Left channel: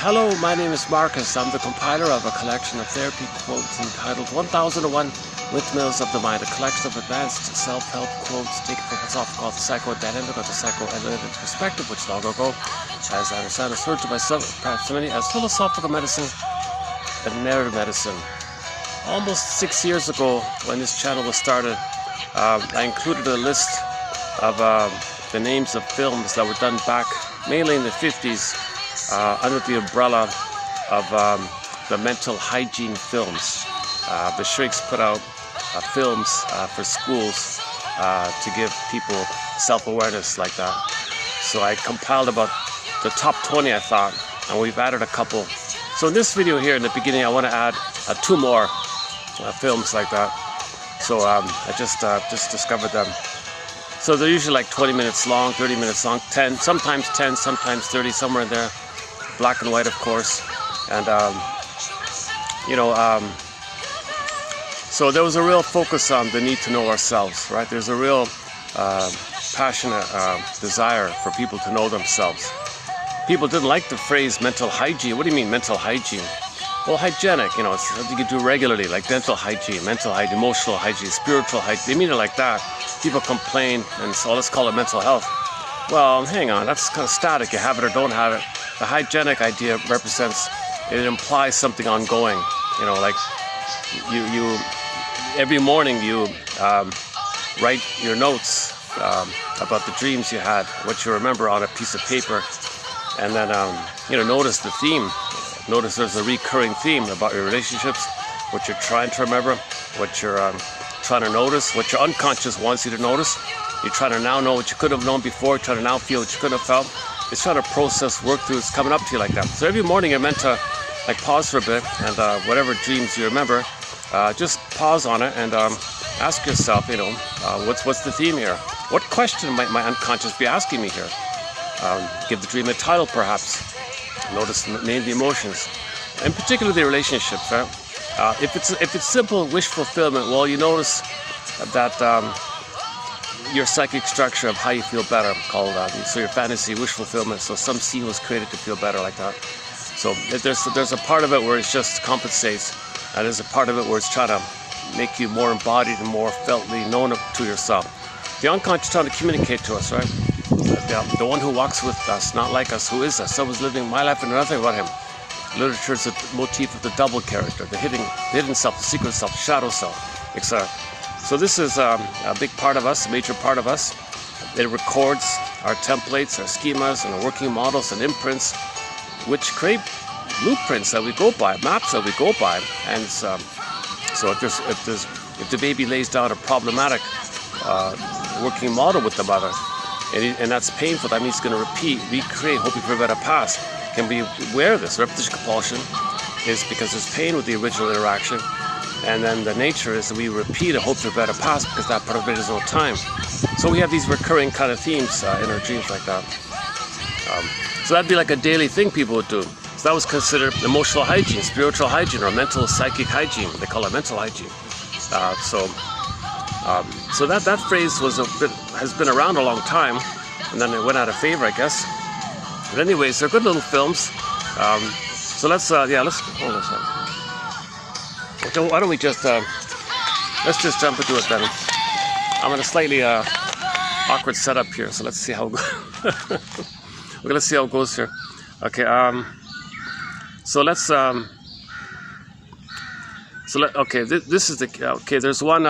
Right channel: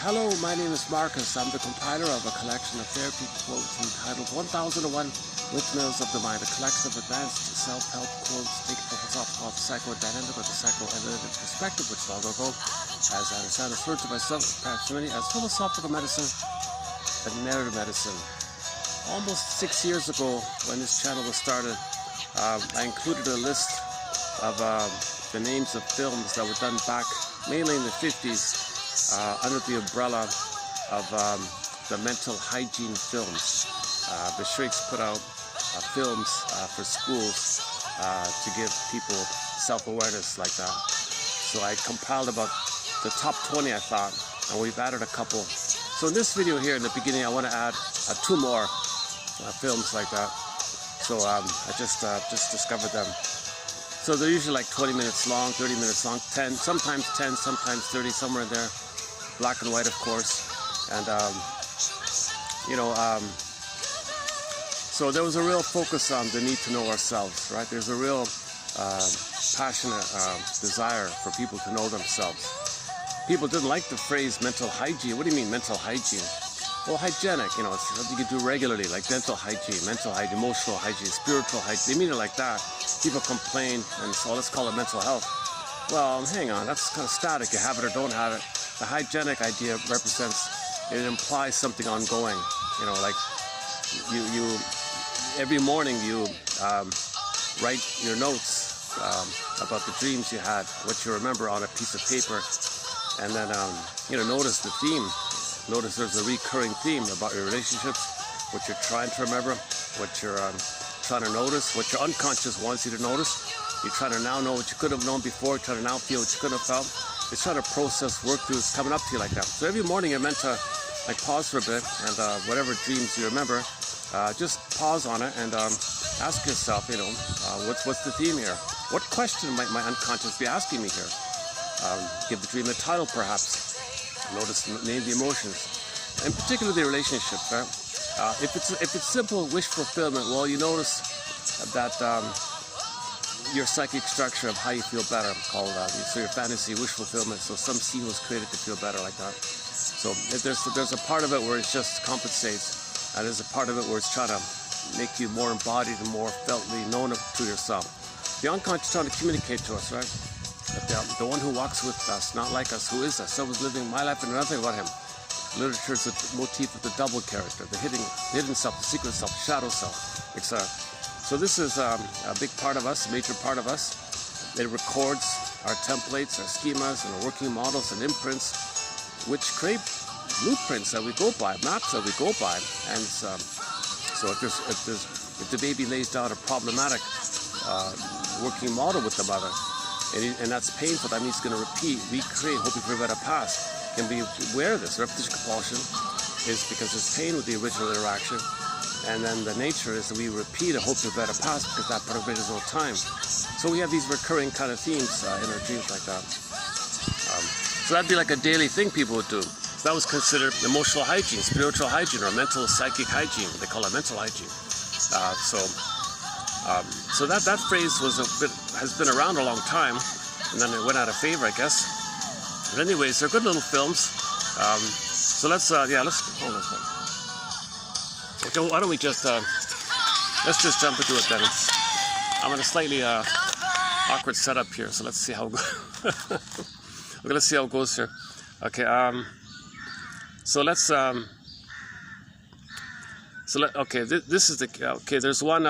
Hello, my name is Marcus. I'm the compiler of a collection of therapy quotes entitled 1001 Windmills of the Mind, a collection of advanced self-help quotes taken from philosophical, psychodynamic, or the psychoanalytic perspective, which long ago, as I understand, is referred to by some, perhaps many, as philosophical medicine and narrative medicine. Almost 6 years ago, when this channel was started, I included a list of the names of films that were done back mainly in the 50s under the umbrella of the mental hygiene films. The Shrieks put out films for schools to give people self-awareness like that. So I compiled about the top 20, I thought, and we've added a couple. So in this video here, in the beginning, I want to add 2 more films like that. So I just discovered them. So they're usually like 20 minutes long, 30 minutes long, 10, sometimes 30, somewhere in there. Black and white, of course. And so there was a real focus on the need to know ourselves, right? There's a real passionate desire for people to know themselves. People didn't like the phrase mental hygiene. What do you mean mental hygiene? Well, hygienic, it's something you do regularly, like dental hygiene, emotional hygiene, spiritual hygiene. They mean it like that. People complain, and so let's call it mental health. Well, hang on, that's kind of static. You have it or don't have it. The hygienic idea it implies something ongoing. Like you every morning you write your notes about the dreams you had, what you remember on a piece of paper, and then notice the theme. Notice there's a recurring theme about your relationships, what you're trying to remember, what you're trying to notice, what your unconscious wants you to notice. You're trying to now know what you could have known before, trying to now feel what you could have felt. It's trying to process, work through, it's coming up to you like that. So every morning you're meant to pause for a bit, and whatever dreams you remember, just pause on it and ask yourself, what's the theme here? What question might my unconscious be asking me here? Give the dream a title, perhaps. Notice, name the emotions, and particularly the relationships. Right? If it's simple wish fulfillment, well, you notice that your psychic structure of how you feel better, called so your fantasy wish fulfillment. So some scene was created to feel better like that. So there's a part of it where it just compensates, and there's a part of it where it's trying to make you more embodied and more feltly known to yourself. The unconscious is trying to communicate to us, right? The one who walks with us, not like us, who is us. Someone's living my life and nothing about him. Literature is a motif of the double character, the hidden self, the secret self, shadow self, etc. So this is a big part of us, a major part of us. It records our templates, our schemas, and our working models and imprints, which create blueprints that we go by, maps that we go by. And so if the baby lays down a problematic working model with the mother, and that's painful, that means it's going to recreate, hoping for a better past. Can be aware of this. Repetition compulsion is because there's pain with the original interaction, and then the nature is that we repeat and hope for a better past because that part of it is no time. So we have these recurring kind of themes in our dreams like that. So that'd be like a daily thing people would do. So that was considered emotional hygiene, spiritual hygiene, or mental psychic hygiene. They call it mental hygiene. So that phrase has been around a long time, and then it went out of favor, I guess. But anyways, they're good little films. So let's hold on a second. Why don't we just let's just jump into it then. I'm in a slightly awkward setup here, so let's see how we're gonna see how it goes here. Okay. So let's this is the There's one.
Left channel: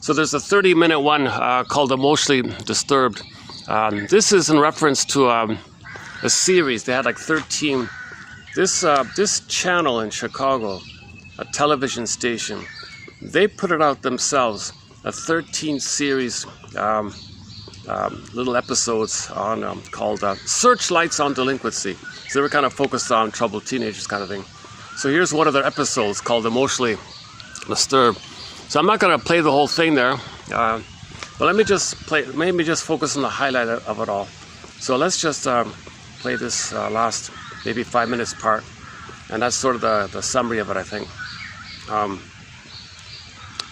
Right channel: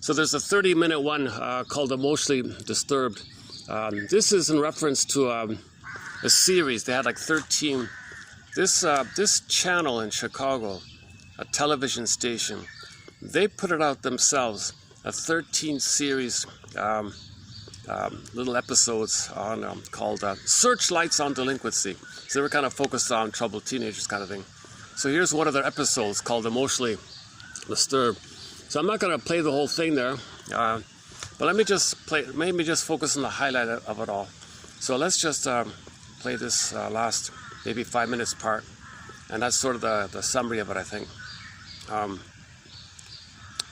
So there's a 30-minute one called Emotionally Disturbed. This is in reference to a series. They had like 13. This channel in Chicago, a television station, they put it out themselves, a 13 series, little episodes on called Searchlights on Delinquency. So they were kind of focused on troubled teenagers kind of thing. So here's one of their episodes called Emotionally Disturbed. So I'm not going to play the whole thing there, but let me just focus on the highlight of it all. So let's just play this last maybe 5 minutes part, and that's sort of the summary of it, I think.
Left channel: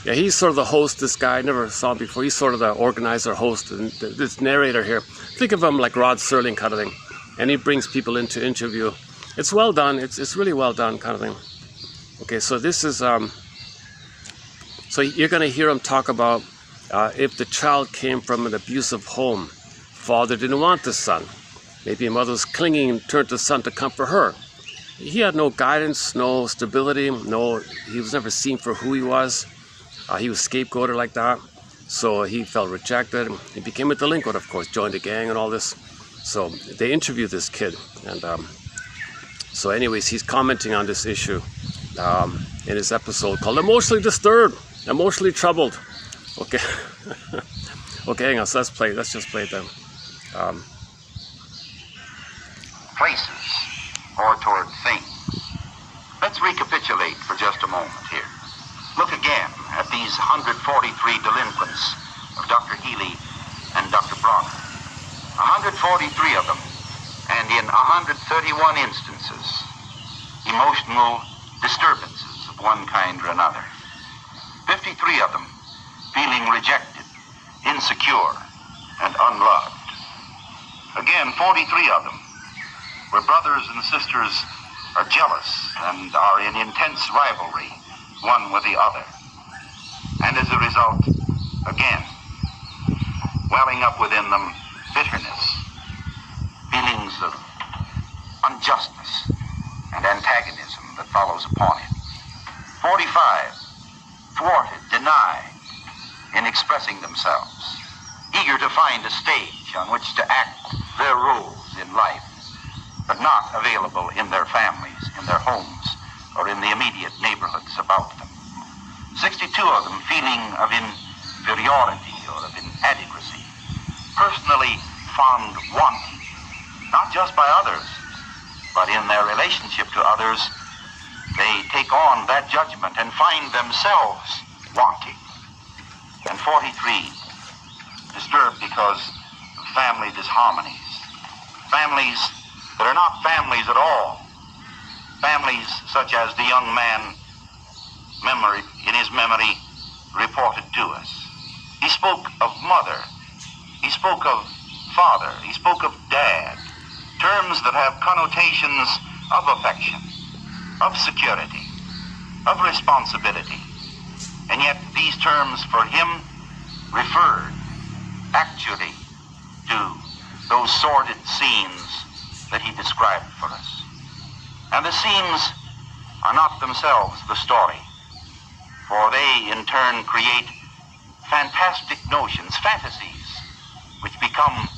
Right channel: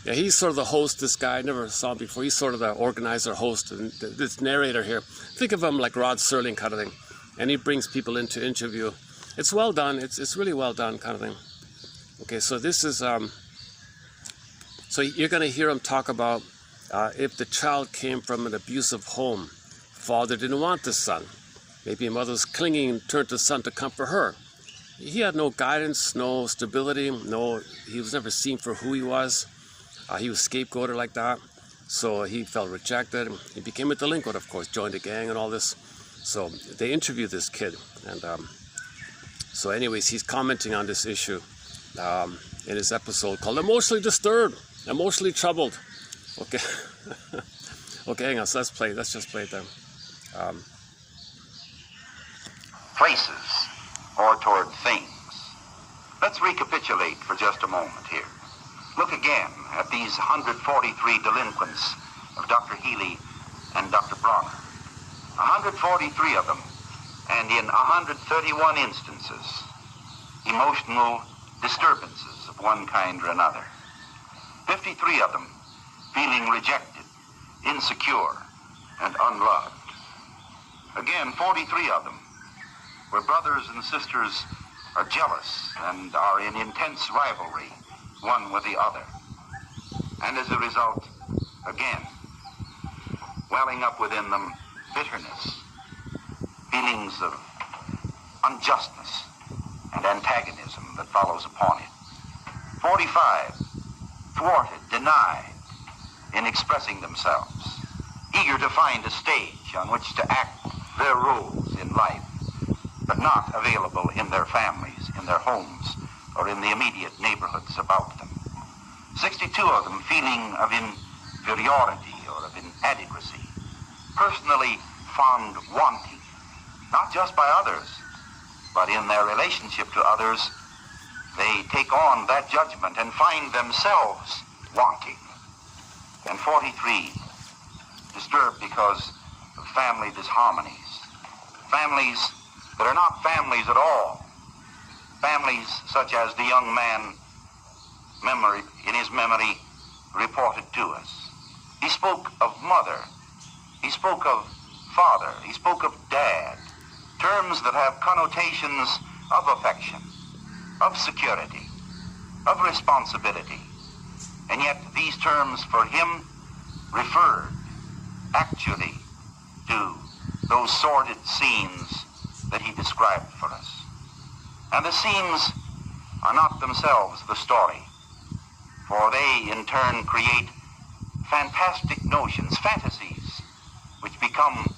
Yeah, he's sort of the host, this guy. I never saw him before. He's sort of the organizer, host, and this narrator here. Think of him like Rod Serling kind of thing. And he brings people in to interview. It's well done. It's really well done, kind of thing. Okay, so this is so you're going to hear him talk about if the child came from an abusive home, father didn't want the son. Maybe a mother was clinging and turned to the son to comfort her. He had no guidance, no stability, he was never seen for who he was. He was scapegoated like that. So he felt rejected. He became a delinquent, of course, joined a gang and all this. So they interviewed this kid. And so anyways, he's commenting on this issue in his episode called Emotionally Disturbed, Emotionally Troubled. Okay. Okay, hang on, so let's just play it then. Places or toward things. Let's recapitulate for just a moment here. Look again at these 143 delinquents of Dr. Healy and Dr. Bronner. 143 of them, and in 131 instances, emotional disturbances of one kind or another. 53 of them feeling rejected, insecure, and unloved. Again, 43 of them, where brothers and sisters are jealous and are in intense rivalry, one with the other. And as a result, again, welling up within them bitterness, feelings of injustice and antagonism that follows upon it. 45, thwarted, denied in expressing themselves, eager to find a stage on which to act their roles in life, but not available in their families, in their homes, or in the immediate neighborhoods about them. 62 of them feeling of inferiority or of inadequacy, personally found wanting, not just by others, but in their relationship to others, they take on that judgment and find themselves wanting. And 43 disturbed because of family disharmonies, families that are not families at all, families such as the young man in his memory reported to us. He spoke of mother, he spoke of father, he spoke of dad, terms that have connotations of affection, of security, of responsibility, and yet these terms for him referred actually to those sordid scenes that he described for us. And the scenes are not themselves the story, for they in turn create fantastic notions, fantasies, which become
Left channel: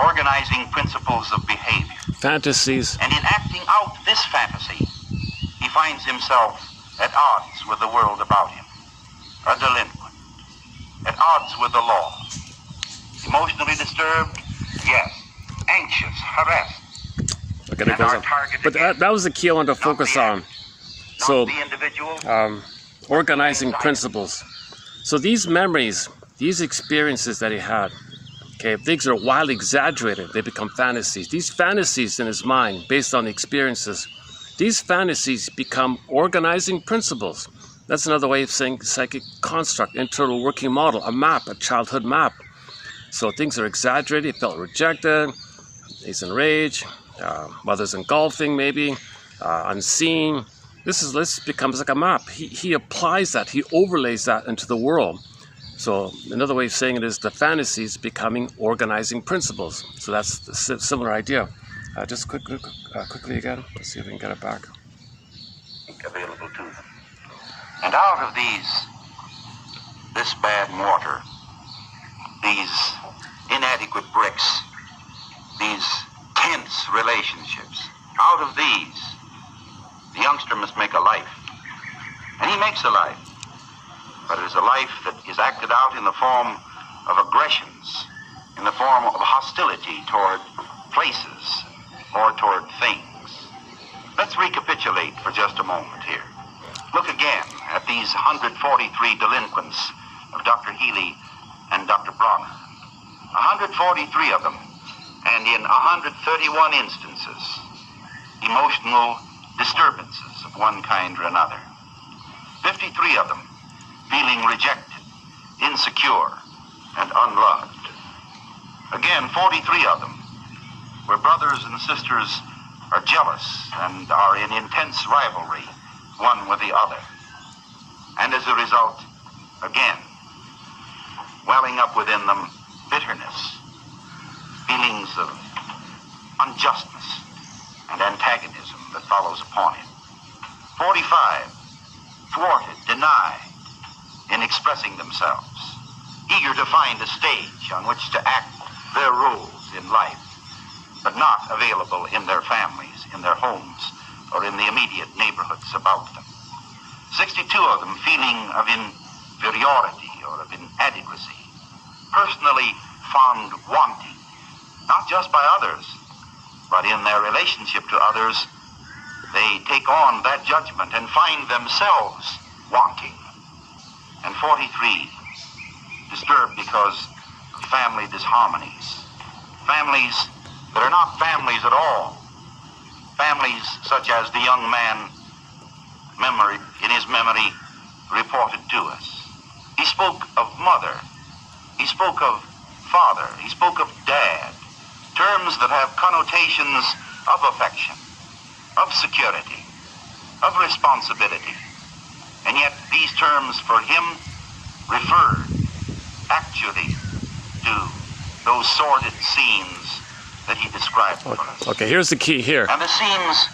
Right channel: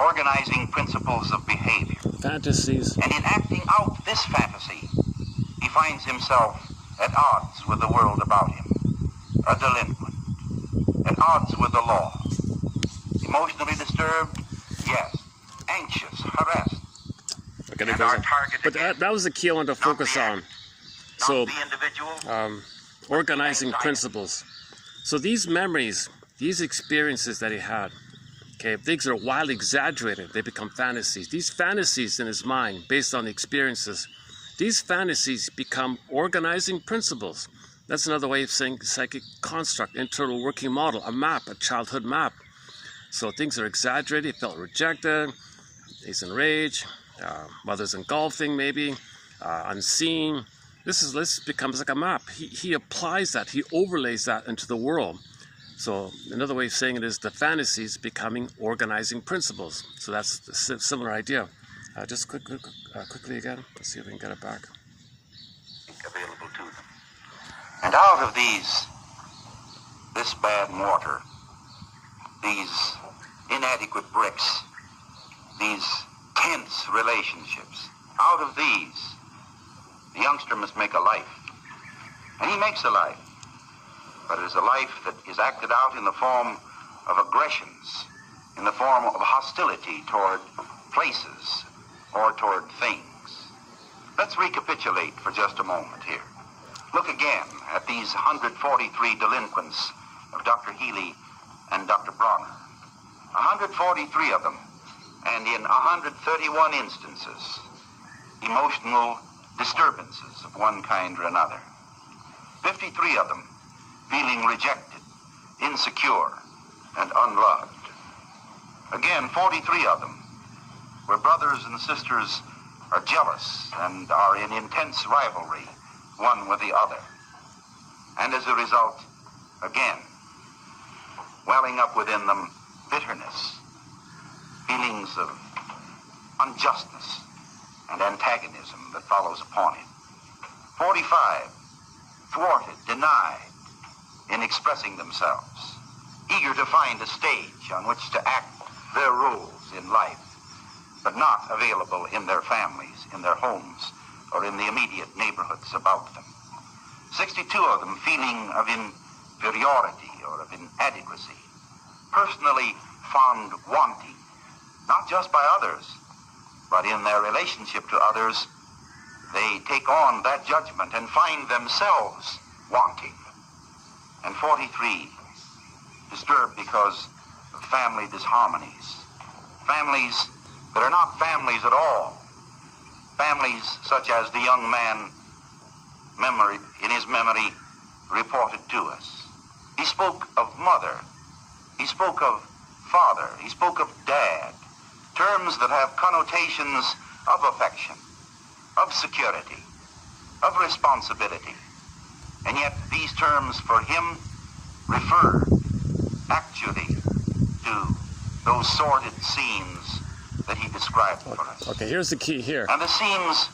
organizing principles of behavior. Fantasies. And in acting out this fantasy, he finds himself at odds with the world about him, a delinquent, at odds with the law. Emotionally disturbed, yes. Anxious, harassed. Okay, but that was the key I wanted to focus on. So, organizing principles. So these memories, these experiences that he had, okay, if things are wildly exaggerated, they become fantasies. These fantasies in his mind, based on the experiences, these fantasies become organizing principles. That's another way of saying psychic construct, internal working model, a map, a childhood map. So things are exaggerated, he felt rejected, he's enraged, mother's engulfing maybe, unseen. This becomes like a map. He applies that, he overlays that into the world. So another way of saying it is the fantasies becoming organizing principles. So that's the similar idea. Just quickly again, let's see if we can get it back. Available to them. And out of this bad mortar, these inadequate bricks, these tense relationships, out of these, the youngster must make a life. And he makes a life. But it is a life that is acted out in the form of aggressions, in the form of hostility toward places or toward things. Let's recapitulate for just a moment here. Look again at these 143 delinquents of Dr. Healy and Dr. Bronner. 143 of them, and in 131 instances, emotional disturbances of one kind or another. 53 of them feeling rejected, insecure, and unloved. Again, 43 of them, where brothers and sisters are jealous and are in intense rivalry one with the other. And as a result, again, welling up within them bitterness, feelings of unjustness and antagonism that follows upon it. 45, thwarted, denied in expressing themselves, eager to find a stage on which to act their roles in life, but not available in their families, in their homes, or in the immediate neighborhoods about them. 62 of them feeling of inferiority or of inadequacy, personally found wanting, not just by others, but in their relationship to others, they take on that judgment and find themselves wanting. And 43, disturbed because of family disharmonies, families that are not families at all, families such as the young man in his memory reported to us. He spoke of mother, he spoke of father, he spoke of dad, terms that have connotations of affection, of security, of responsibility. And yet these terms for him refer actually to those sordid scenes that he described for us. Okay, here's the key here. And the scenes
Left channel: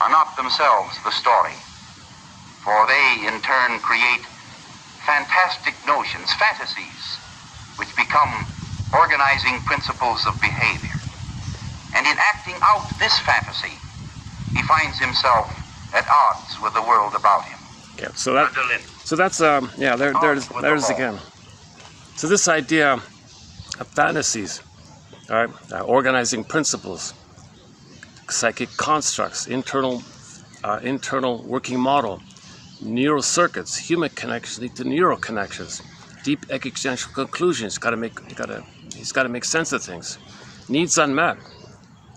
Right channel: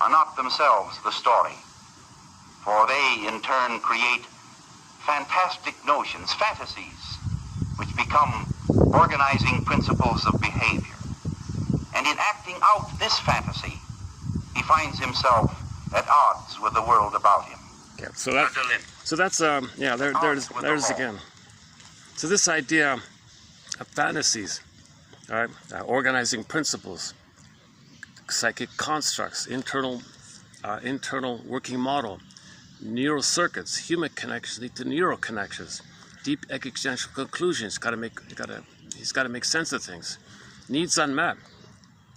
are not themselves the story, for they in turn create fantastic notions, fantasies, which become organizing principles of behavior. And in acting out this fantasy, he finds himself at odds with the world about him. Okay, so that's yeah, there's again. So this idea of fantasies, all right, organizing principles, psychic constructs, internal working model, neural circuits, human connections lead to neural connections, deep existential conclusions. He's got to make sense of things. Needs unmet.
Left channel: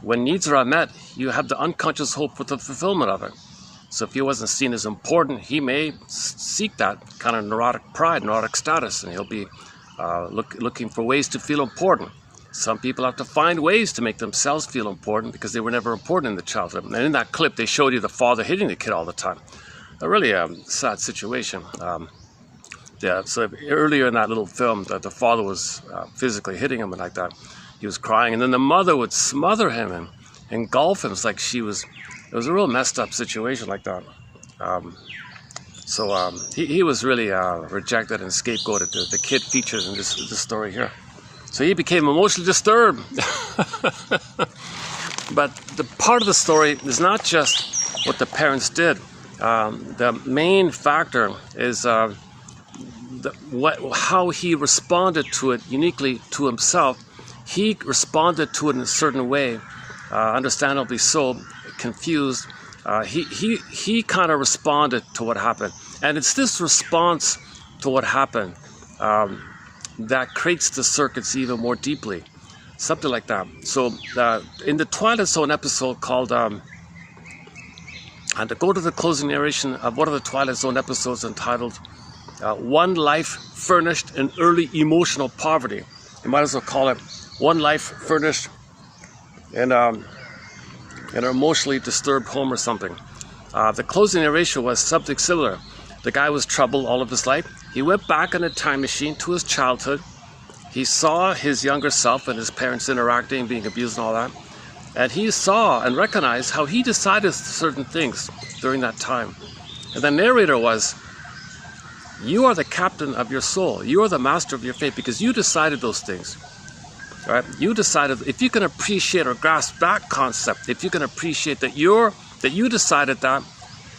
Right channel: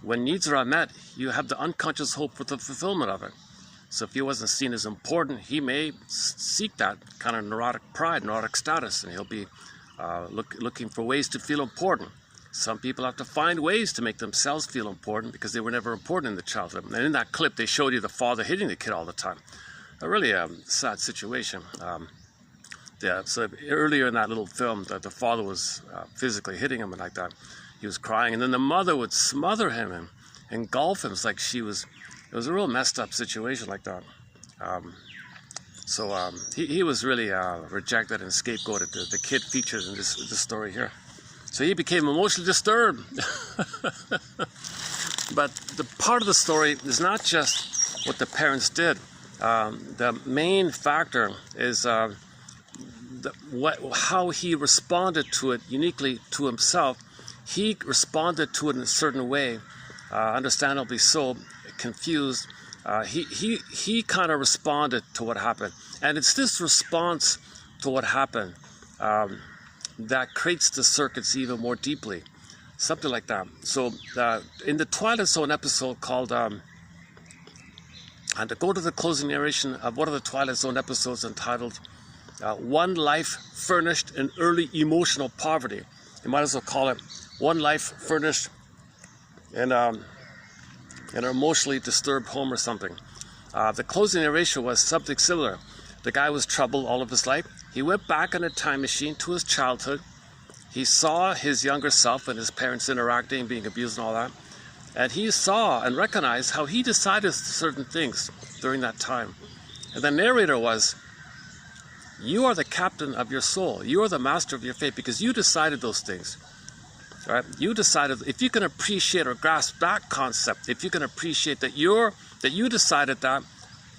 When needs are unmet, you have the unconscious hope for the fulfillment of it. So if he wasn't seen as important, he may seek that kind of neurotic pride, neurotic status, and he'll be looking for ways to feel important. Some people have to find ways to make themselves feel important because they were never important in the childhood. And in that clip, they showed you the father hitting the kid all the time. A really sad situation. Yeah, so earlier in that little film, that the father was physically hitting him and like that. He was crying, and then the mother would smother him and engulf him. It's like she was. It was a real messed up situation like that. He was really rejected and scapegoated. The kid featured in this story here. So he became emotionally disturbed. But the part of the story is not just what the parents did. The main factor is how he responded to it uniquely to himself. He responded to it in a certain way, understandably so, confused. He kind of responded to what happened. And it's this response to what happened that creates the circuits even more deeply. Something like that. So in the Twilight Zone episode called, and to go to the closing narration of one of the Twilight Zone episodes entitled, One Life Furnished in Early Emotional Poverty. You might as well call it One Life Furnished in an emotionally disturbed home or something. The closing narration was something similar. The guy was troubled all of his life. He went back in a time machine to his childhood. He saw his younger self and his parents interacting, being abused and all that. And he saw and recognized how he decided certain things during that time. And the narrator was, you are the captain of your soul. You are the master of your fate because you decided those things. All right? You decided, if you can appreciate or grasp that concept, if you can appreciate that you decided that,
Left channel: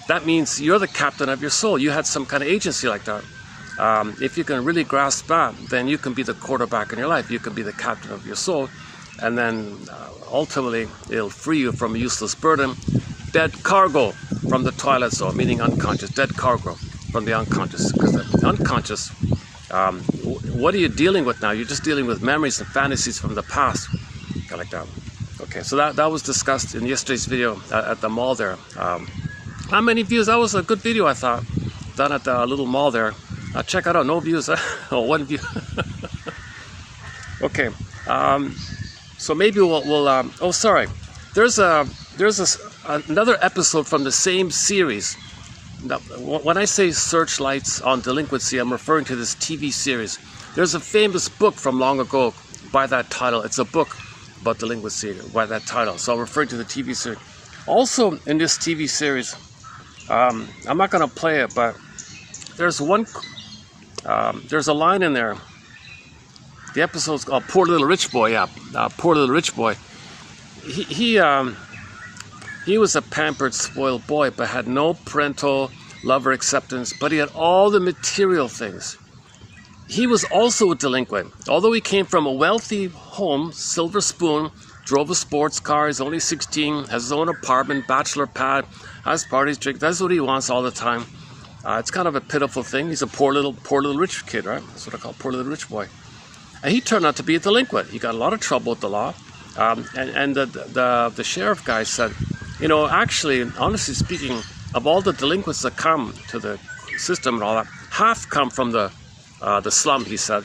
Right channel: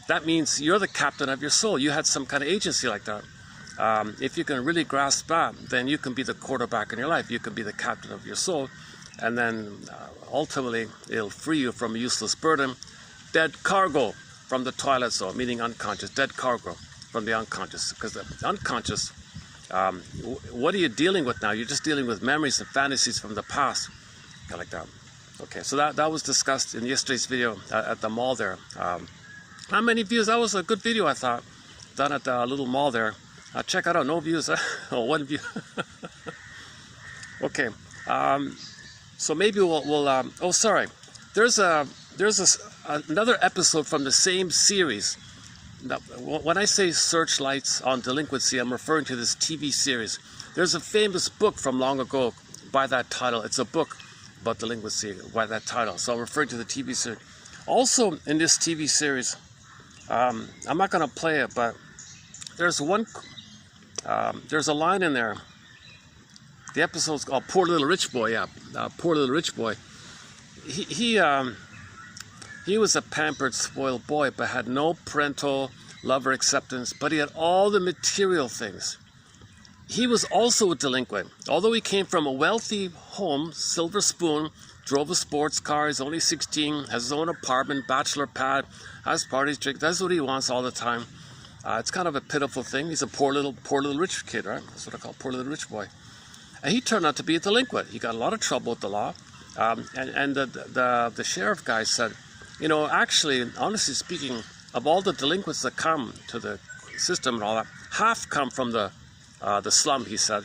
that means you're the captain of your soul. You had some kind of agency like that. If you can really grasp that, then you can be the quarterback in your life. You can be the captain of your soul. And then ultimately, it'll free you from a useless burden. Dead cargo from the Twilight Zone, meaning unconscious. Dead cargo from the unconscious. Because the unconscious, what are you dealing with now? You're just dealing with memories and fantasies from the past. Like that. Okay, so that was discussed in yesterday's video at the mall there. How many views? That was a good video, I thought. Done at the little mall there. Check it out, no views. Oh, 1 view. Okay. So maybe we'll oh, sorry. There's there's another episode from the same series. Now, when I say searchlights on delinquency, I'm referring to this TV series. There's a famous book from long ago by that title. It's a book about delinquency by that title. So I'm referring to the TV series. Also in this TV series, I'm not going to play it, but there's a line in there. The episode's called "Poor Little Rich Boy." Yeah, Poor Little Rich Boy. He was a pampered, spoiled boy, but had no parental love or acceptance, but he had all the material things. He was also a delinquent. Although he came from a wealthy home, silver spoon, drove a sports car, he's only 16, has his own apartment, bachelor pad, has parties, drink, that's what he wants all the time. It's kind of a pitiful thing. He's a poor little rich kid, right? That's what I call poor little rich boy. And he turned out to be a delinquent. He got a lot of trouble with the law. And the sheriff guy said, you know, actually, honestly speaking, of all the delinquents that come to the system and all that, half come from the slum, he said,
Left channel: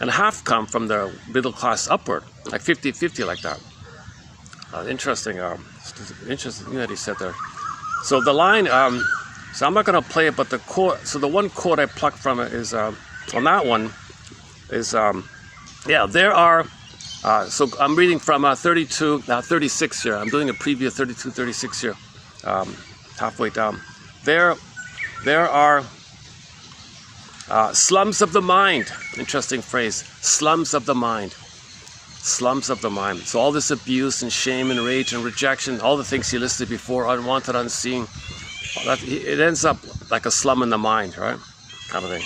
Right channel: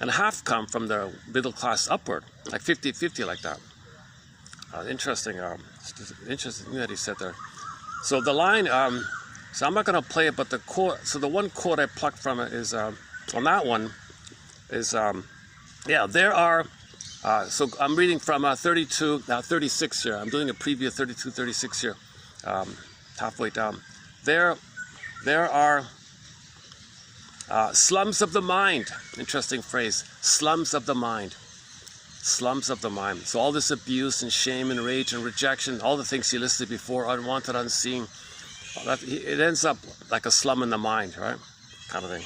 and half come from the middle class upward, like 50-50 like that. Interesting thing that he said there. So the line, so I'm not going to play it, but the quote, so the one quote I plucked from it is, on that one, is, yeah, there are, so I'm reading from 36 here. I'm doing a preview of 32, 36 here, halfway down. There are slums of the mind. Interesting phrase. Slums of the mind. Slums of the mind. So all this abuse and shame and rage and rejection, all the things he listed before, unwanted, unseen, it ends up like a slum in the mind, right? Kind of thing.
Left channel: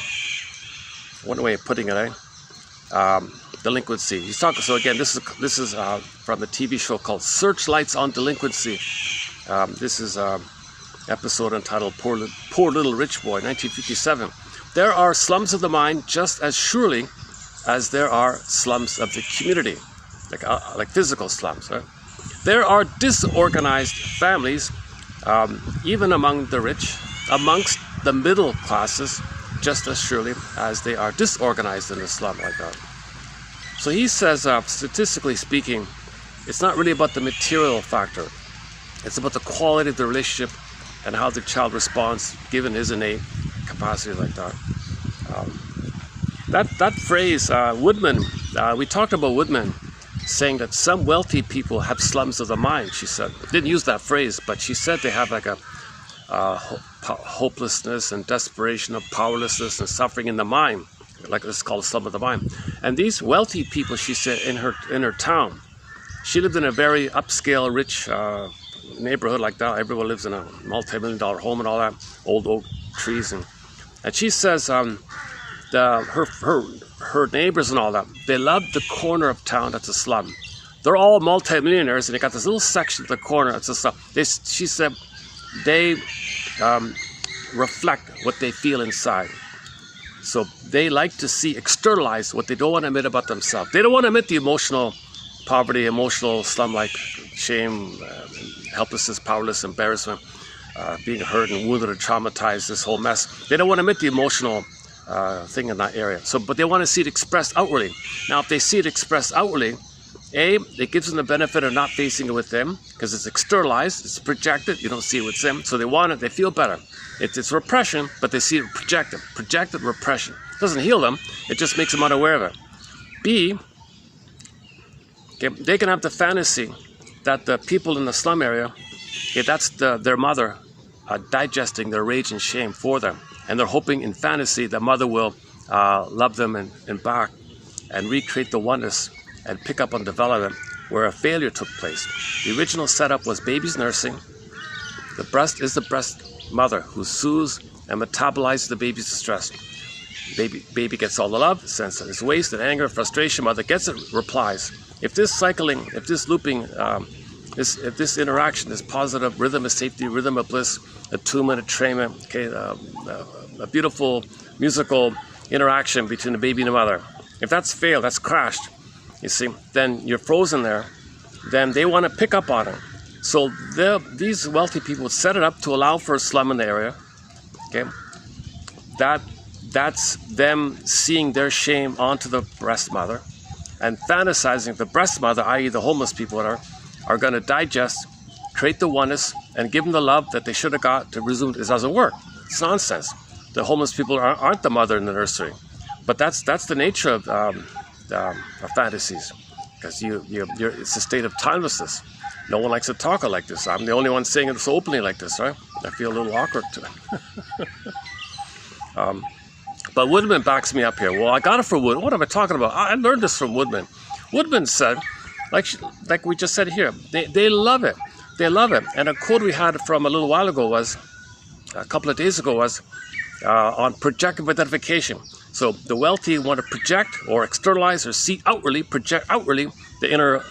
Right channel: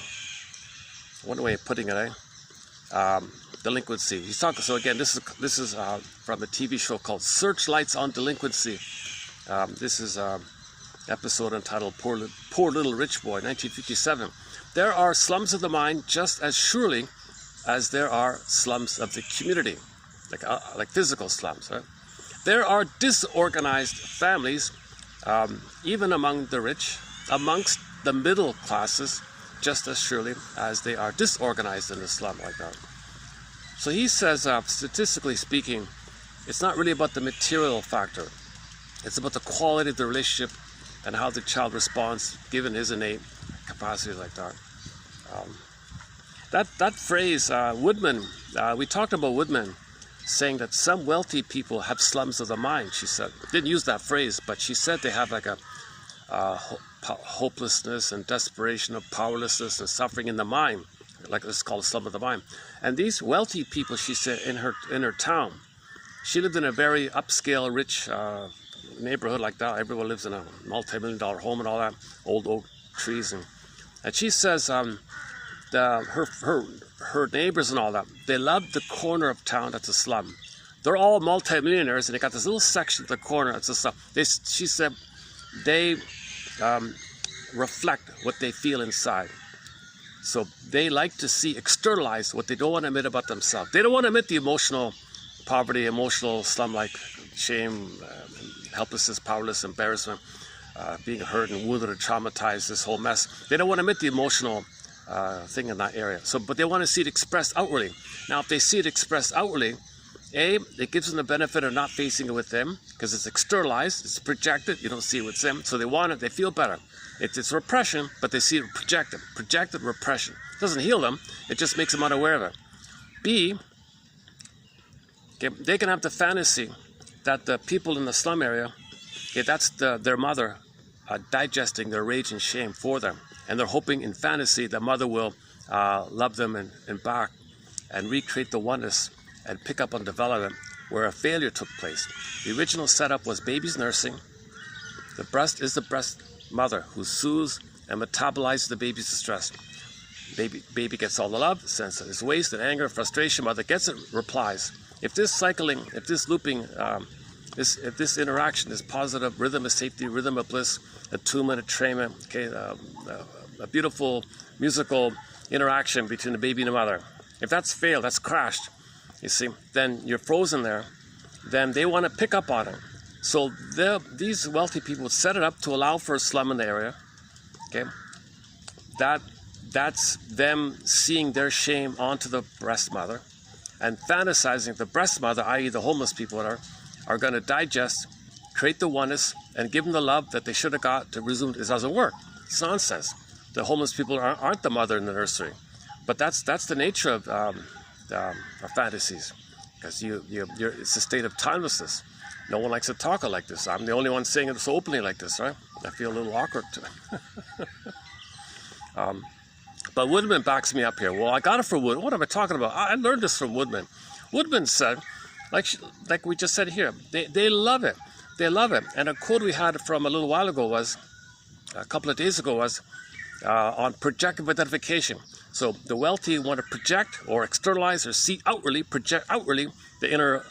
One way of putting it, eh? Delinquency. He's talking. So again, this is from the TV show called Searchlights on Delinquency. This is episode entitled "Poor Little Rich Boy," 1957. There are slums of the mind just as surely as there are slums of the community, like physical slums. Right? There are disorganized families, even among the rich, amongst the middle classes, just as surely as they are disorganized in the slum like that. So he says, statistically speaking, it's not really about the material factor. It's about the quality of the relationship and how the child responds given his innate capacity like that. That phrase, Woodman, we talked about Woodman saying that some wealthy people have slums of the mind, she said. Didn't use that phrase, but she said they have like a hopelessness and desperation of powerlessness and suffering in the mind. Like it's called a slum of the mind. And these wealthy people, she said, in her town, she lived in a very upscale, rich neighborhood like that. Everyone lives in a multi-million-dollar home and all that, old oak trees, and she says her neighbors and all that, they love the corner of town that's a slum. They're all multi-millionaires, and they got this little section at the corner that's a slum. She said they reflect what they feel inside. So they like to see externalize what they don't want to admit about themselves. They don't want to admit the emotional poverty, emotional slum-like shame, helplessness, powerless, embarrassment, being hurt and wounded or traumatized, this whole mess. They don't want to admit the emotional thing in that area. So, but they want to see it expressed outwardly. Now, if they see it expressed outwardly, it gives them the benefit of not facing it with them because it's externalized, it's projected. You don't see it with them, so they want it. They feel better. It's repression, but they see it projected repression. It doesn't heal them. It just makes them unaware of it. B, they can have the fantasy that the people in the slum area, that's their mother digesting their rage and shame for them. And they're hoping in fantasy that mother will love them and back and recreate the oneness and pick up on development where a failure took place. The original setup was baby's nursing. The breast is the breast mother who soothes and metabolizes the baby's distress. Baby gets all the love, sense of his waste and anger, frustration. Mother gets it, replies. If this cycling, if this looping, if this interaction is positive, rhythm of safety, rhythm of bliss, attunement, entrainment, okay, a beautiful musical interaction between the baby and the mother. If that's failed, that's crashed, you see, then you're frozen there. Then they want to pick up on it. So these wealthy people set it up to allow for a slum in the area. Okay, that's them seeing their shame onto the breast mother and fantasizing the breast mother, i.e. the homeless people are going to digest, create the oneness, and give them the love that they should have got to resume. It doesn't work. It's nonsense. The homeless people aren't the mother in the nursery, but that's the nature of fantasies, because it's a state of timelessness. No one likes to talk like this. I'm the only one saying it so openly like this, right? I feel a little awkward to it. But Woodman backs me up here. Well, I got it from Wood. What am I talking about? I learned this from Woodman. Woodman said, like we just said here, they love it. They love it. And a quote we had from a little while ago was, a couple of days ago, was on projective identification. So the wealthy want to project or externalize or see outwardly, project outwardly the inner,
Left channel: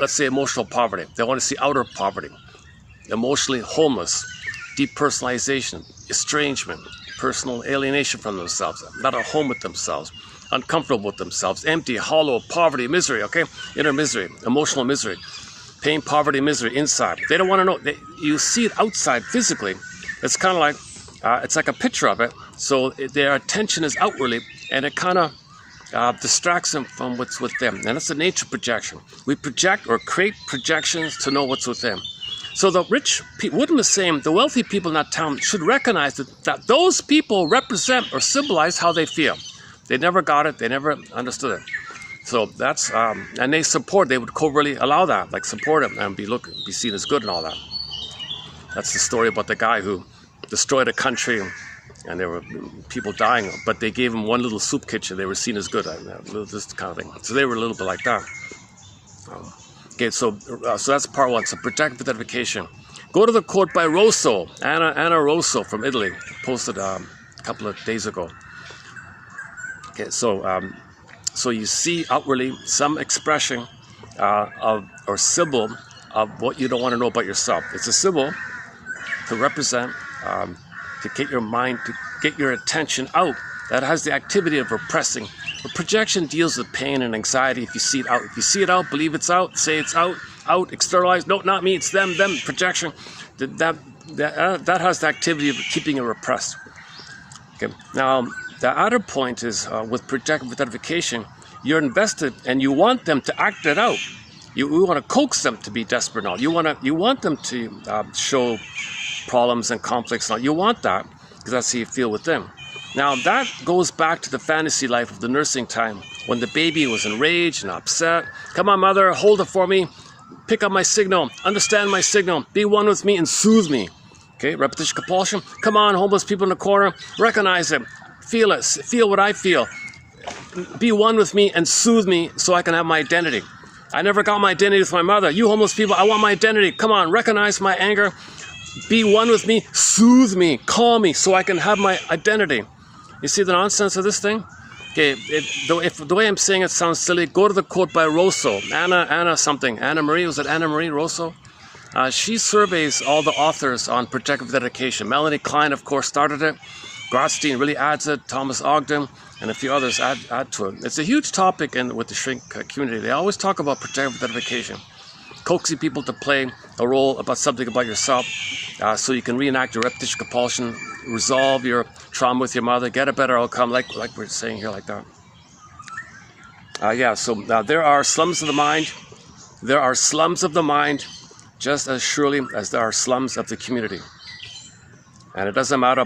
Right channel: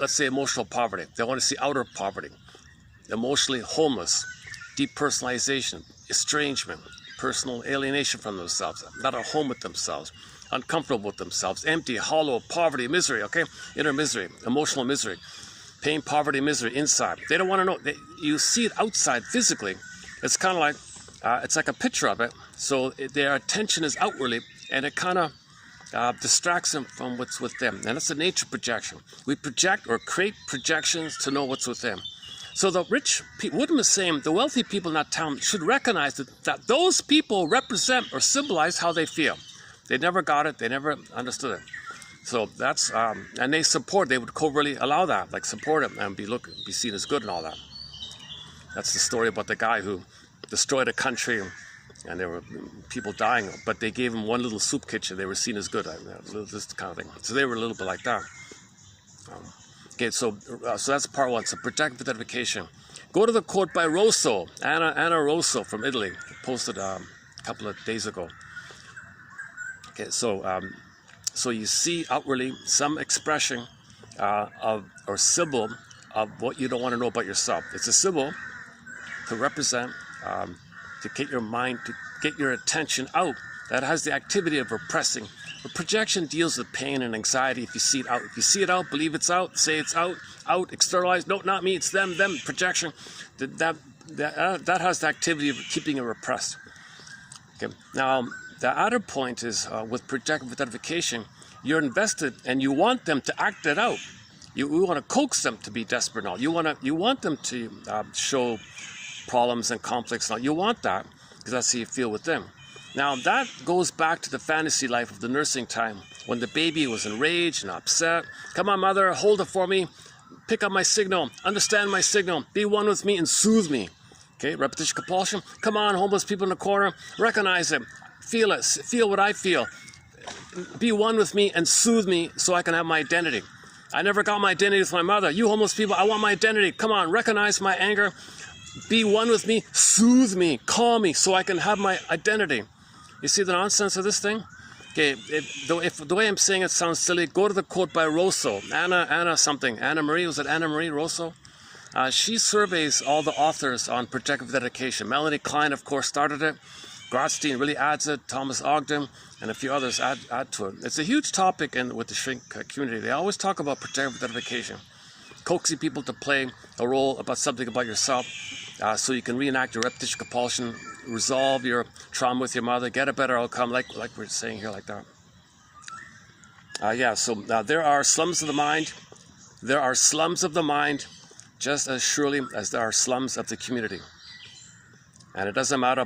let's say, emotional poverty. They want to see outer poverty, emotionally homeless, depersonalization, estrangement, personal alienation from themselves, not at home with themselves, uncomfortable with themselves, empty, hollow, poverty, misery, okay? Inner misery, emotional misery, pain, poverty, misery inside. They don't want to know. You see it outside physically. It's kind of like, it's like a picture of it. So their attention is outwardly, and it kind of distracts them from what's within. And it's the nature of projection. We project or create projections to know what's within. So the rich people, Woodman is saying, the wealthy people in that town should recognize that those people represent or symbolize how they feel. They never got it. They never understood it. So that's, and they would covertly allow that, like support it and be seen as good and all that. That's the story about the guy who destroyed a country, and there were people dying, but they gave him one little soup kitchen. They were seen as good, this kind of thing. So they were a little bit like that. Okay, so that's part one. So projective identification. Go to the quote by Rosso, Anna Rosso from Italy, posted a couple of days ago. Okay, so you see outwardly some expression of or symbol of what you don't want to know about yourself. It's a symbol to represent, to get your mind, to get your attention out. That has the activity of repressing. But projection deals with pain and anxiety. If you see it out, believe it's out, say it's out, externalize. No, not me, it's them. Projection. That has the activity of keeping it repressed. Okay. Now, the other point is with projective identification, you're invested and you want them to act it out. You want to coax them to be desperate now. You want them to show problems and conflicts now. You want that because that's how you feel with them. Now that goes back to the fantasy life of the nursing time when the baby was enraged and upset. Come on, mother, hold it for me. Pick up my signal. Understand my signal. Be one with me and soothe me. Okay, repetition compulsion. Come on, homeless people in the corner. Recognize it. Feel it. Feel what I feel. Be one with me and soothe me so I can have my identity. I never got my identity with my mother. You homeless people, I want my identity. Come on, recognize my anger. Be one with me. Soothe me. Calm me so I can have my identity. You see the nonsense of this thing? Okay, if the way I'm saying it sounds silly, go to the quote by Rosso. Anna Marie, was it Anna Marie Rosso? She surveys all the authors on projective dedication. Melanie Klein, of course, started it. Grotstein really adds it. Thomas Ogden and a few others add to it. It's a huge topic with the shrink community. They always talk about projective dedication, coaxing people to play a role about something about yourself, so you can reenact your repetition compulsion, resolve your trauma with your mother, get a better outcome, like we're saying here, like that. So there are slums of the mind. There are slums of the mind, just as surely as there are slums of the community. And it doesn't matter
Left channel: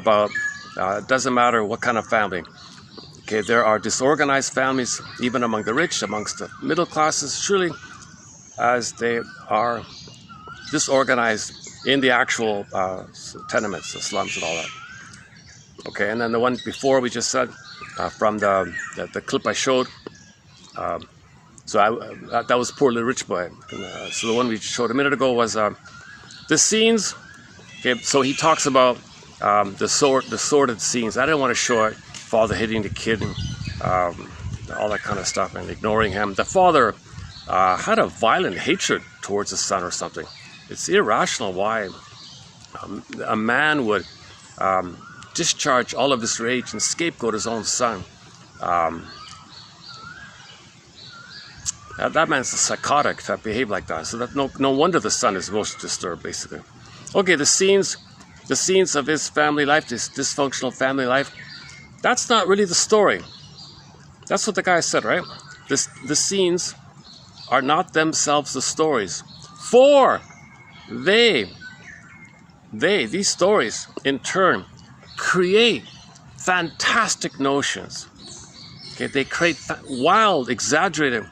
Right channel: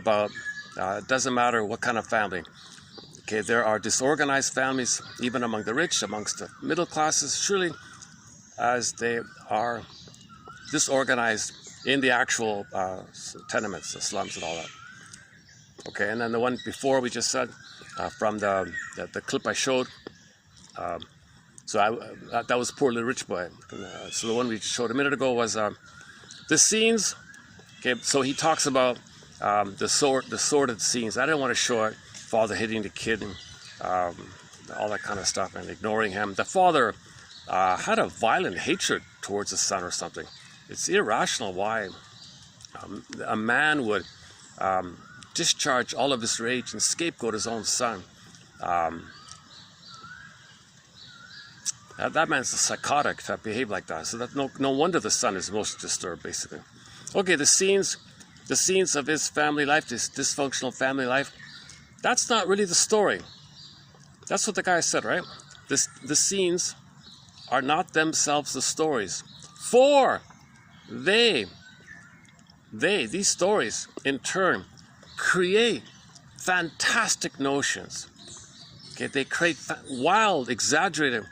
what kind of family. Okay, there are disorganized families, even among the rich, amongst the middle classes, surely as they are disorganized in the actual tenements, the slums and all that. Okay, and then the one before we just said, from the clip I showed, that was Poor Little Rich Boy. So the one we showed a minute ago was the scenes. Okay, so he talks about the sordid scenes. I didn't want to show it, father hitting the kid and all that kind of stuff and ignoring him. The father had a violent hatred towards his son or something. It's irrational why a man would discharge all of his rage and scapegoat his own son. That man's a psychotic that behave like that. So that no wonder the son is most disturbed, basically. Okay, the scenes of his family life, this dysfunctional family life, that's not really the story. That's what the guy said, right? The scenes are not themselves the stories. For these stories in turn create fantastic notions. Okay, they create wild, exaggerated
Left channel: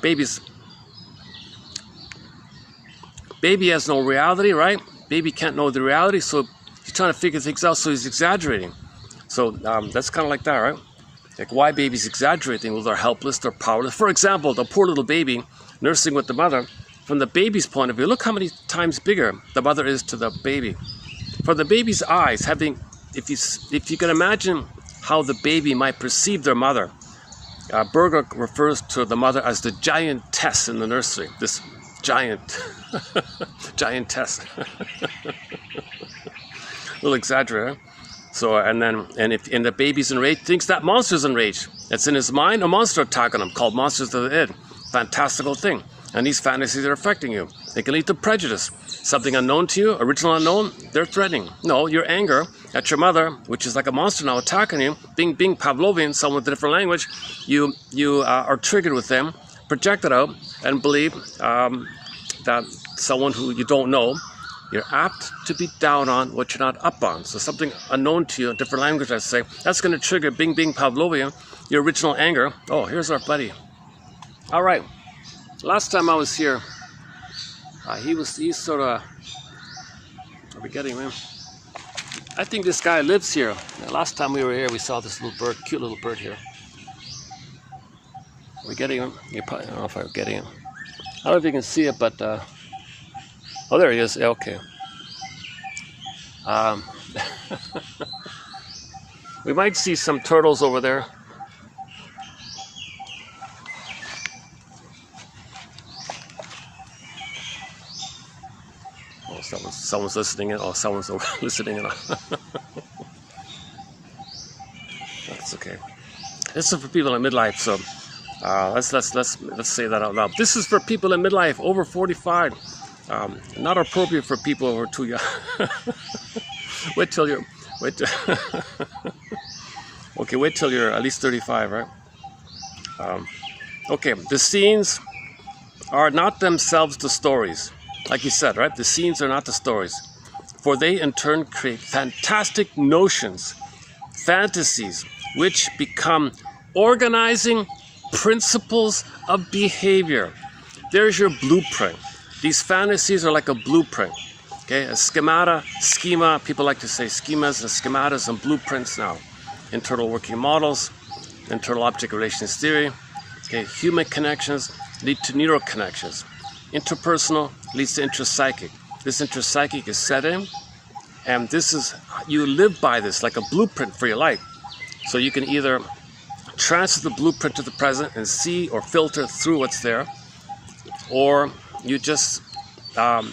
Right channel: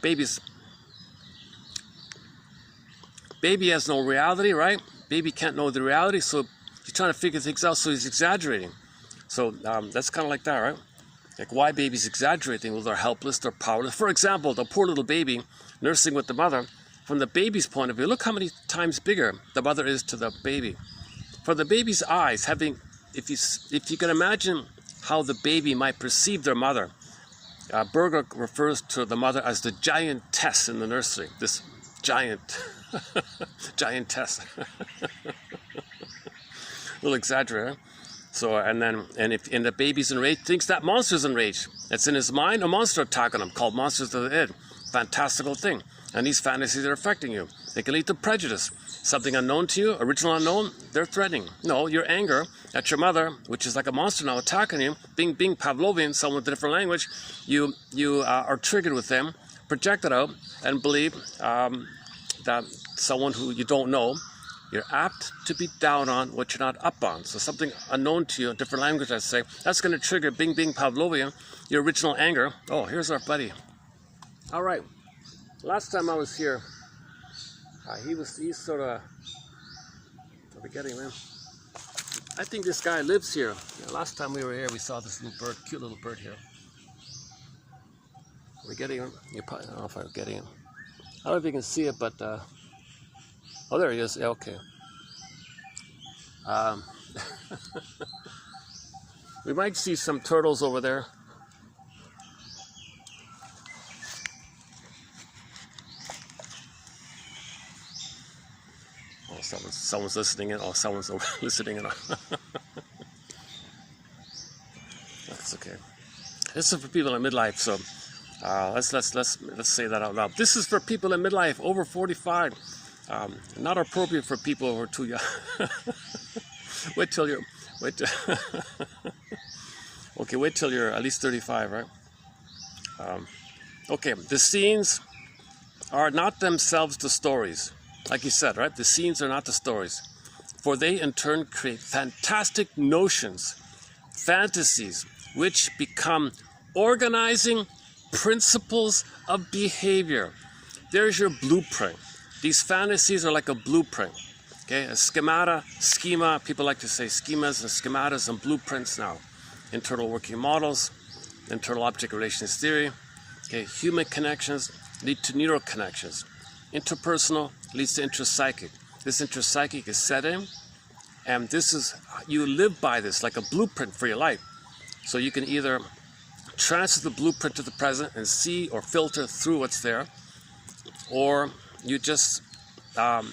babies. Baby has no reality, right? Baby can't know the reality, so he's trying to figure things out, so he's exaggerating. So that's kind of like that, right? Like why babies exaggerate things? Well, they're helpless, they're powerless. For example, the poor little baby nursing with the mother, from the baby's point of view, look how many times bigger the mother is to the baby. For the baby's eyes, if you can imagine how the baby might perceive their mother, Berger refers to the mother as the giantess in the nursery. This giant, giantess. A little exaggerated. So, and the baby's enraged, thinks that monster's enraged. It's in his mind, a monster attacking him, called monsters of the id. Fantastical thing. And these fantasies are affecting you. They can lead to prejudice. Something unknown to you, original unknown, they're threatening. No, your anger at your mother, which is like a monster now attacking you, being Pavlovian, someone with a different language, you are triggered with them, project it out, and believe that someone who you don't know, you're apt to be down on what you're not up on. So something unknown to you, a different language, I'd say, that's going to trigger being Pavlovian, your original anger. Oh, here's our buddy. All right. Last time I was here, he's sort of, are we getting him? I think this guy lives here. Last time we were here, we saw this little bird, cute little bird here. Are we getting him? I don't know if I'm getting him. I don't know if you can see it, but, oh, there he is. Yeah, okay. We might see some turtles over there. Someone's listening in. Oh, someone's listening in. That's okay. This is for people in midlife. So let's say that out loud. This is for people in midlife, over 45. Not appropriate for people who are too young. wait till you're at least 35, right? Okay, the scenes are not themselves the stories. Like you said, right? The scenes are not the stories. For they in turn create fantastic notions, fantasies, which become organizing principles of behavior. There's your blueprint. These fantasies are like a blueprint. Okay, a schema, people like to say schemas and schematas and blueprints now. Internal working models, internal object relations theory. Okay, human connections lead to neural connections. Interpersonal leads to intrapsychic. This intrapsychic is set in, and this is, you live by this like a blueprint for your life. So you can either transfer the blueprint to the present and see or filter through what's there, or you just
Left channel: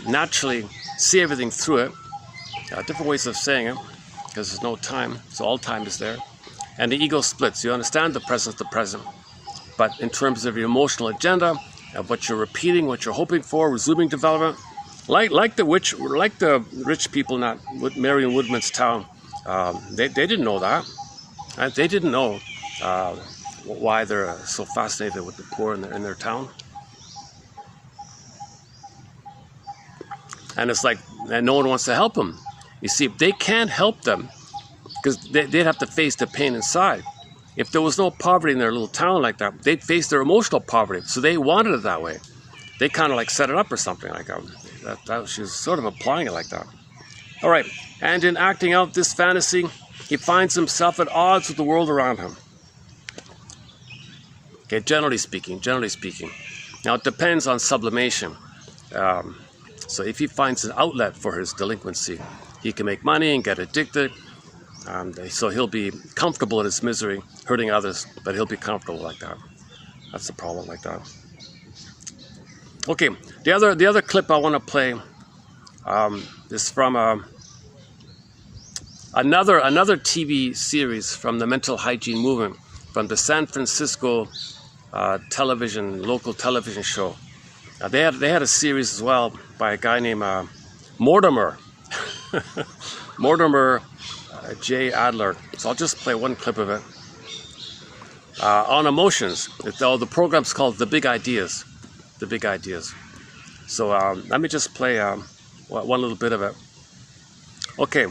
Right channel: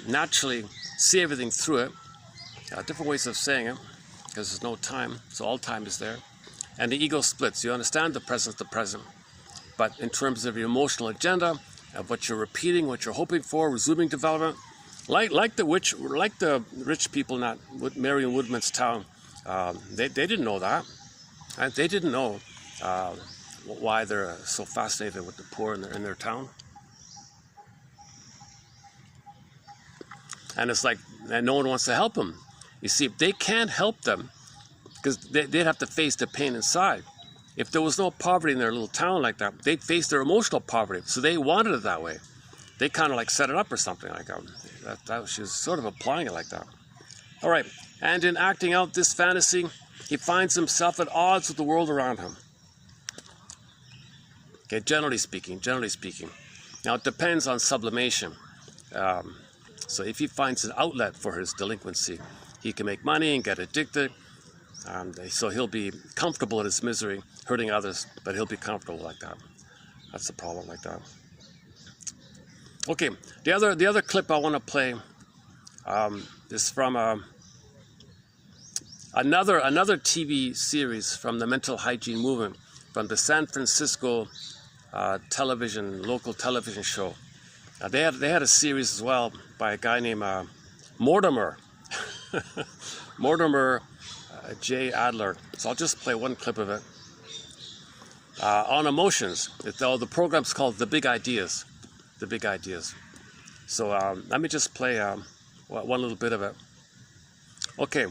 naturally see everything through it. Different ways of saying it, because there's no time, so all time is there. And the ego splits. You understand the present, but in terms of your emotional agenda, of what you're repeating, what you're hoping for, resuming development, like the rich people not Marion Woodman's town, they didn't know that. They didn't know why they're so fascinated with the poor in their town. And it's like, and no one wants to help them. You see, they can't help them because they'd have to face the pain inside. If there was no poverty in their little town like that, they'd face their emotional poverty. So they wanted it that way. They kind of like set it up or something like that. She was sort of applying it like that. All right. And in acting out this fantasy, he finds himself at odds with the world around him. Okay, generally speaking. Now, it depends on sublimation. So if he finds an outlet for his delinquency, he can make money and get addicted. So he'll be comfortable in his misery, hurting others, but he'll be comfortable like that. That's the problem like that. Okay, the other clip I want to play is from another TV series from the mental hygiene movement, from the San Francisco local television show. They had a series as well by a guy named Mortimer. Mortimer J. Adler. So I'll just play one clip of it. On emotions. The program's called The Big Ideas. The Big Ideas. So let me just play one little bit of it. Okay,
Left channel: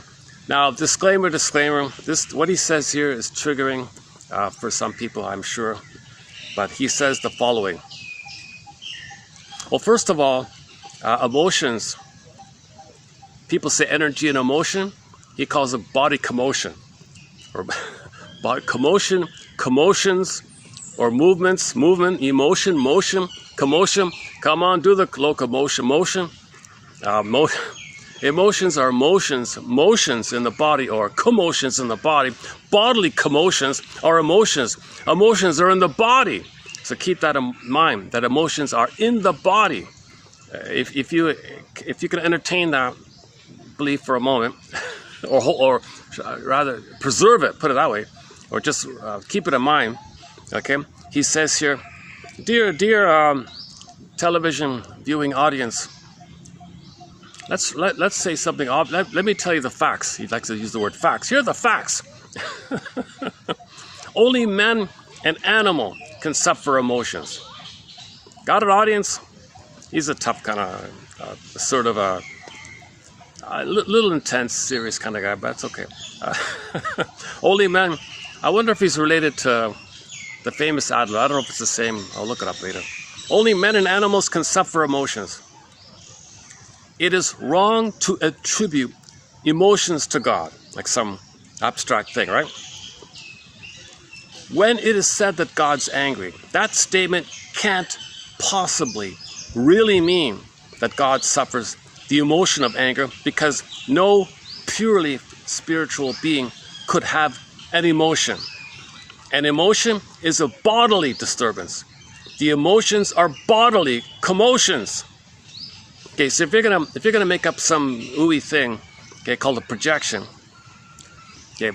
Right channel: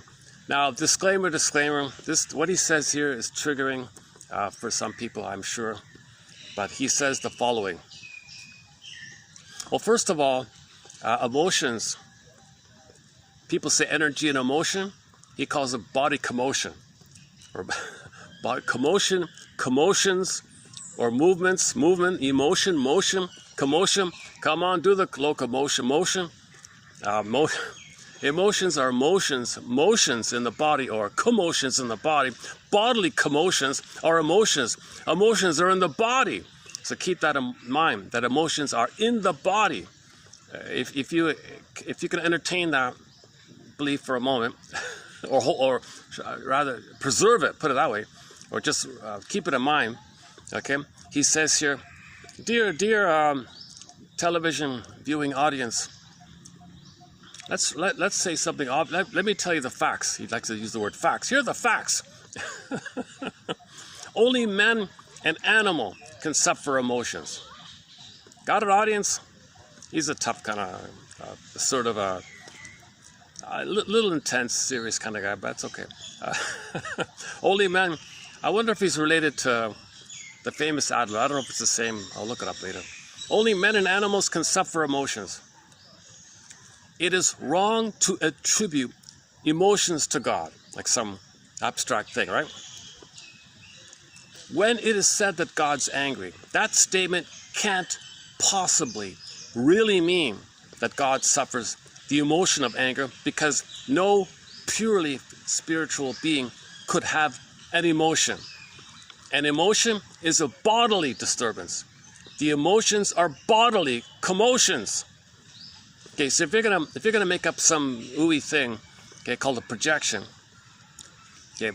now disclaimer. This what he says here is triggering for some people, I'm sure. But he says the following. Well, first of all, emotions. People say energy and emotion. He calls it body commotion, or body commotion, commotions, or movements, movement, emotion, motion, commotion. Come on, do the locomotion, motion. Emotions are motions in the body, or commotions in the body. Bodily commotions are emotions. Emotions are in the body. So keep that in mind, that emotions are in the body. If you can entertain that belief for a moment, or rather preserve it, put it that way, or just keep it in mind. Okay, he says here, dear television viewing audience, let's say something. Let me tell you the facts. He likes to use the word facts. Here are the facts. Only men and animal can suffer emotions. Got it, audience? He's a tough kind of, sort of a little intense, serious kind of guy, but that's okay. Only men. I wonder if he's related to the famous Adler. I don't know if it's the same. I'll look it up later. Only men and animals can suffer emotions. It is wrong to attribute emotions to God, like some abstract thing, right? When it is said that God's angry, that statement can't possibly really mean that God suffers the emotion of anger, because no purely spiritual being could have an emotion. An emotion is a bodily disturbance. The emotions are bodily commotions. Okay, so if you're gonna make up some ooey thing, okay, called a projection, okay,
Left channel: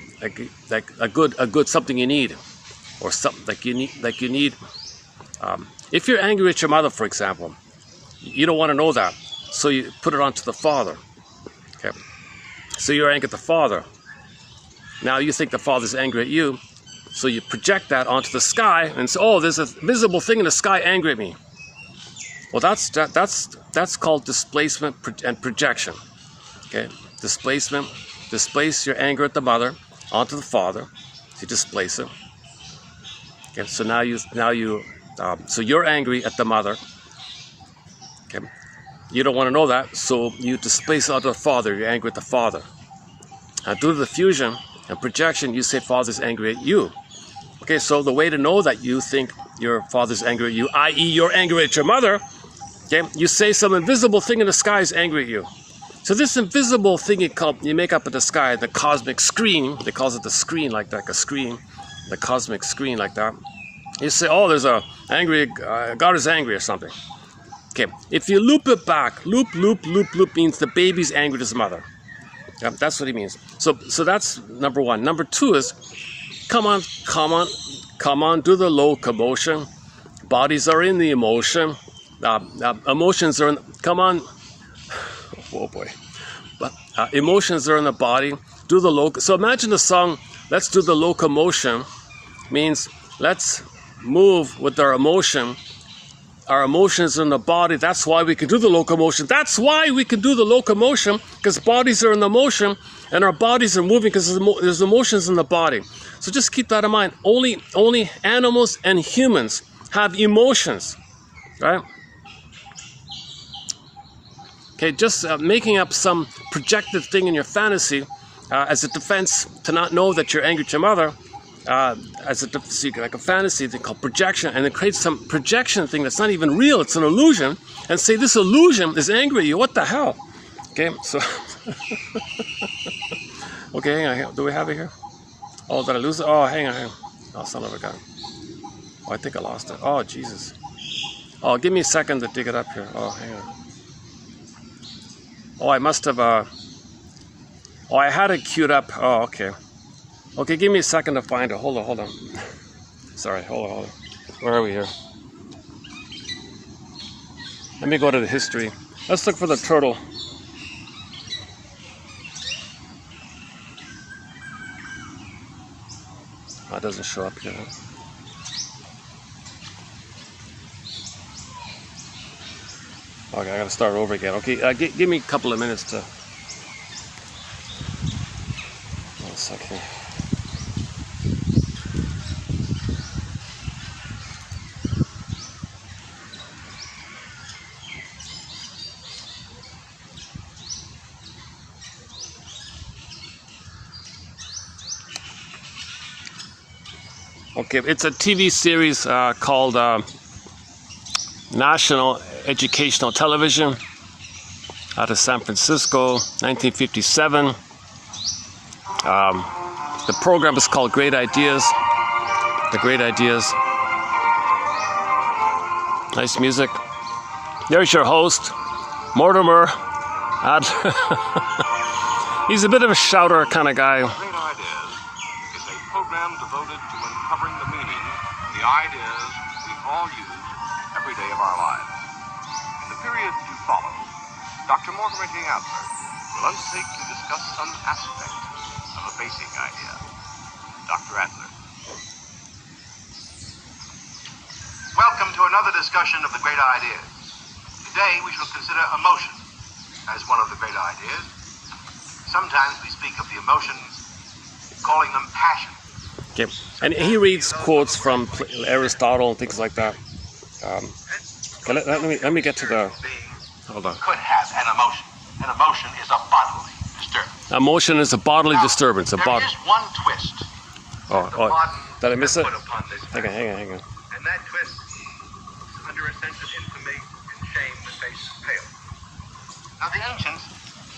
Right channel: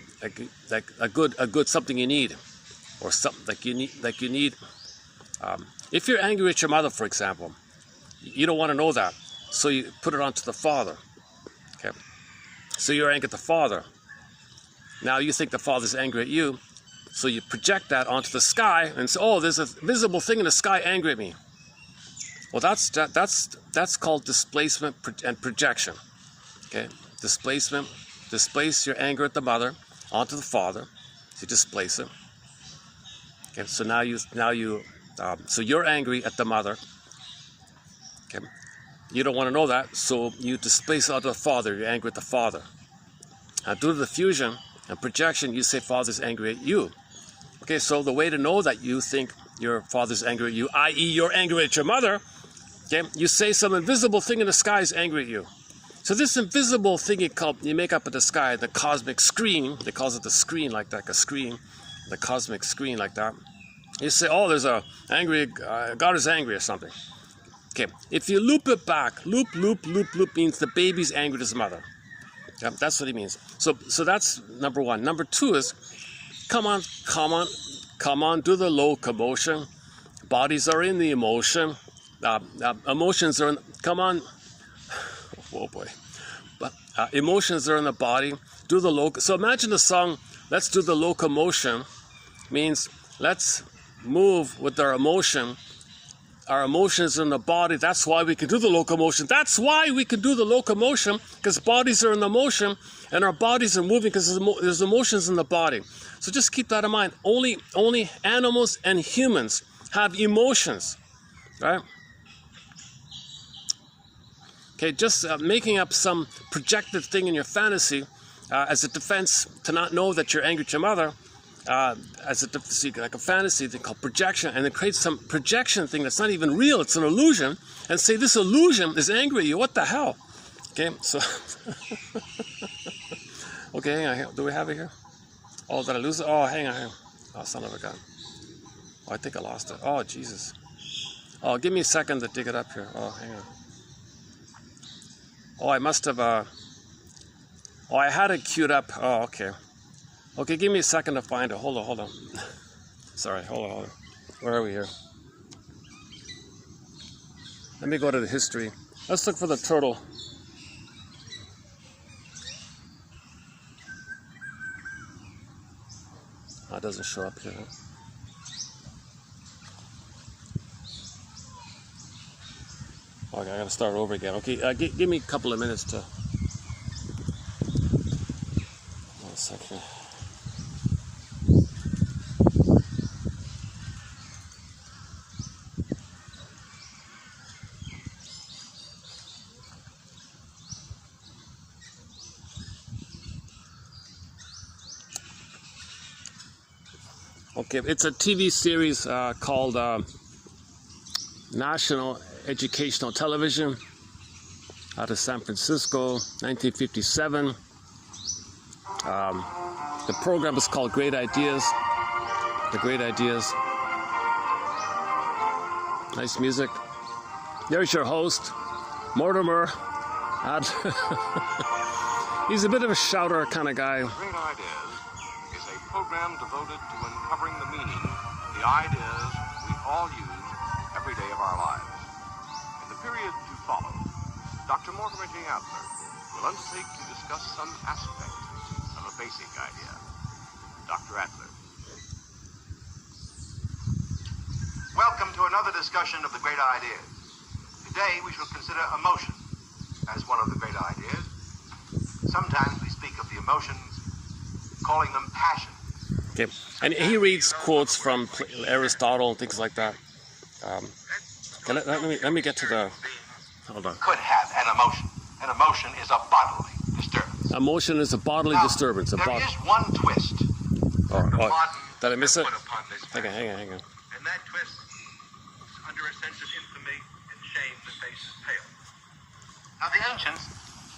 like a good something you need, or something like you need. If you're angry at your mother, for example, you don't want to know that, so you put it onto the father. Okay, so you're angry at the father. Now you think the father's angry at you, so you project that onto the sky and say, "Oh, there's a visible thing in the sky angry at me." Well, that's called displacement and projection. Okay, displacement. Displace your anger at the mother onto the father. You displace it. Okay, so so you're angry at the mother. Okay, you don't want to know that, so you displace it onto the father. You're angry at the father. Now, due to the fusion and projection, you say father's angry at you. Okay, so the way to know that you think your father's angry at you, i.e. you're angry at your mother, okay, you say some invisible thing in the sky is angry at you. So this invisible thing you make up in the sky, the cosmic screen, they call it the screen, like that, a screen, the cosmic screen like that. You say, oh, there's a angry, God is angry or something. Okay, if you loop it back, loop means the baby's angry at his mother. Yeah, that's what he means. So that's number one. Number two is, come on, do the locomotion. Bodies are in the emotion. Emotions are in, come on. Oh boy. But emotions are in the body. Do the so imagine the song, let's do the locomotion, means let's move with our emotion. Our emotions are in the body. That's why we can do the locomotion. That's why we can do the locomotion, because bodies are in the motion and our bodies are moving because there's emotions in the body. So just keep that in mind. Only animals and humans have emotions, right? Okay, just making up some projected thing in your fantasy as a defense to not know that you're angry at your mother, like a fantasy thing called projection, and it creates some projection thing that's not even real, it's an illusion, and say this illusion is angry at you. What the hell? Okay, so okay, hang on, do we have it here? Oh, did I lose it? Oh, hang on. Oh, son of a gun. Oh, I think I lost it. Oh, Jesus. Oh, give me a second to dig it up here. Oh, hang on. Oh, I must have, oh, I had it queued up. Oh, okay. Okay, give me a second to find it. Hold on. Sorry, hold on. Where are we here? Let me go to the history. Let's look for the turtle. Oh, it doesn't show up here. Okay, I gotta start over again. Okay, give me a couple of minutes to. 1 second. Okay, it's a TV series called National Educational Television out of San Francisco, 1957. The program is called Great Ideas. The Great Ideas. Nice music. There's your host, Mortimer. He's a bit of a shouter kind of guy. Great Ideas is a program devoted to uncovering the meaning of the ideas we all use every day of our lives. In the period to follow, Dr. Mortimer J. Adler will undertake to discuss some aspect of a basic idea. Dr. Adler. Welcome to another discussion of the great ideas. Today we shall consider emotion as one of the great ideas. Sometimes we speak of the emotions, calling them passion. Okay. And he reads quotes from Aristotle and things like that. Okay, let me get to the. Hold on. Could have an emotion. An emotion is a bodily disturbance. Emotion is a bodily Now, disturbance. There is one twist. Oh, did I miss it? Put upon this Hang on. And that twist, under a sense of infamy and shame, the face is pale. Now the ancients,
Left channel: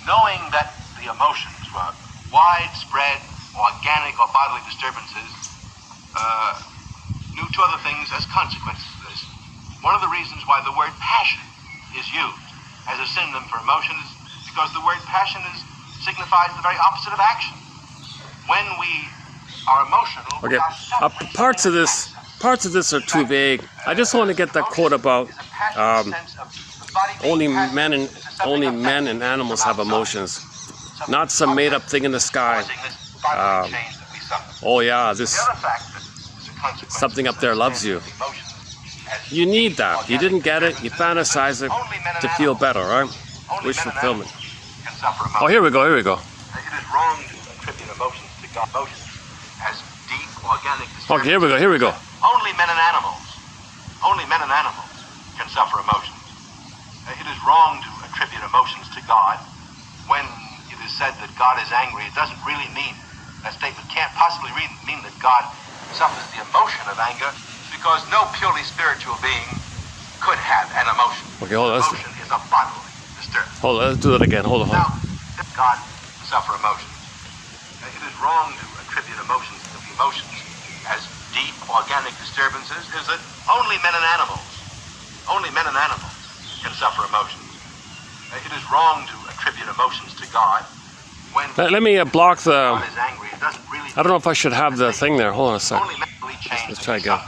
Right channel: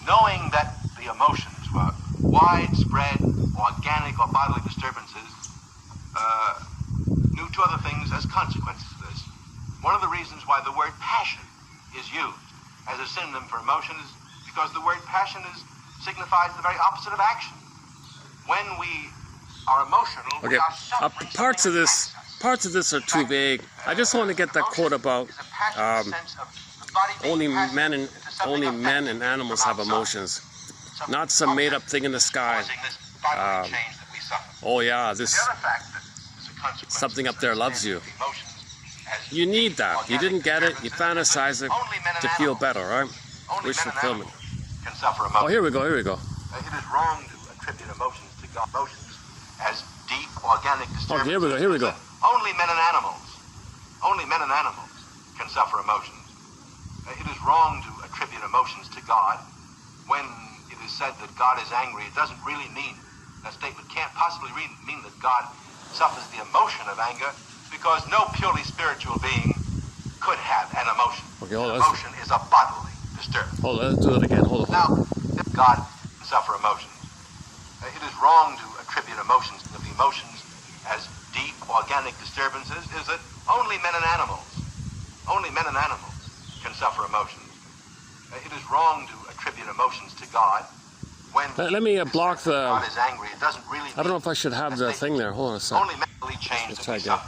knowing that the emotions were widespread, organic or bodily disturbances, knew two other things as consequences of this. One of the reasons why the word passion is used as a synonym for emotion is because the word passion signifies the very opposite of action. When we are emotional, we Okay. are Parts of this are too vague. I just want to get that quote about only men and animals have emotions, not some made-up thing in the sky. Oh yeah, this something up there loves you. You need that. You didn't get it. You fantasize it to feel better, right? Wish fulfillment. Oh, here we go. It is wrong to attribute emotions to God. Emotions as deep, organic disturbances. Okay, here we go. Only men and animals can suffer emotions. It is wrong to attribute emotions to God. When it is said that God is angry, it doesn't really mean, that statement can't possibly mean that God suffers the emotion of anger, because no purely spiritual being could have an emotion. Okay, hold on. Emotion is a bodily disturbance. Hold on, let's do that again. Hold on. Now, if God suffer emotions, it is wrong to attribute emotions to the emotions as deep organic disturbances, is that only men and animals can suffer emotions. It is wrong to attribute emotions to God. When Let me block the. God is angry, it doesn't really I don't know if I should have the thing there. Hold on a sec. only mentally changed. Let's try again.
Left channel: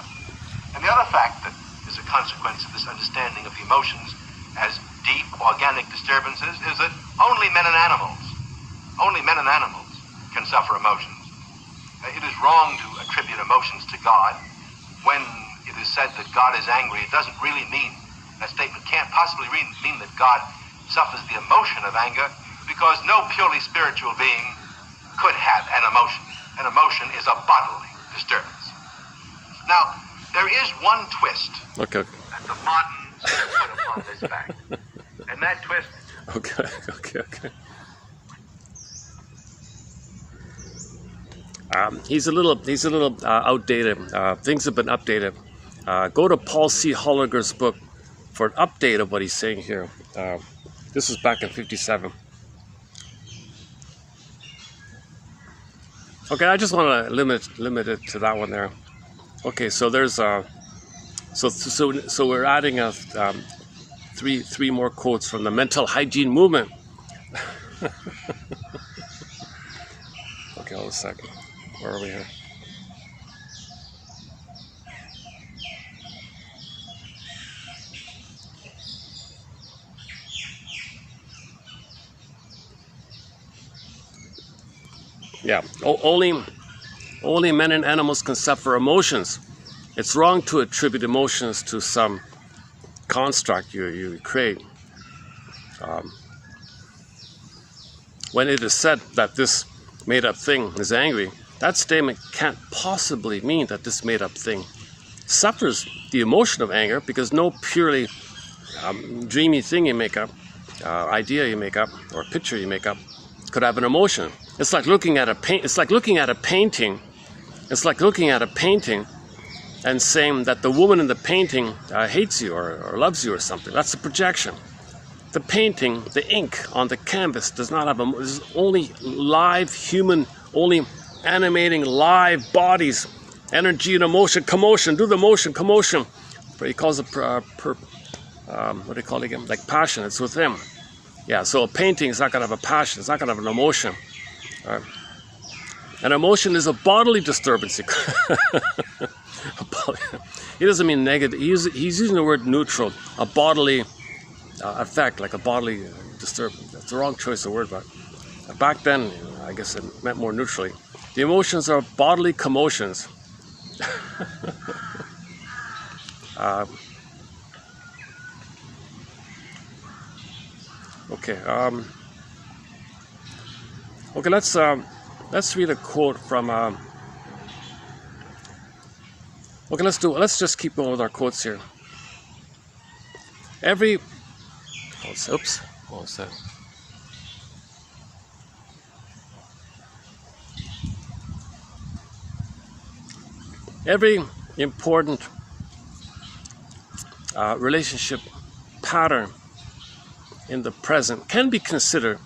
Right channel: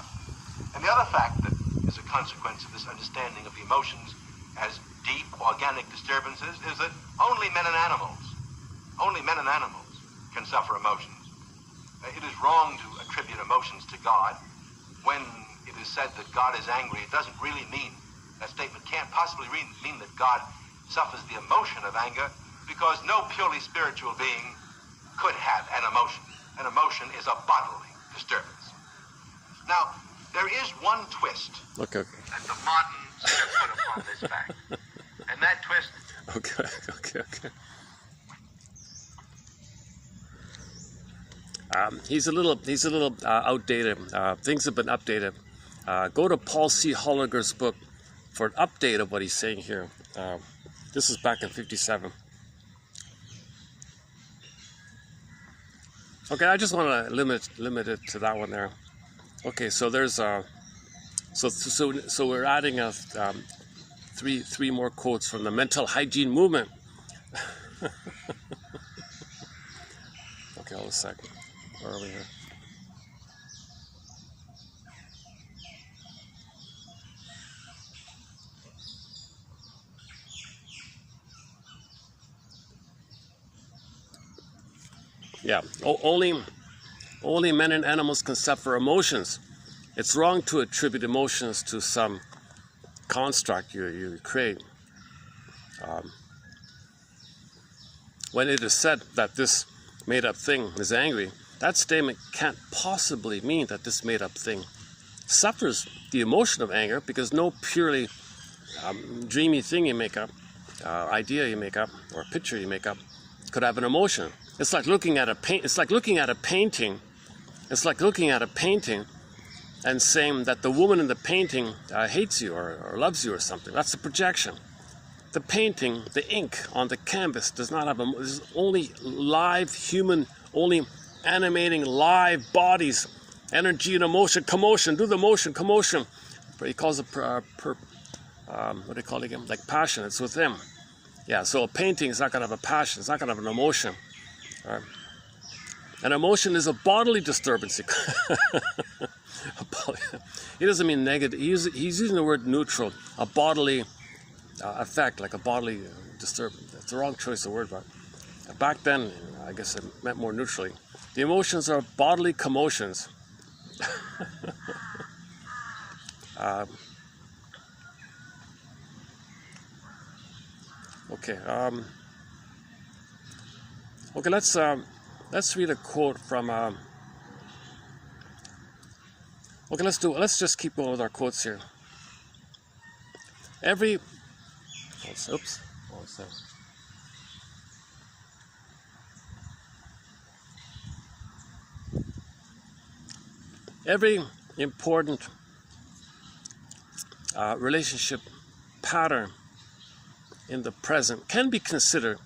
And the other fact that is a consequence of this understanding of the emotions as deep organic disturbances is that only men and animals can suffer emotions. It is wrong to attribute emotions to God. When it is said that God is angry, it doesn't really mean, that statement can't possibly mean that God suffers the emotion of anger, because no purely spiritual being could have an emotion. An emotion is a bodily disturbance. Now, there is one twist. Okay. That the moderns have put upon this fact. And that twist. Okay. He's a little outdated. Things have been updated. Go to Paul C. Holliger's book for an update of what he's saying here. This is back in '57. Okay, I just want to limit it to that one there. Okay, so there's so we're adding three more quotes from the mental hygiene movement. Okay, hold a second. Where are we here? Yeah, only men and animals can suffer emotions. It's wrong to attribute emotions to some construct you create. When it is said that this made-up thing is angry, that statement can't possibly mean that this made-up thing suffers the emotion of anger, because no purely dreamy thing you make up, idea you make up, or picture you make up could have an emotion. It's like looking at a paint. It's like looking at a painting. It's like looking at a painting and saying that the woman in the painting hates you or loves you or something. That's a projection. The painting, the ink on the canvas does not have a. This is only live human, only animating live bodies, energy and emotion, commotion. Do the motion, commotion. He calls it what do you call it again? Like passion. It's with him. Yeah. So a painting is not going to have a passion. It's not going to have an emotion. All right. An emotion is a bodily disturbance. He doesn't mean negative. He's using the word neutral. A bodily effect, like a bodily disturbance. That's the wrong choice of word, but back then, I guess it meant more neutrally. The emotions are bodily commotions. Okay. Okay. Let's read a quote from. Okay. Let's just keep going with our quotes here. Every oops, what was that? Every important relationship pattern in the present can be considered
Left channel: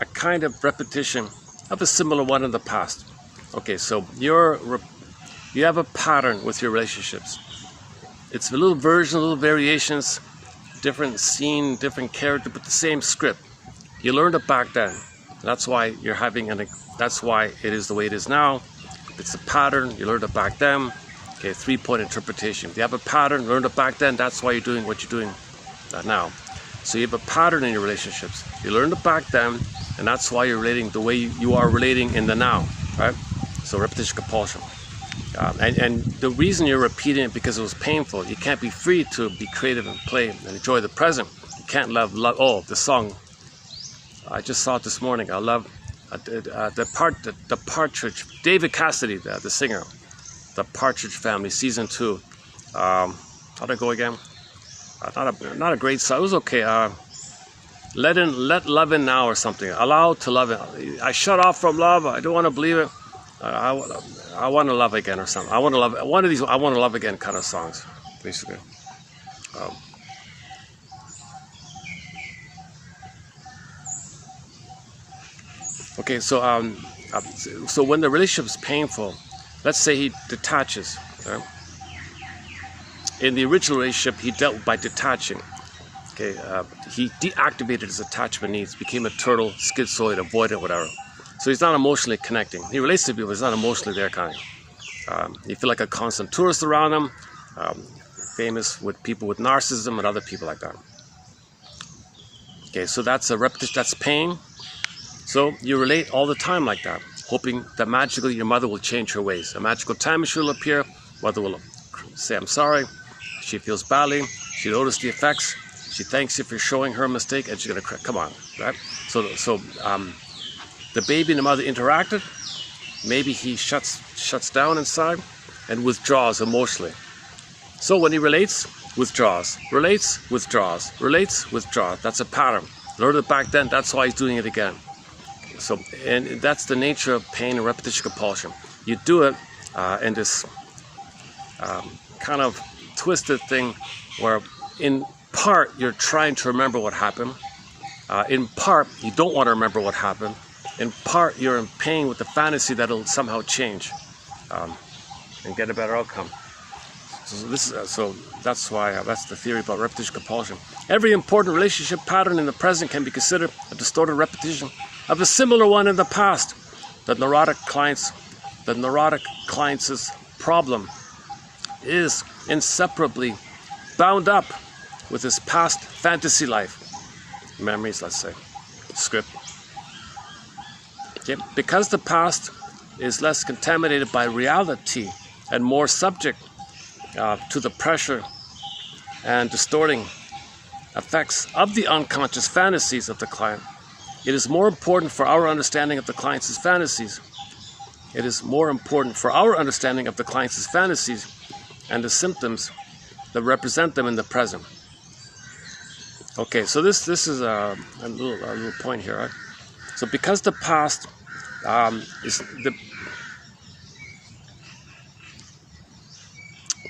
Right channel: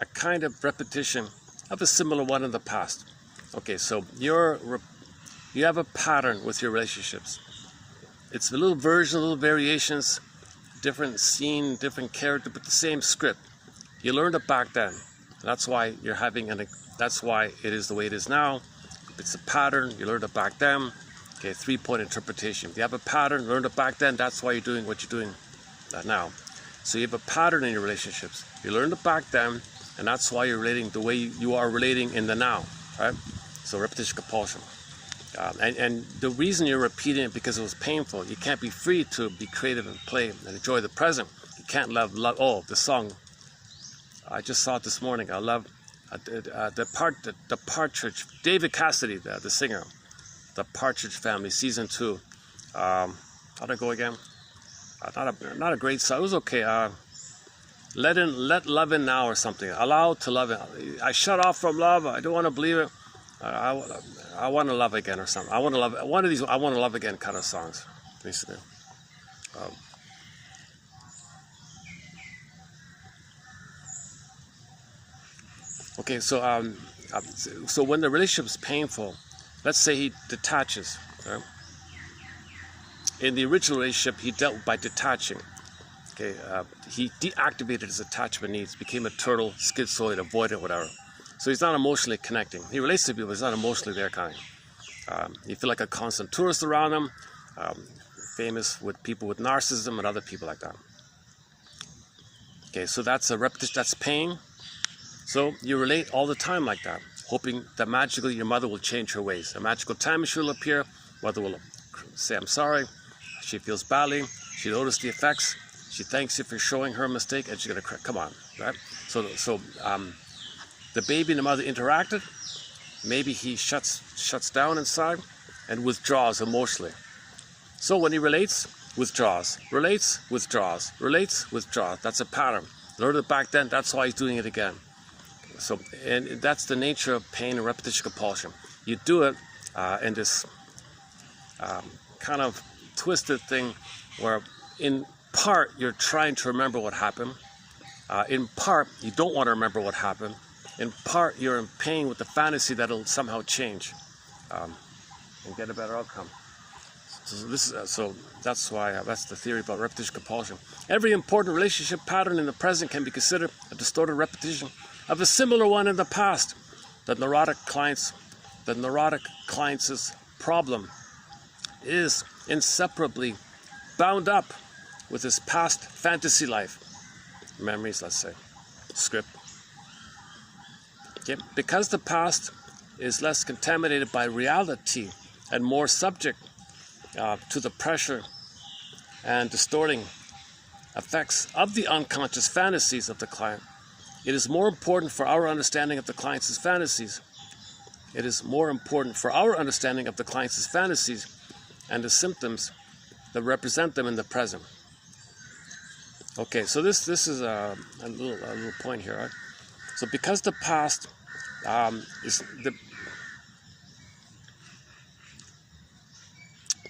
a kind of repetition of a similar one in the past. Okay, so you have a pattern with your relationships. It's a little version, little variations, different scene, different character, but the same script. You learned it back then. That's why you're having that's why it is the way it is now. It's a pattern, you learned it back then. Okay, 3-point interpretation. If you have a pattern, learned it back then, that's why you're doing what you're doing now. So you have a pattern in your relationships. You learned it back then, and that's why you're relating the way you are relating in the now, right? So repetition compulsion. And the reason you're repeating it because it was painful. You can't be free to be creative and play and enjoy the present. You can't love. Oh, the song. I just saw it this morning. I love the Partridge. David Cassidy, the singer. The Partridge Family, season 2. How'd it go again? Not a great song. It was okay. Let love in now or something. Allow to love it. I shut off from love. I don't want to believe it. I want to love again or something. I want to love one of these. I want to love again kind of songs, basically. Okay, so so when the relationship is painful, let's say he detaches. Right? In the original relationship, he dealt by detaching. Okay, he deactivated his attachment needs, became a turtle, schizoid, avoidant, whatever. So he's not emotionally connecting. He relates to people, but he's not emotionally their kind. You feel like a constant tourist around him, famous with people with narcissism and other people like that. Okay, so that's a repetition, that's pain. So you relate all the time like that, hoping that magically your mother will change her ways. A magical time machine will appear, mother will say, I'm sorry. She feels badly, she noticed the effects, she thanks you for showing her a mistake, and she's gonna come on, right? So the baby and the mother interacted. Maybe he shuts down inside and withdraws emotionally. So when he relates, withdraws, relates, withdraws, relates, withdraws. That's a pattern. Learned it back then, that's why he's doing it again. So, and that's the nature of pain and repetition compulsion. You do it in this kind of twisted thing where in part you're trying to remember what happened. In part, you don't want to remember what happened. In part, you're in pain with the fantasy that it'll somehow change and get a better outcome. So that's why that's the theory about repetition compulsion. Every important relationship pattern in the present can be considered a distorted repetition of a similar one in the past. The neurotic client's problem is inseparably bound up with his past fantasy life, memories, let's say, script. Okay. Because the past is less contaminated by reality and more subject to the pressure and distorting effects of the unconscious fantasies of the client. It is more important for our understanding of the client's fantasies. It is more important for our understanding of the client's fantasies and the symptoms that represent them in the present. Okay, so this is a little point here, right? So because the past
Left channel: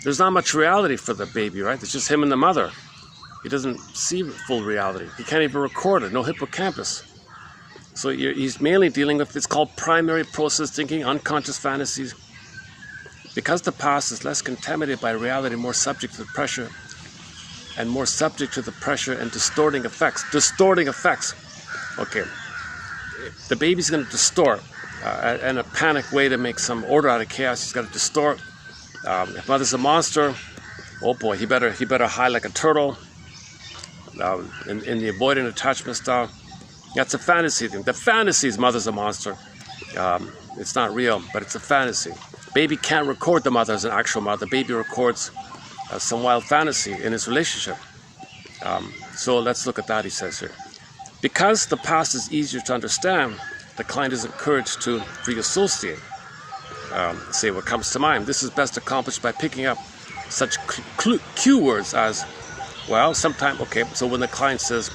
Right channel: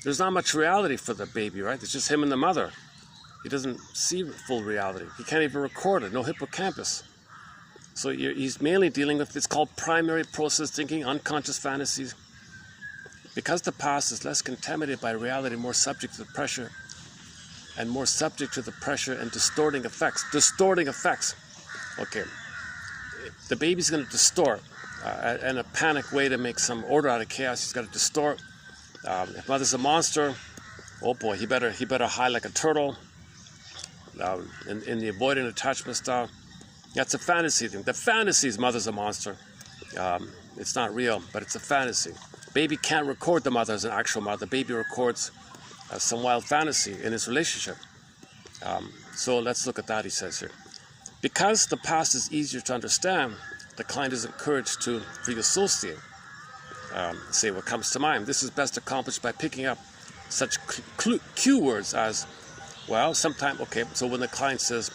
there's not much reality for the baby, right? It's just him and the mother. He doesn't see full reality. He can't even record it. No hippocampus. So he's mainly dealing with, it's called primary process thinking, unconscious fantasies. Because the past is less contaminated by reality, more subject to the pressure, and more subject to the pressure and distorting effects. Distorting effects. Okay. The baby's going to distort in a panic way to make some order out of chaos. He's got to distort. If mother's a monster, oh boy, he better hide like a turtle. In the avoidant attachment style, that's a fantasy thing. The fantasy is mother's a monster. It's not real, but it's a fantasy. Baby can't record the mother as an actual mother. Baby records some wild fantasy in his relationship. So let's look at that, he says here. Because the past is easier to understand, the client is encouraged to reassociate. Say what comes to mind. This is best accomplished by picking up such cue words as, well, sometime, okay, so when the client says,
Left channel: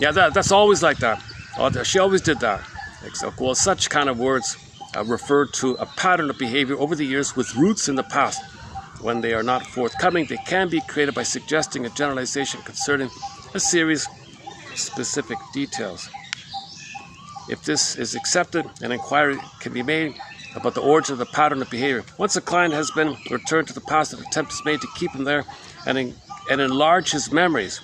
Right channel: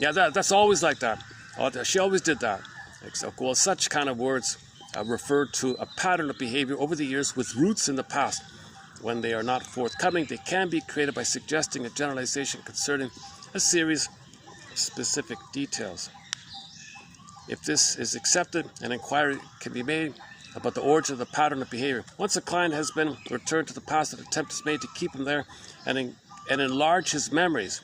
yeah, that's always like that. Oh, she always did that. Well, such kind of words refer to a pattern of behavior over the years with roots in the past. When they are not forthcoming, they can be created by suggesting a generalization concerning a series of specific details. If this is accepted, an inquiry can be made about the origin of the pattern of behavior. Once a client has been returned to the past, an attempt is made to keep him there and enlarge his memories.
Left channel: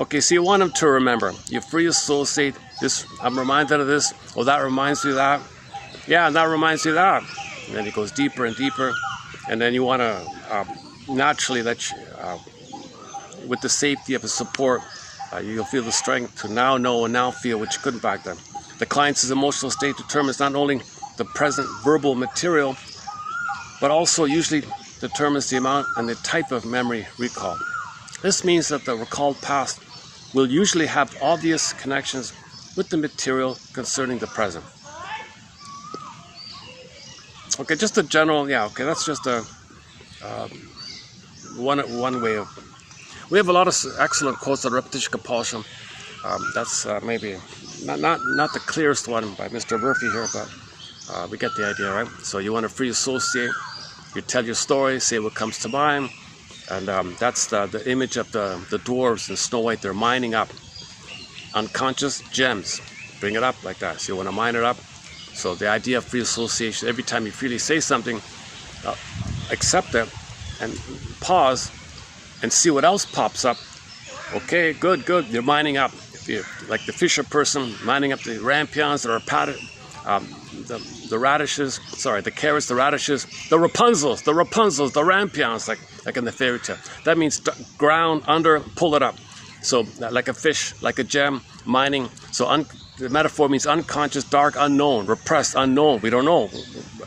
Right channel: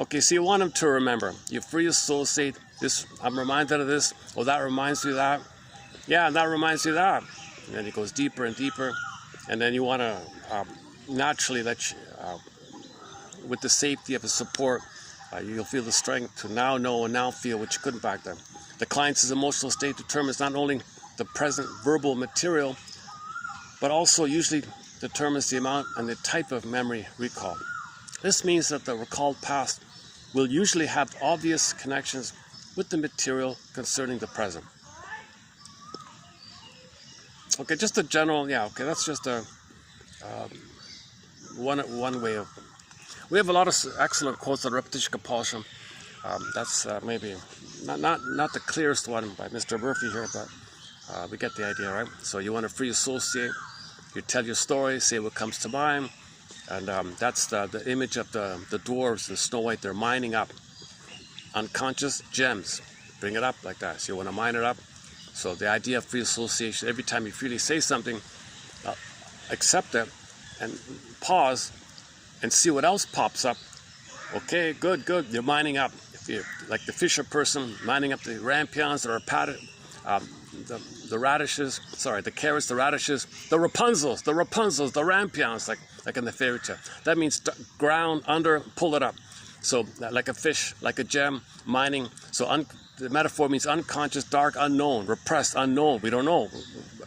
Okay, so you want him to remember. You free associate this, I'm reminded of this, oh, that reminds me of that. Yeah, and that reminds me of that. And then he goes deeper and deeper. And then you want to naturally with the safety of his support, you'll feel the strength to now know and now feel what you couldn't back then. The client's emotional state determines not only the present verbal material, but also usually determines the amount and the type of memory recall. This means that the recalled past will usually have obvious connections with the material concerning the present. Okay, just a general, yeah, okay, that's just a one way of. We have a lot of excellent quotes on repetition compulsion. That's maybe not the clearest one by Mr. Murphy here, but we get the idea, right? So you want to free associate. You tell your story, say what comes to mind, and that's the image of the dwarves in Snow White. They're mining up unconscious gems. Bring it up like that. So you want to mine it up. So the idea of free association, every time you freely say something, accept it and pause and see what else pops up. Okay, good. You're mining up. Like the Fisher person, mining up the rampions that are the radishes, sorry, the carrots, the radishes, the Rapunzels, the rampions, like in the fairy tale. That means ground under, pull it up. So like a fish, like a gem, mining. So the metaphor means unconscious, dark, unknown, repressed, unknown. We don't know.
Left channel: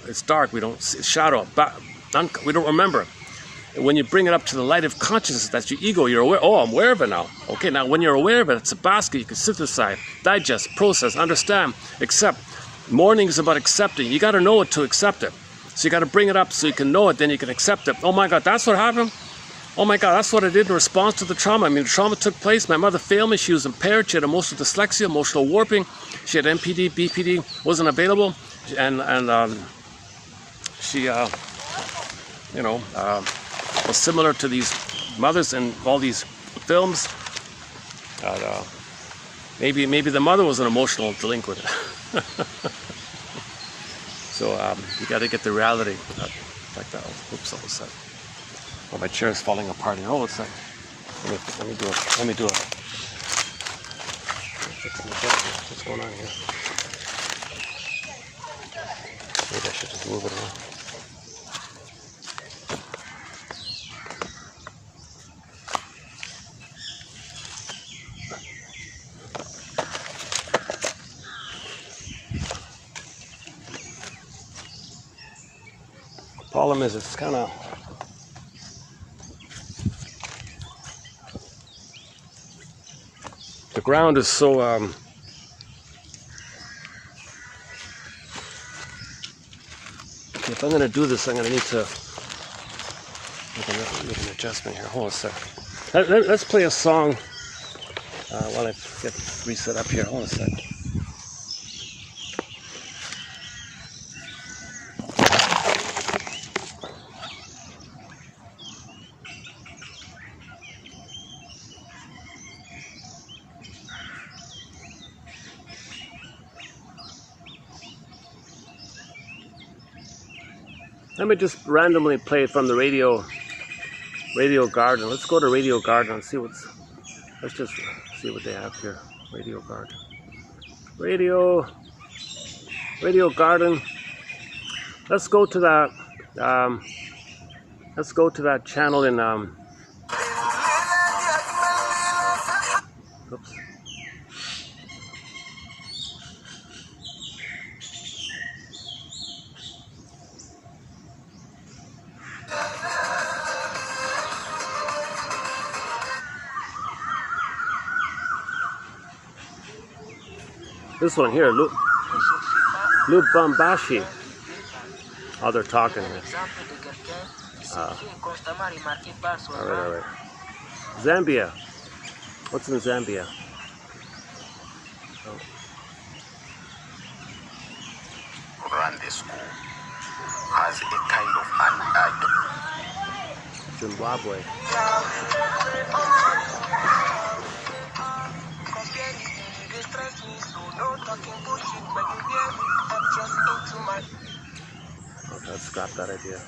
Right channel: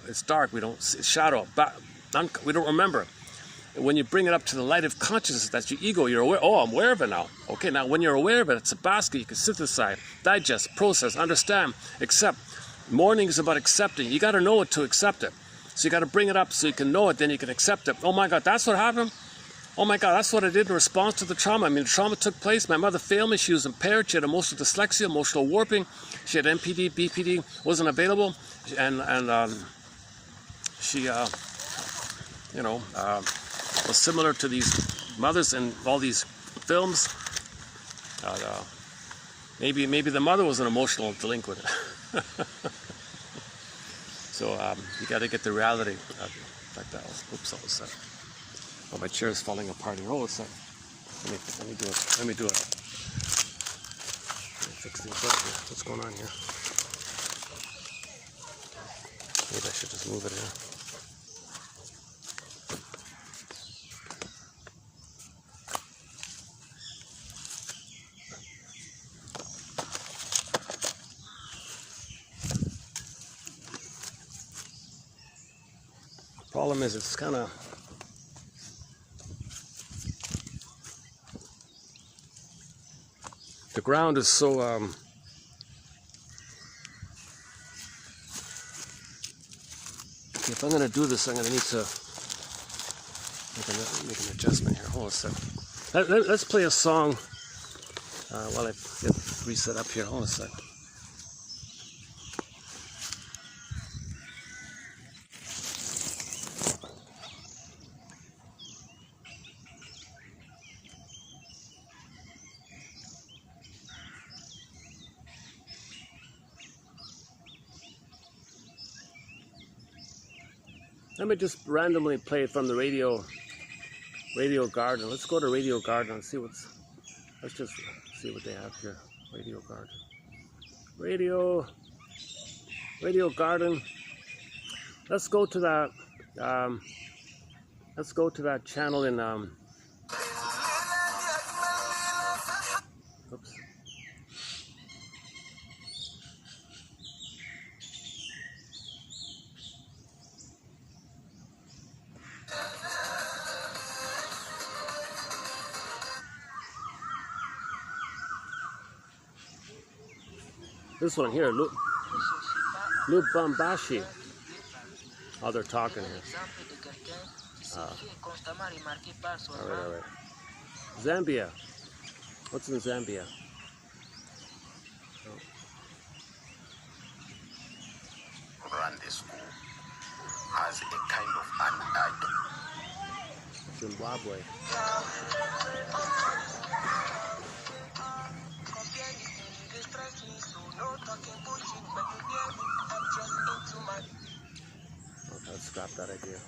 It's dark. We don't see shadow. We don't remember. When you bring it up to the light of consciousness, that's your ego. You're aware. Oh, I'm aware of it now. Okay, now when you're aware of it, it's a basket. You can synthesize, digest, process, understand, accept. Mourning is about accepting. You got to know it to accept it. So you got to bring it up so you can know it, then you can accept it. Oh my God, that's what happened? Oh my God, that's what I did in response to the trauma. I mean, the trauma took place. My mother failed me. She was impaired. She had emotional dyslexia, emotional warping. She had MPD, BPD, wasn't available. And she, was similar to these mothers in all these films. Maybe the mother was an emotional delinquent. So you got to get the reality like that. Oops, all of a sudden. Oh, my chair is falling apart here. Hold on a second. Let me do it. Let me fix my desk here. What's going on here? Maybe I should just move it around. Problem is, it's kind of the ground is so if I'm going to do this, I'm going to need to make an adjustment here. Hold on a second. Let's play a song while I get reset up here. Hold on a second. Let me just randomly play it from the Radio Garden. Let's go to Radio Garden and see let's just see what they have here. Radio Garden. Radio Garden. Let's go to that channel in oops. This one here, Lubumbashi. Oh, they're talking here. All right. Zambia. What's in Zambia? Oh. Run the school has a kind of an Zimbabwe. Oh, let's scrap that idea.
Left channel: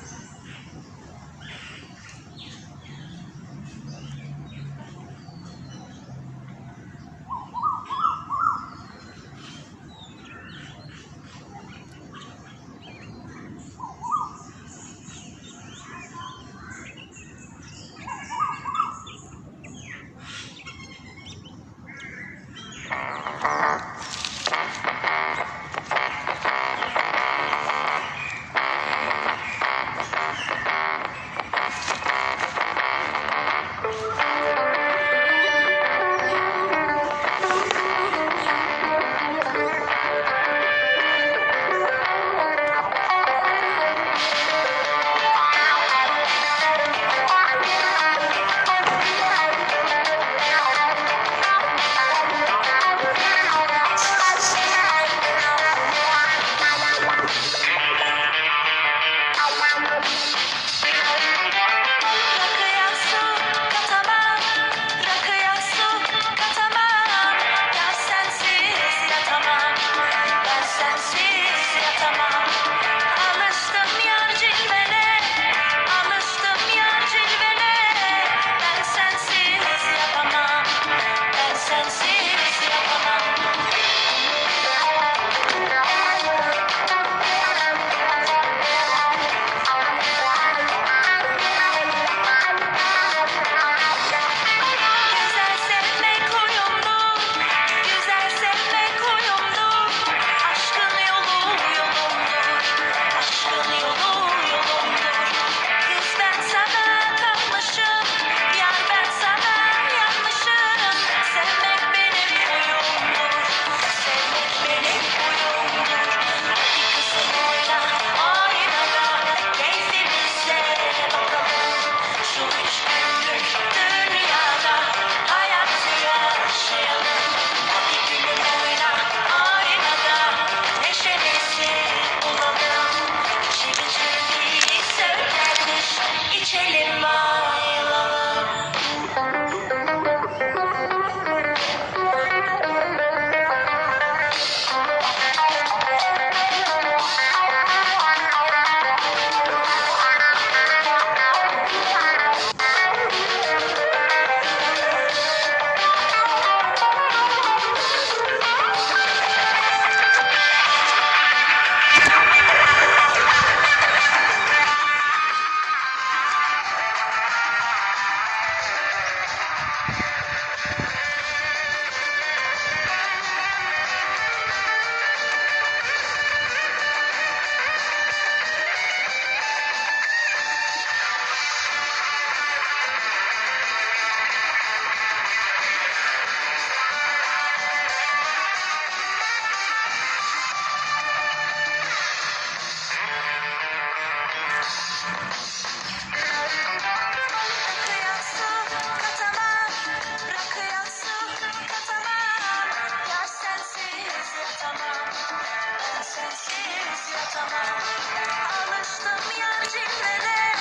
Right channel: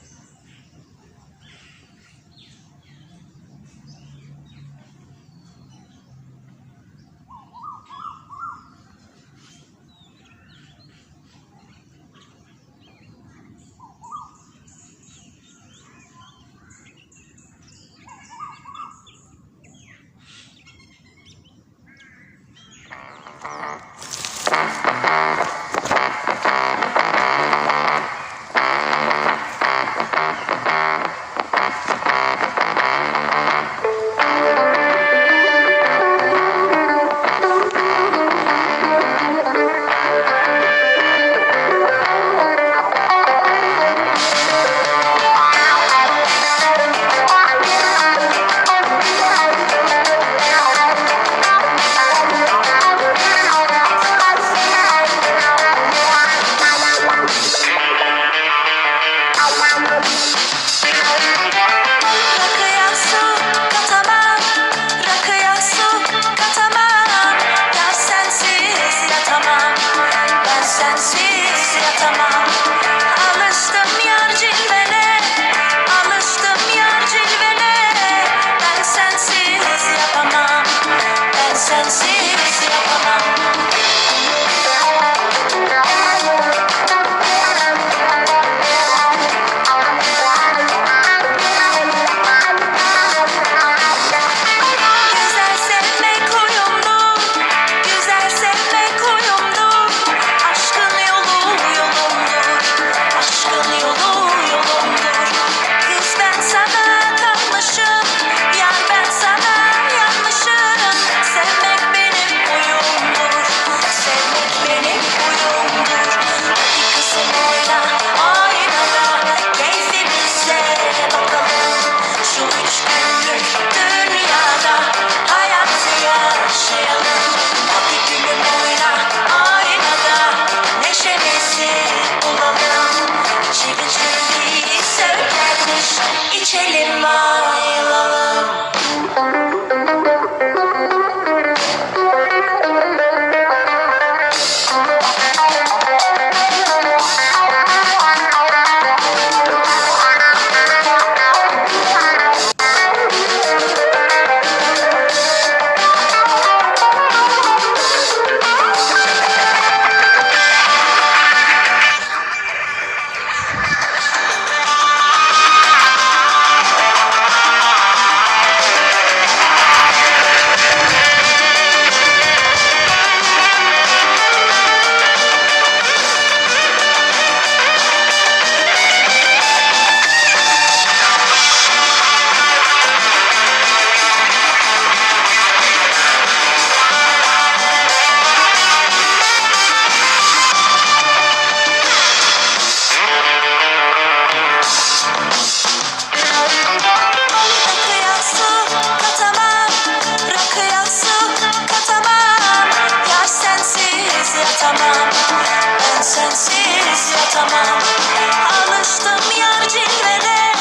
ama alıştım yer cilvene,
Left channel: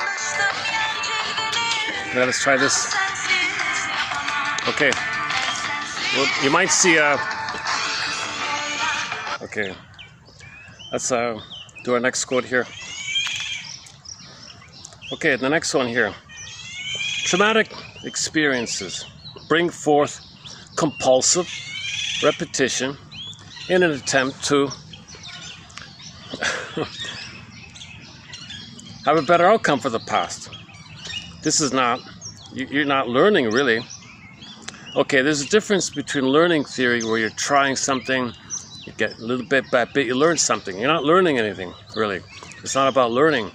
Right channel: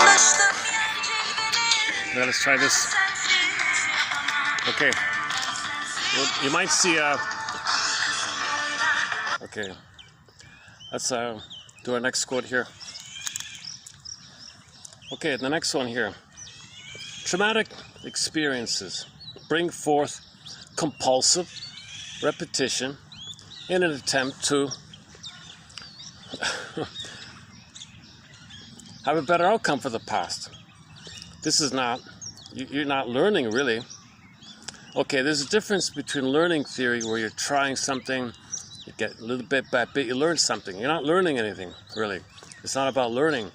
alıştım yer cilvene. Now let's try this. Okay. Well, you might see okay. Let's do our next quote here. Okay, the next one here. Traumatic experiences bring forth compulsive repetition in an attempt to have a better outcome for the past. This is not, you're not learning really. Okay, there's a difference between learning theory where you're trying something, you get a little bit by bit, you learn something. You're not learning anything, really. It's not about learning.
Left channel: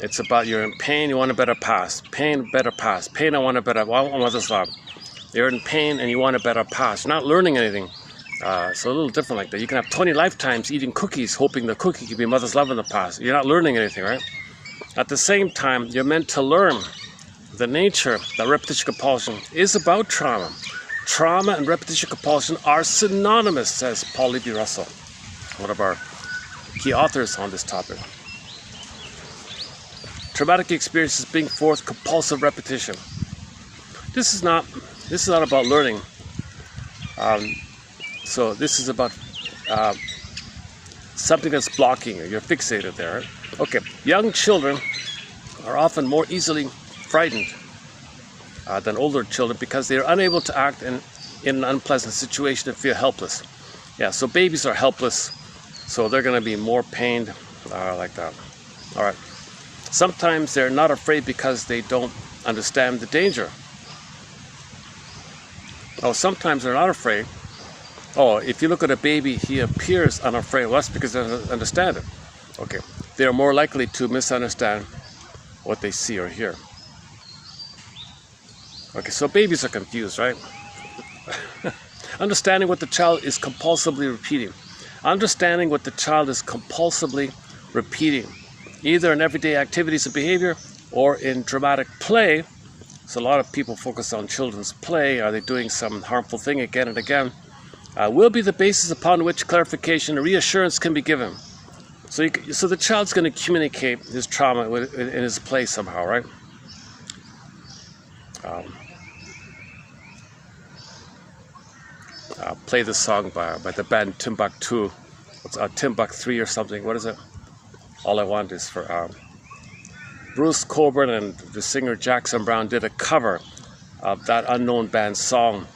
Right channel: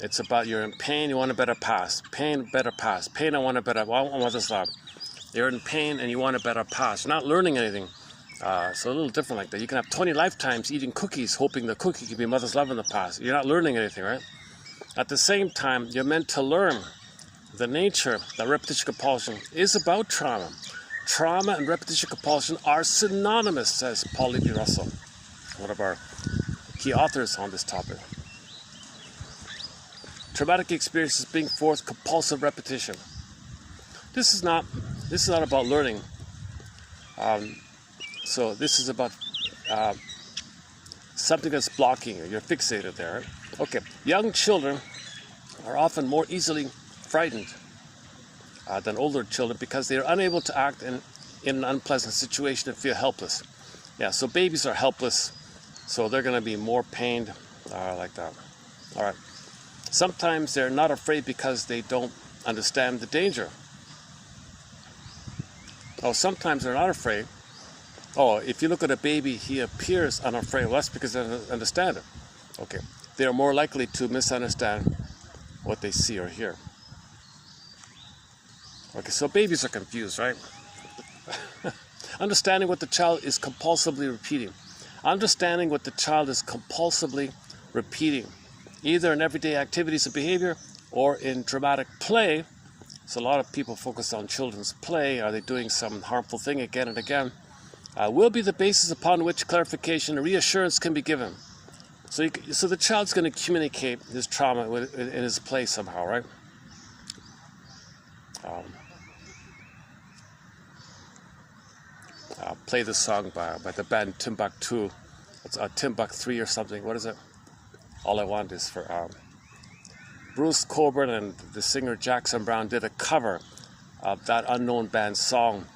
It's about you're in pain, you want a better past. Pain, better past. Pain, I want a better, I want this love. You're in pain and you want a better past. You're not learning anything. So a little different like that. You can have 20 lifetimes eating cookies, hoping the cookie could be mother's love in the past. You're not learning anything, right? At the same time, you're meant to learn the nature that repetition compulsion is about trauma. Trauma and repetition compulsion are synonymous, says Paul Levy-Russell, one of our key authors on this topic. Traumatic experiences bring forth compulsive repetition. This is not about learning. So this is about something that's blocking you. You're fixated there. Okay, young children are often more easily frightened than older children because they are unable to act in an unpleasant situation and feel helpless. Yeah, so babies are helpless, so they're going to be more pained like that. All right. Sometimes they're not afraid because they don't understand the danger. Oh, sometimes they're not afraid. Oh, if you look at a baby, he appears unafraid. Well, that's because they don't understand it. Okay. They are more likely to misunderstand what they see or hear. Okay, so babies are confused, right? Understanding what the child is compulsively repeating. Understanding what the child is compulsively repeating, either in everyday activities and behavior or in dramatic play. So a lot of people focus on children's play. Are they doing some harmful thing again and again? Will be the basis upon which clarification and reassurance can be given. So the child's going to communicate his trauma in his play somehow, right? Play the song by the band Timbuktu. It's Timbuk 3 or something. What is it? All I Want Is for Bruce Coburn and the singer Jackson Brown did a cover of that unknown band's song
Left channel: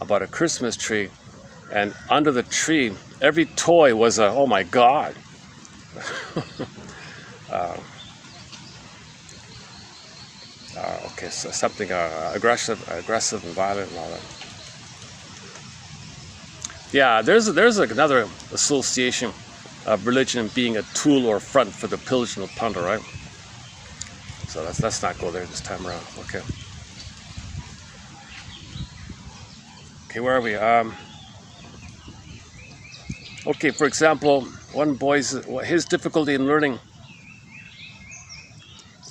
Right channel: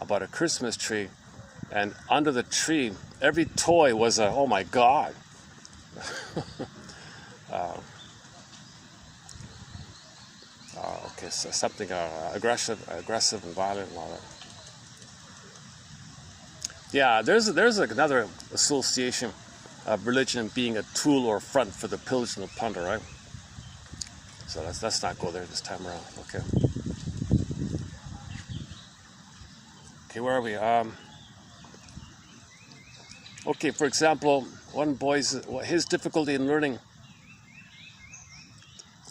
about a Christmas tree, and under the tree every toy was a, oh my God. Okay, so something aggressive and violent and all that. Yeah, there's another association of religion being a tool or front for the pillage and the plunder, right? So let's not go there this time around. Okay. Okay, where are we? Okay, for example, one boy's his difficulty in learning.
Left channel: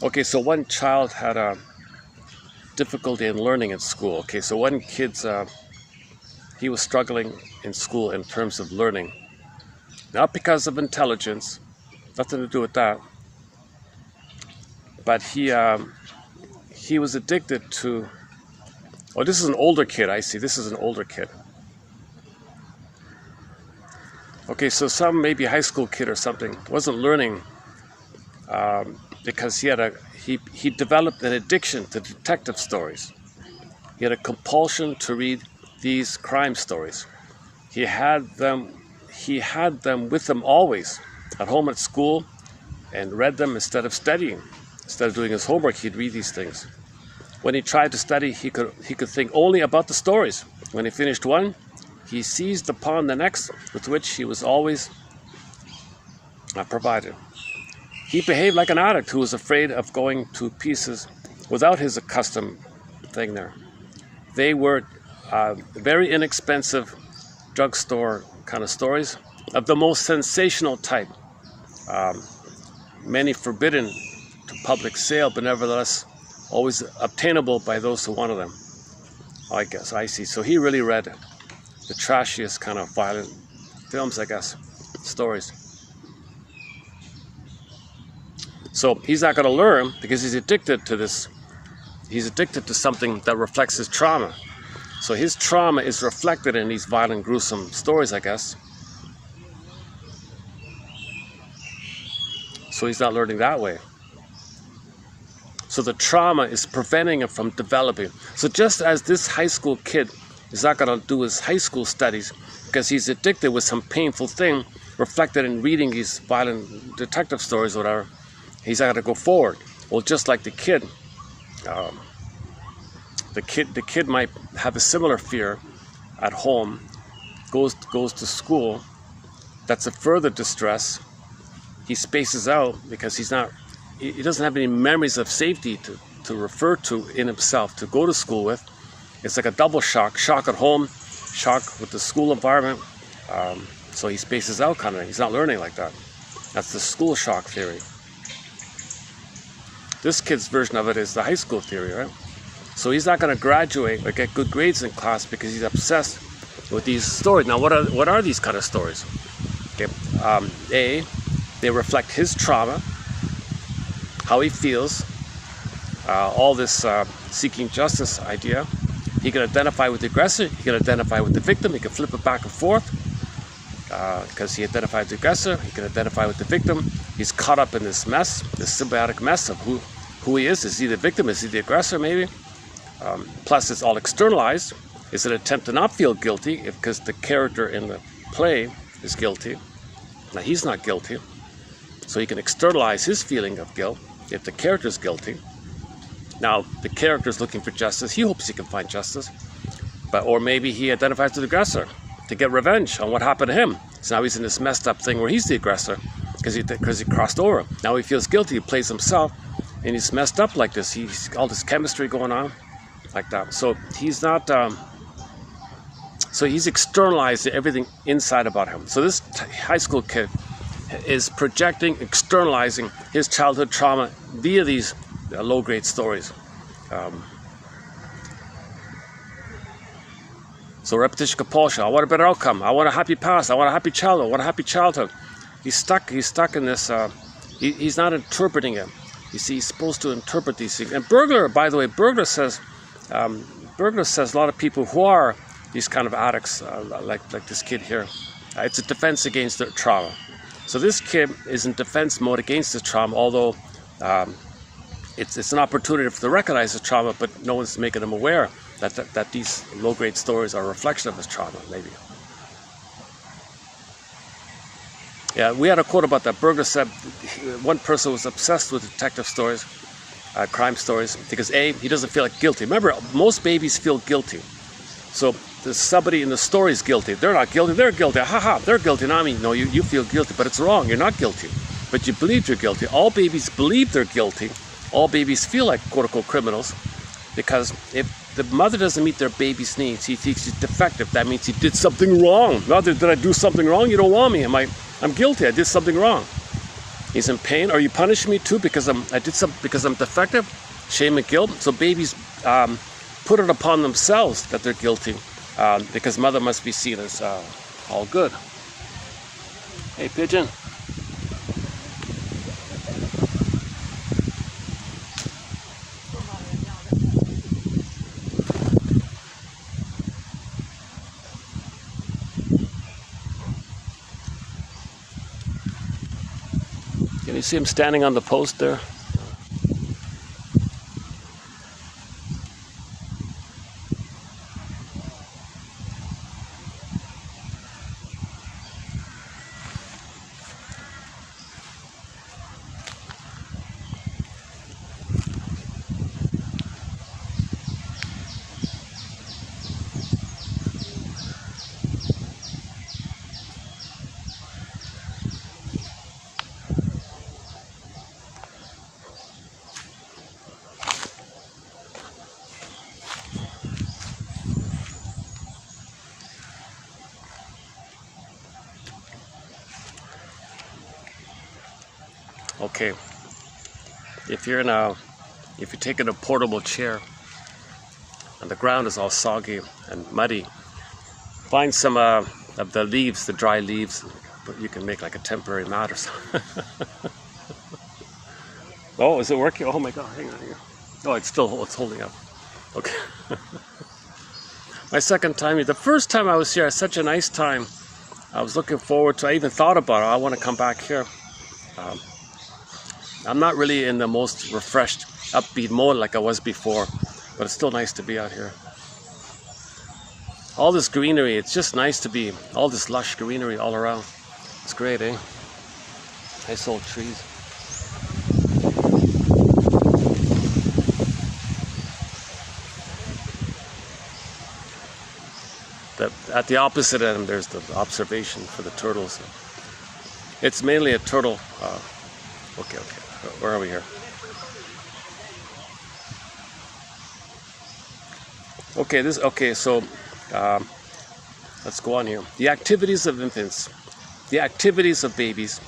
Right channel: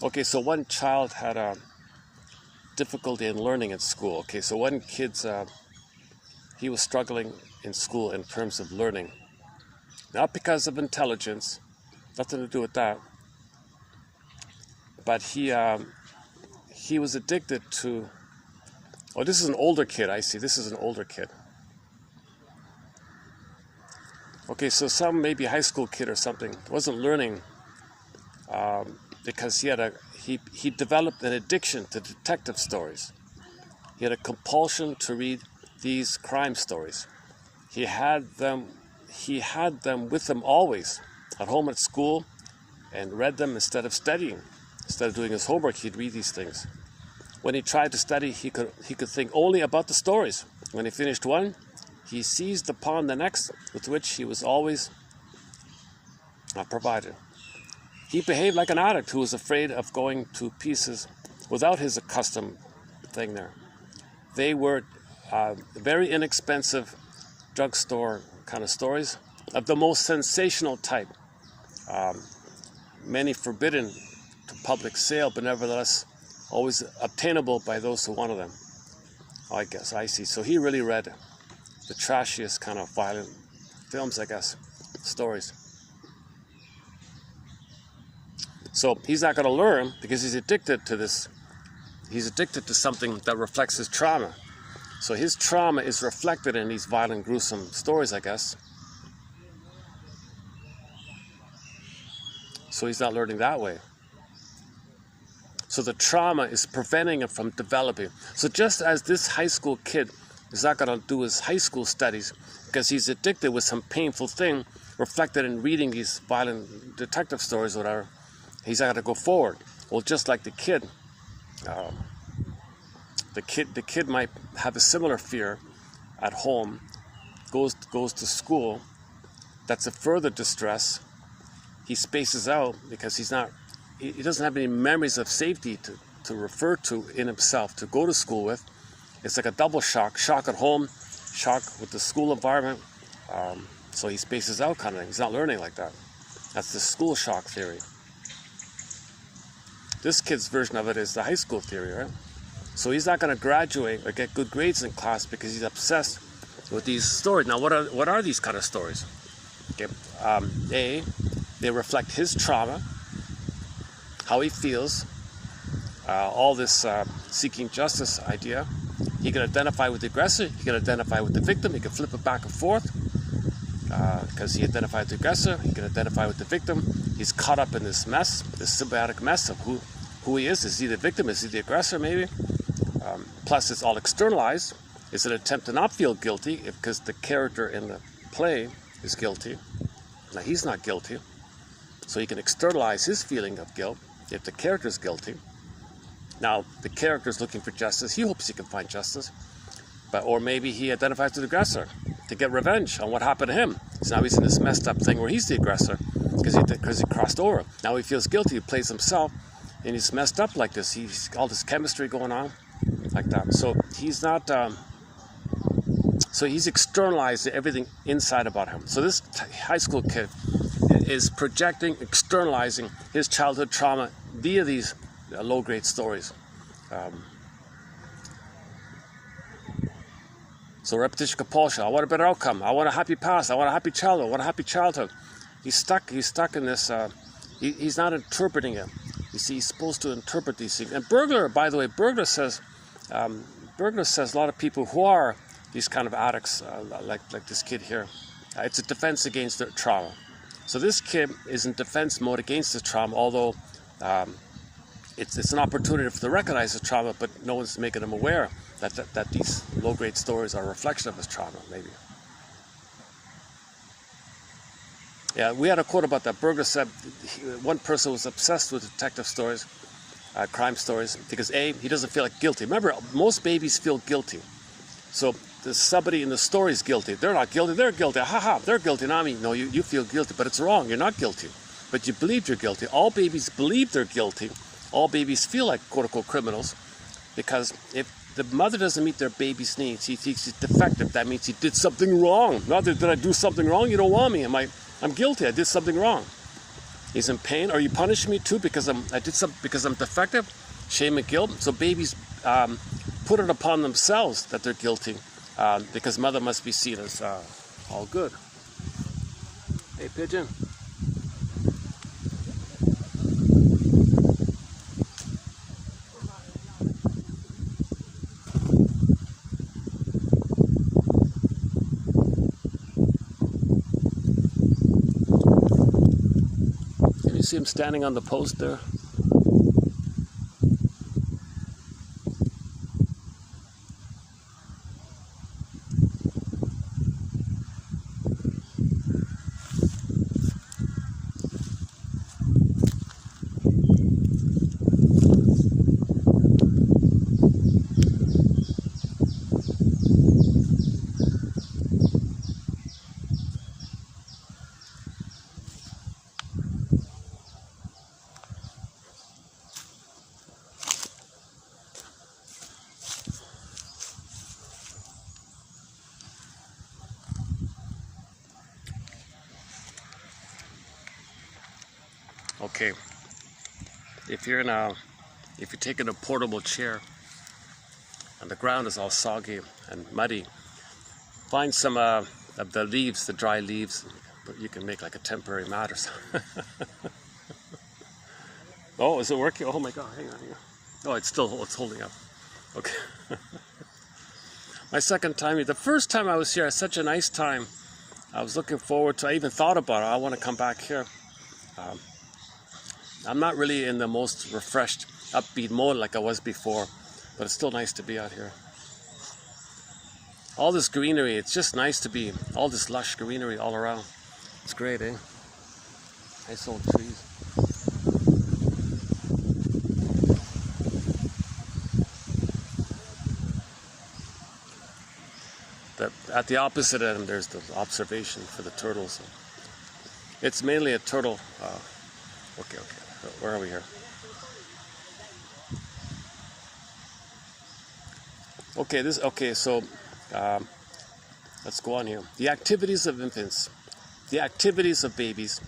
Okay, so one child had a difficulty in learning in school. Okay, so one kid's he was struggling in school in terms of learning, not because of intelligence, nothing to do with that, but he was addicted to. Oh, this is an older kid. I see. This is an older kid. Okay, so some maybe high school kid or something wasn't learning because he developed an addiction to detective stories. He had a compulsion to read these crime stories. He had them with him always, at home, at school, and read them instead of studying. Instead of doing his homework, he'd read these things. When he tried to study, he could think only about the stories. When he finished one, he seized upon the next, with which he was always provided. He behaved like an addict who was afraid of going to pieces without his accustomed thing there. They were very inexpensive drugstore kind of stories of the most sensational type. Many forbidden to public sale, but nevertheless always obtainable by those who wanted them. I guess, I see. So he really read the trashiest kind of violent films, I guess, stories. So he's not going to learn because he's addicted to this. He's addicted to something that reflects his trauma. So his trauma is reflected in these violent, gruesome stories, I guess. So he's not learning that way. So the trauma is preventing him from developing. So just as this high school kid is not going to do his high school studies because he's addicted with some painful thing reflected in reading these violent detective stories or whatever, he's not going to go forward. Well, just like the kid might have a similar fear at home, goes to school. That's a further distress. He spaces out because he doesn't have any memories of safety to refer to in himself, to go to school with. It's like a double shock at home, shock with the school environment. So he spaces out kind of. He's not learning like that. That's the school shock theory. This kid's version of it is the high school theory, right? So he's not going to graduate or get good grades in class because he's obsessed with these stories. Now, what are these kind of stories? Okay, they reflect his trauma, how he feels, all this seeking justice idea. He can identify with the aggressor, he can identify with the victim, he can flip it back and forth because he identified with the aggressor, he can identify with the victim. He's caught up in this mess, this symbiotic mess of who he is. Is he the victim? Is he the aggressor, maybe? Plus, it's all externalized. It's an attempt to not feel guilty because the character in the play is guilty. Now, he's not guilty, so he can externalize his feeling of guilt if the character is guilty. Now, the character is looking for justice. He hopes he can find justice. Or maybe he identifies with the aggressor to get revenge on what happened to him. So now he's in this messed up thing where he's the aggressor because he crossed over. Now he feels guilty. He plays himself, and he's messed up like this. He's all this chemistry going on like that. So he's not... So he's externalized everything inside about him. So this high school kid is projecting, externalizing his childhood trauma via these low-grade stories. So repetition compulsion. I want a better outcome. I want a happy past. I want a happy childhood. I want a happy childhood. He's stuck in this. He's not interpreting it. You see, he's supposed to interpret these things. And Bergler, by the way, Bergler says a lot of people who are these kind of addicts, like this kid here, it's a defense against their trauma. So this kid is in defense mode against the trauma, although it's an opportunity for them to recognize the trauma, but no one's making them aware that these low-grade stories are a reflection of his trauma, maybe. Yeah, we had a quote about that. Berger said one person was obsessed with detective stories, crime stories, because A, he doesn't feel like guilty. Remember, most babies feel guilty. So there's somebody in the story is guilty. They're not guilty, they're guilty. Ha ha, they're guilty. No, I mean, no, you feel guilty, but it's wrong. You're not guilty. But you believe you're guilty. All babies believe they're guilty. All babies feel like quote-unquote criminals, because if the mother doesn't meet their baby's needs, he thinks he's defective. That means he did something wrong. Not that did I do something wrong? You don't want me. I'm guilty. I did something wrong. He's in pain. Are you punishing me too because I'm defective? Shame and guilt. So babies put it upon themselves that they're guilty because mother must be seen as all good. Hey, pigeon. Can you see him standing on the post there? Okay, if you're taking a portable chair and the ground is all soggy and muddy, find some of the leaves, the dry leaves, but you can make like a temporary mat or something. Oh, is it working? Oh my God, hang on here. Oh, it's holding up. Okay. My second time here. The first time I was here, I had such a nice time. I was looking forward to, I even thought about it. I want to come back here. I'm not really in the most refreshed, upbeat mode like I was before, but it's still nice to be out here. All this greenery, it's just nice to be, all this lush greenery all around. It's great, eh? Nice old trees. At the opposite end, there's the observation for the turtles. It's mainly a turtle. Okay. Where are we here? Okay. So let's go on here. The activities of infants, the activities of babies,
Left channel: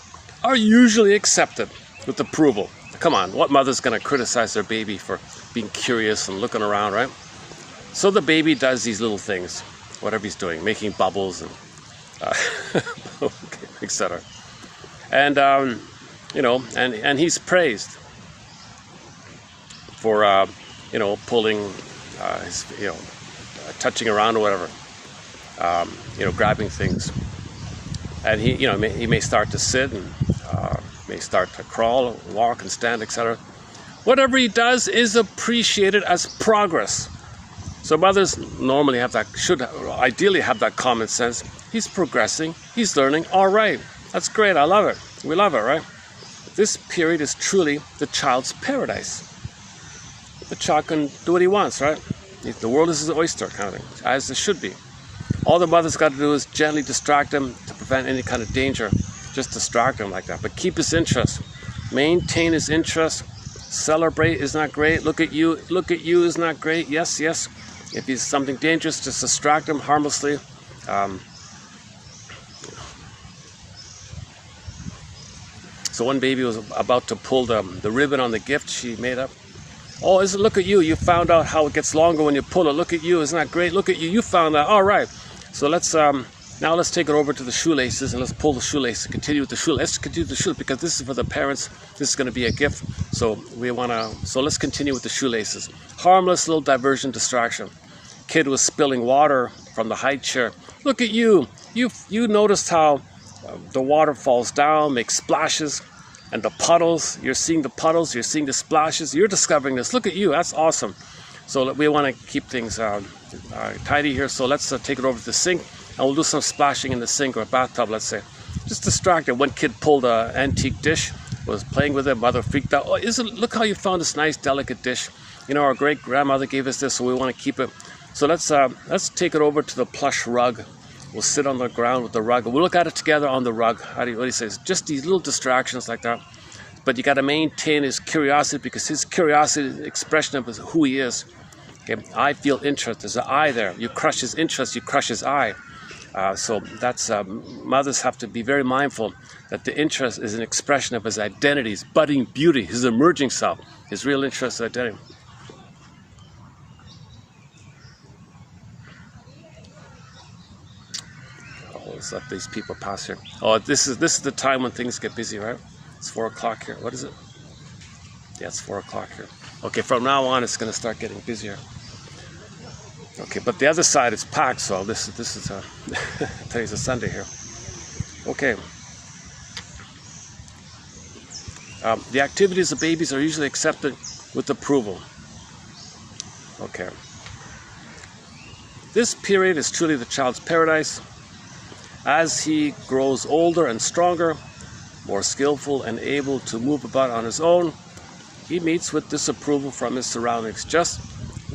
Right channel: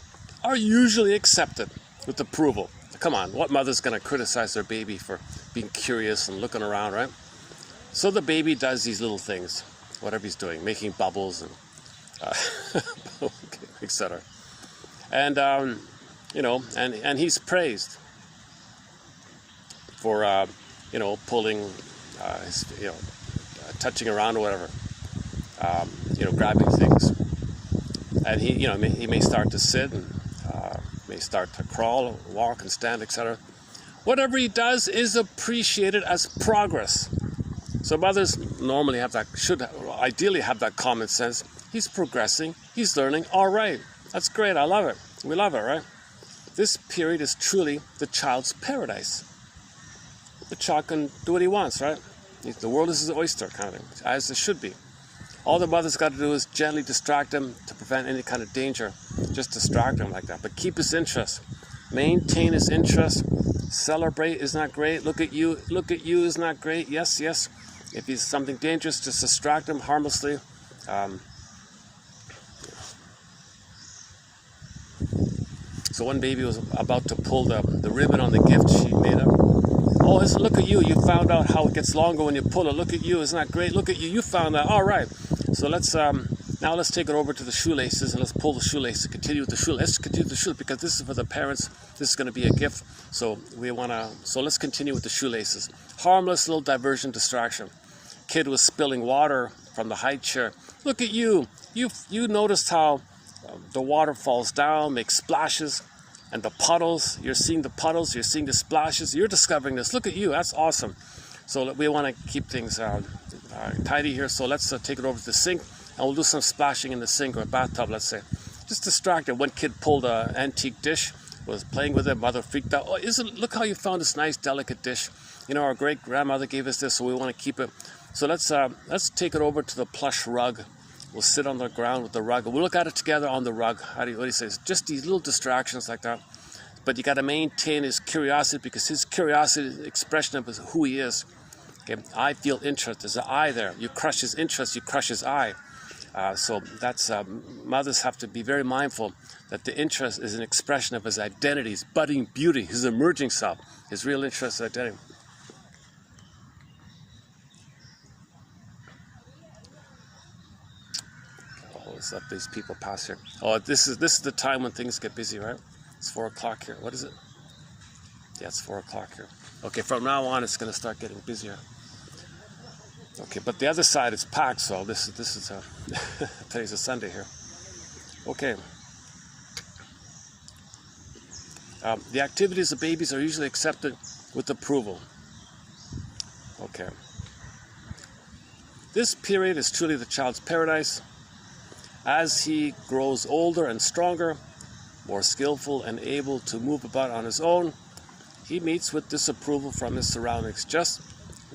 are usually accepted with approval. Come on, what mother's going to criticize their baby for being curious and looking around, right? So the baby does these little things. Whatever he's doing, making bubbles and etc. And and he's praised for pulling, his, touching around or whatever, grabbing things. And he may start to sit and may start to crawl, walk, and stand, etc. Whatever he does is appreciated as progress. So mothers normally should ideally have that common sense. He's progressing, he's learning, all right. That's great, I love it. We love it, right? This period is truly the child's paradise. The child can do what he wants, right? The world is his oyster, kind of thing, as it should be. All the mother's got to do is gently distract him to prevent any kind of danger. Just distract him like that, but keep his interest. Maintain his interest. Celebrate is not great. Look at you is not great. Yes. If he's something dangerous, just distract him harmlessly. So one baby was about to pull the ribbon on the gift she made up. Oh, look at you. You found out how it gets longer when you pull it. Look at you. Isn't that great? Look at you. You found that. All right. So let's take it over to the shoelaces and let's pull the shoelaces. Continue with the shoelace. Let's continue with the shoelace because this is for the parents. This is going to be a gift. So let's continue with the shoelaces. Harmless little diversion, distraction. Kid was spilling water from the high chair. Look at you. You noticed how the water falls down, makes splashes, and the puddles. You're seeing the puddles. You're seeing the splashes. You're discovering this. Look at you. That's awesome. So we want to keep things tidy here. So let's take it over to the sink, and we'll do some splashing in the sink or bathtub, let's say. Just distracted. One kid pulled an antique dish, was playing with it. Mother freaked out. Oh, look how you found this nice, delicate dish. Our great-grandmother gave us this, so we want to keep it. So let's take it over to the plush rug. We'll sit on the ground with the rug. We'll look at it together on the rug. What do you say? Just these little distractions like that. But you got to maintain his curiosity because his curiosity is an expression of who he is. Okay, I feel interest. There's an I there. You crush his interest, you crush his I. So that's mothers have to be very mindful that the interest is an expression of his identity, his budding beauty, his emerging self, his real interest, identity. Oh, let's let these people pass here. Oh, this is the time when things get busy, right? It's 4 o'clock here. What is it? Yeah, it's 4 o'clock here. Okay, from now on, it's going to start getting busier. Okay, but the other side is packed, so this is today's a Sunday here. Okay. The activities of babies are usually accepted with approval. Okay. This period is truly the child's paradise. As he grows older and stronger, more skillful and able to move about on his own, he meets with disapproval from his surroundings. Just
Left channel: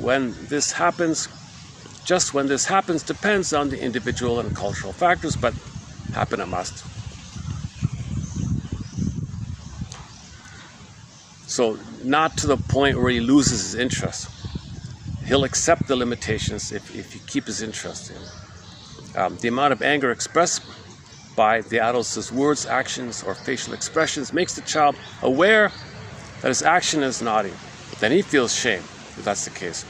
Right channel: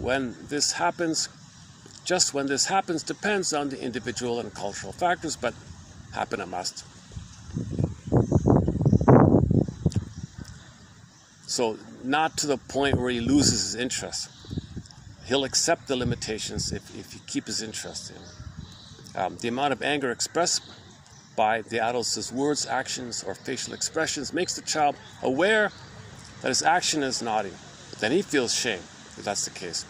when this happens depends on the individual and cultural factors, but happen it must. So not to the point where he loses his interest. He'll accept the limitations if you keep his interest. The amount of anger expressed by the adult's words, actions, or facial expressions makes the child aware that his action is naughty. Then he feels shame, if that's the case.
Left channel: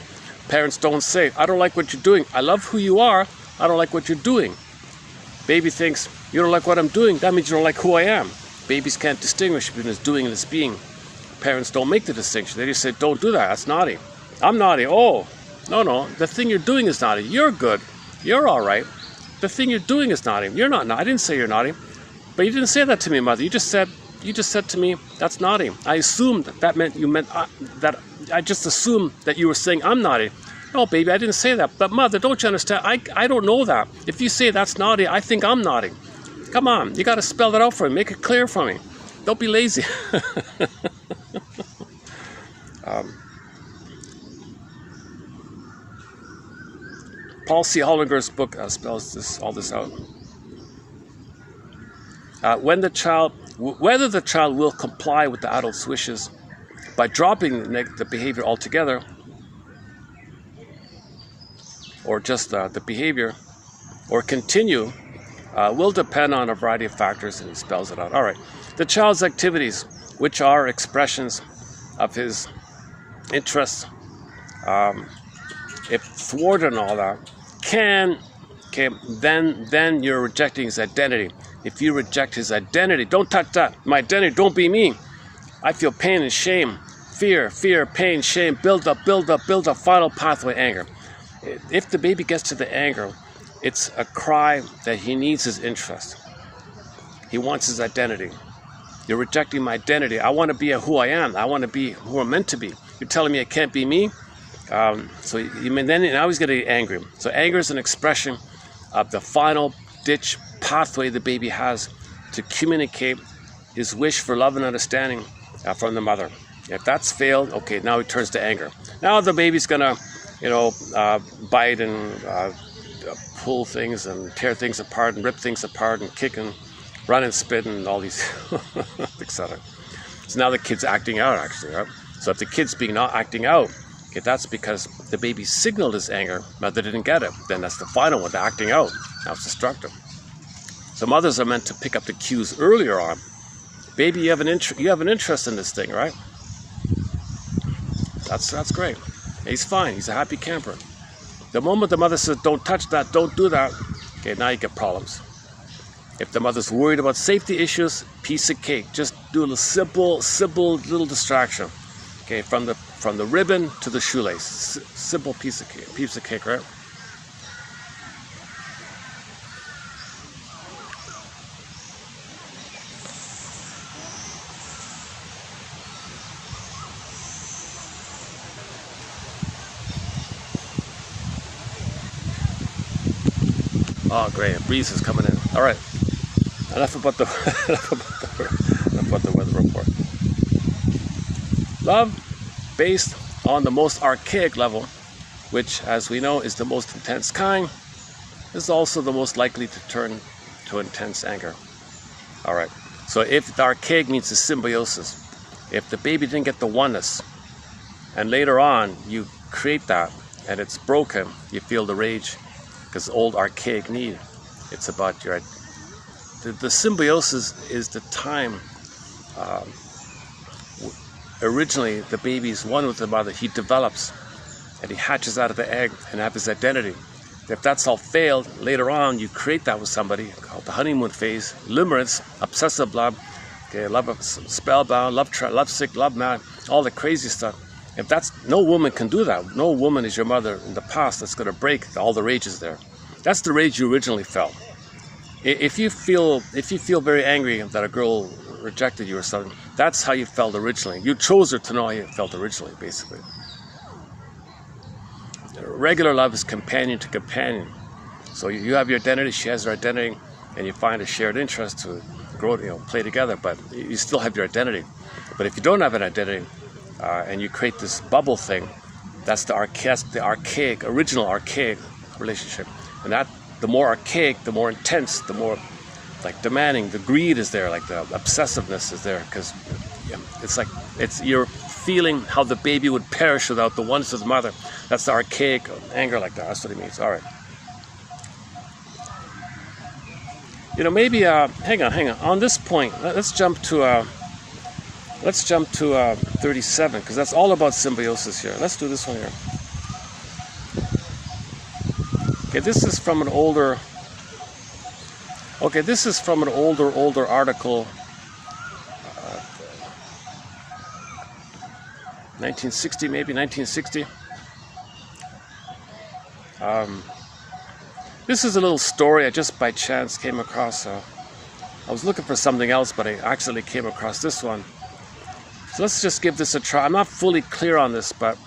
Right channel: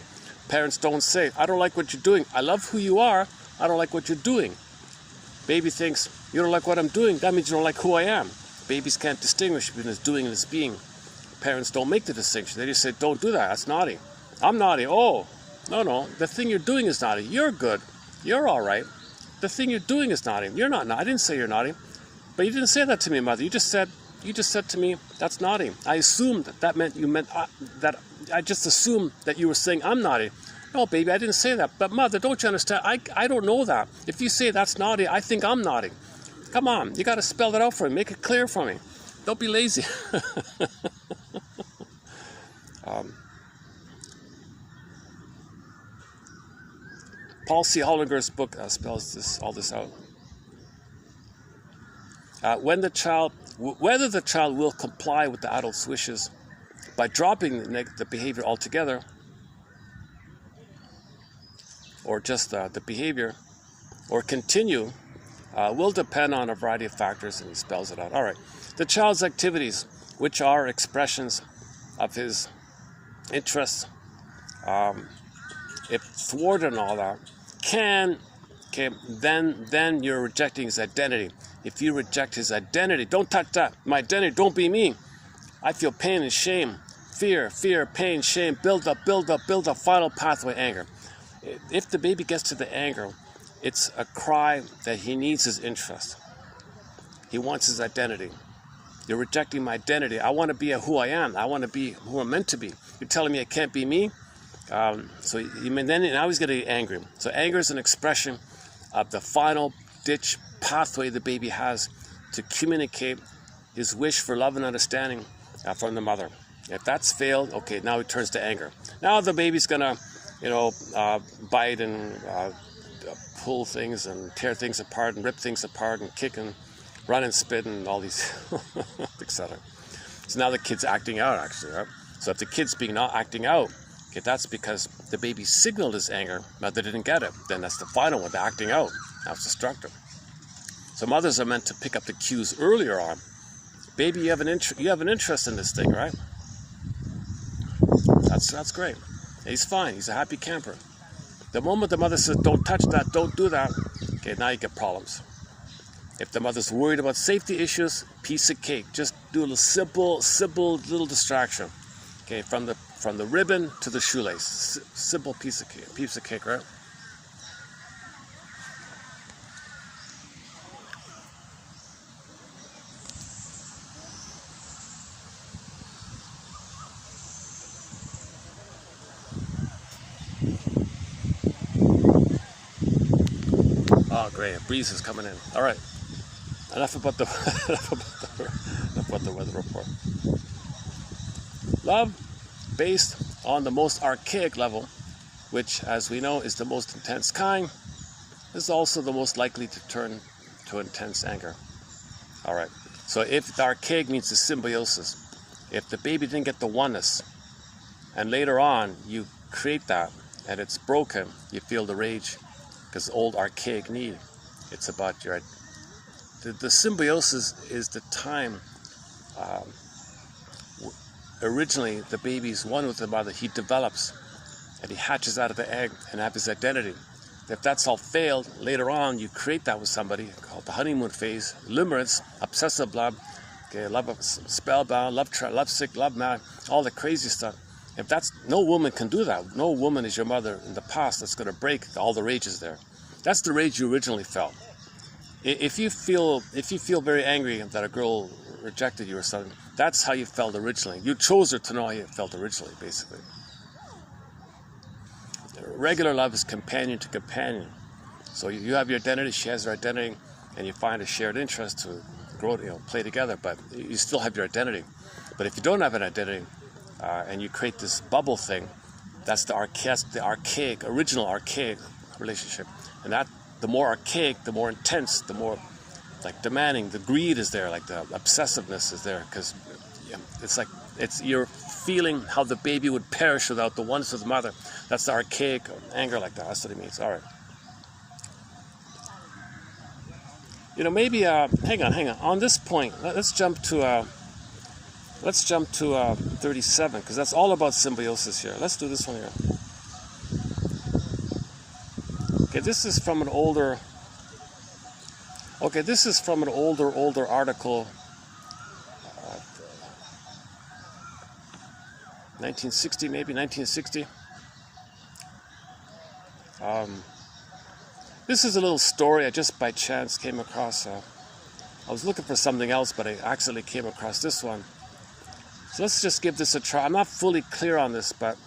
Parents don't say, I don't like what you're doing. I love who you are. I don't like what you're doing. Baby thinks, you don't like what I'm doing. That means you don't like who I am. Babies can't distinguish between his doing and his being. parents don't make the distinction. They just say, don't do that, that's naughty. I'm naughty. Oh, no, the thing you're doing is naughty. You're good. You're all right. The thing you're doing is naughty. You're not naughty. I didn't say you're naughty. But you didn't say that to me, Mother. You just said to me, that's naughty. I assumed that meant you meant that. I just assumed that you were saying I'm naughty. No, baby, I didn't say that. But Mother, don't you understand? I don't know that. If you say that's naughty, I think I'm naughty. Come on, you got to spell that out for me. Make it clear for me. Don't be lazy. Paul C. Hollinger's book spells all this out. Whether the child will comply with the adult's wishes by dropping the behavior altogether, or just the behavior, or continue, will depend on a variety of factors, and he spells it out. All right. The child's activities, which are expressions of his interests, if thwarted and all that, then you're rejecting his identity. If you reject his identity, don't touch that. My identity, don't be me. I feel pain and shame, fear, pain, shame, build up, final pathway, anger. If the baby gets to the anger, it's a cry that he needs his interest. He wants his identity. You're rejecting my identity. I want to be who I am. I want to be who I'm meant to be. You're telling me I can't be me? So you mean then now he's getting angry. So anger is an expression of the final ditch pathway the baby has to communicate his wish for love and understanding from the mother. If that's failed, okay, now he turns to anger. Now the baby's gonna, bite and pull things and tear things apart and rip things apart and kick and run and spit and all these, etc. So now the kid's acting out, actually, right? So if the kid's not acting out, okay, that's because the baby signaled his anger, mother didn't get it. Then that's the final one, the acting out. Now it's destructive. So mothers are meant to pick up the cues earlier on. Baby, you have an interest in this thing, right? That's great. He's fine. He's a happy camper. The moment the mother says, don't touch that, don't do that, okay, now you get problems. If the mother's worried about safety issues, piece of cake. Just do a simple little distraction. Okay, from the ribbon to the shoelace. Simple piece of cake, right? Oh, great! A breeze is coming in. All right. Enough about the weather report. Love, based on the most archaic level, which, as we know, is the most intense kind, is also the most likely to turn to intense anger. All right. So if the archaic means the symbiosis, if the baby didn't get the oneness, and later on you create that and it's broken, you feel the rage, because old archaic need. It's about your. The symbiosis is the time. Originally, the baby's one with the mother. He develops, and he hatches out of the egg and have his identity. If that's all failed, later on you create that with somebody called the honeymoon phase, limerence, obsessive love, okay, love spellbound, love sick, love mad, all the crazy stuff. If that's, no woman can do that. No woman is your mother in the past that's going to break all the rages there. That's the rage you originally felt. If you feel very angry that a girl rejected you or something, that's how you felt originally. You chose her to know how you felt originally, basically. Regular love is companion to companion. So you have your identity, she has her identity, and you find a shared interest to grow, play together. But you still have your identity. But if you don't have an identity, and you create this bubble thing, that's the archaic, original archaic relationship. And that, the more archaic, the more intense, the more like demanding, the greed is there, like the obsessiveness is there, because you're feeling how the baby would perish without the oneness of the mother. That's the archaic anger like that. That's what it means. All right. Maybe hang on. On this point, let's jump to 37, because that's all about symbiosis here. Let's do this one here. Okay, this is from an older. Okay, this is from an older article. 1960, maybe 1960. This is a little story I just by chance came across. I was looking for something else, but I accidentally came across this one. So let's just give this a try. I'm not fully clear on this, but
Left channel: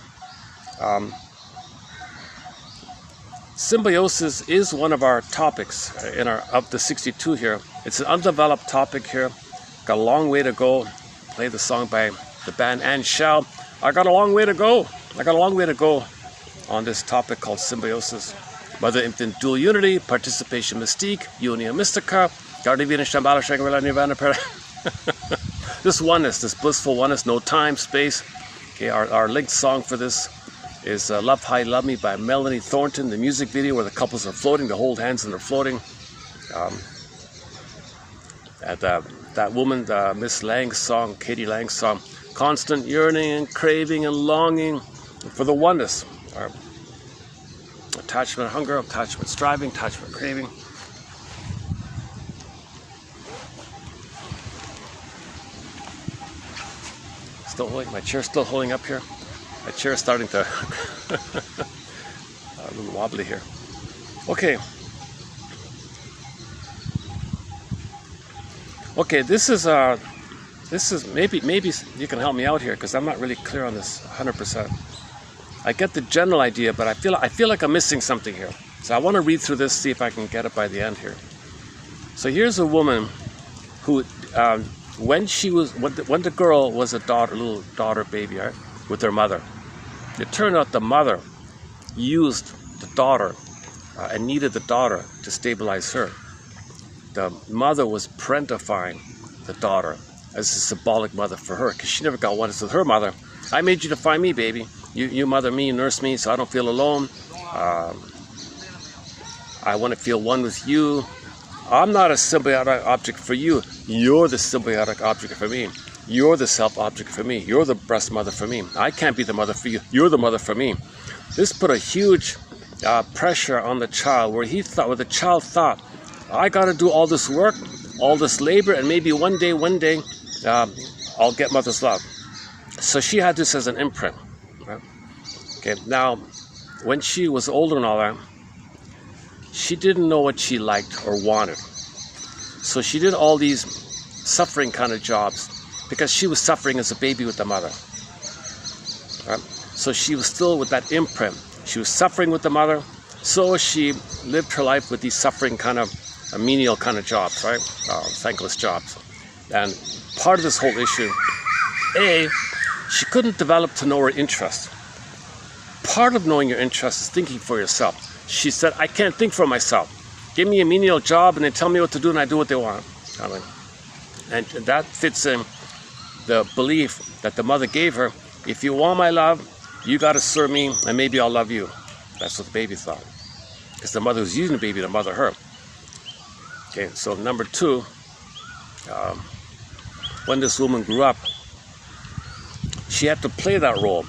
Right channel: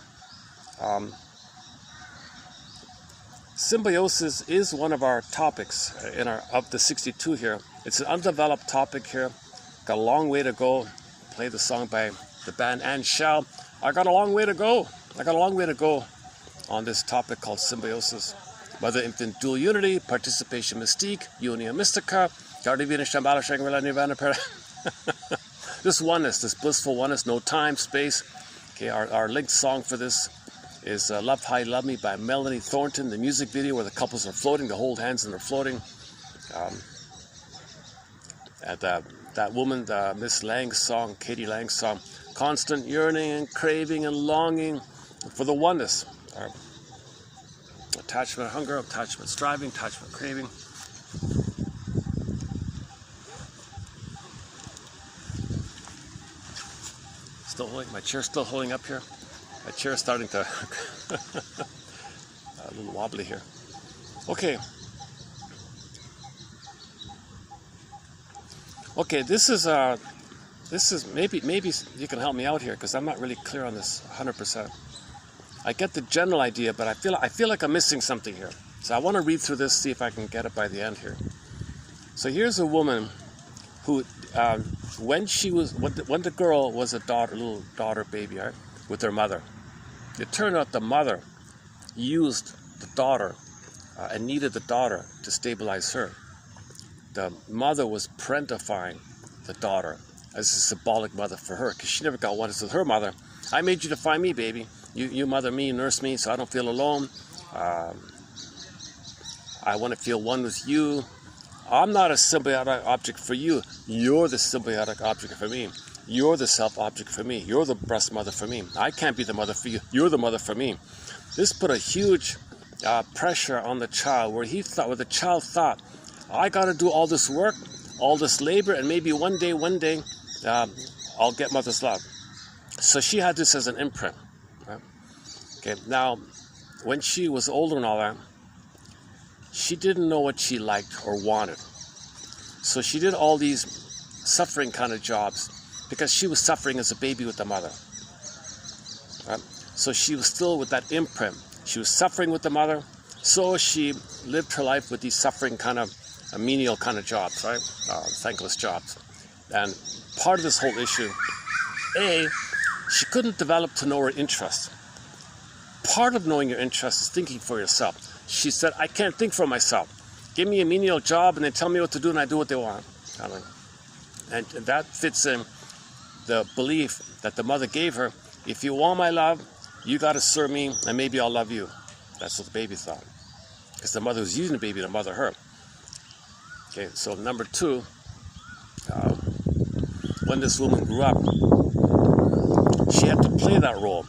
symbiosis is one of our topics in our of the 62 here. It's an undeveloped topic here. Got a long way to go. Play the song by the band And Shall. I got a long way to go. I got a long way to go on this topic called symbiosis. Mother-infant dual unity, participation mystique, unia mystica, Gardivina Shambhala Shangri-La Nirvana Para. This oneness, this blissful oneness, no time, space. Okay, our linked song for this is Love High, Love Me by Melanie Thornton, the music video where the couples are floating, they hold hands and they're floating. That woman, Miss Lang's song, Katie Lang's song, constant yearning and craving and longing for the oneness. Attachment, hunger, attachment, striving, attachment, craving. Still holding, my chair's still holding up here. My chair's starting to a little wobbly here. Okay. Okay, this is maybe you can help me out here because I'm not really clear on this 100%. I get the general idea, but I feel like I'm missing something here. So I want to read through this, see if I can get it by the end here. So here's a woman who, when the girl was a little daughter baby, right, with her mother, it turned out the mother used the daughter and needed the daughter to stabilize her. The mother was parentifying the daughter as a symbolic mother for her because she never got oneness with her mother. I made you to find me, baby. You mother me, nurse me, so I don't feel alone. I want to feel one with you. I'm not a symbiotic object for you. You're the symbiotic object for me. You're the self object for me. You're the breast mother for me. I can't be the mother for you. You're the mother for me. This put a huge pressure on the child where the child thought, I got to do all this work, all this labor, and maybe one day, I'll get mother's love. So she had this as an imprint. Right? Okay, now, when she was older and all that, she didn't know what she liked or wanted. So she did all these suffering kind of jobs because she was suffering as a baby with the mother. Right? So she was still with that imprint. She was suffering with the mother, so she lived her life with these suffering kind of menial kind of jobs, right? Thankless jobs. And part of this whole issue, she couldn't develop to know her interests. Part of knowing your interests is thinking for yourself. She said, I can't think for myself. Give me a menial job and they tell me what to do and I do what they want. And that fits in the belief that the mother gave her. If you want my love, you got to serve me and maybe I'll love you. That's what the baby thought. Because the mother was using the baby to mother her. Okay, so number two, when this woman grew up, she had to play that role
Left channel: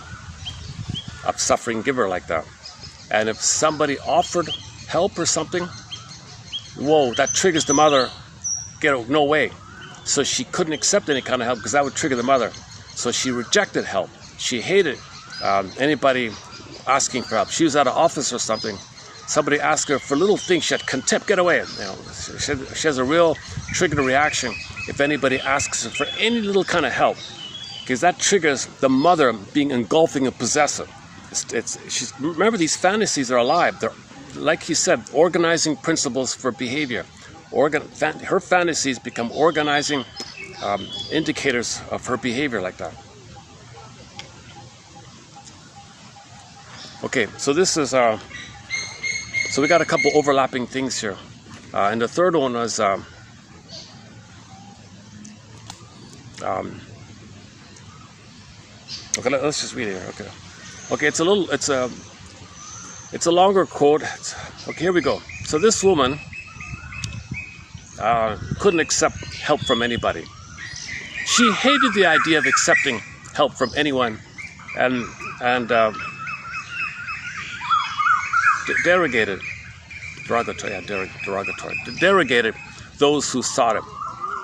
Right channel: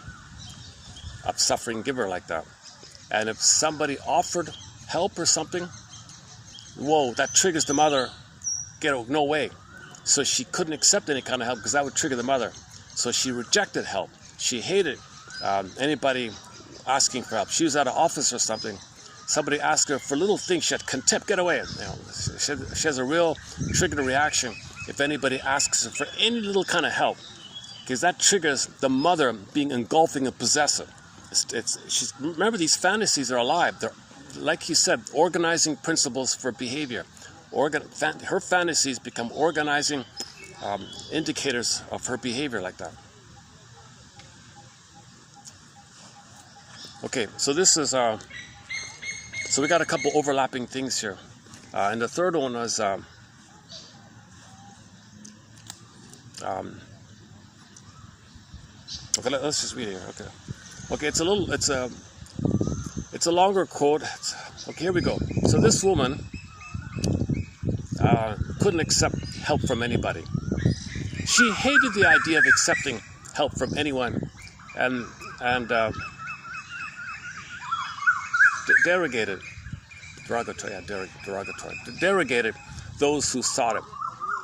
of suffering giver like that. And if somebody offered help or something, whoa, that triggers the mother, no way. So she couldn't accept any kind of help because that would trigger the mother. So she rejected help. She hated anybody asking for help. She was at an office or something. Somebody asked her for little things, she had contempt, get away. You know, she has a real triggered reaction if anybody asks her for any little kind of help, because that triggers the mother being engulfing and possessive. Remember, these fantasies are alive. They're, like he said, organizing principles for behavior. Her fantasies become organizing indicators of her behavior like that. Okay, so this is so we got a couple overlapping things here, and the third one was okay. Let's just read it here. Okay, it's a longer quote. Okay, here we go. So this woman couldn't accept help from anybody. She hated the idea of accepting help from anyone, and derogated those who sought it.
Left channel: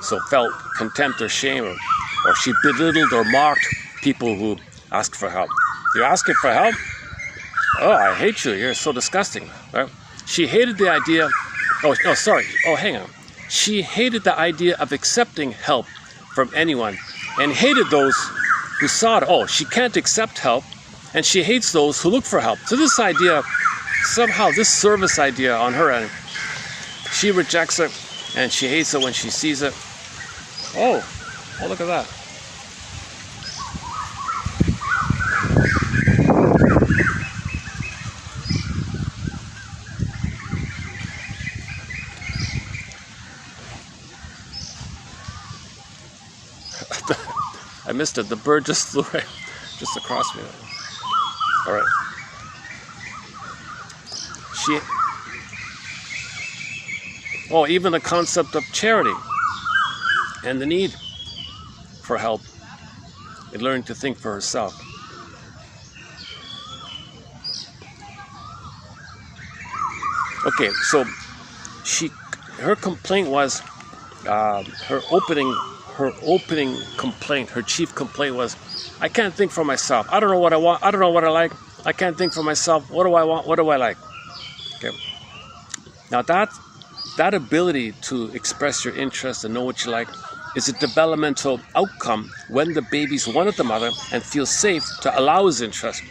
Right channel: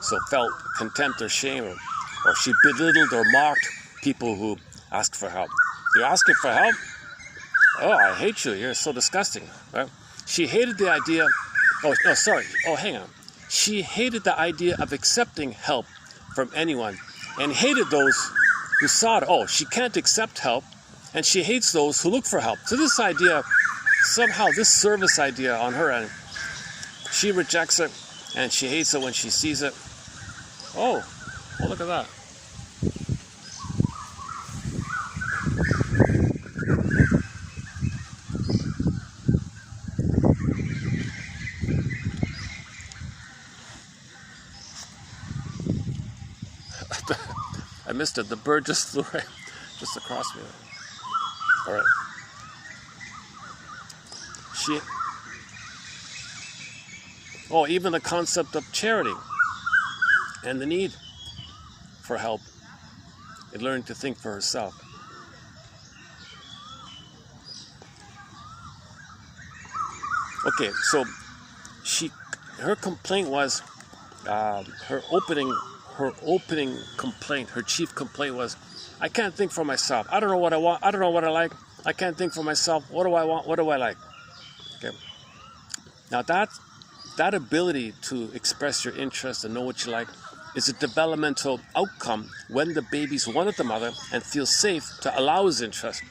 So felt contempt or shame, or she belittled or mocked people who ask for help. You're asking for help? Oh, I hate you. You're so disgusting. Right? She hated the idea. Oh, no, sorry. Oh, hang on. She hated the idea of accepting help from anyone and hated those who saw it. Oh, she can't accept help, and she hates those who look for help. So this idea, somehow this service idea on her end, she rejects it and she hates it when she sees it. Oh, look at that. I missed it. The bird just flew right just across me. All right. Even the concept of charity and the need for help and learning to think for herself. Okay, so her complaint was her opening complaint, her chief complaint was, I can't think for myself. I don't know what I want. I don't know what I like. I can't think for myself. What do I want? What do I like? Okay. Now that ability to express your interest and know what you like is a developmental outcome when the baby's wanted the mother and feels safe to allow his interest.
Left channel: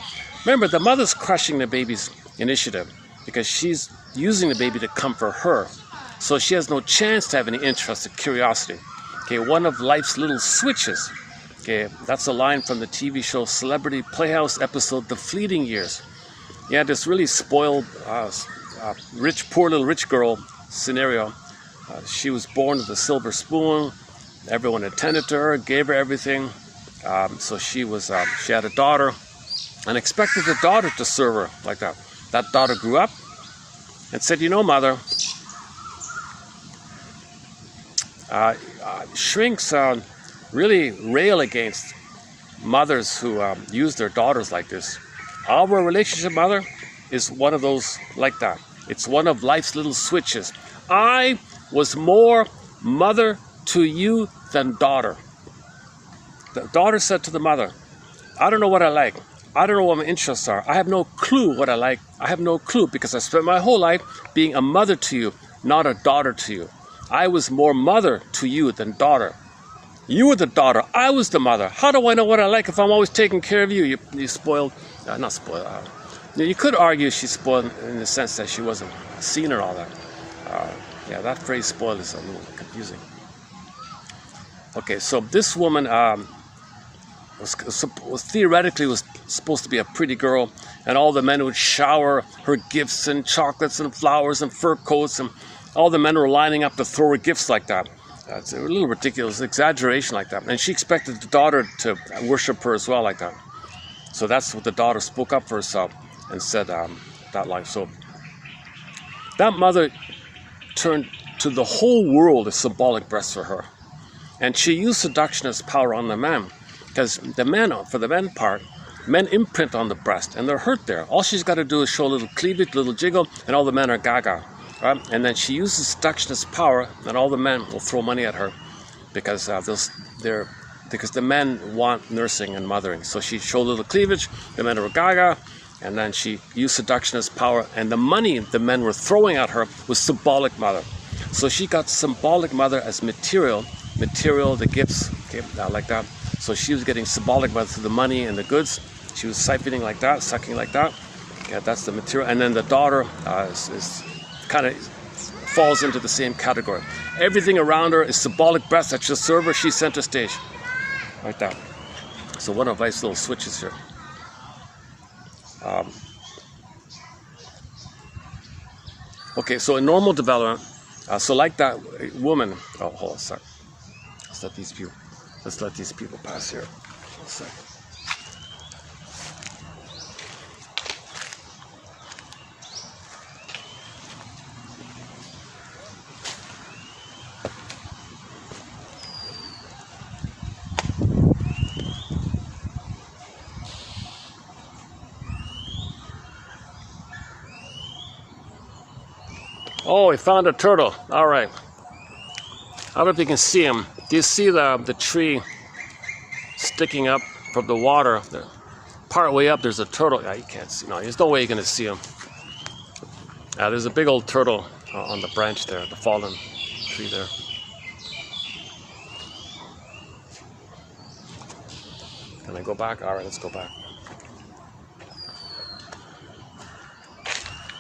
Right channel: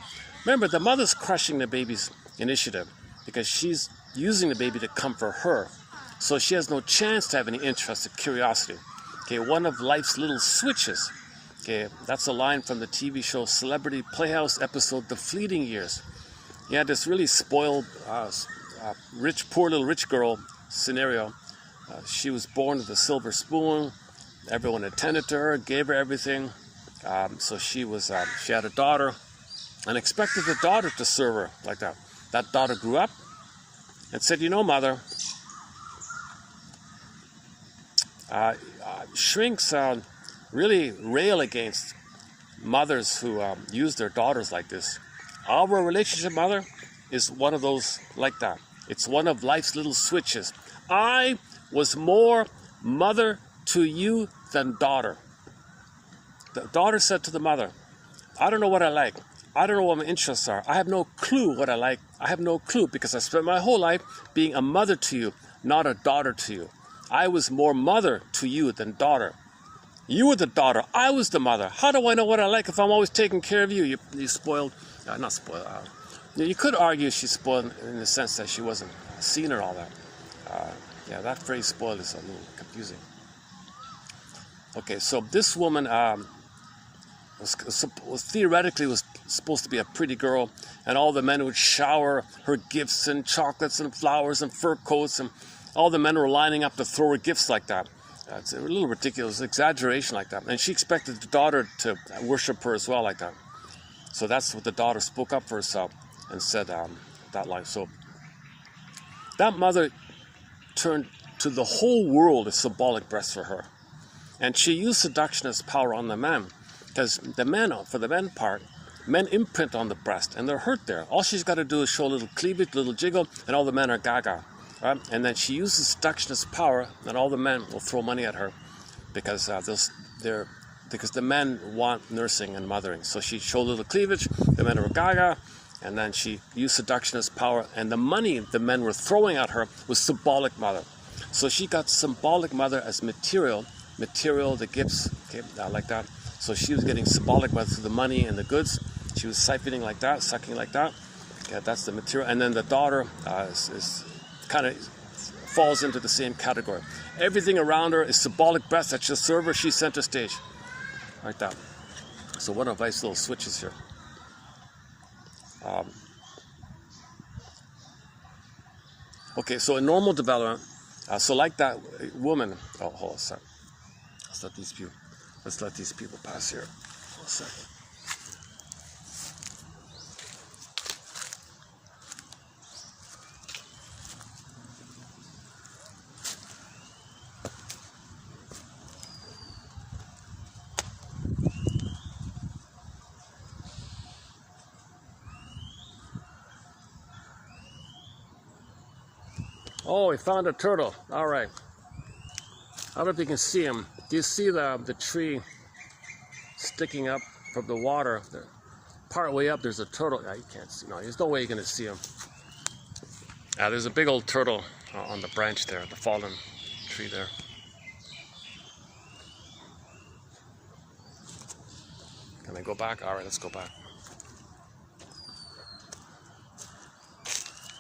Remember, the mother's crushing the baby's initiative because she's using the baby to comfort her. So she has no chance to have any interest or curiosity. Okay, one of life's little switches. Okay, that's a line from the TV show Celebrity Playhouse episode The Fleeting Years. Yeah, this really spoiled, poor little rich girl scenario. She was born with a silver spoon. Everyone attended to her, gave her everything. So she had a daughter and expected the daughter to serve her like that. That daughter grew up and said, you know, mother, shrinks really rail against mothers who use their daughters like this. Our relationship, mother, is one of those like that. It's one of life's little switches. I was more mother to you than daughter. The daughter said to the mother, I don't know what I like. I don't know what my interests are. I have no clue what I like. I have no clue because I spent my whole life being a mother to you, not a daughter to you. I was more mother to you than daughter. You were the daughter. I was the mother. How do I know what I like if I'm always taking care of you? You spoiled, not spoiled. You could argue she's spoiled in the sense that she wasn't seen and all that. Yeah, that phrase spoiled is a little confusing. Okay, so this woman was theoretically supposed to be a pretty girl, and all the men would shower her gifts and chocolates and flowers and fur coats, and all the men were lining up to throw her gifts like that. It's a little ridiculous, exaggeration like that. And she expected the daughter to worship her as well like that. So that's what the daughter spoke up for herself and said that line. So that mother turned to the whole world as symbolic breast for her. And she used seduction as power on the man. Because the men, for the men part, men imprint on the breast and they're hurt there. All she's got to do is show a little cleavage, a little jiggle, and all the men are gaga. Right? And then she uses seduction as power, and all the men will throw money at her because the men want nursing and mothering. So she showed a little cleavage, the men were gaga, and then she used seduction as power, and the money the men were throwing at her was symbolic mother. So she got symbolic mother as material, the gifts, okay, like that. So she was getting symbolic mother through the money and the goods. She was siphoning like that, sucking like that. Yeah, that's the material. And then the daughter is kind of falls into the same category. Everything around her is symbolic breast that she'll serve her. She's center stage, like that. So one of life's little switches here. Okay, so in normal development, so like that woman. Oh, hold on a sec. Let's let these people pass here. A sec. Oh, we found a turtle. All right. I don't know if you can see him. Do you see the tree sticking up from the water? part way up, there's a turtle. Yeah, you can't see. No, there's no way you're gonna see him. There's a big old turtle on the branch there, the fallen tree there. Can I go back? All right, let's go back.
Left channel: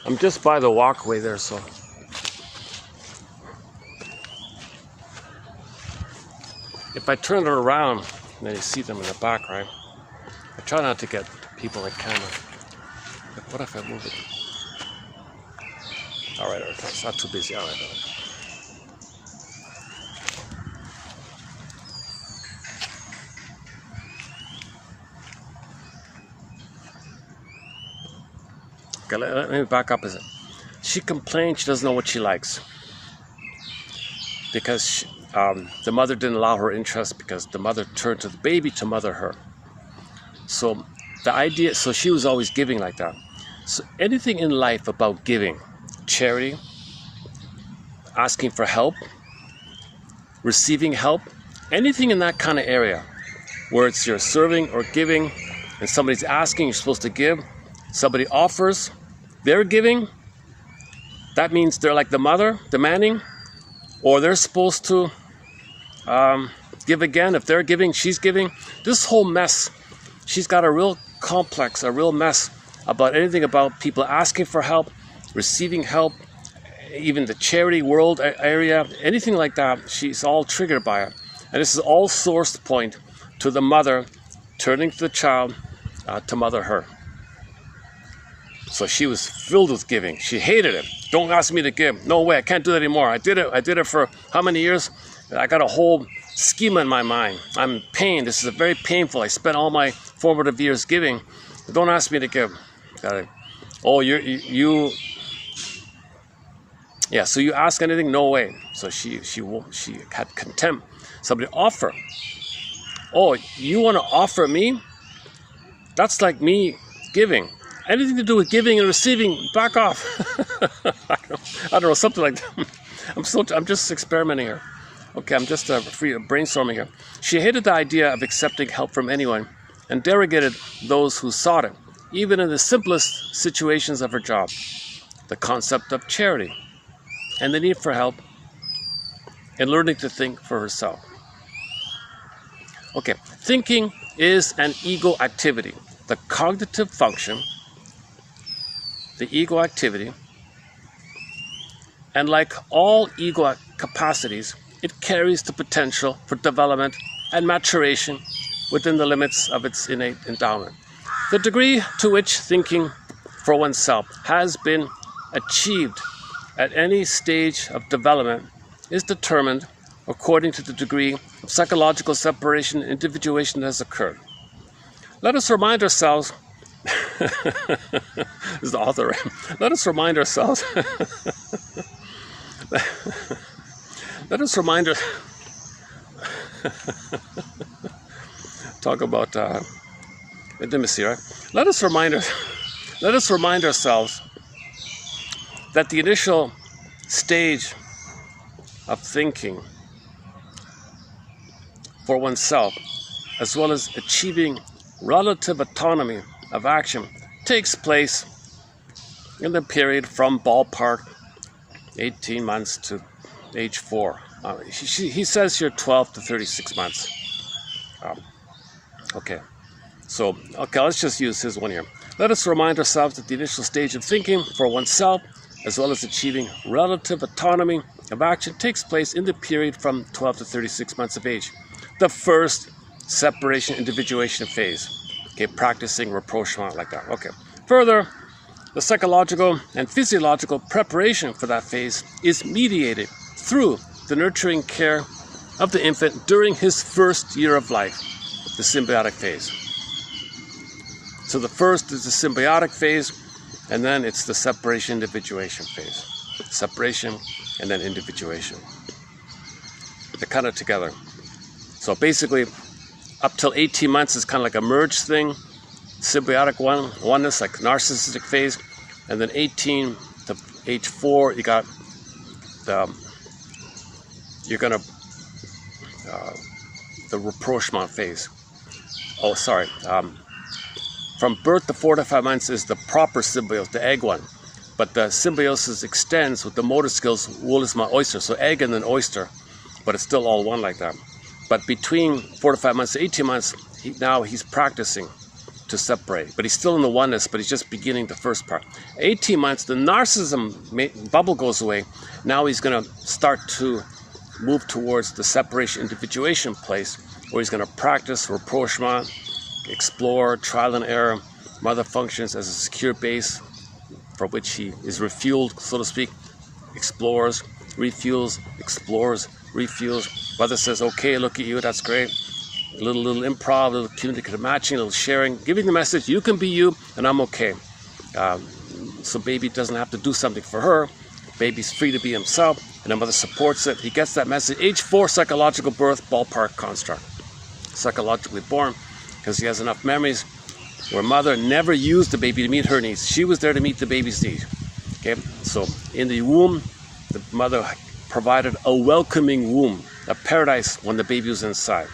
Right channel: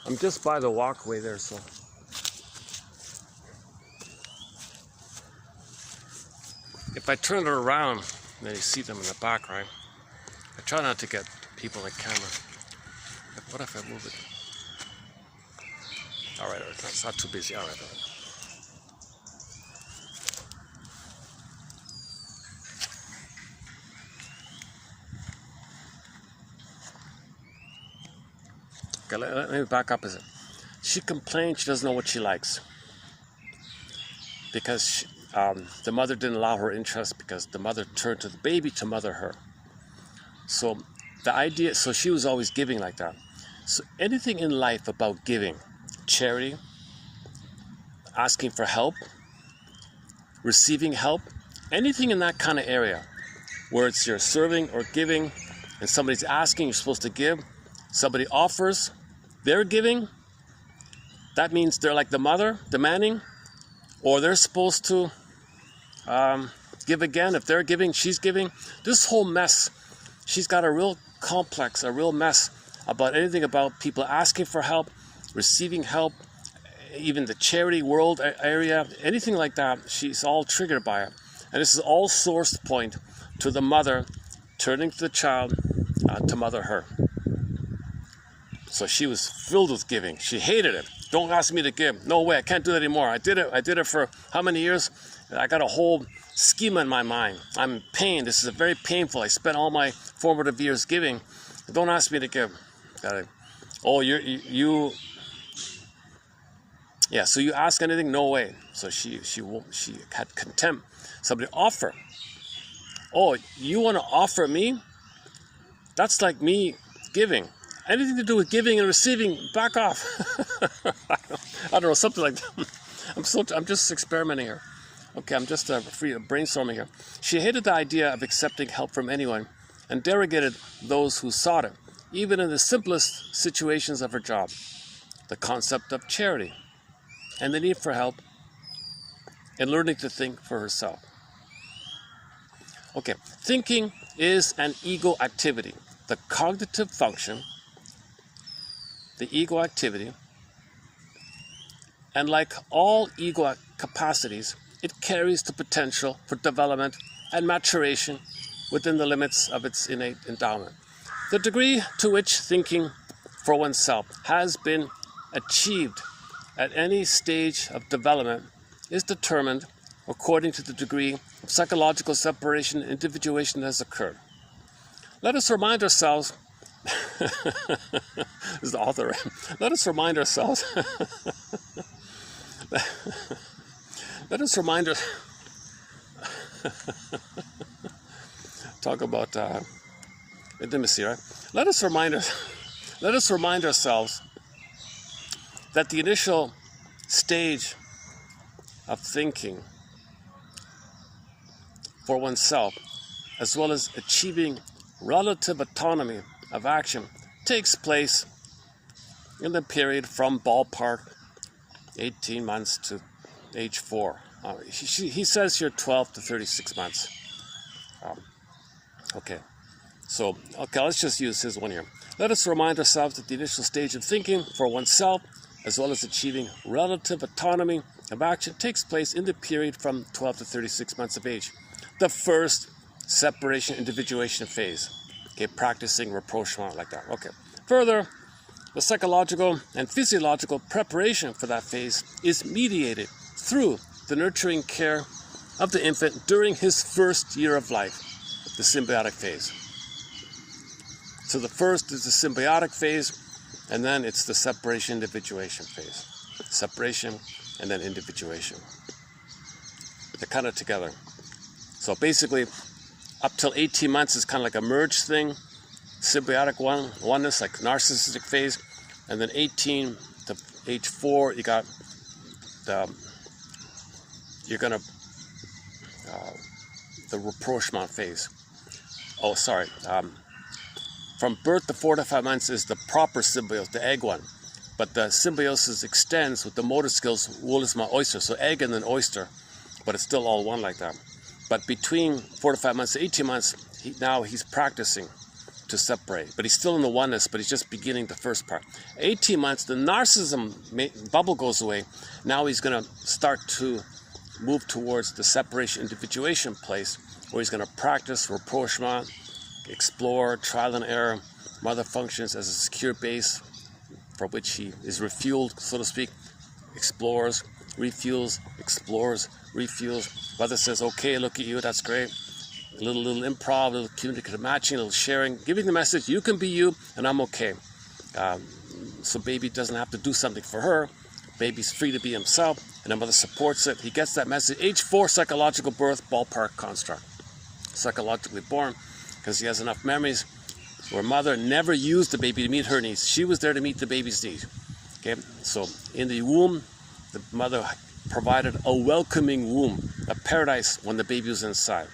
I'm just by the walkway there, so. If I turn it around, then you see them in the back, right? I try not to get people on camera. What if I move it? All right, okay, it's not too busy. All right, all right. Okay, let me back up a second. She complains she doesn't know what she likes because she, the mother didn't allow her interest because the mother turned to the baby to mother her. So the idea, so she was always giving like that. So anything in life about giving, charity, asking for help, receiving help, anything in that kind of area where it's you're serving or giving and somebody's asking, you're supposed to give, somebody offers, they're giving, that means they're like the mother, demanding, or they're supposed to give again. If they're giving, she's giving. This whole mess, she's got a real complex, a real mess about anything about people asking for help, receiving help, even the charity world area, anything like that, she's all triggered by it. And this is all source point to the mother turning to the child to mother her. So she was filled with giving. She hated it. Don't ask me to give. No way, I can't do that anymore. I did it for how many years? I got a whole schema in my mind. I'm in pain. This is very painful. I spent all my formative years giving. Don't ask me to give. Oh, yeah, so you ask anything? No way. So she had contempt. Somebody offer. Oh, you want to offer me? That's like me giving. Anything to do with giving and receiving, back off. I don't know, something like that. I'm just experimenting here. Okay, I'm just brainstorming here. She hated the idea of accepting help from anyone and derogated those who sought it, even in the simplest situations of her job. The concept of charity and the need for help and learning to think for herself. Okay, thinking is an ego activity. The cognitive function, the ego activity, and like all ego capacities, it carries the potential for development and maturation within the limits of its innate endowment. The degree to which thinking for oneself has been achieved at any stage of development is determined according to the degree of psychological separation and individuation that has occurred. Let us remind ourselves, this is the author, let us remind ourselves, let us remind us, talk about intimacy, right? Let us remind ourselves that the initial stage of thinking for oneself, as well as achieving relative autonomy of action, takes place in the period from ballpark 18 months to age 4. He says here 12 to 36 months. Okay, let's just use his one here. Let us remind ourselves that the initial stage of thinking for oneself, as well as achieving relative autonomy of action, takes place in the period from 12 to 36 months of age. The first separation individuation phase. Okay, practicing rapprochement like that. Okay. Further, the psychological and physiological preparation for that phase is mediated through the nurturing care of the infant during his first year of life, the symbiotic phase. So the first is the symbiotic phase, and then it's the separation individuation phase. Separation and then individuation. They're kind of together. So basically, up till 18 months is kind of like a merge thing. Symbiotic oneness, like narcissistic phase. And then 18 to age 4, you got the rapprochement phase. Oh, sorry. from birth to 4 to 5 months is the proper symbiosis, the egg one. But the symbiosis extends with the motor skills, wool is my oyster. So egg and then oyster, but it's still all one like that. But between 4 to 5 months to 18 months, now he's practicing to separate. But he's still in the oneness, but he's just beginning the first part. 18 months, the narcissism bubble goes away. Now he's going to start to move towards the separation individuation place, where he's going to practice rapprochement, explore, trial and error. Mother functions as a secure base for which he is refueled, so to speak, explores, refuels, explores, refuels. Mother says, okay, look at you, that's great. A little improv, a little communicative matching, a little sharing, giving the message, you can be you, and I'm okay. So baby doesn't have to do something for her. Baby's free to be himself, and the mother supports it. He gets that message. Age 4, psychological birth, ballpark construct. Psychologically born, because he has enough memories where mother never used the baby to meet her needs. She was there to meet the baby's need. Okay, so in the womb, the mother provided a welcoming womb, a paradise when the baby was inside.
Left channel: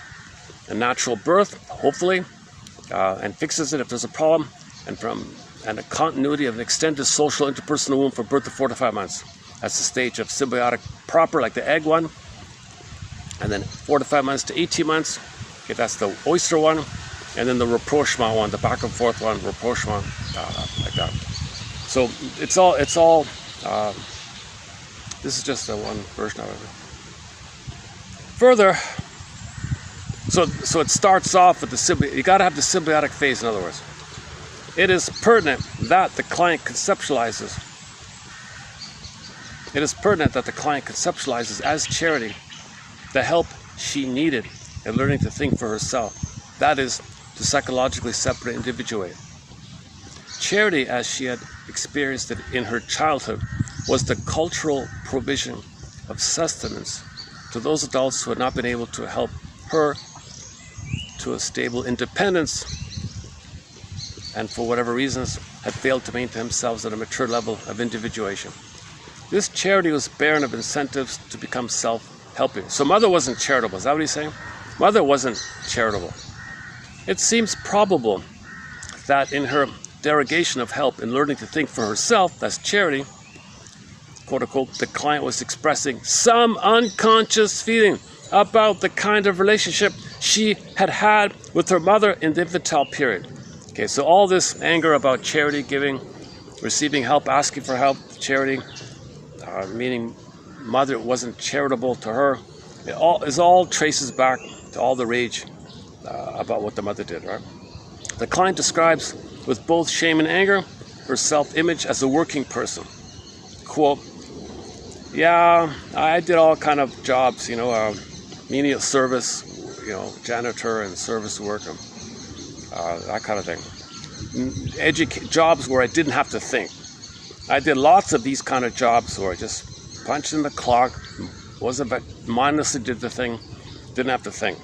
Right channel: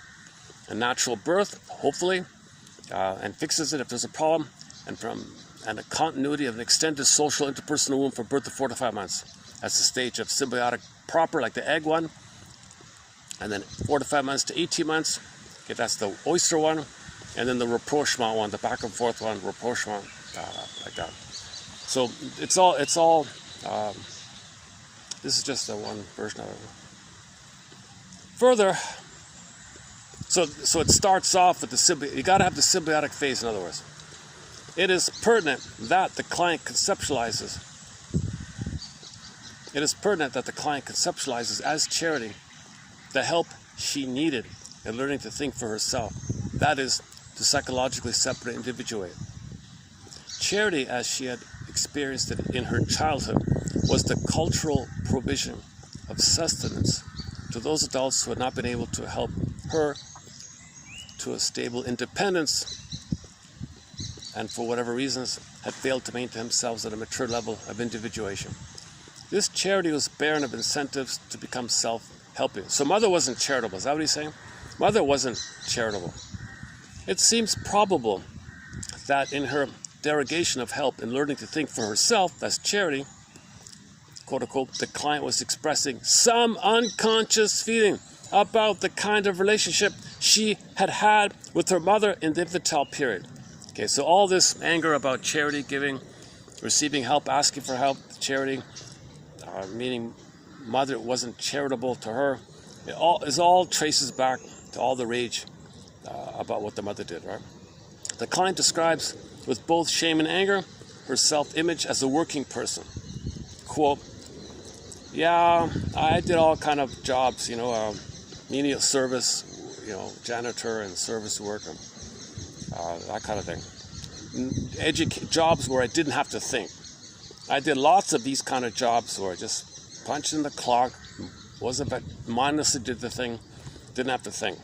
A natural birth, hopefully, and fixes it if there's a problem, and a continuity of an extended social interpersonal womb for birth to 4 to 5 months. That's the stage of symbiotic proper, like the egg one, and then 4 to 5 months to 18 months. Okay, that's the oyster one, and then the rapprochement one, the back and forth one, rapprochement, like that. So it's all. This is just the one version of it. Further, so it starts off with the symbiotic. You got to have the symbiotic phase. In other words, it is pertinent that the client conceptualizes. It is pertinent that the client conceptualizes as Charity the help she needed in learning to think for herself. That is, to psychologically separate and individuate. Charity, as she had experienced it in her childhood, was the cultural provision of sustenance to those adults who had not been able to help her to a stable independence, and for whatever reasons had failed to maintain themselves at a mature level of individuation. This Charity was barren of incentives to become self-helping. So mother wasn't charitable. Is that what he's saying? Mother wasn't charitable. It seems probable that in her derogation of help in learning to think for herself, that's Charity, quote unquote, the client was expressing some unconscious feeling about the kind of relationship she had had with her mother in the infantile period. Okay, so all this anger about Charity giving, receiving help, asking for help, Charity, meaning mother wasn't charitable to her, it all traces back to all the rage about what the mother did, right? The client describes with both shame and anger her self-image as a working person. Quote, yeah, I did all kind of jobs, menial service, janitor and service work, that kind of thing. Jobs where I didn't have to think. I did lots of these kind of jobs where I just punched in the clock, mindlessly did the thing, didn't have to think.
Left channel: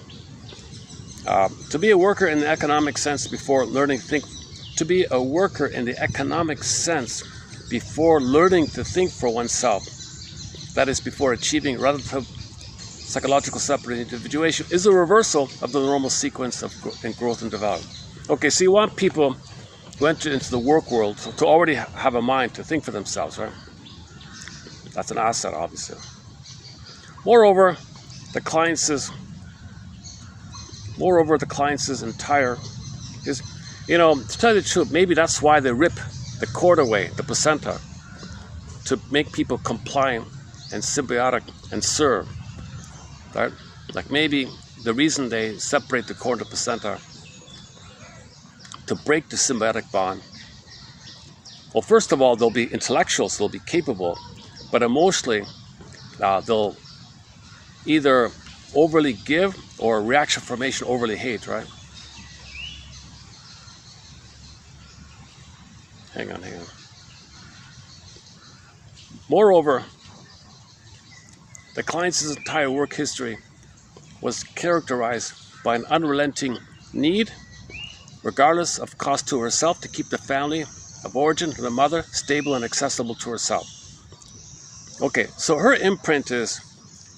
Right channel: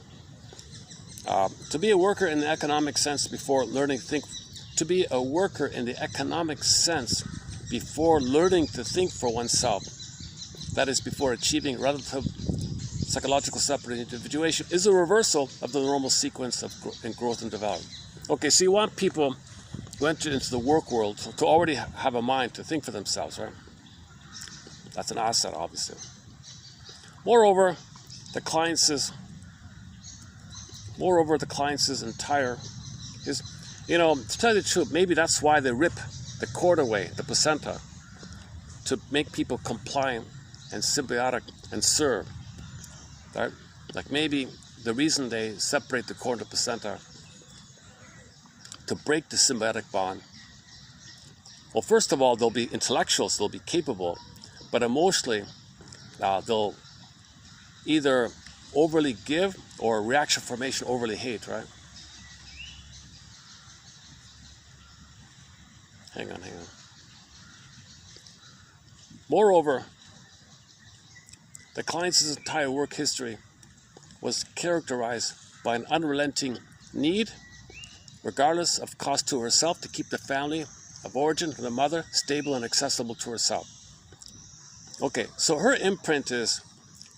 To be a worker in the economic sense before learning to think, to be a worker in the economic sense before learning to think for oneself, that is, before achieving relative psychological separate individuation, is a reversal of the normal sequence of growth and development. Okay, so you want people who enter into the work world to already have a mind to think for themselves, right? That's an asset, obviously. Moreover, the client's entire is, to tell you the truth, maybe that's why they rip the cord away, the placenta, to make people compliant and symbiotic and serve, right? Like maybe the reason they separate the cord and the placenta to break the symbiotic bond. Well, first of all, they'll be intellectuals, they'll be capable, but emotionally, they'll either overly give or reaction formation overly hate, right? Hang on. Moreover, the client's entire work history was characterized by an unrelenting need, regardless of cost to herself, to keep the family of origin, the mother, stable and accessible to herself. Okay, so her imprint is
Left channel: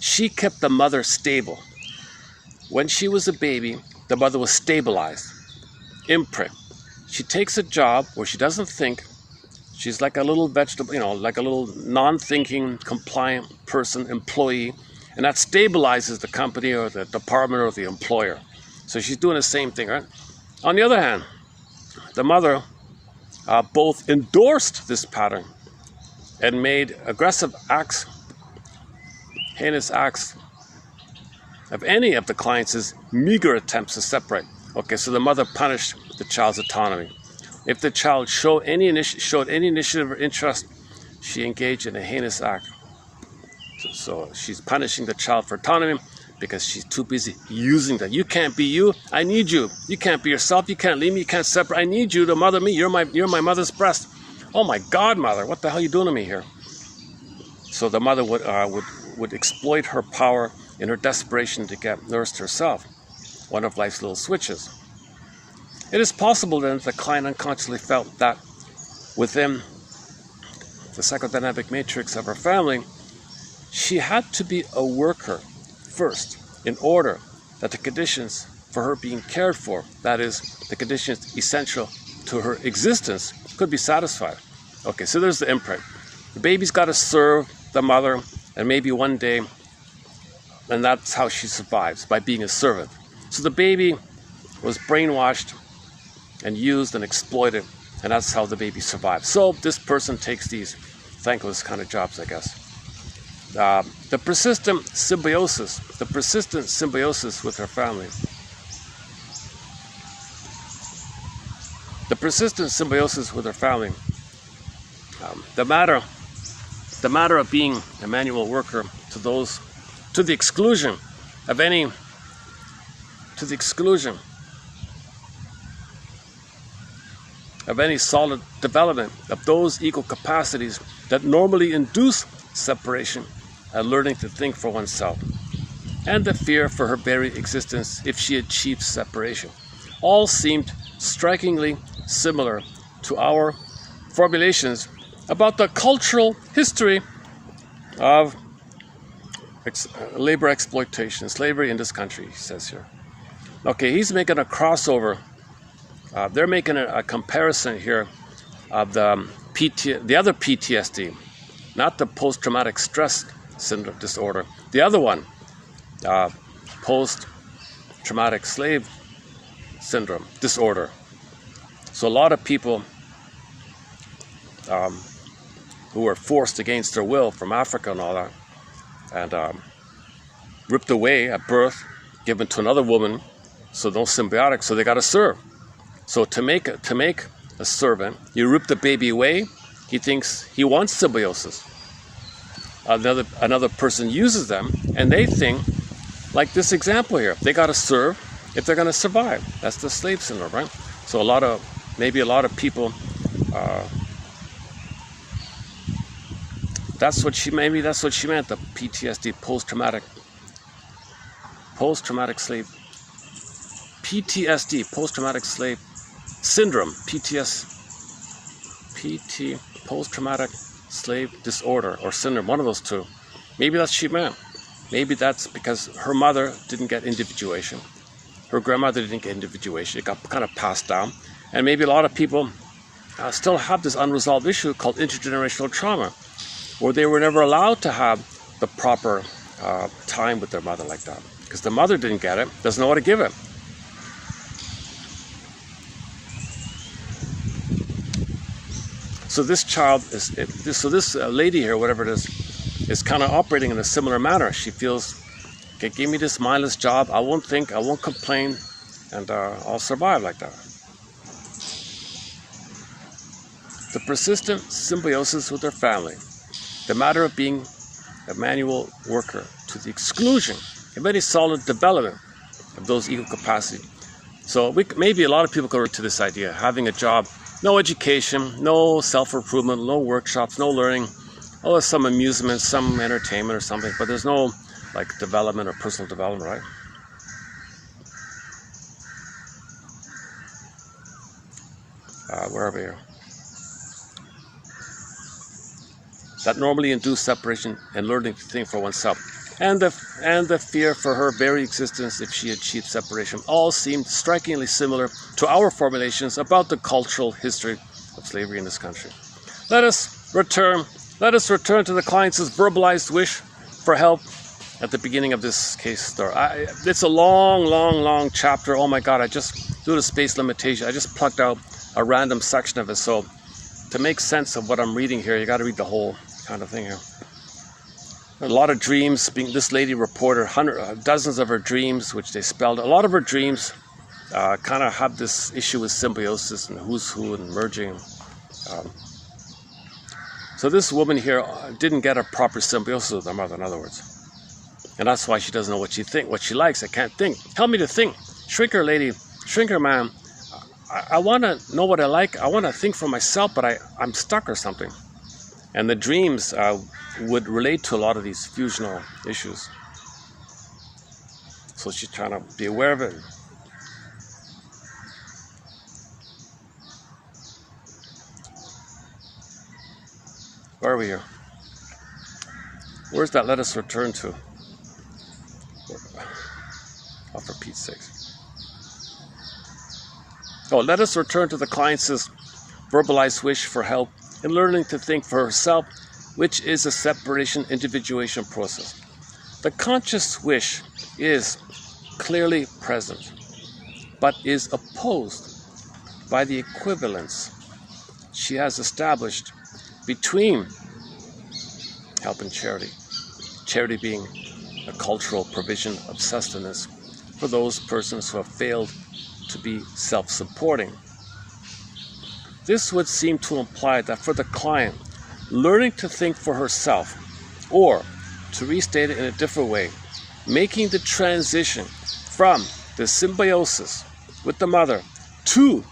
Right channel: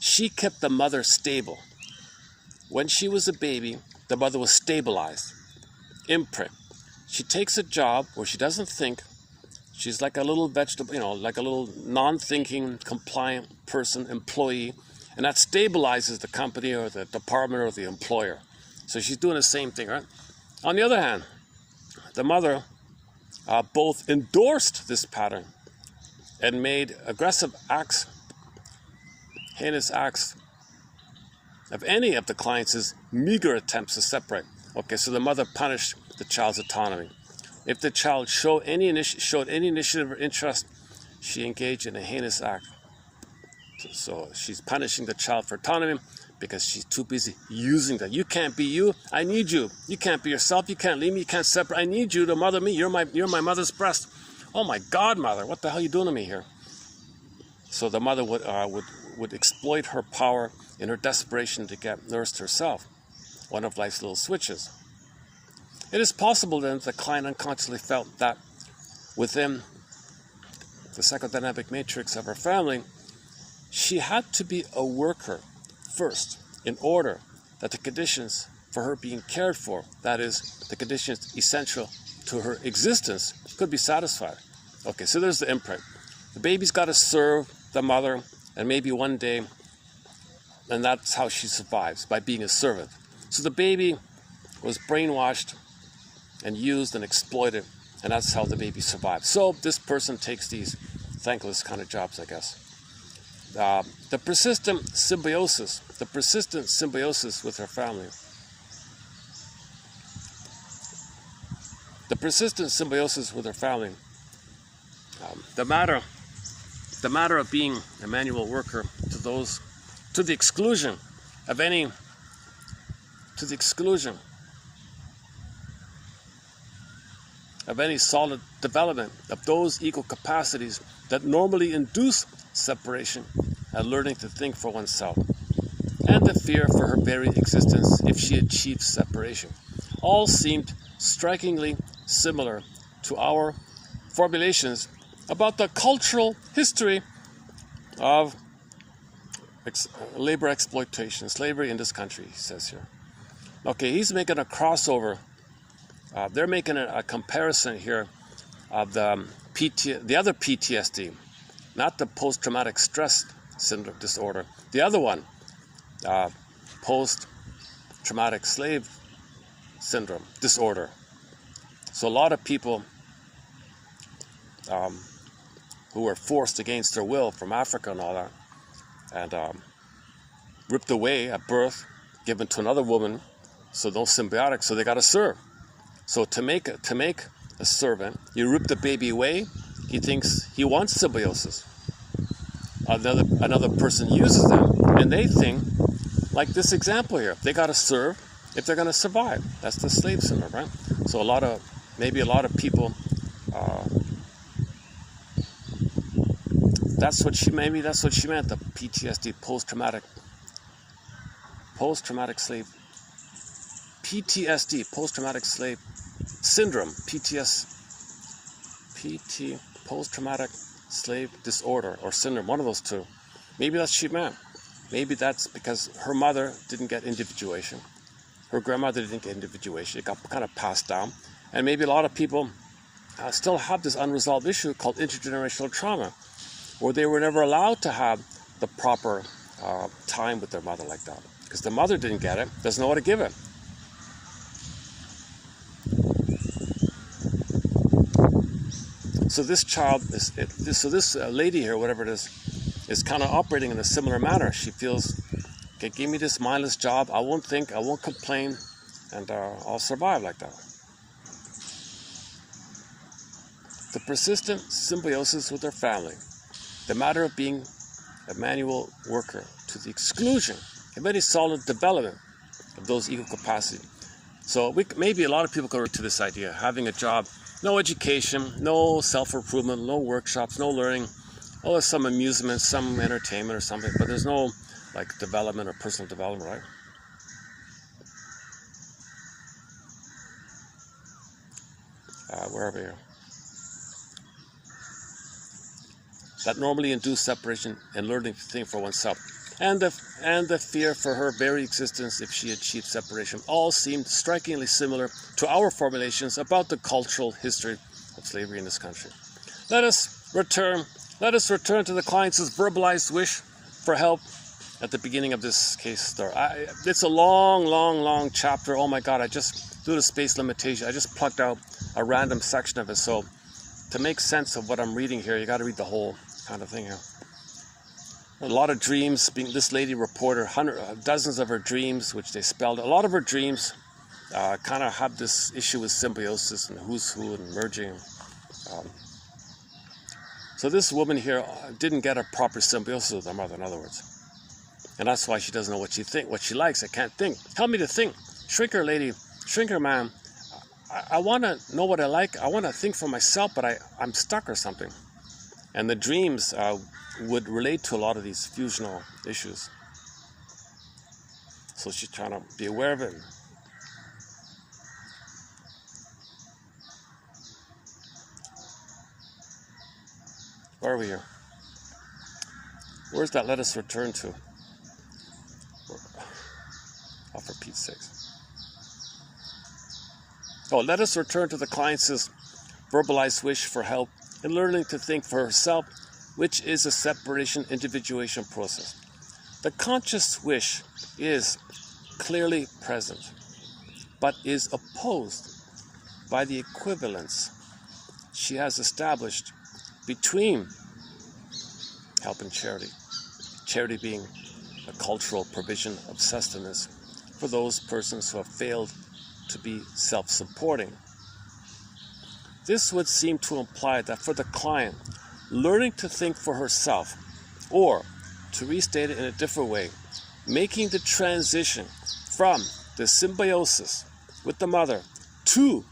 she kept the mother stable. When she was a baby, the mother was stabilized. Imprint. she takes a job where she doesn't think. She's like a little vegetable, you know, like a little non-thinking, compliant person, employee, and that stabilizes the company or the department or the employer. So she's doing the same thing, right? On the other hand, the mother both endorsed this pattern and made aggressive acts, heinous acts of any of the clients' meager attempts to separate. Okay, so the mother punished the child's autonomy. If the child showed any initiative or interest, she engaged in a heinous act. So she's punishing the child for autonomy because she's too busy using that. You can't be you. I need you. You can't be yourself. You can't leave me. You can't separate. I need you to mother me. You're my mother's breast. Oh my God, mother! What the hell are you doing to me here? So the mother would exploit her power in her desperation to get nursed herself. One of life's little switches. It is possible then that the client unconsciously felt that within the psychodynamic matrix of her family, she had to be a worker first in order that the conditions for her being cared for, that is, the conditions essential to her existence, could be satisfied. Okay, so there's the imprint. The baby's got to serve the mother, and maybe one day, and that's how she survives, by being a servant. So the baby was brainwashed and used and exploited, and that's how the baby survives. So this person takes these thankless kind of jobs, I guess. The persistent symbiosis with her family. The persistent symbiosis with her family. The matter of being a manual worker to the exclusion of any solid development of those equal capacities that normally induce separation and learning to think for oneself, and the fear for her very existence if she achieved separation, all seemed strikingly similar to our formulations about the cultural history of labor exploitation, slavery in this country, he says here. Okay, he's making a crossover. They're making a comparison here of the other PTSD, not the post-traumatic stress syndrome disorder. The other one, post-traumatic slave syndrome disorder. So a lot of people who were forced against their will from Africa and all that, and ripped away at birth, given to another woman, so no symbiotic, so they got to serve. So to make a servant, you rip the baby away, he thinks he wants symbiosis. Another person uses them, and they think, like this example here, they got to serve if they're going to survive. That's the slave syndrome, right? So maybe a lot of people, that's what she meant, the PTSD, post-traumatic slave, PTSD, post-traumatic slave syndrome, post-traumatic slave disorder or syndrome, one of those two. Maybe that's what she meant. Maybe that's because her mother didn't get individuation. Her grandmother didn't get individuation. It got kind of passed down. And maybe a lot of people still have this unresolved issue called intergenerational trauma, where they were never allowed to have the proper time with their mother like that. Because the mother didn't get it, doesn't know how to give it. So this child this lady here, whatever it is kind of operating in a similar manner. She feels, okay, give me this mindless job. I won't think, I won't complain, and I'll survive like that. The persistent symbiosis with her family. The matter of being a manual worker to the exclusion of any solid development of those equal capacity. So maybe a lot of people go to this idea, having a job, no education, no self-improvement, no workshops, no learning, some amusement, some entertainment or something, but there's no like development or personal development, right? Where are we here? That normally induce separation and learning to think for oneself. and the fear for her very existence if she achieved separation all seemed strikingly similar to our formulations about the cultural history of slavery in this country. Let us return to the client's verbalized wish for help at the beginning of this case story. It's a long chapter. Oh my God, I just, due to space limitation, I just plucked out a random section of it. So to make sense of what I'm reading here, you got to read the whole kind of thing here. A lot of dreams. This lady reported dozens of her dreams, which they spelled. A lot of her dreams kind of have this issue with symbiosis and who's who and merging. So this woman here didn't get a proper symbiosis with her mother, in other words. And that's why she doesn't know what she likes. I can't think. Help me to think. Shrinker lady, shrinker man, I want to know what I like. I want to think for myself, but I'm stuck or something. And the dreams would relate to a lot of these fusional issues. So she's trying to be aware of it. Where are we here? Where's that let us return to? Oh, for Pete's sakes. Oh, let us return to the client's verbalized wish for help in learning to think for herself, which is a separation individuation process. The conscious wish is clearly present, but is opposed by the equivalence she has established between help and charity. Charity being a cultural provision of sustenance for those persons who have failed to be self-supporting. This would seem to imply that for the client, learning to think for herself, or to restate it in a different way, making the transition from the symbiosis with the mother to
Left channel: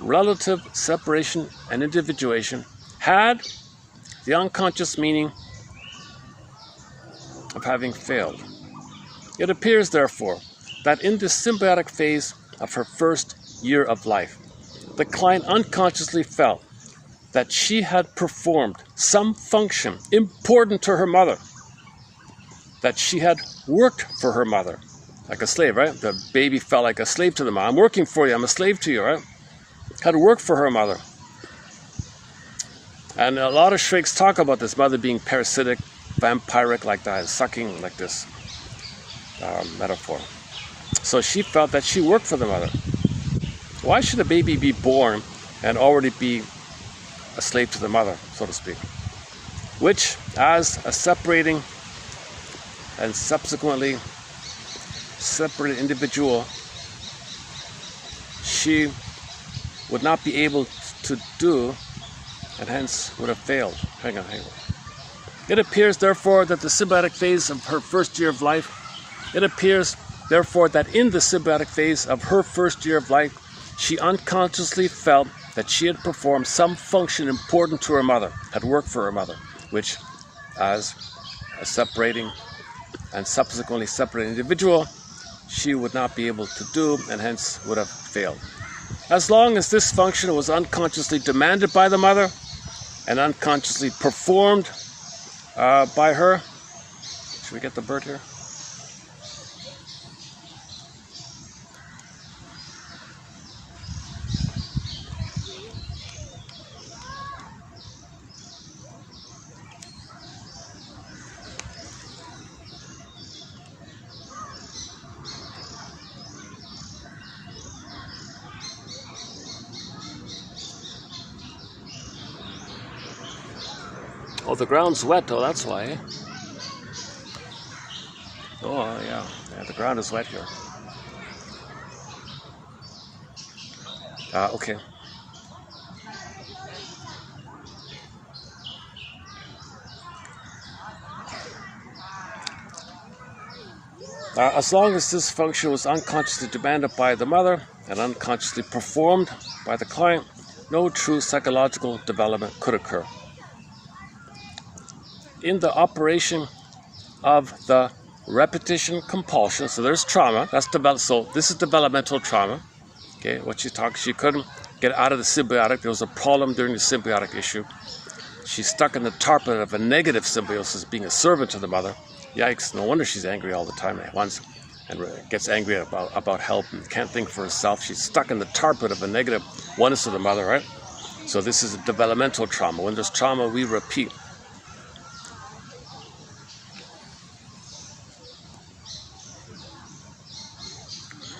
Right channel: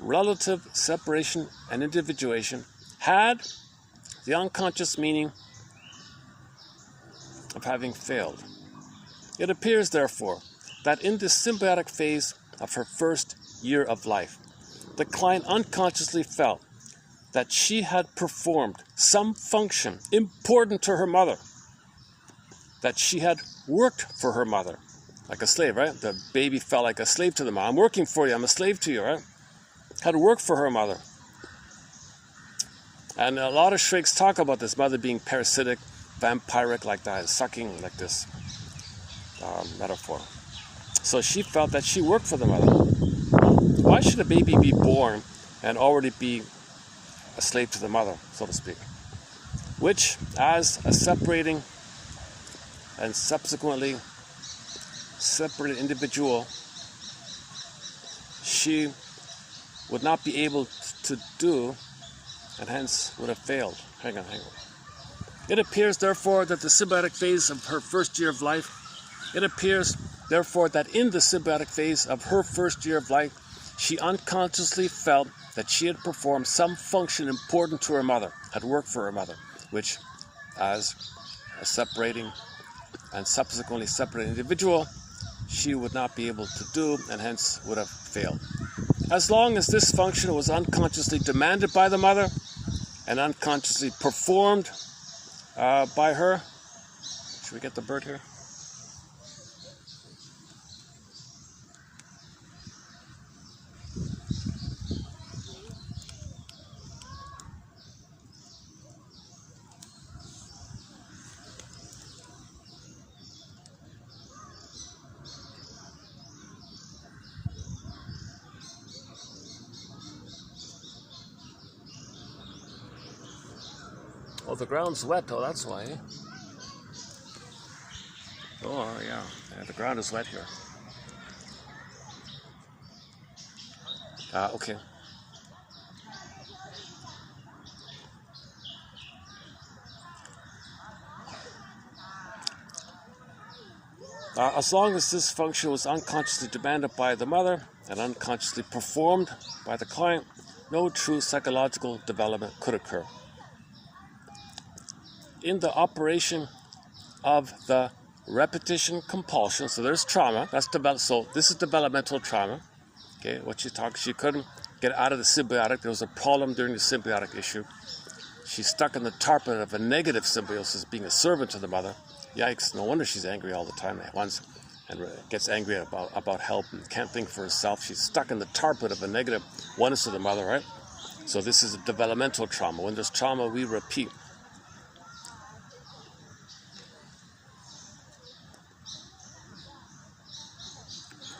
relative separation and individuation had the unconscious meaning of having failed. It appears, therefore, that in the symbiotic phase of her first year of life, the client unconsciously felt that she had performed some function important to her mother, that she had worked for her mother, like a slave, right? The baby felt like a slave to the mom. I'm working for you, I'm a slave to you, right? Had worked for her mother. And a lot of shrieks talk about this mother being parasitic, vampiric, like that, sucking, like this metaphor. So she felt that she worked for the mother. Why should a baby be born and already be a slave to the mother, so to speak? Which, as a separating and subsequently separated individual, she would not be able to do, and hence would have failed. Hang on. It appears, therefore, that the symbiotic phase of her first year of life, she unconsciously felt that she had performed some function important to her mother, had worked for her mother, which, as a separating and subsequently separated individual, she would not be able to do, and hence would have failed. As long as this function was unconsciously demanded by the mother and unconsciously performed by her. Should we get the bird here? Oh, the ground's wet, though, that's why. Eh? Oh, yeah, the ground is wet here. Okay. As long as this function was unconsciously demanded by the mother and unconsciously performed by the client, no true psychological development could occur. In the operation of the repetition compulsion, so there's trauma, that's so this is developmental trauma. Okay, what she couldn't get out of the symbiotic. There was a problem during the symbiotic issue. She's stuck in the target of a negative symbiosis, being a servant to the mother, Yikes, no wonder she's angry all the time. And gets angry about help and can't think for herself. She's stuck in the tar pit of a negative oneness of the mother, right? So this is a developmental trauma. When there's trauma, we repeat.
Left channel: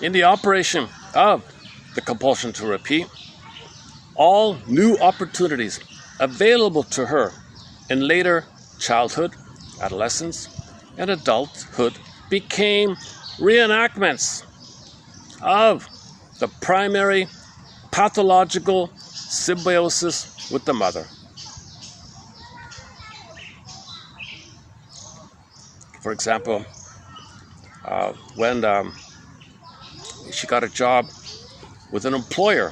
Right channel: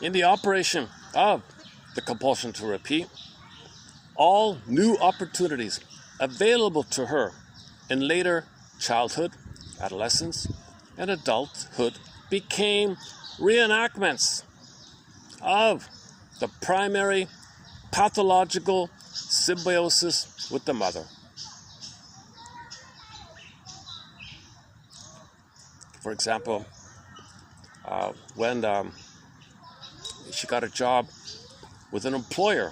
In the operation of the compulsion to repeat, all new opportunities available to her in later childhood, adolescence, and adulthood became reenactments of the primary pathological symbiosis with the mother. For example, when she got a job with an employer,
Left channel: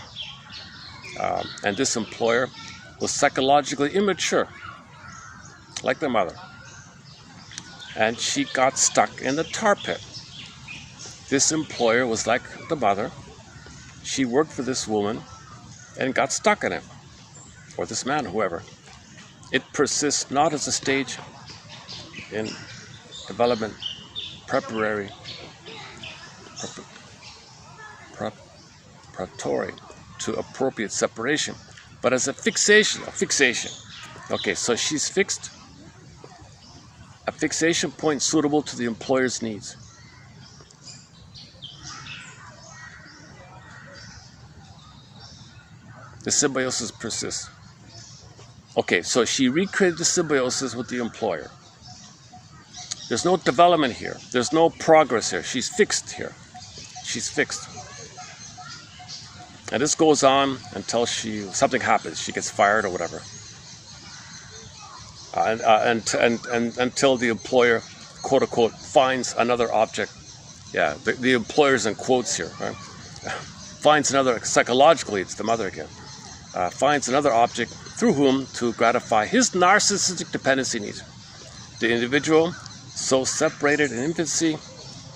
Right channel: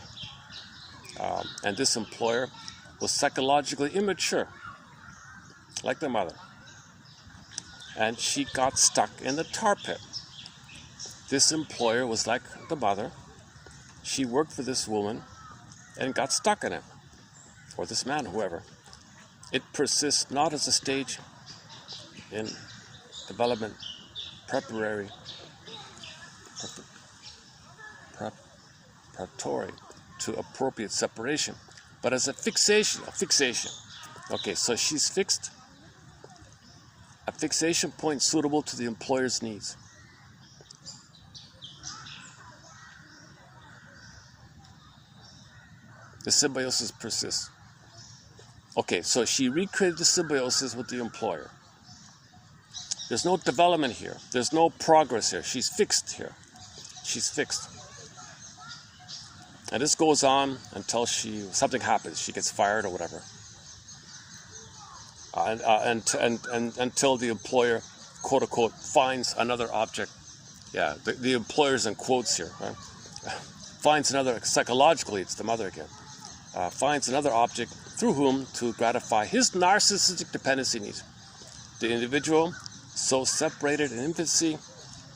and this employer was psychologically immature, like the mother, and she got stuck in the tar pit. This employer was like the mother. She worked for this woman and got stuck in it, or this man, whoever. It persists not as a stage in development preparatory to appropriate separation, but as a fixation. Okay, so she's fixed. A fixation point suitable to the employer's needs. The symbiosis persists. Okay, so she recreated the symbiosis with the employer. There's no development here. There's no progress here. She's fixed here. She's fixed. And this goes on until something happens. She gets fired or whatever. And until the employer, quote unquote, finds another object. Yeah, the employer's in quotes here, right? Finds another, psychologically, it's the mother again. Finds another object through whom to gratify his narcissistic dependency needs. The individual, so separated in infancy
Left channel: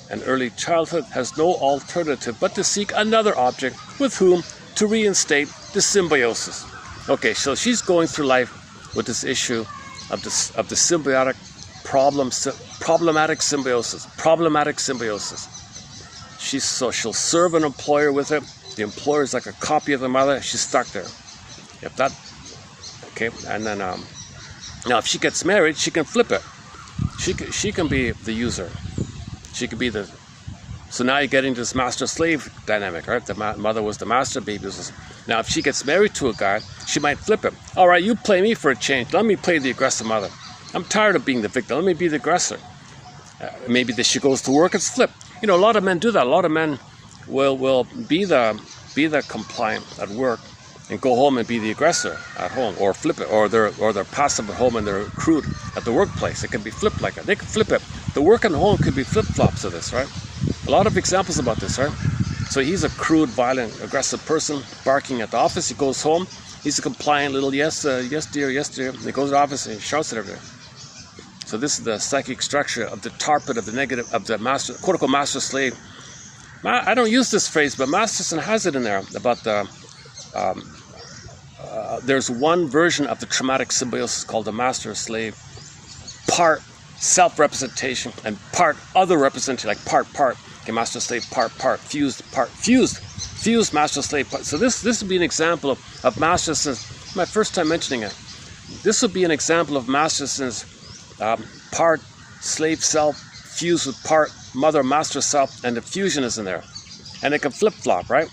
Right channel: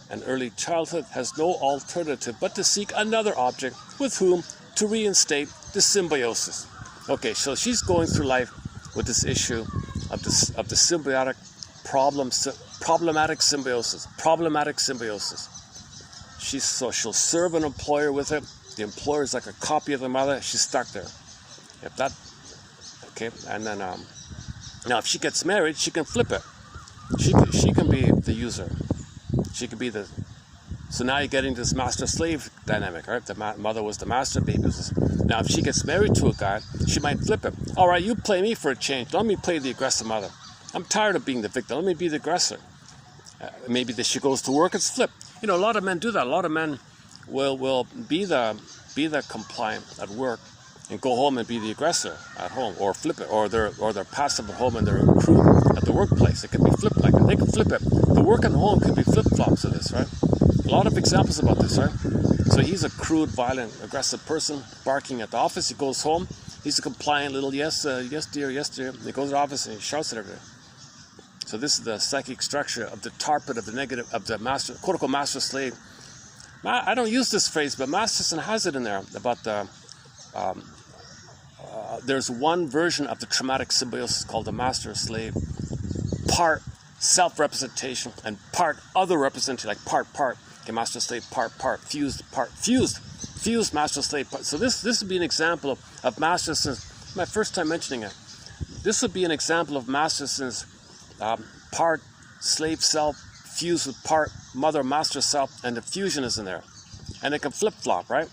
and early childhood, has no alternative but to seek another object with whom to reinstate the symbiosis. Okay, so she's going through life with this issue of the symbiotic problematic symbiosis. She'll serve an employer with it. The employer is like a copy of the mother. She's stuck there. If that, okay, and then now if she gets married, she can flip it. She can be the user. She could be the. So now you get into this master-slave dynamic, right? The mother was the master, baby was. Now if she gets married to a guy, she might flip it. All right, you play me for a change. Let me play the aggressive mother. I'm tired of being the victim. Let me be the aggressor. Maybe she goes to work. It's flipped. You know, a lot of men do that. A lot of men will be the compliant at work and go home and be the aggressor at home, or flip it, or they're passive at home and they're crude at the workplace. It can be flipped like it. They can flip it. The work and home could be flip-flops of this, right? A lot of examples about this, right? So he's a crude, violent, aggressive person barking at the office. He goes home. He's a compliant little yes dear, yes dear. He goes to the office and he shouts at everything. So this is the psychic structure of the tar pit of the negative, of the master, quote-unquote master slave. I don't use this phrase, but Masterson has it in there about the. There's one version of the traumatic symbiosis called the master-slave, part self-representation and part other representation, like part. Okay, master-slave, part, fused master-slave part. So this would be an example of Masterson's. My first time mentioning it. This would be an example of Masterson's part slave self fused with part mother master self, and the fusion is in there, and it can flip-flop, right?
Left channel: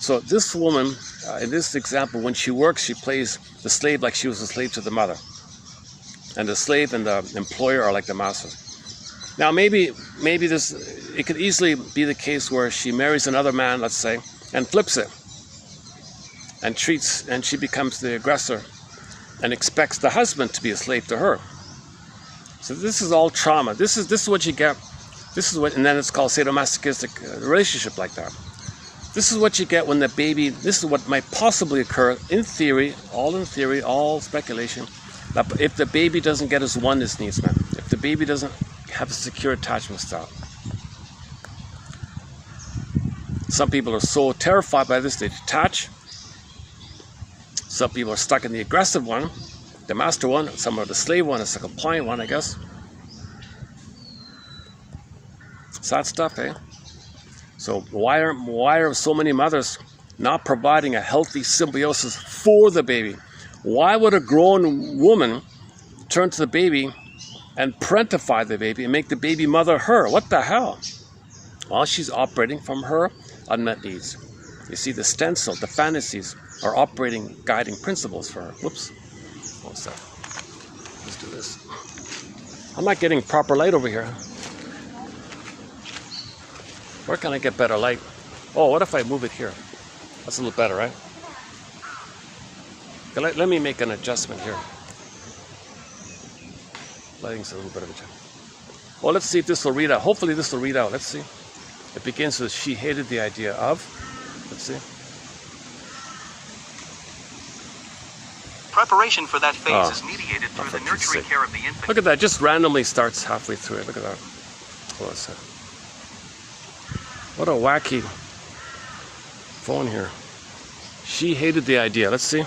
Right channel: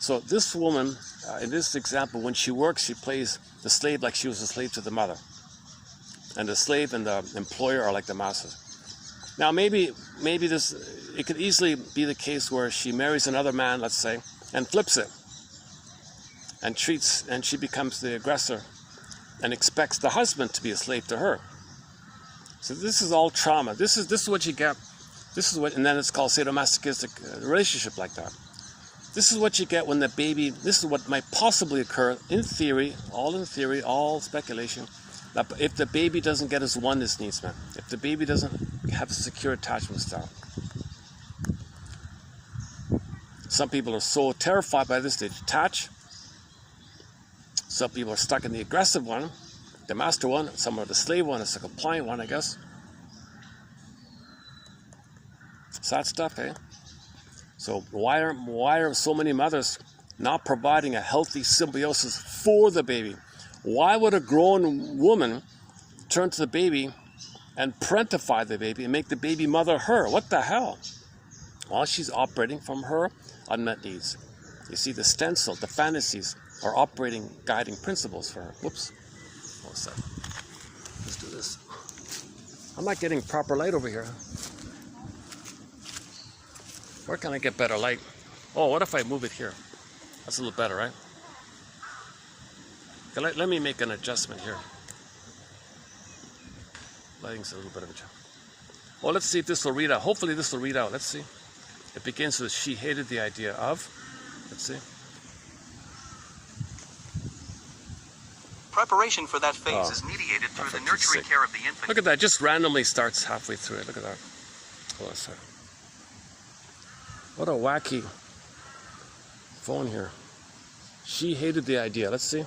So this woman, in this example, when she works, she plays the slave like she was a slave to the mother, and the slave and the employer are like the master. Now maybe it could easily be the case where she marries another man, let's say, and flips it, and she becomes the aggressor and expects the husband to be a slave to her. So this is all trauma. This is what you get. And then it's called sadomasochistic relationship like that. This is what you get when the baby. This is what might possibly occur in theory, all speculation. That if the baby doesn't get his oneness needs met, if the baby doesn't have a secure attachment style. Some people are so terrified by this they detach. Some people are stuck in the aggressive one, the master one. Some are the slave one. It's a compliant one, I guess. Sad stuff, eh? So why are so many mothers not providing a healthy symbiosis for the baby? Why would a grown woman turn to the baby and parentify the baby and make the baby mother her? What the hell? Well, she's operating from her unmet needs. You see, the stencil, the fantasies are operating guiding principles for her. Whoops. What's that? Let's do this. I'm not getting proper light over here. Where can I get better light? Oh, what if I move it here? That's a little better, right? Okay, let me make an adjustment here. Lighting's a little bit of a adjustment. Well, let's see if this will read out. Hopefully this will read out. Let's see. It begins with she hated the idea of. Let's see. Preparation for that phase is mediated through the nurturing care of the infant. Look at that. Just randomly starts halfway through it. Look at that. Hold on a second. What a wacky phone here. She hated the idea. Let's see.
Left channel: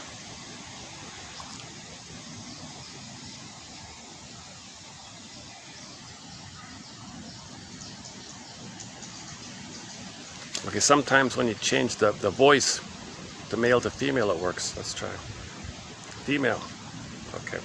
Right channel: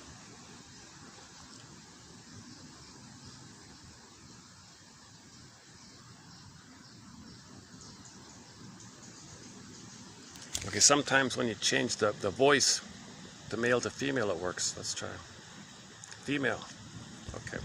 Okay, sometimes when you change the voice, the male to female, it works. Let's try. Female. Okay.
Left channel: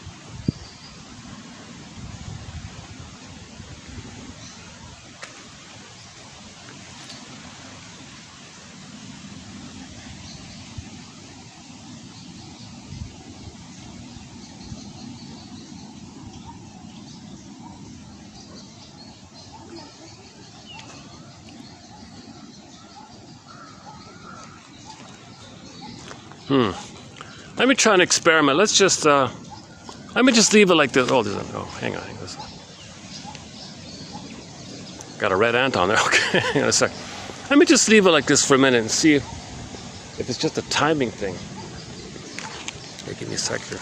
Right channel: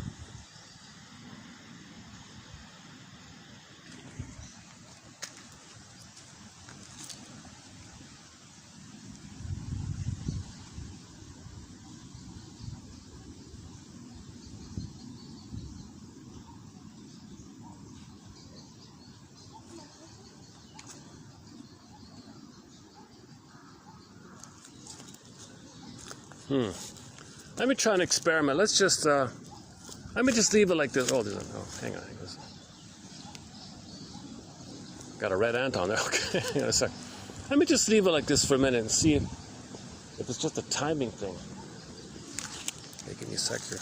Let me try an experiment. Let's just, let me just leave it like this. Oh, hang on. Got a red ant on there. Okay, hang on a sec. Let me just leave it like this for a minute and see if it's just a timing thing. Hey, give me a sec here.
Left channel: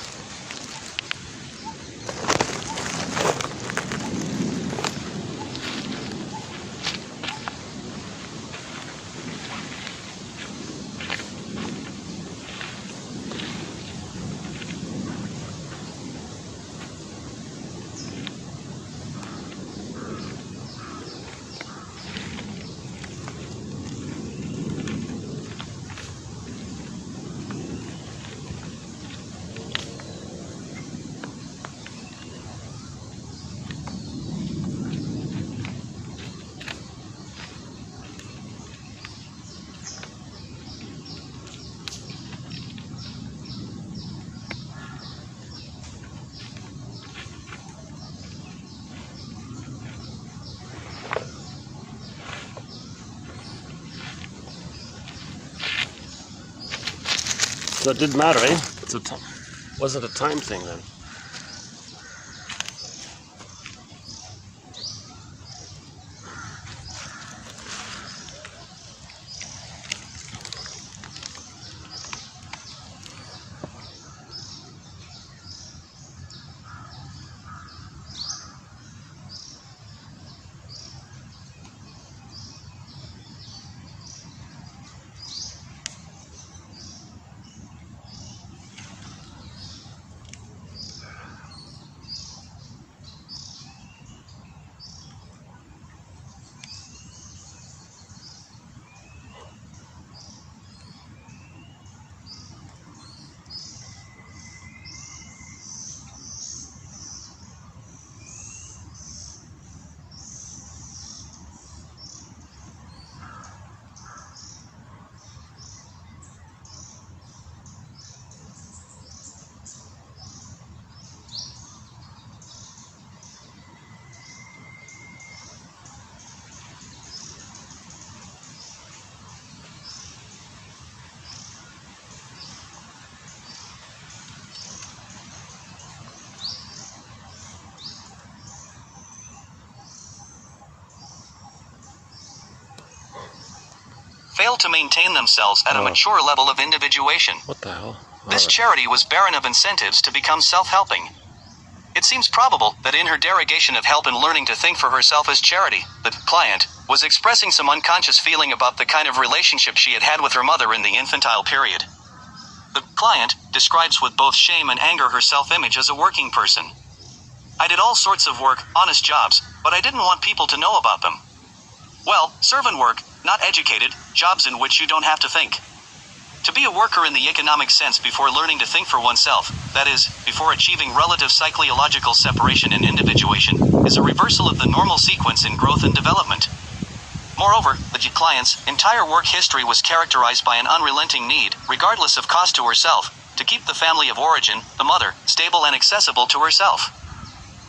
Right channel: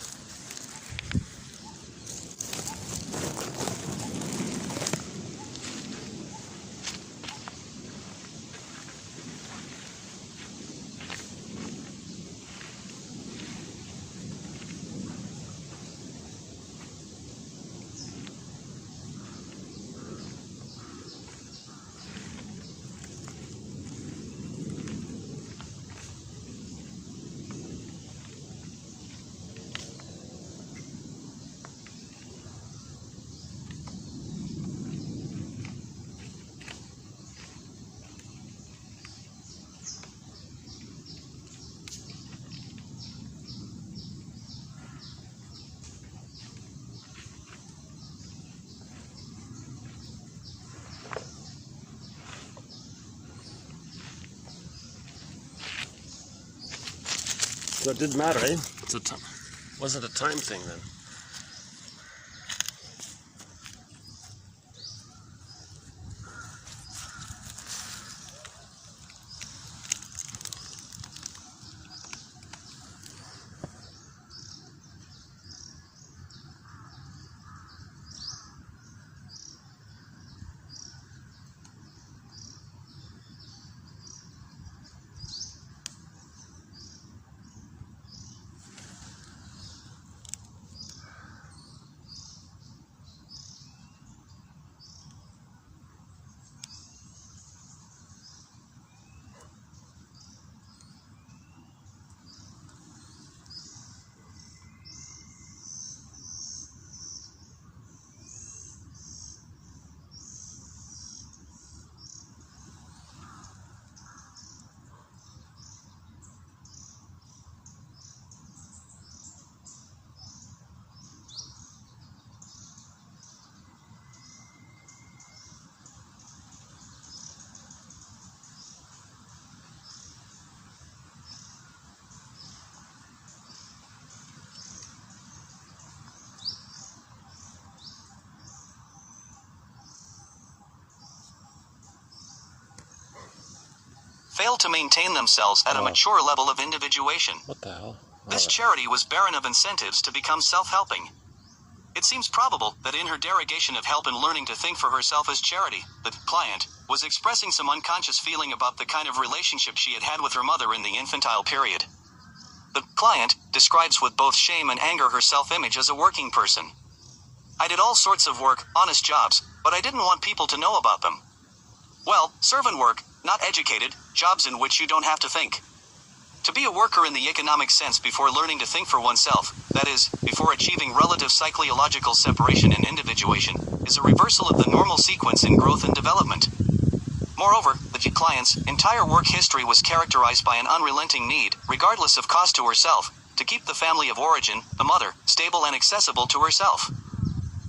So it didn't matter, eh? Was it a time thing then? Failed to maintain themselves at a mature level of individuation. What the hell? This charity was barren of incentives to become self-helping. It seems probable that in her derogation of help in learning to think for herself as charity, the client was expressing some unconscious feeling about the kind of relationship she had had with her mother in the infantile period. The client describes with both shame and anger her self-image as a working person. I did all sorts of work, honest jobs, but I didn't want people to know about them. Well, servant work, not educated, jobs in which you don't have to think. To be a worker in the economic sense before learning to think for oneself, that is, before achieving relative psychological separation and individuation, is a reversal of the normal sequence in growth and development. Moreover, the client's entire work history was characterized by an unrelenting need, regardless of cost to herself, to keep the family of origin, the mother, stable and accessible to herself.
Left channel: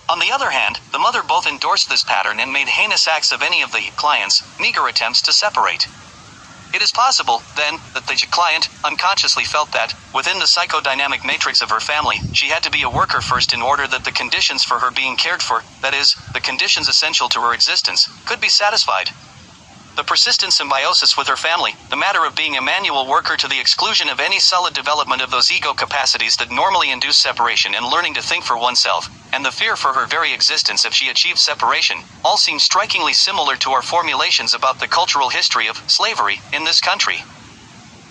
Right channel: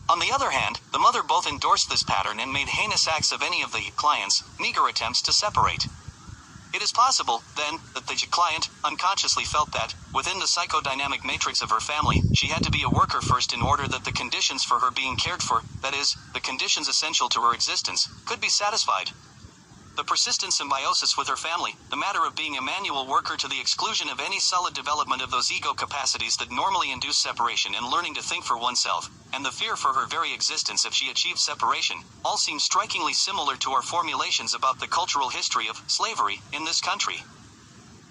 On the other hand, the mother both endorsed this pattern and made heinous acts of any of the client's meager attempts to separate. It is possible, then, that the client unconsciously felt that, within the psychodynamic matrix of her family, she had to be a worker first in order that the conditions for her being cared for, that is, the conditions essential to her existence, could be satisfied. The persistent symbiosis with her family, the matter of being a manual worker to the exclusion of any solid development of those ego capacities that normally induce separation and learning to think for oneself, and the fear for her very existence if she achieved separation, all seem strikingly similar to our formulations about the cultural history of slavery in this country.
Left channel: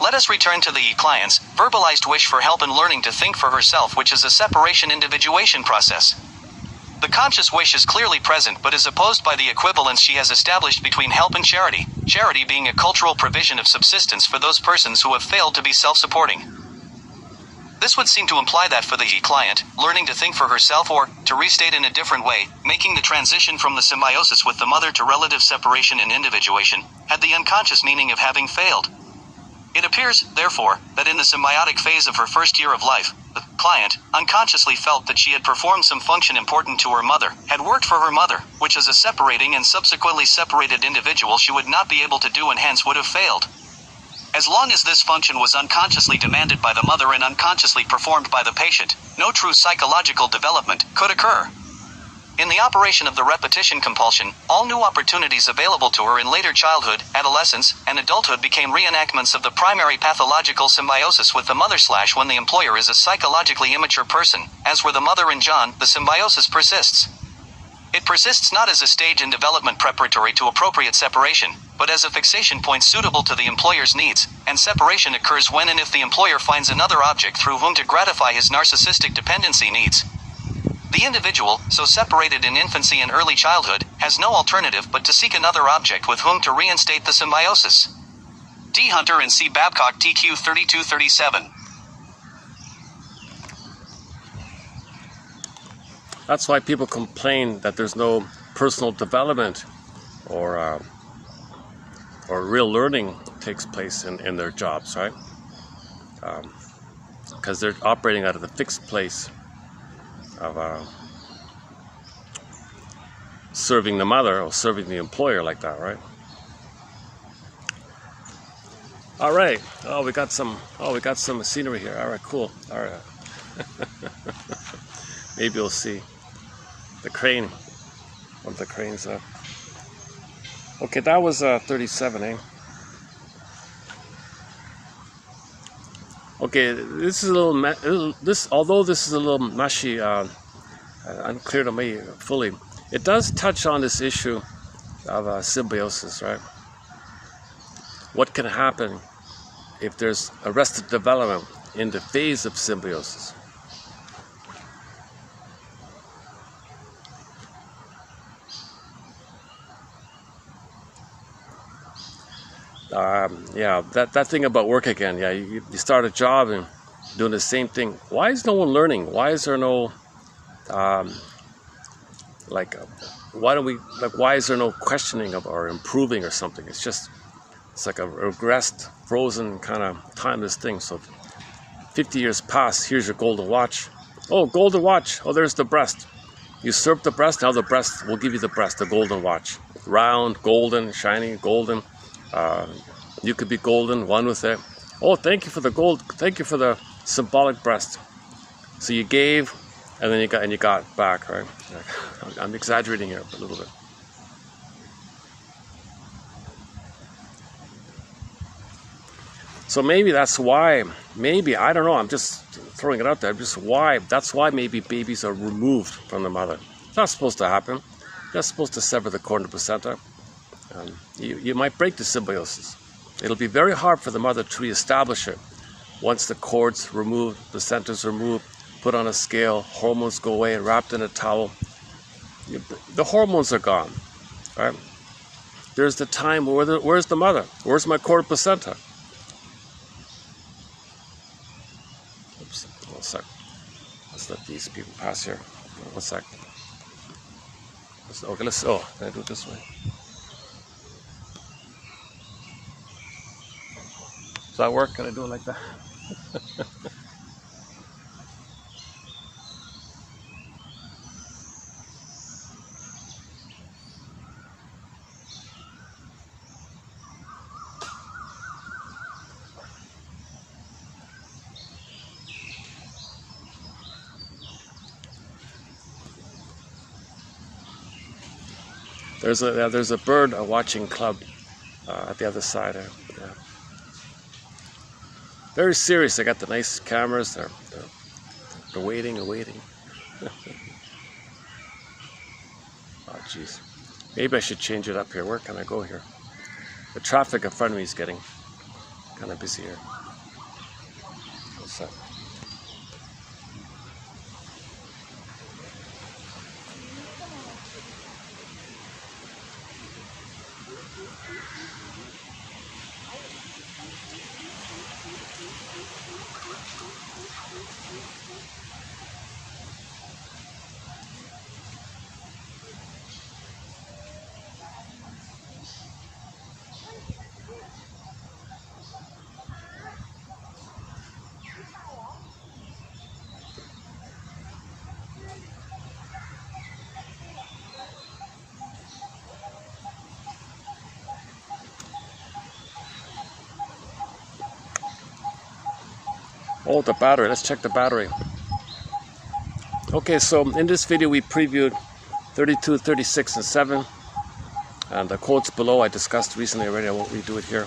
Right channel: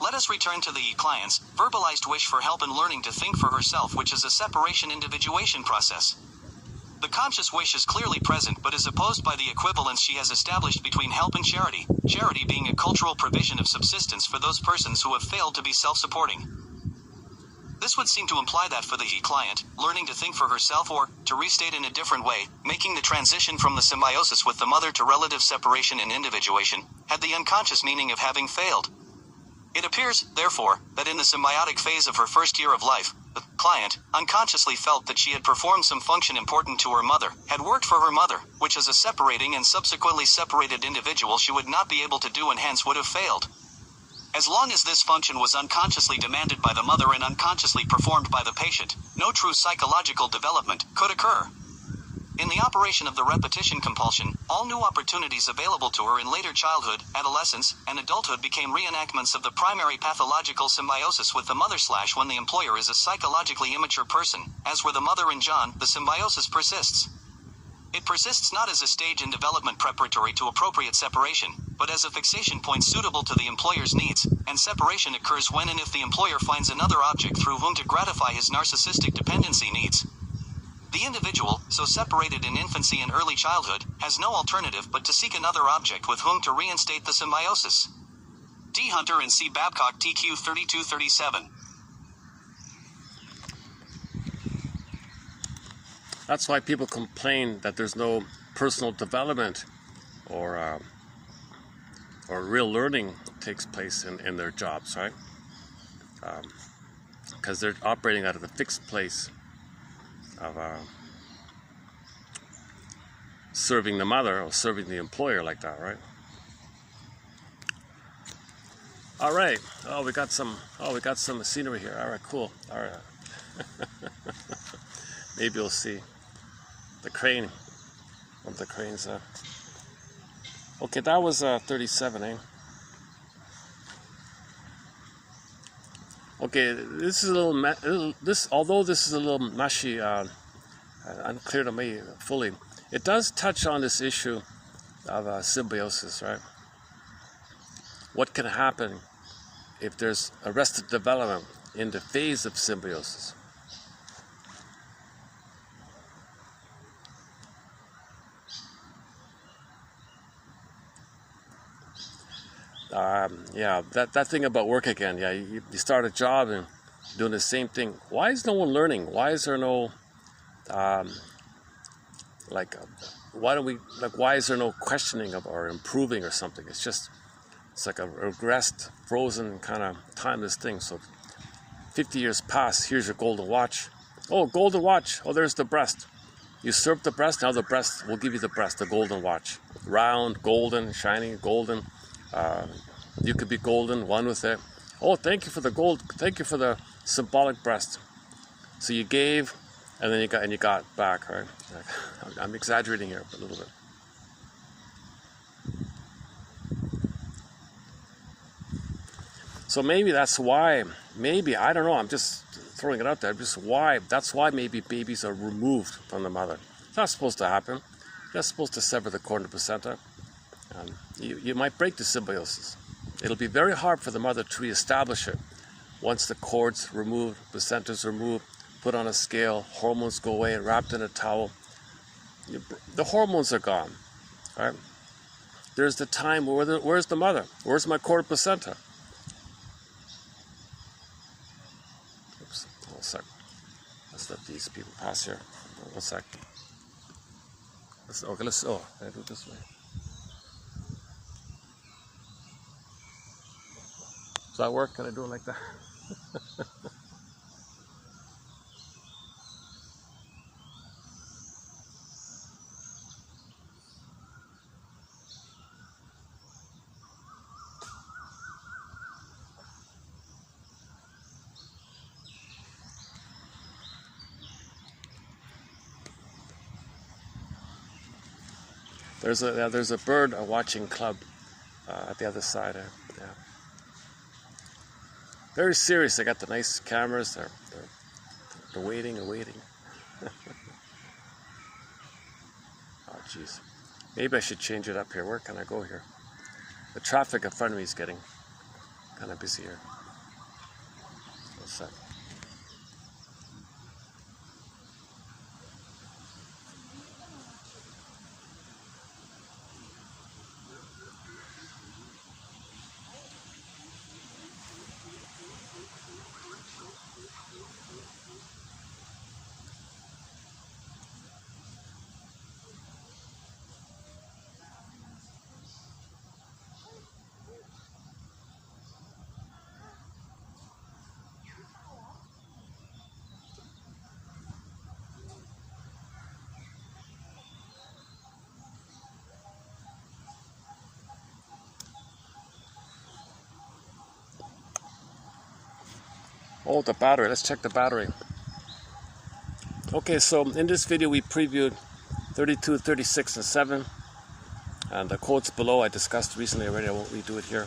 Let us return to the client's verbalized wish for help in learning to think for herself, which is a separation individuation process. The conscious wish is clearly present but is opposed by the equivalence she has established between help and charity, charity being a cultural provision of subsistence for those persons who have failed to be self-supporting. This would seem to imply that for the client, learning to think for herself, or, to restate in a different way, making the transition from the symbiosis with the mother to relative separation and individuation, had the unconscious meaning of having failed. It appears, therefore, that in the symbiotic phase of her first year of life, the client unconsciously felt that she had performed some function important to her mother, had worked for her mother, which as a separating and subsequently separated individual she would not be able to do and hence would have failed. As long as this function was unconsciously demanded by the mother and unconsciously performed by the patient, no true psychological development could occur. In the operation of the repetition compulsion, all new opportunities available to her in later childhood, adolescence, and adulthood became reenactments of the primary pathological symbiosis with the mother / when the employer is a psychologically immature person, as were the mother and John, the symbiosis persists. It persists not as a stage in development preparatory to appropriate separation, but as a fixation point suitable to the employer's needs, and separation occurs when and if the employer finds another object through whom to gratify his narcissistic dependency needs. The individual, so separated in infancy and early childhood, has no alternative but to seek another object with whom to reinstate the symbiosis. D. Hunter and C. Babcock, TQ 3237. That's why people complain that there's no personal development or real learning takes place in their jobs, right? Because they're operating out of the fixed place of serving the mother or serving the employer like that, right? All right. Oh, we got some scenery here. All right, cool. All right. Maybe you'll see the crane. One of the cranes there. Okay, that was 37, eh? Okay, this is a little although this is a little mushy, unclear to me fully. It does touch on this issue of symbiosis, right? What can happen if there's arrested development in the phase of symbiosis? Yeah, that thing about work again. Yeah, you start a job and doing the same thing. Why is no one learning? Why is there no why is there no questioning of or improving or something? It's like a regressed, frozen kind of timeless thing. So 50 years pass. Here's your golden watch. Oh, golden watch. Oh, there's the breast. You serve the breast. Now the breast will give you the breast, the golden watch. Round, golden, shiny, golden. You could be golden, one with it. Oh, thank you for the gold. Thank you for the symbolic breast. So you gave, and then you got back, right? I'm exaggerating here a little bit. So maybe that's why. Maybe, I don't know. I'm just throwing it out there. That's why maybe babies are removed from the mother. It's not supposed to happen. They're supposed to sever the cord and placenta. You might break the symbiosis. It'll be very hard for the mother to reestablish it. Once the cord's removed, placenta's removed, put on a scale, hormones go away and wrapped in a towel. The hormones are gone, right? there's the time where's the mother? Where's my quarter placenta? Oops, one sec. Let's let these people pass here. One sec. Okay, oh, can I do it this way? Does that work? Can I do it like that? There's a bird watching club at the other side. Very serious. They got the nice cameras. They're waiting and waiting. Oh, jeez. Maybe I should change it up here. Where can I go here? The traffic in front of me is getting kind of busy here. What's that? Oh, the battery. Let's check the battery. Okay, so in this video we previewed 32, 36, and 7. And the quotes below I discussed recently already. I won't redo it here.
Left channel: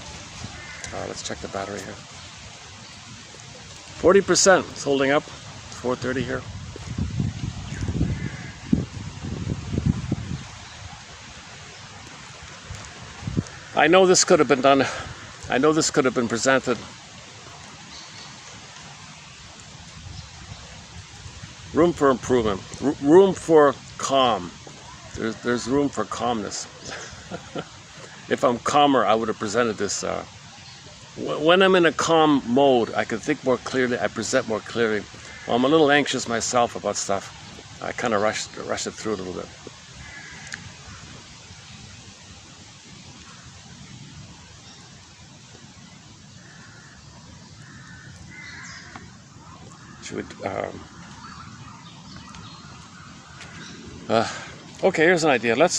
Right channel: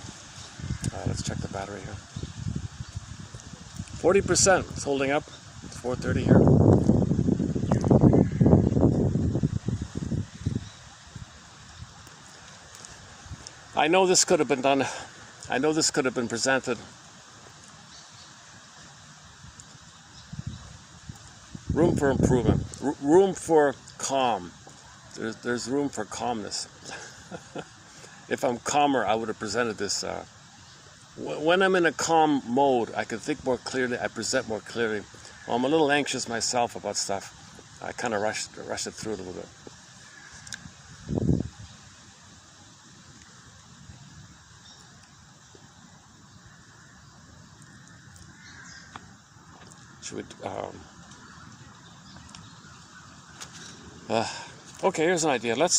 Let's check the battery here. 40%. It's holding up. It's 4:30 here. I know this could have been done. I know this could have been presented. Room for improvement. Room for calm. There's room for calmness. If I'm calmer, I would have presented this. When I'm in a calm mode, I can think more clearly. I present more clearly. I'm a little anxious myself about stuff. I kind of rush it through a little bit. Should we? Okay, here's an idea. Let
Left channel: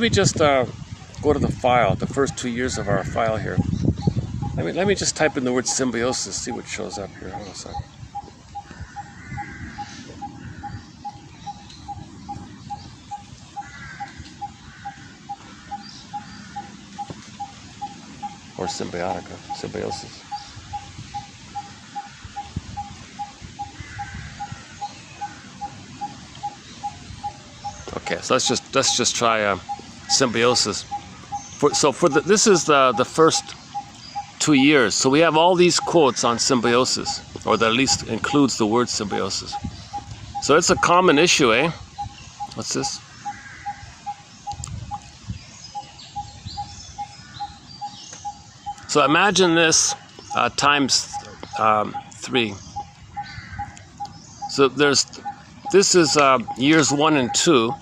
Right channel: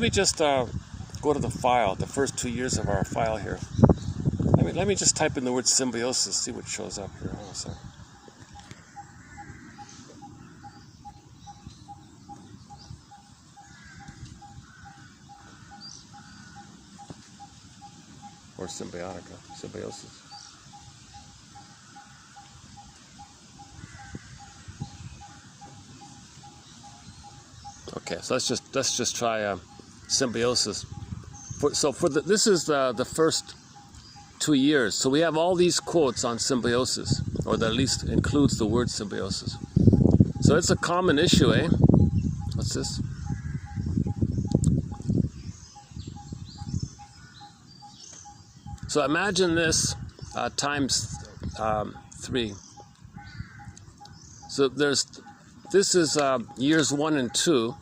me just go to the file, the first 2 years of our file here. Let me just type in the word symbiosis, see what shows up here. Hold on a second. Or symbiosis. Okay, so let's just try symbiosis. This is the first 2 years. So we have all these quotes on symbiosis, or that at least includes the word symbiosis. So it's a common issue, eh? What's this? So imagine this times 3. So this is years 1 and 2.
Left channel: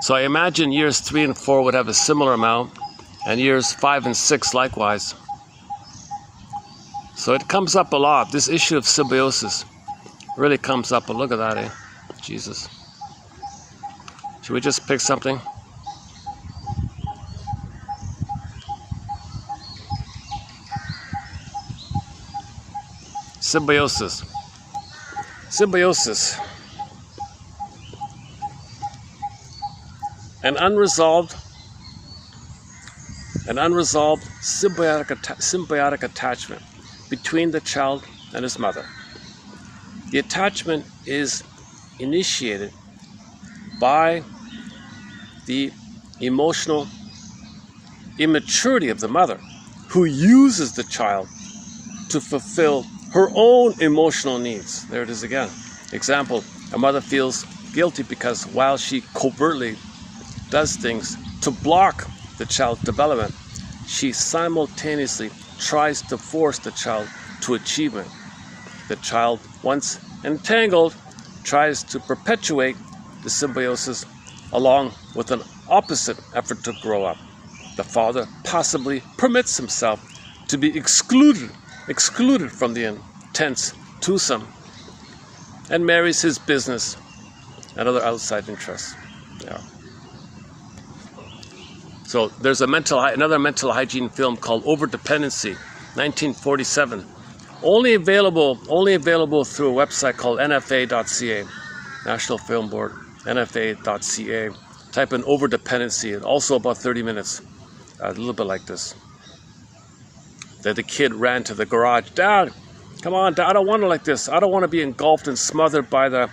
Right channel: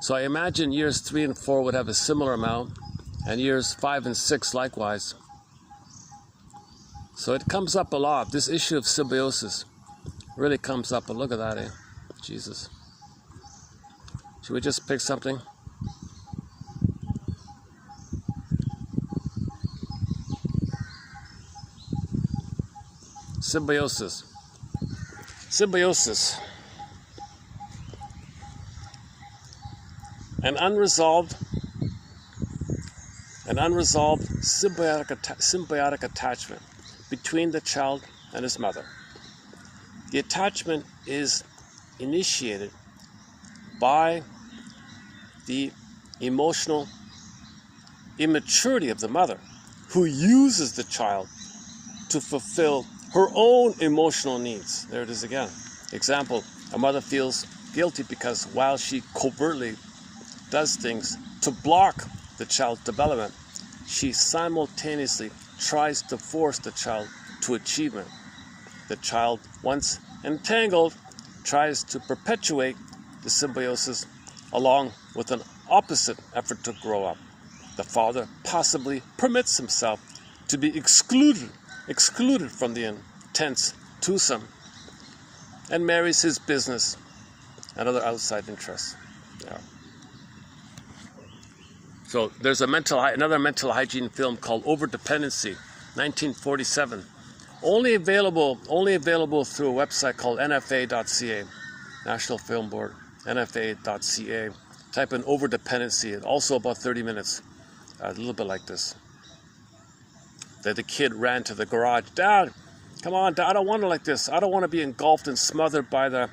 So I imagine years 3 and 4 would have a similar amount, and years 5 and 6 likewise. So it comes up a lot. This issue of symbiosis really comes up. But look at that, eh? Jesus. Should we just pick something? Symbiosis. Symbiosis. An unresolved symbiotic attachment between the child and his mother. The attachment is initiated by the emotional immaturity of the mother, who uses the child to fulfill her own emotional needs. There it is again. Example, a mother feels guilty because while she covertly does things to block the child's development, she simultaneously tries to force the child to achievement. The child, once entangled, tries to perpetuate the symbiosis along with an opposite effort to grow up. The father possibly permits himself to be excluded from the intense twosome, and marries his business and other outside interests. Yeah. So there's another mental hygiene film called Overdependency, 1947. Only available through a website called NFA.ca, National Film Board, NFA.ca. Type in Overdependency, and also about 30 minutes. A little bit like this. That the kid ran to the garage. Dad, come on, Dad, I don't want it like this. I don't want to be engulfed and smothered by the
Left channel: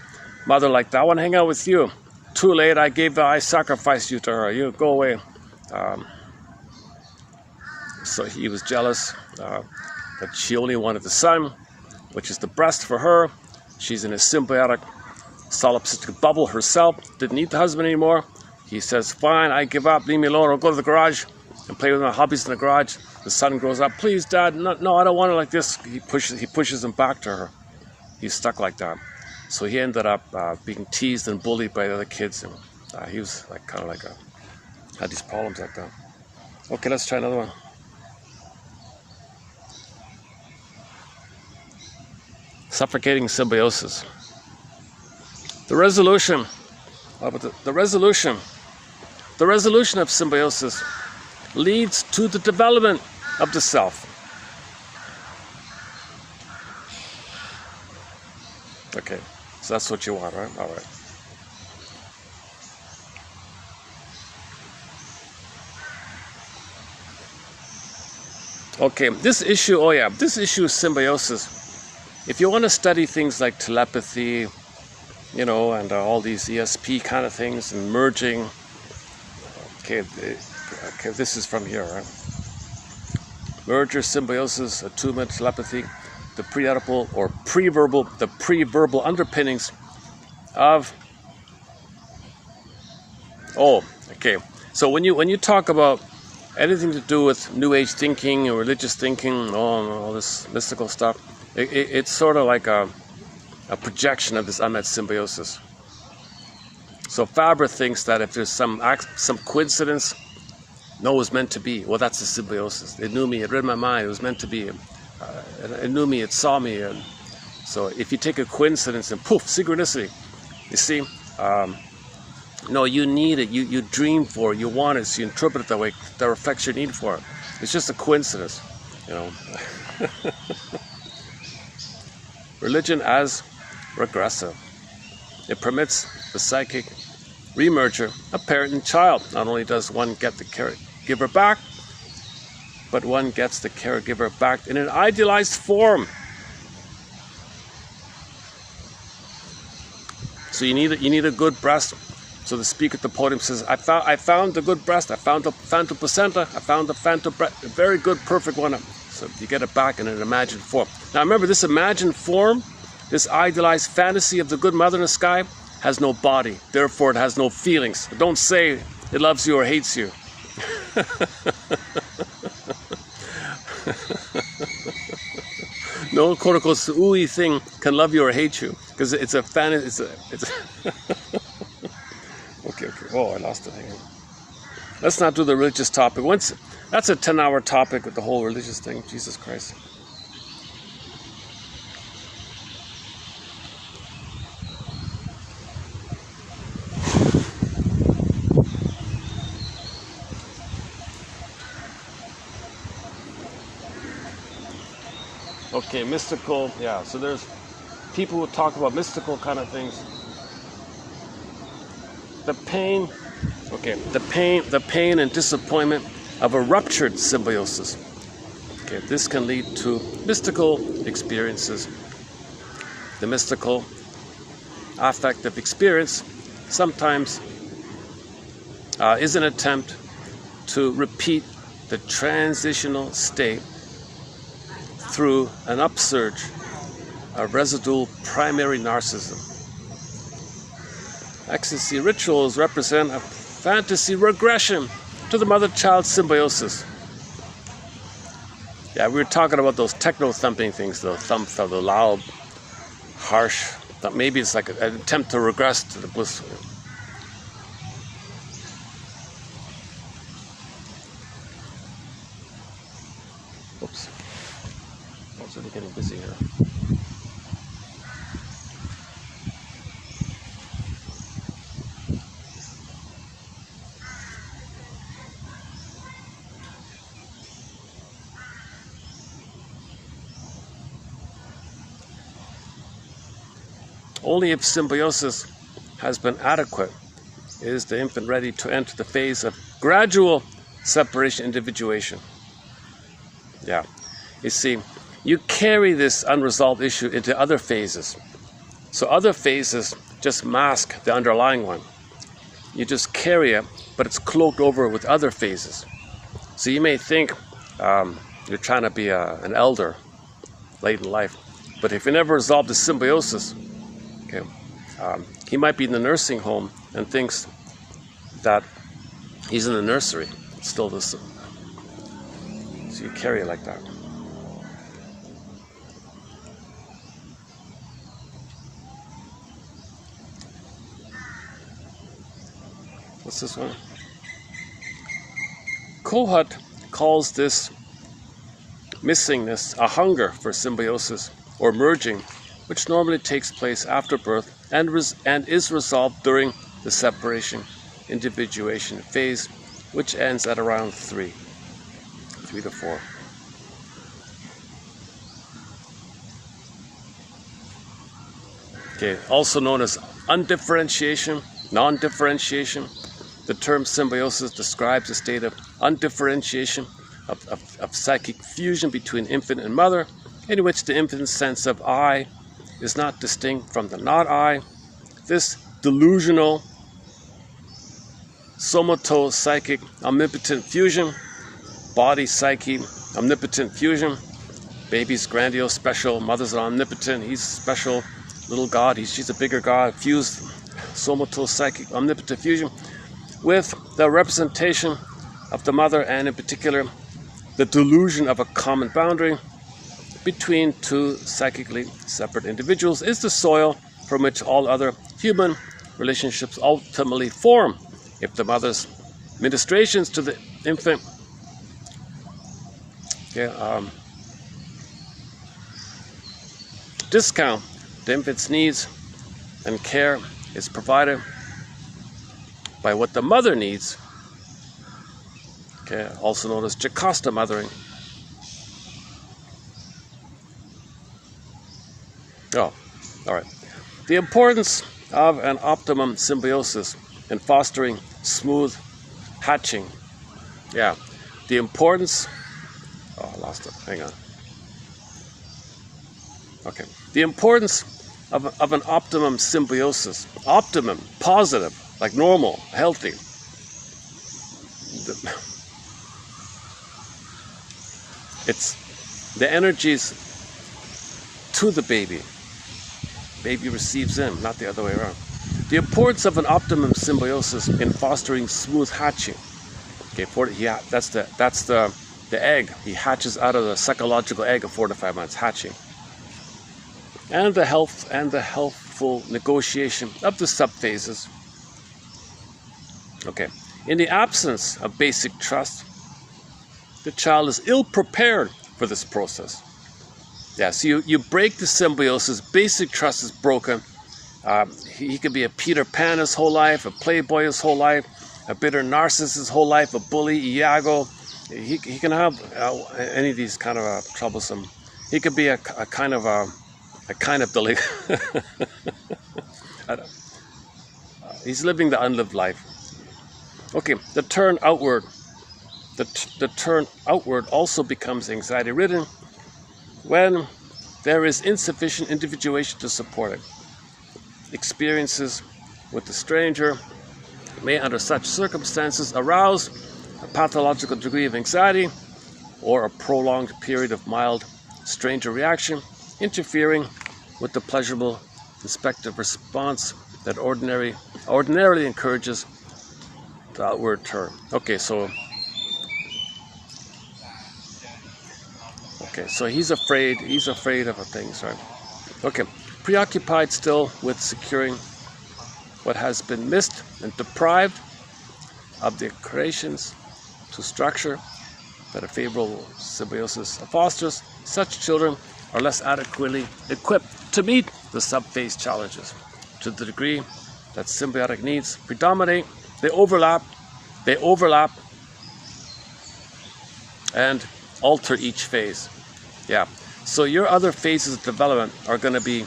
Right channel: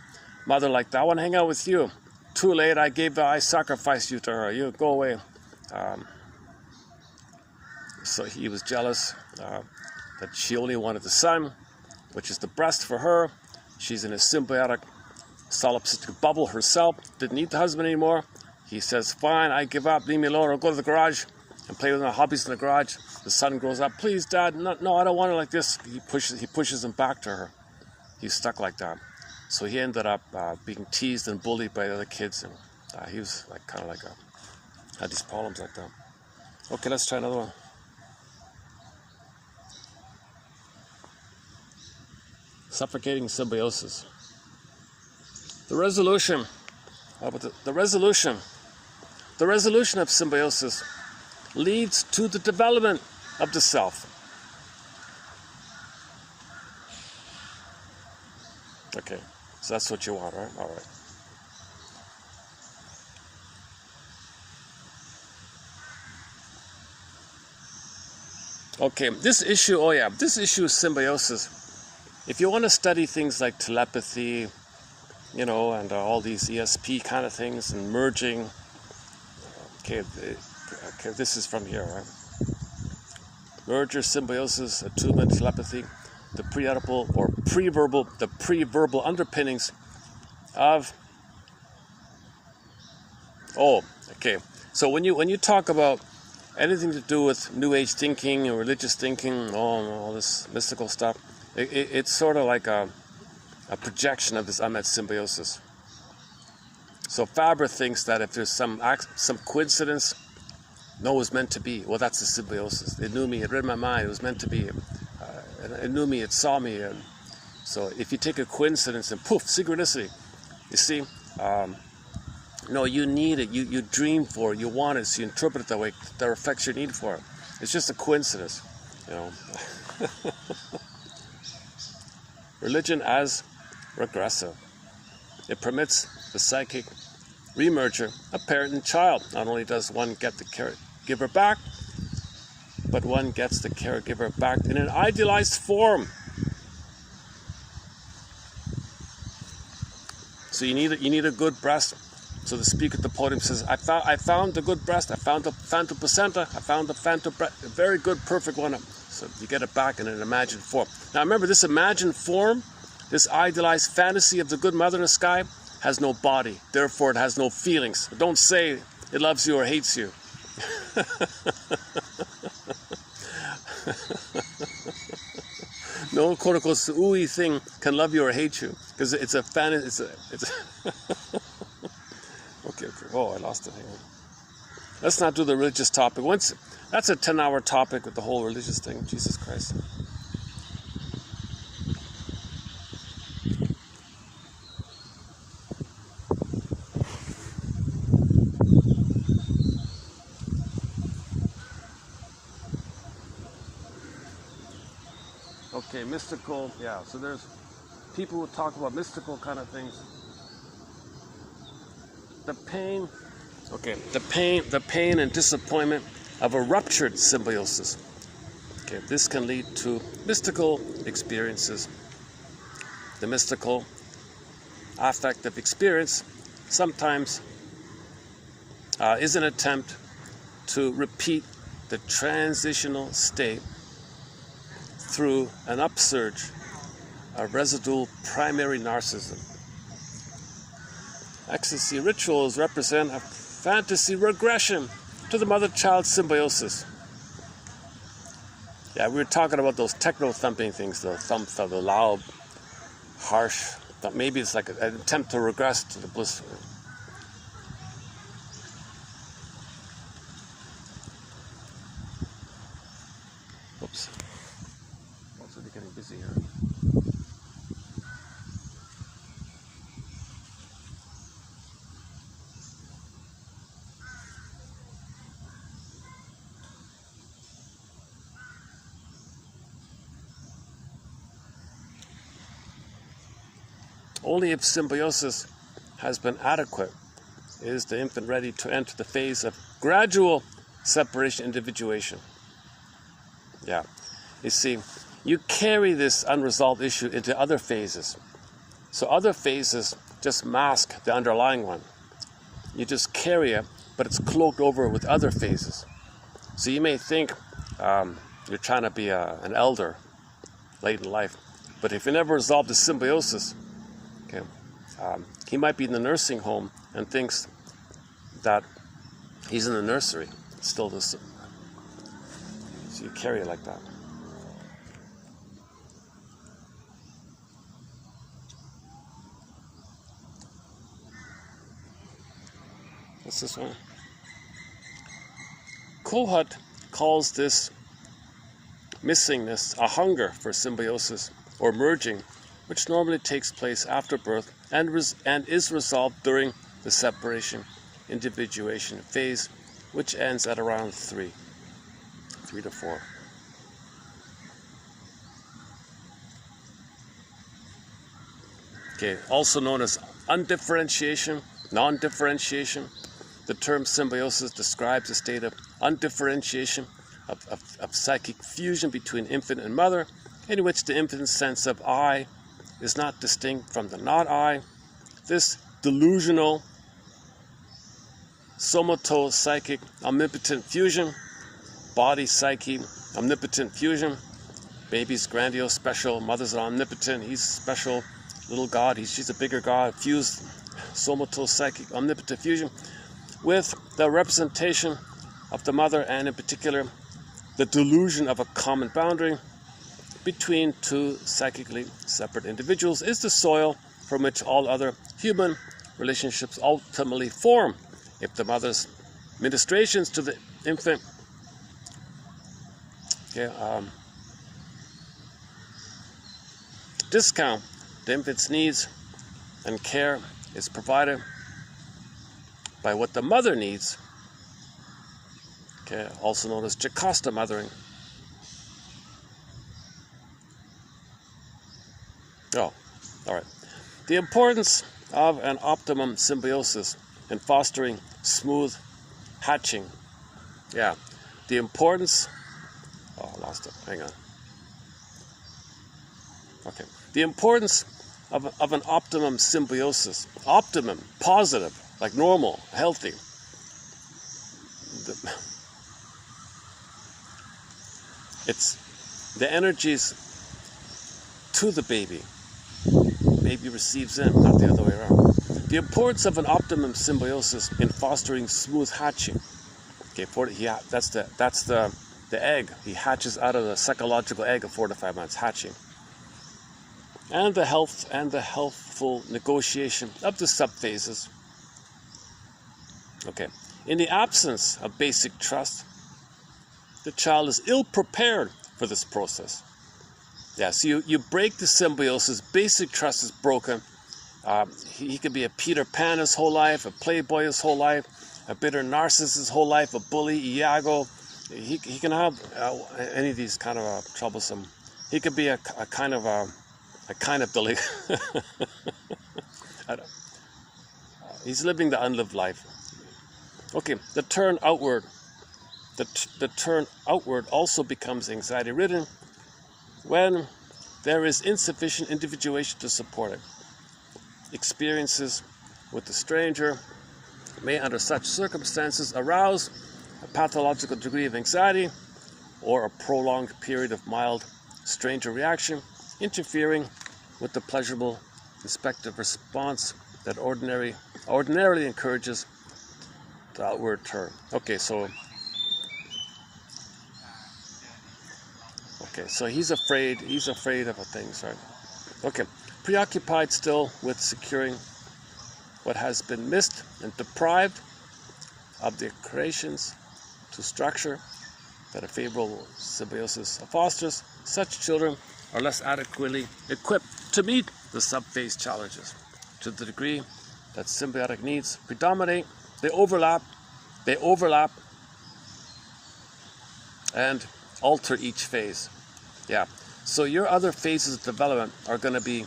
mother like that. I want to hang out with you. Too late, I sacrificed you to her. You go away. So he was jealous that she only wanted the son, which is the breast for her. She's in a symbiotic solipsistic bubble herself. Didn't need the husband anymore. He says, fine, I give up. Leave me alone. I'll go to the garage and play with my hobbies in the garage. The son grows up. Please, Dad, no, I don't want it like this. He pushes him back to her. He's stuck like that. So he ended up being teased and bullied by the other kids. And he was like kind of like had these problems like that. Okay, let's try another one. Suffocating symbiosis. The resolution of symbiosis leads to the development of the self. Okay, so that's what you want, right? All right. Okay, this issue of symbiosis. If you want to study things like telepathy, you know, and all these ESP kind of things and merging. Okay, this is from here, right? Merger, symbiosis, attunement, telepathy, the pre-audible or pre-verbal underpinnings of. Oh, okay. So when you talk about anything to do with New Age thinking or religious thinking, all this mystical stuff, it's sort of like a projection of this unmet symbiosis. So Faber thinks that if there's some coincidence, no, it was meant to be. Well, that's the symbiosis. It knew me. It read my mind. It was meant to be. It knew me. It saw me. And so if you take a coincidence and poof, synchronicity. You see, no, you need it. You dream for it. You want it. So you interpret it that way. That reflects your need for it. It's just a coincidence, you know. Religion as regressive. It permits the psychic remerger of parent and child. Not only does one get the caregiver back, but one gets the caregiver back in an idealized form. So you need a good breast. So the speaker at the podium says, I found a good breast. I found a phantom placenta. I found a phantom breast. A very good, perfect one. So you get it back in an imagined form. Now remember, this imagined form, this idealized fantasy of the good mother in the sky, has no body. Therefore, it has no feelings. Don't say it loves you or hates you. No quote-unquote ooey thing can love you or hate you, because it's a fantasy. It's okay. Oh, I lost it again. Let's not do the religious topic. That's a 10-hour topic with the whole religious thing. Jesus Christ. Okay, mystical, yeah, so there's people who talk about mystical kind of things. The pain and disappointment of a ruptured symbiosis. Okay, this can lead to mystical experiences. The mystical affective experience sometimes is an attempt to repeat the transitional state through an upsurge of residual primary narcissism. Ecstasy rituals represent a fantasy regression to the mother-child symbiosis. Yeah, we were talking about those techno-thumping things, the thumps, the loud, harsh. That maybe it's like an attempt to regress to the bliss. Oops. I was really getting busy here. Only if symbiosis has been adequate is the infant ready to enter the phase of gradual separation individuation. Yeah, you see, you carry this unresolved issue into other phases. So other phases just mask the underlying one. You just carry it, but it's cloaked over with other phases. So you may think you're trying to be an elder late in life, but if you never resolve the symbiosis, okay, he might be in the nursing home and thinks that he's in the nursery. It's still this. So you carry it like that. What's this one? Kohut calls this missingness a hunger for symbiosis or merging, which normally takes place after birth and is resolved during the separation individuation phase, which ends at around 3 to 4. Okay, also known as undifferentiation, non-differentiation. The term symbiosis describes a state of undifferentiation, of psychic fusion between infant and mother, in which the infant's sense of I is not distinct from the not I. This delusional, somato-psychic, omnipotent fusion, body, psyche, omnipotent fusion. Baby's grandiose, special, mother's omnipotent, he's special, little God, she's a bigger God, fused, somato-psychic, omnipotent fusion, with the representation of the mother, and in particular, the delusion of a common boundary between two psychically separate individuals, is the soil from which all other human relationships ultimately form. If the mother's ministrations to the infant discount the infant's needs and care is provided by what the mother needs, also known as Jocasta mothering. Oh, all right. The importance of an optimum symbiosis in fostering smooth hatching. Yeah, the importance. Oh, I lost it. Hang on. Okay. The importance of an optimum symbiosis. Optimum, positive, like normal, healthy. It's the energies to the baby. Baby receives in, not the other way around. The importance of an optimum symbiosis in fostering smooth hatching. Okay, that's the egg. He hatches out of the psychological egg of 4 to 5 months, hatching. And the healthful negotiation of the subphases. Okay, in the absence of basic trust, the child is ill-prepared for this process. Yeah, so you break the symbiosis, basic trust is broken. He could be a Peter Pan his whole life, a playboy his whole life, a bitter narcissist his whole life, a bully, Iago. He can have any of these kind of troublesome. He could be a kind of delinquent. He's living the unlived life. Okay, the turn outward. The turn outward also becomes anxiety-ridden when there is insufficient individuation to support it. Experiences with the stranger may, under such circumstances, arouse a pathological degree of anxiety or a prolonged period of mild stranger reaction, interfering with the pleasurable inspective response that ordinarily encourages the outward turn. Okay, so he's afraid of things, right? Okay, preoccupied still with securing what has been missed and deprived of the creations to structure that a favorable symbiosis fosters, such children are less adequately equipped to meet the subphase challenges. To the degree that symbiotic needs predominate, they overlap and alter each phase. Yeah, so your other phases of development are going to be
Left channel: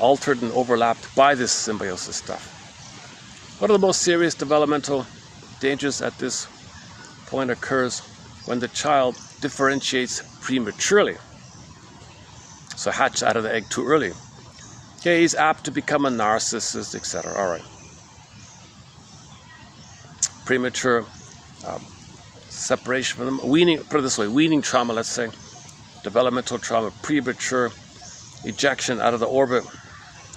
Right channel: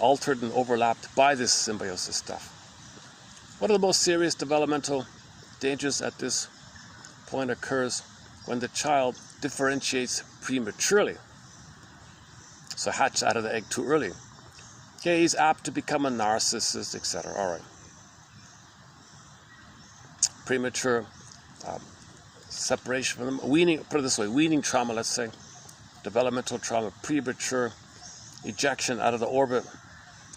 altered and overlapped by this symbiosis stuff. One of the most serious developmental dangers at this point occurs when the child differentiates prematurely. So hatched out of the egg too early. Okay, he's apt to become a narcissist, etc. All right. Premature separation from them. Weaning, put it this way, weaning trauma, let's say. Developmental trauma, premature ejection out of the orbit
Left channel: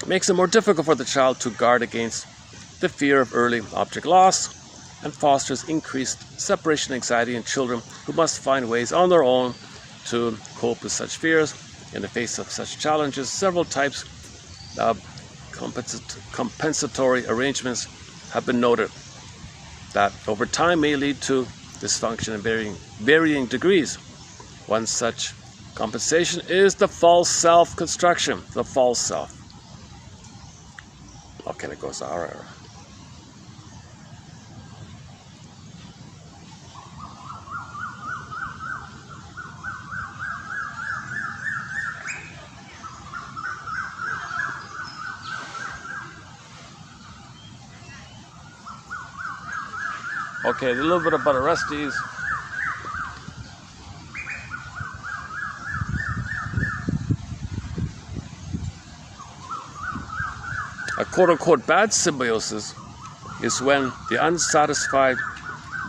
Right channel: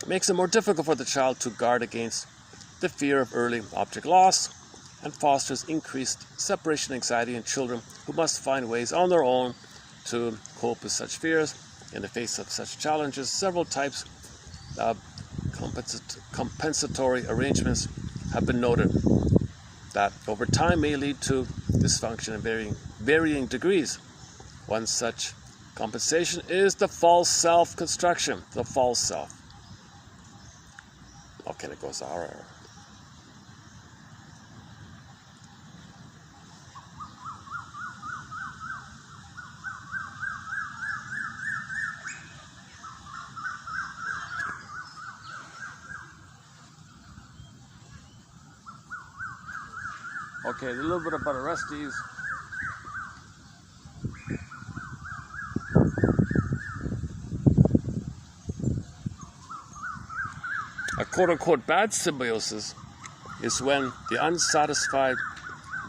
makes it more difficult for the child to guard against the fear of early object loss and fosters increased separation anxiety in children who must find ways on their own to cope with such fears. In the face of such challenges, several types of compensatory arrangements have been noted that over time may lead to dysfunction in varying degrees. One such compensation is the false self construction, the false self. Okay, it goes all right. Okay, a little bit about Orestes. A quote-unquote bad symbiosis is when the unsatisfied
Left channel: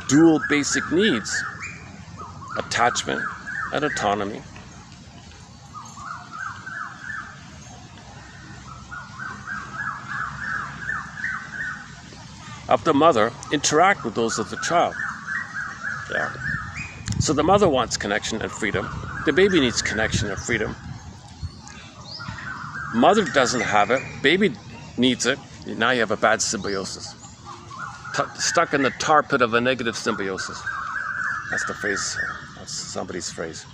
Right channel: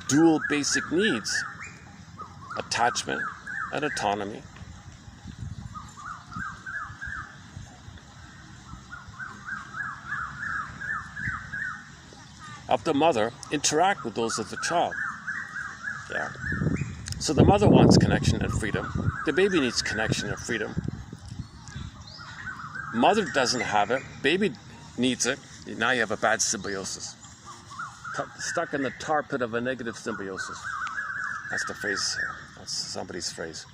dual basic needs, attachment and autonomy, of the mother interact with those of the child. Yeah. So the mother wants connection and freedom. The baby needs connection and freedom. Mother doesn't have it. Baby needs it. Now you have a bad symbiosis. Stuck in the tar pit of a negative symbiosis. That's the phrase. That's somebody's phrase.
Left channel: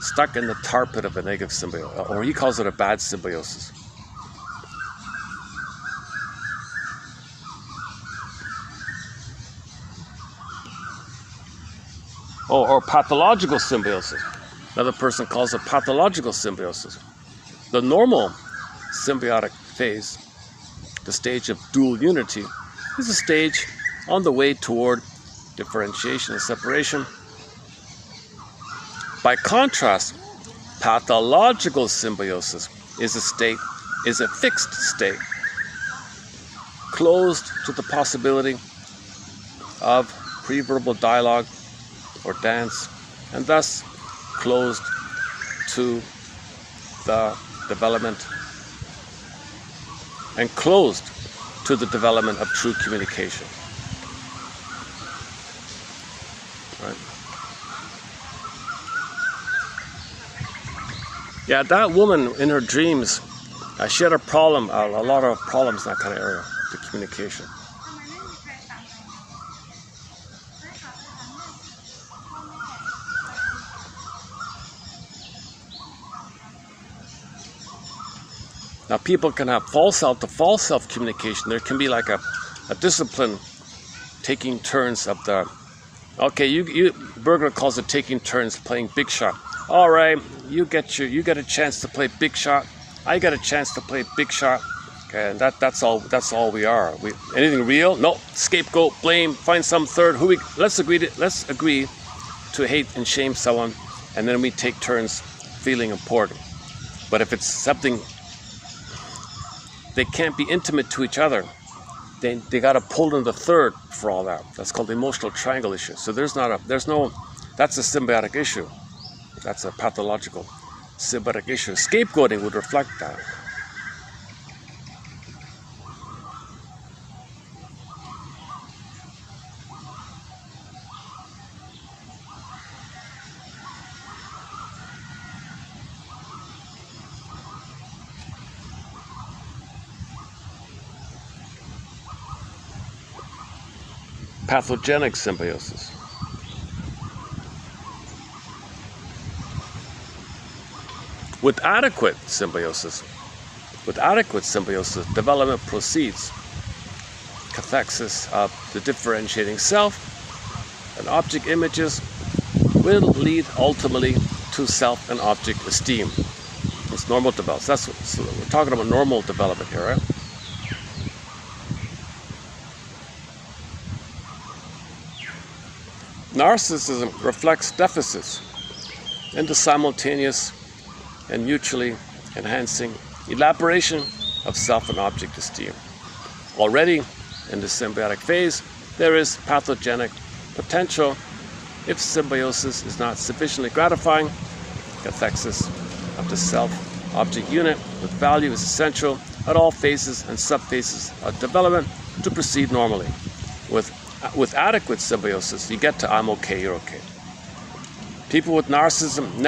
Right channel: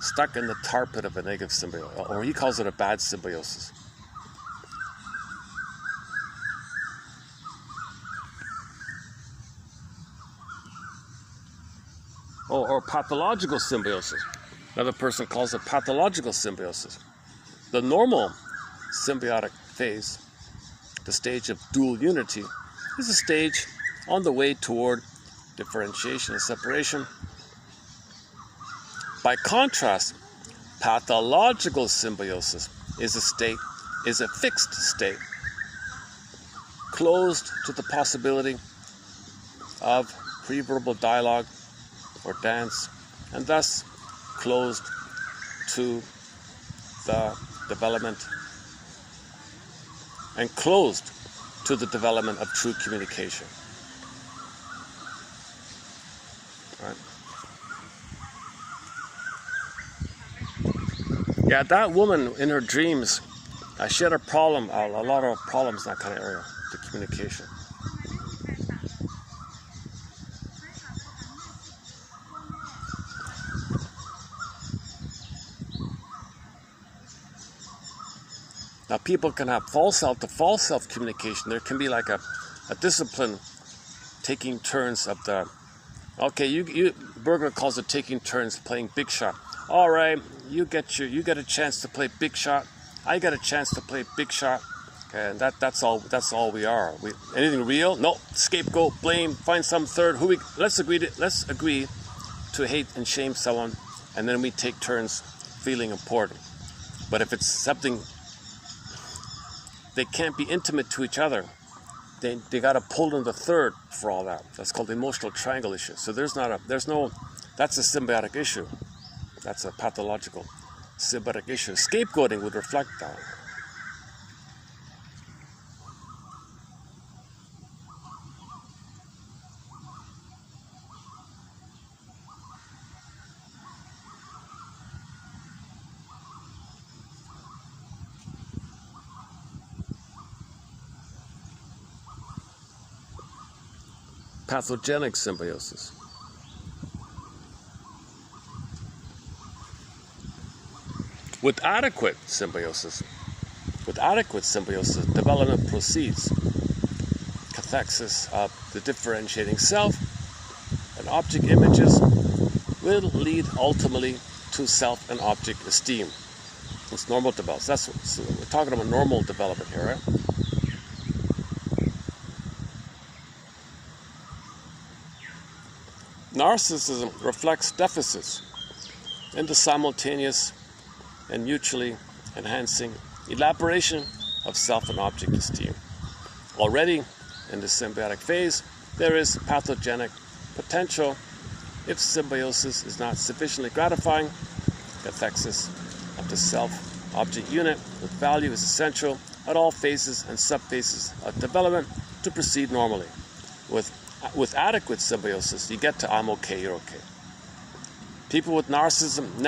Stuck in the tar pit of a negative symbiosis. Or he calls it a bad symbiosis. Or pathological symbiosis. Another person calls it pathological symbiosis. The normal symbiotic phase, the stage of dual unity, is a stage on the way toward differentiation and separation. By contrast, pathological symbiosis is a fixed state, closed to the possibility of pre-verbal dialogue or dance, and thus closed to the development of true communication. Right. Yeah, that woman in her dreams, she had a problem, a lot of problems in that kind of area, the communication. Now, people can have false self to false self communication. There can be like a discipline, taking turns of the. Okay, Berger calls it taking turns playing big shot. All right, you get a chance to play big shot. I get a chance to play big shot. Okay, and that's all we are. Anything real? No. Scapegoat, blame, find some third. Let's agree to hate and shame someone, and then we take turns feeling important. But if it's something they can't be intimate to each other, they got to pull in the third for all that. That's called the emotional triangle issue. So that's a symbiotic issue. That's a pathological symbiotic issue. Scapegoating would reflect that. pathogenic symbiosis. With adequate symbiosis, development proceeds. Cathexis of the differentiating self and object images will lead ultimately to self and object esteem. It's normal development. That's what, so we're talking about normal development here, right? Narcissism reflects deficits in the simultaneous and mutually enhancing elaboration of self and object esteem. Already in the symbiotic phase, there is pathogenic potential if symbiosis is not sufficiently gratifying. Cathexis of the self-object unit with value is essential at all phases and subphases of development to proceed normally. With adequate symbiosis, you get to I'm okay, you're okay. People with narcissism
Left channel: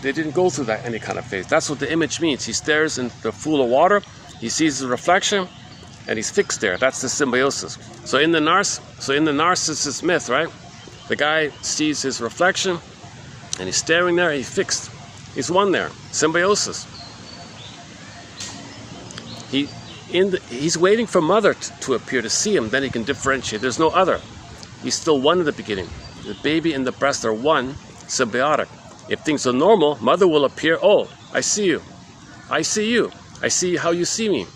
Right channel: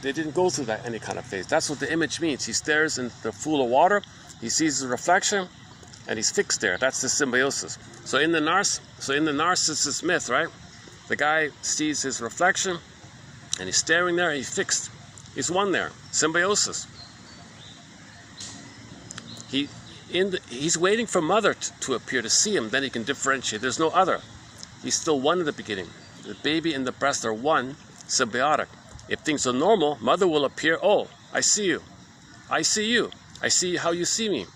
they didn't go through that any kind of phase. That's what the image means. He stares into the pool of water, he sees his reflection, and he's fixed there. That's the symbiosis. So in the narcissist myth, right? The guy sees his reflection, and he's staring there. He's fixed. He's one there. Symbiosis. He's waiting for mother to appear to see him. Then he can differentiate. There's no other. He's still one in the beginning. The baby and the breast are one, symbiotic. If things are normal, mother will appear. Oh, I see you. I see you. I see how you see me.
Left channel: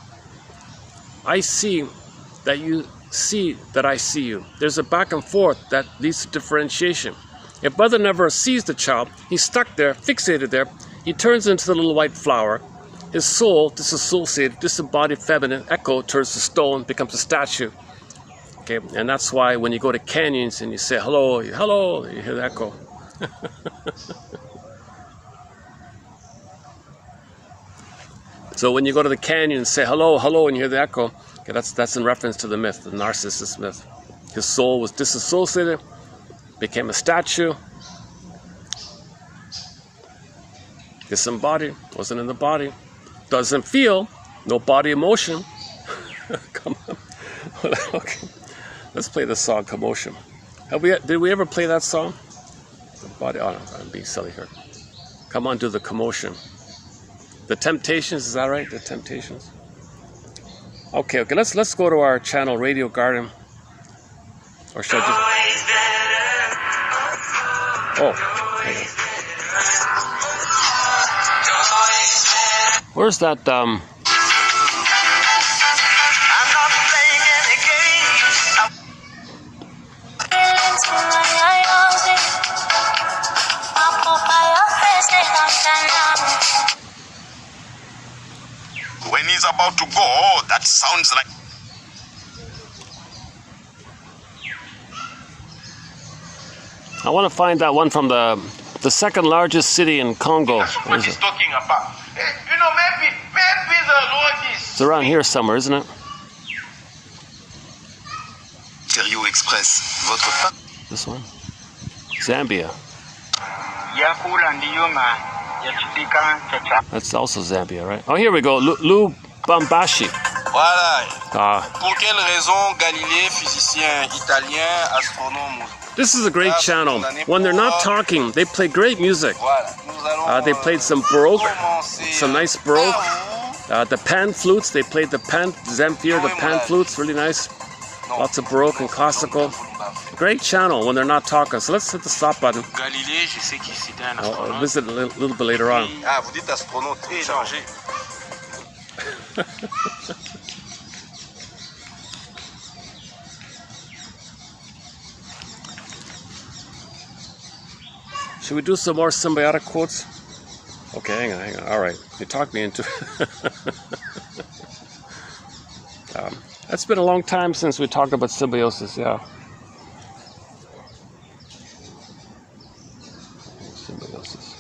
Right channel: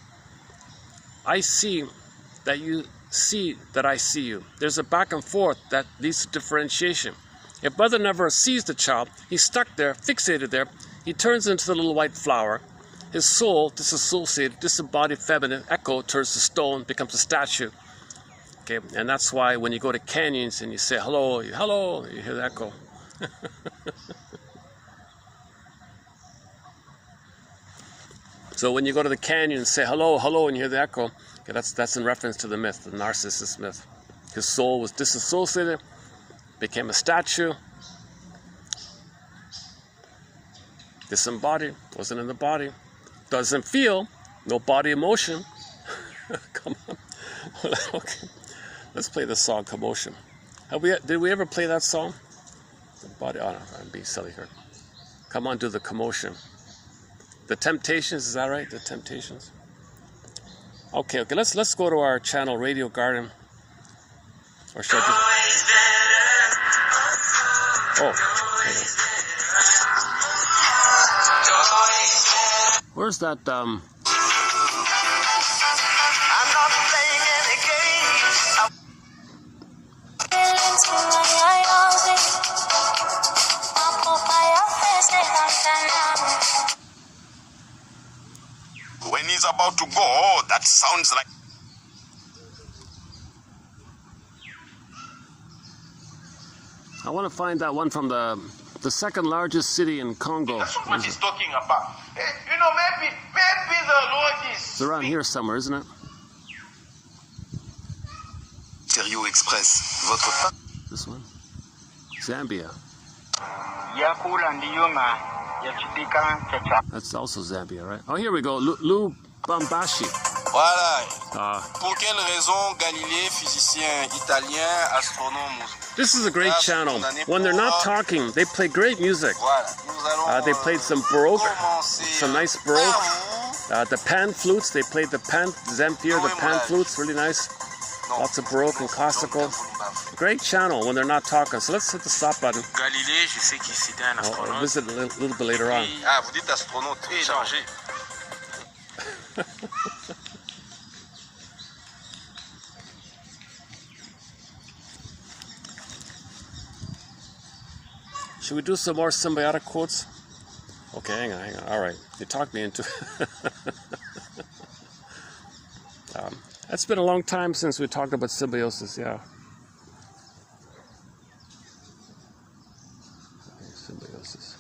I see that you see that I see you. There's a back and forth that leads to differentiation. If mother never sees the child, he's stuck there, fixated there. He turns into the little white flower. His soul, disassociated, disembodied feminine echo, turns to stone, becomes a statue. Okay, and that's why when you go to canyons and you say hello, hello, you hear the echo. So when you go to the canyon and say hello, hello, and you hear the echo, okay, that's in reference to the myth, the narcissist myth. His soul was disassociated, became a statue, disembodied, wasn't in the body, doesn't feel, no body emotion. Come on. Okay. Let's play the song Commotion. Did we ever play that song? The body, oh, I'm being silly here. Come on, do the Commotion. The Temptations, is that right? The Temptations. Okay. Let's go to our channel, Radio Garden. Or should I just? Oh. Okay. Where's that? When he's about to go, that sounds like... I want to find that one from the second largest city in Congo. That's what he's talking about. You know, maybe the Lord is... It's around here somewhere, isn't it? Stereo Express, votre... This one? Zambia. That's also Zambia, right? Oh, here we go. Lubumbashi. Voilà. Ah. Pour quelle raison Galilée, physicien italien, astronome... This is a great channel. When they're not talking, they play great music. They played some Baroque, some nice Baroque. The pan flutes, they played the pan flutes, really nice. Lots of Baroque and classical. Great channel when they're not talking. So let's hit the stop button. Galilée, je sais qu'il c'était un astronome. I'll visit a little bit later on. Ah, vous dites astronaute, changé. Should we do some more symbiotic quotes? Okay, hang on. All right, you talked me into. It's been a long time since we talked about symbiosis. Yeah. Symbiosis.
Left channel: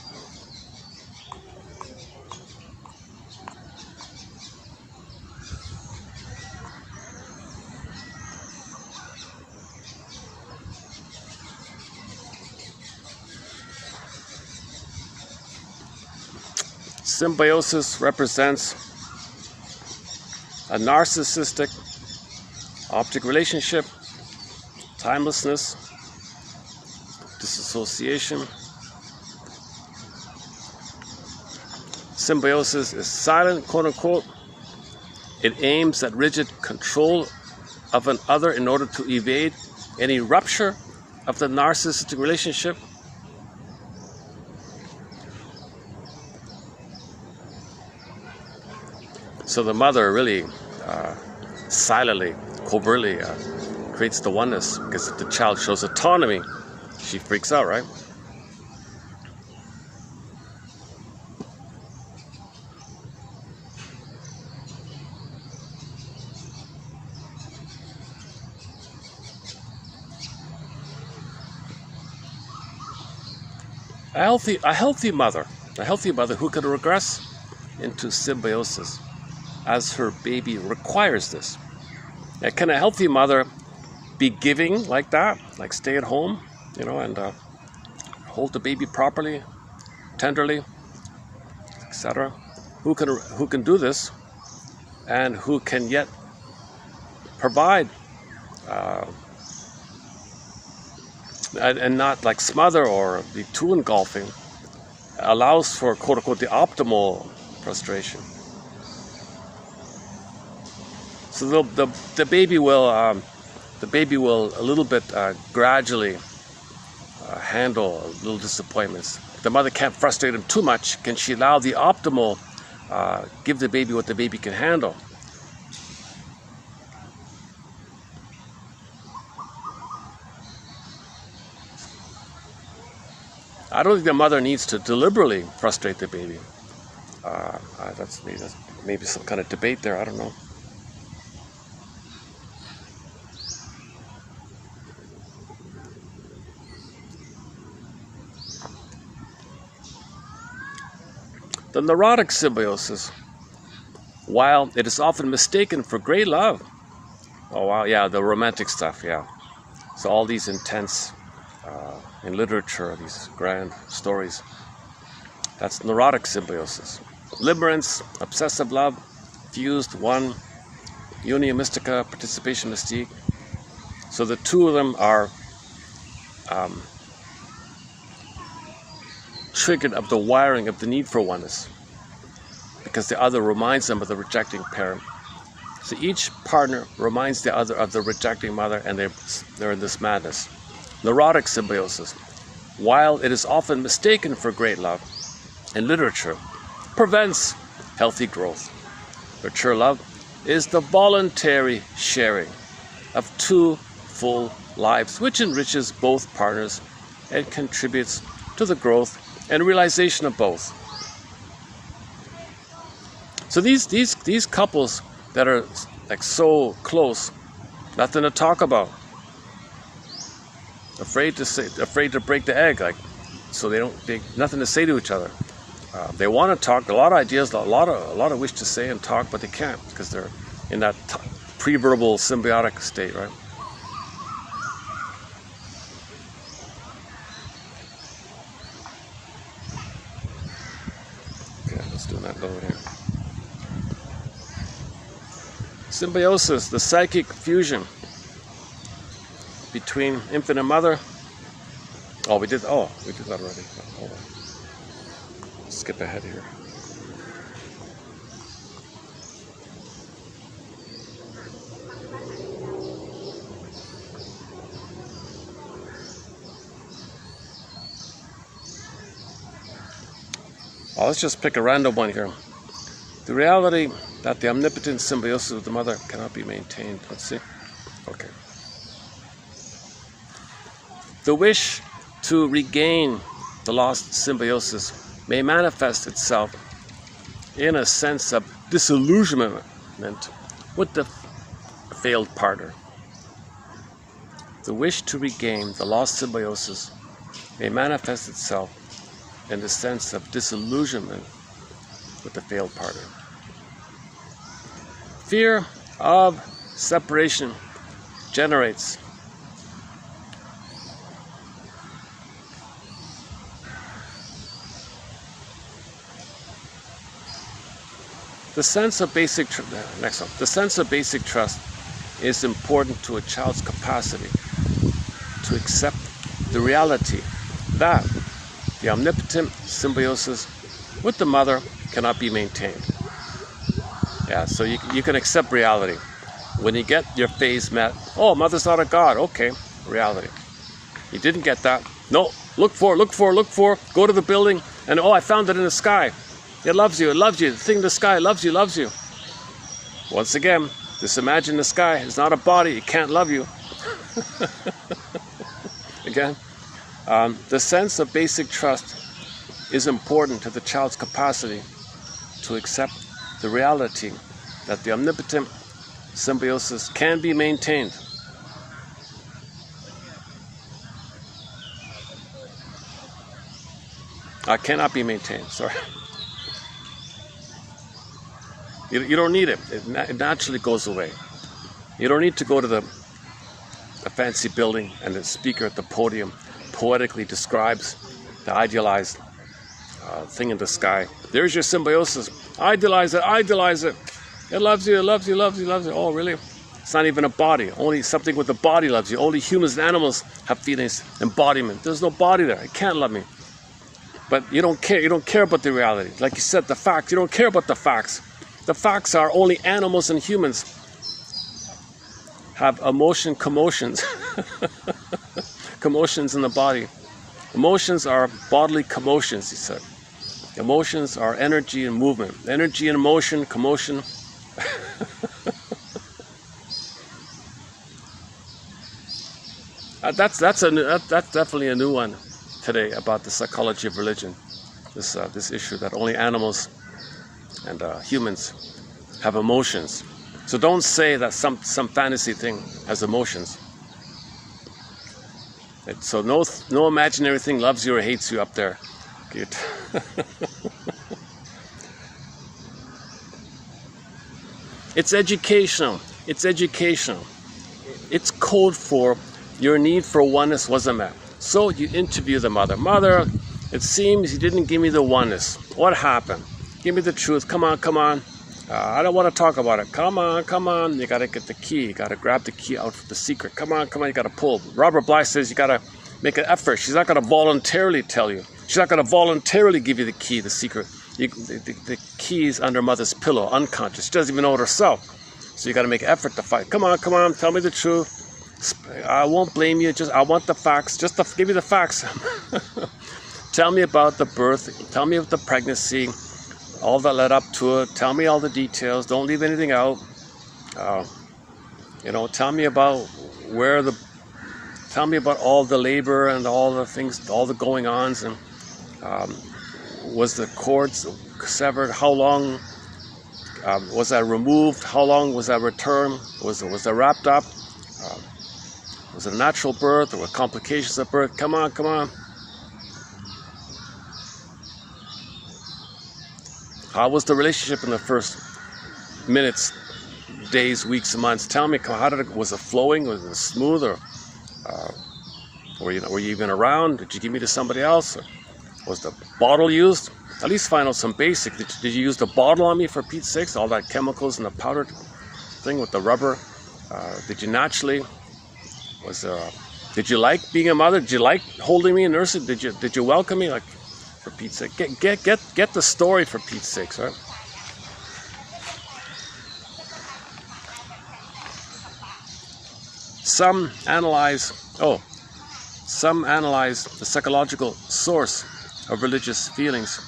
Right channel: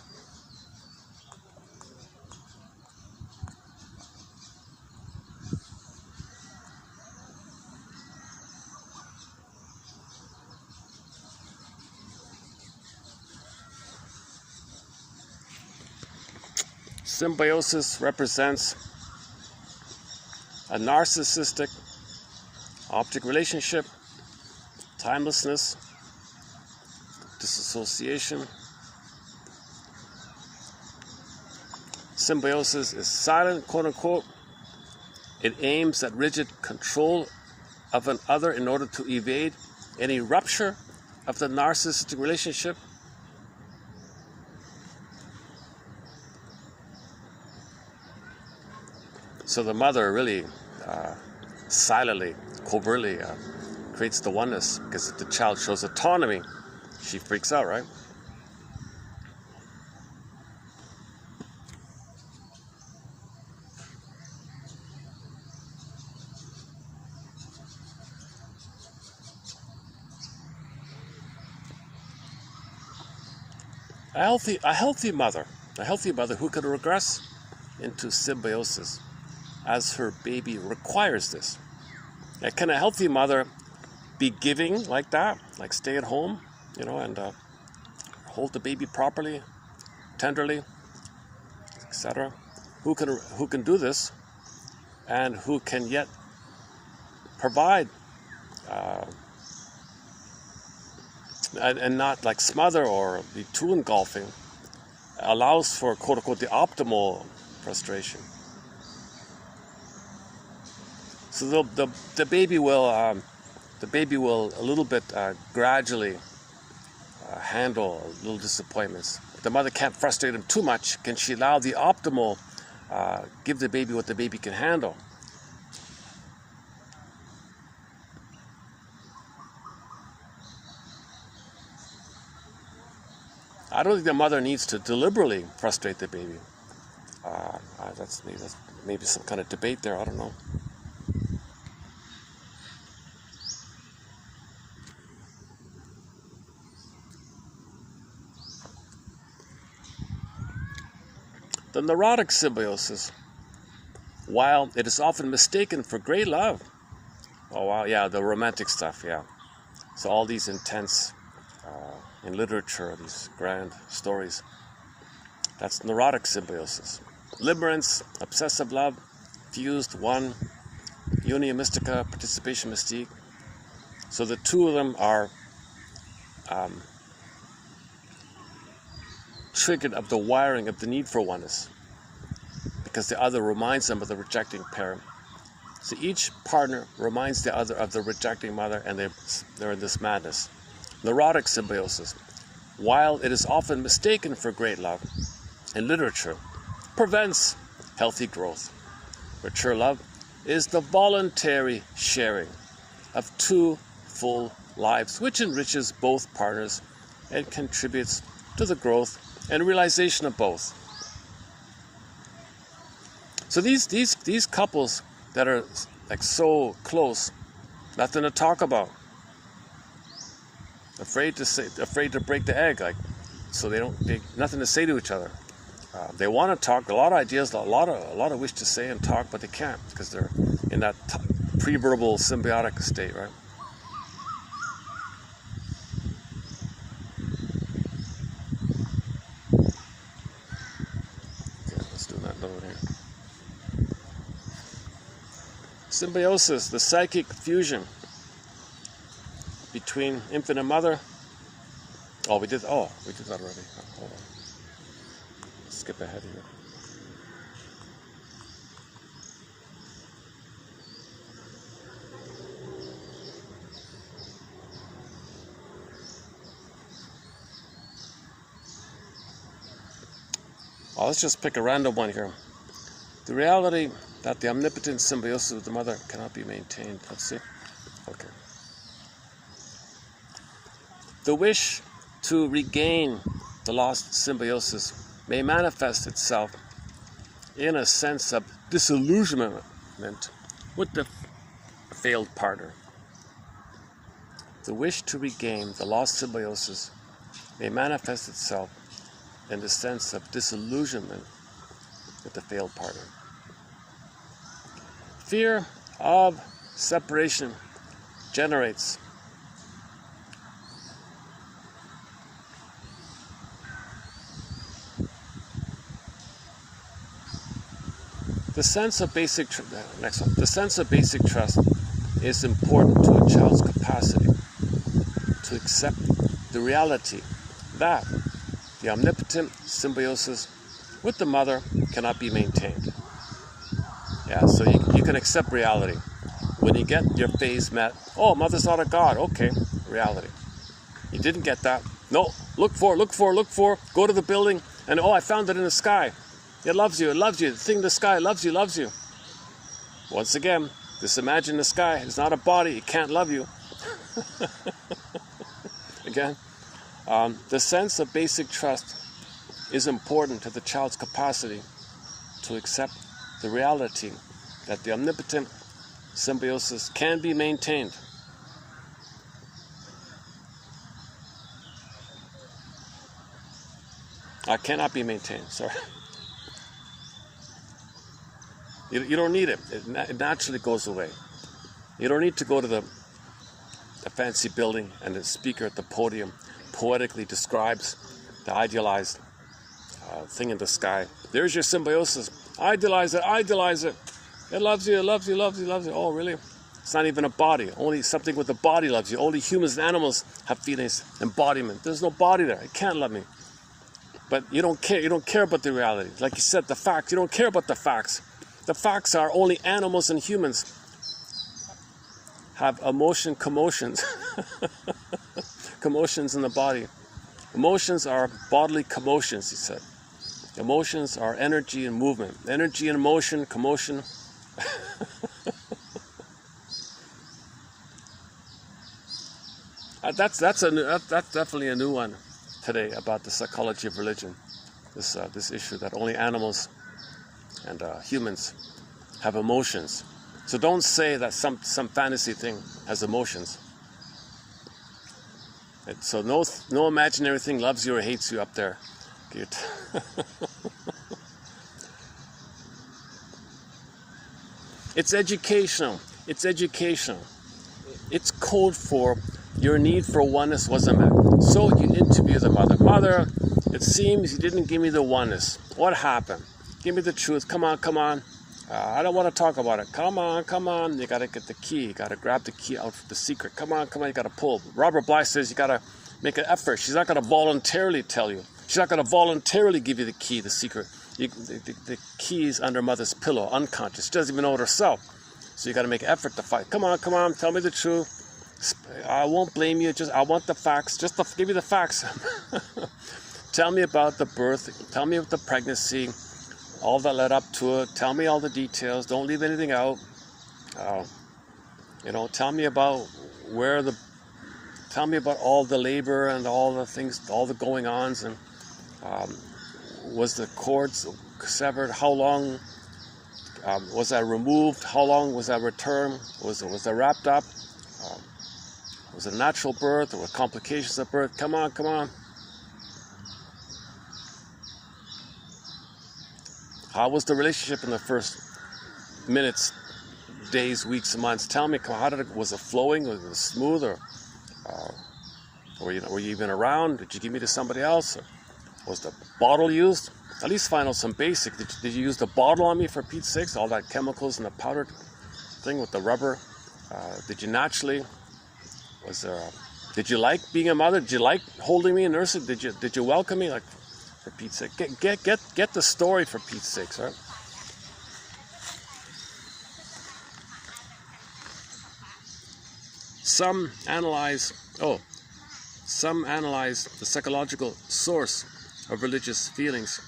Symbiosis represents a narcissistic object relationship timelessness, disassociation. Symbiosis is silent, quote unquote. It aims at rigid control of an other in order to evade any rupture of the narcissistic relationship. So the mother really silently, covertly creates the oneness, because if the child shows autonomy, she freaks out, right? A healthy mother who could regress into symbiosis as her baby requires this. Now, can a healthy mother be giving like that, like stay at home, and hold the baby properly, tenderly, etc.? Who can do this, and who can yet provide and not like smother or be too engulfing, allows for, quote unquote, the optimal frustration. So the baby will a little bit gradually handle little disappointments. The mother can't frustrate him too much. Can she allow the optimal, give the baby what the baby can handle? I don't think the mother needs to deliberately frustrate the baby. That's maybe some kind of debate there, I don't know. The neurotic symbiosis, while it is often mistaken for great love. Oh wow, yeah, the romantic stuff, yeah. So all these intense, in literature, these grand stories, that's neurotic symbiosis. Limerence, obsessive love, fused one, unia mystica, participation mystique. So the two of them are triggered of the wiring of the need for oneness, because the other reminds them of the rejecting parent. So each partner reminds the other of the rejecting mother, and they're in this madness. Neurotic symbiosis, while it is often mistaken for great love in literature, prevents healthy growth. Mature love is the voluntary sharing of two full lives, which enriches both partners and contributes to the growth and realization of both. So these couples that are like so close, nothing to talk about, afraid to break the egg, like, so they nothing to say to each other. They want to talk, a lot of ideas, a lot of wish to say and talk, but they can't because they're in that pre-verbal symbiotic state, right? Okay, let's do that over here. Symbiosis, the psychic fusion between infant and mother. Oh, we did that already. Hold on. Skip ahead here. Well, let's just pick a random one here. The reality that the omnipotent symbiosis of the mother cannot be maintained. Let's see. Okay. The wish to regain the lost symbiosis may manifest itself in a sense of disillusionment with the failed partner. The wish to regain the lost symbiosis may manifest itself in the sense of disillusionment with the failed partner. Fear of separation generates the sense of basic trust is important to a child's capacity accept the reality that the omnipotent symbiosis with the mother cannot be maintained. Yeah, so you can accept reality. When you get your phase met, oh, mother's not a god, okay, reality. You didn't get that, no, look for, go to the building, and oh, I found it in the sky. It loves you, the thing in the sky loves you. Once again, this imagine the sky is not a body, it can't love you. Again, the sense of basic trust is important to the child's capacity to accept the reality that the omnipotent symbiosis can be maintained. Cannot be maintained, sorry. You don't need it. It naturally goes away. You don't need to go to the fancy building and the speaker at the podium poetically describes the idealized thing in the sky. There's your symbiosis. Idealize it. It loves you. Oh, really? It's not even a body. Only something with a body loves you. Only humans and animals have feelings, embodiment. There's no body there. It can't love me. But you don't care. You don't care about the reality. Like you said, the facts. You don't care about the facts. The facts are only animals and humans have commotions. Commotions in the body. Emotions are bodily commotions, he said. Emotions are energy and movement. Energy and motion, commotion. That's definitely a new one today about the psychology of religion. This issue that only animals and humans have emotions. So don't say that some fantasy thing has emotions. So no imaginary thing loves you or hates you up there. It's educational. It's educational. It's code for your need for oneness wasn't met. So you interview the mother. Mother, it seems you didn't give me the oneness. What happened? Give me the truth. Come on. I don't want to talk about it. Come on. You got to get the key. You got to grab the key out of the secret. Come on. You got to pull. Robert Bly says you got to make an effort. She's not going to voluntarily tell you. She's not going to voluntarily give you the key, the secret. The key is under mother's pillow, unconscious. She doesn't even know it herself. So you got to make an effort to fight. Come on. Tell me the truth. I won't blame you. I want the facts. Give me the facts. Tell me about the birth. Tell me about the pregnancy. All that led up to it. Tell me all the details. Don't leave anything out. Tell me about tell me about all the labor and all the things, all the going-ons, and was the cords severed? How long was that removed? How long was that returned? Was that wrapped up? Was it a natural birth or were complications of birth? Come on. How was the relationship in the first minutes, days, weeks, months? Tell me, was it flowing? Was it smooth? Or were you even around? Did you give me to somebody else? Or was the bottle used? At least find out some basic. Did you use the bottle on me, for Pete's sakes? All that chemicals and the powdered thing with the rubber. Did you naturally? Did you like being a mother? Did you like holding me and nursing? Did you welcome me? Like, for Pete's sake, get the story, for Pete's sakes, right? Some analyze the psychological source of religious feelings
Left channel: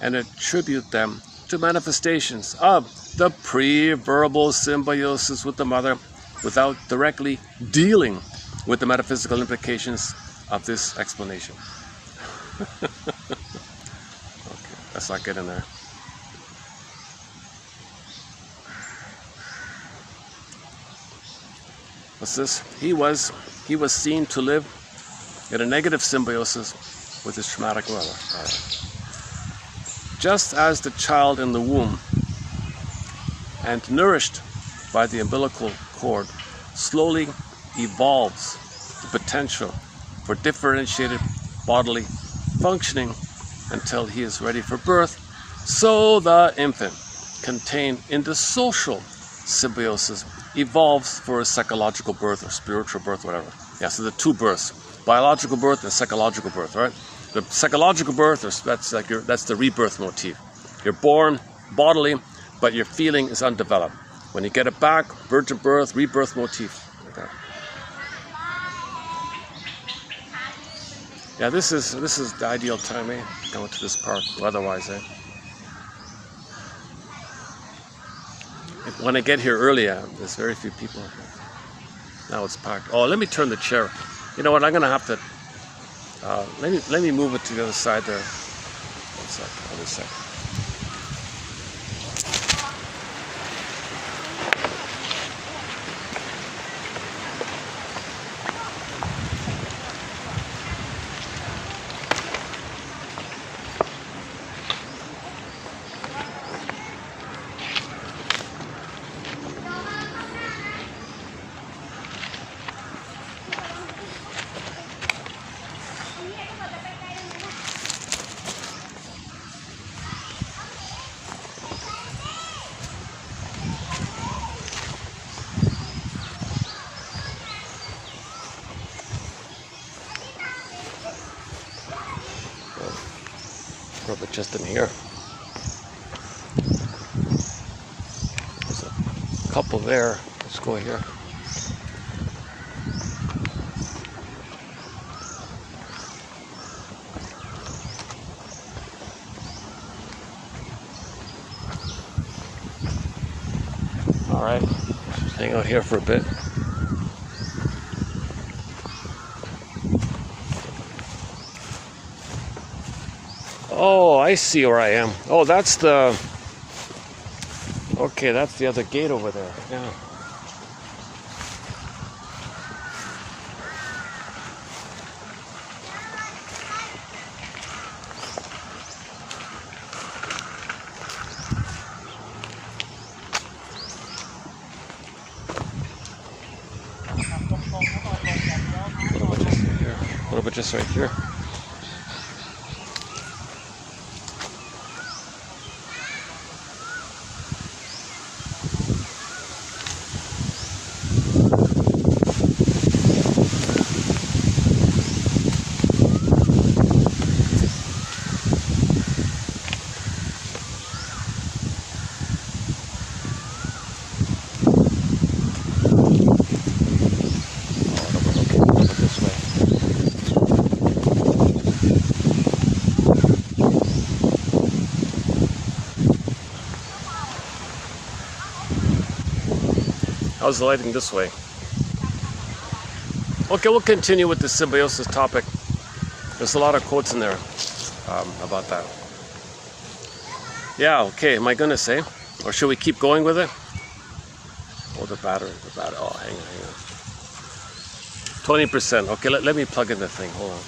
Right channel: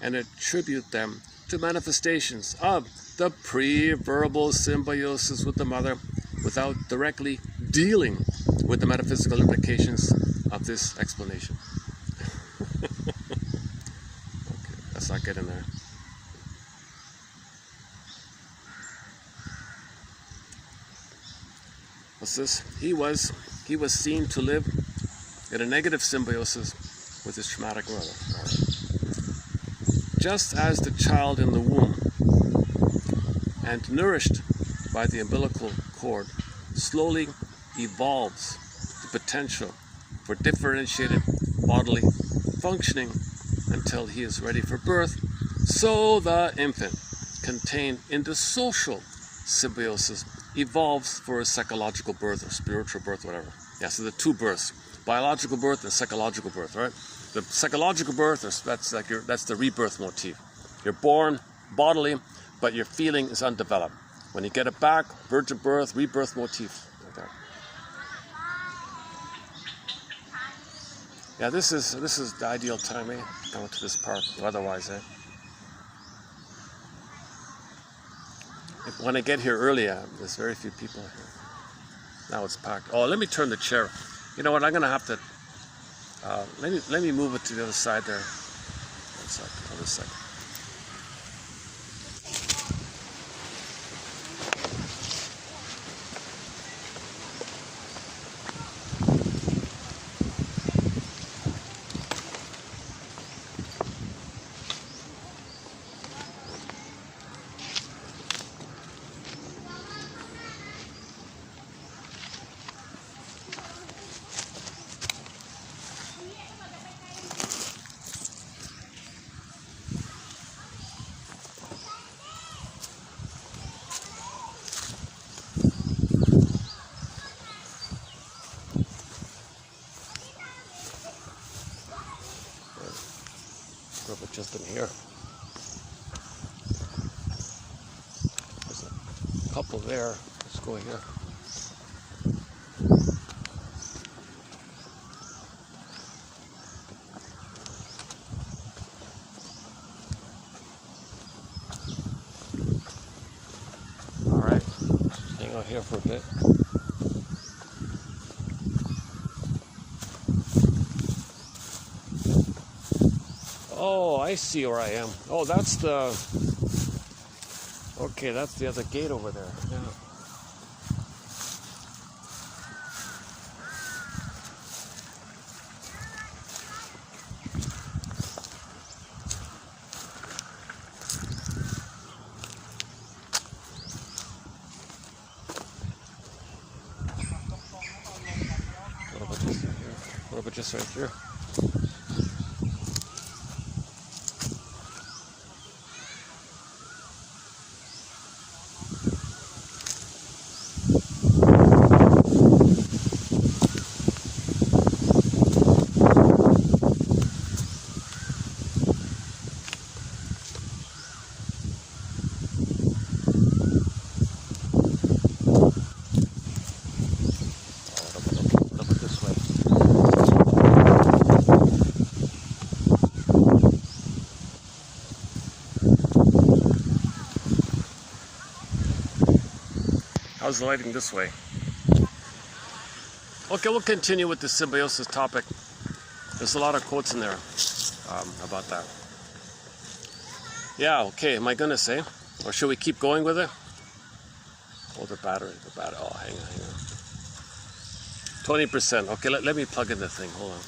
and attribute them to manifestations of the pre-verbal symbiosis with the mother without directly dealing with the metaphysical implications of this explanation. Okay, let's not get in there. What's this? He was seen to live in a negative symbiosis with his traumatic mother. Just as the child in the womb and nourished by the umbilical cord slowly evolves the potential for differentiated bodily functioning until he is ready for birth, so the infant contained in the social symbiosis evolves for a psychological birth or spiritual birth, whatever. Yeah, so the two births. biological birth and psychological birth, right? The psychological birth that's the rebirth motif. You're born bodily, but your feeling is undeveloped. When you get it back, virgin birth, rebirth motif. Okay. Yeah, this is the ideal time, eh? Go to this park. Otherwise, eh? When I get here early, there's very few people. Now it's packed. Oh, let me turn the chair. You know what? I'm gonna have to. Let me move it to the other side there. One second. Other side. Rub it just in here. There's a couple there. Let's go here. All right, just hang out here for a bit. Oh, I see where I am. Oh, that's the... Okay, that's the other gate over there. Yeah. A little bit just right here. How's the lighting this way? Okay, we'll continue with the symbiosis topic. There's a lot of quotes in there about that. Yeah, okay, am I gonna say? Or should we keep going with it? Oh, the battery. Oh, hang on. 20%. Okay, let me plug in the thing. Hold on.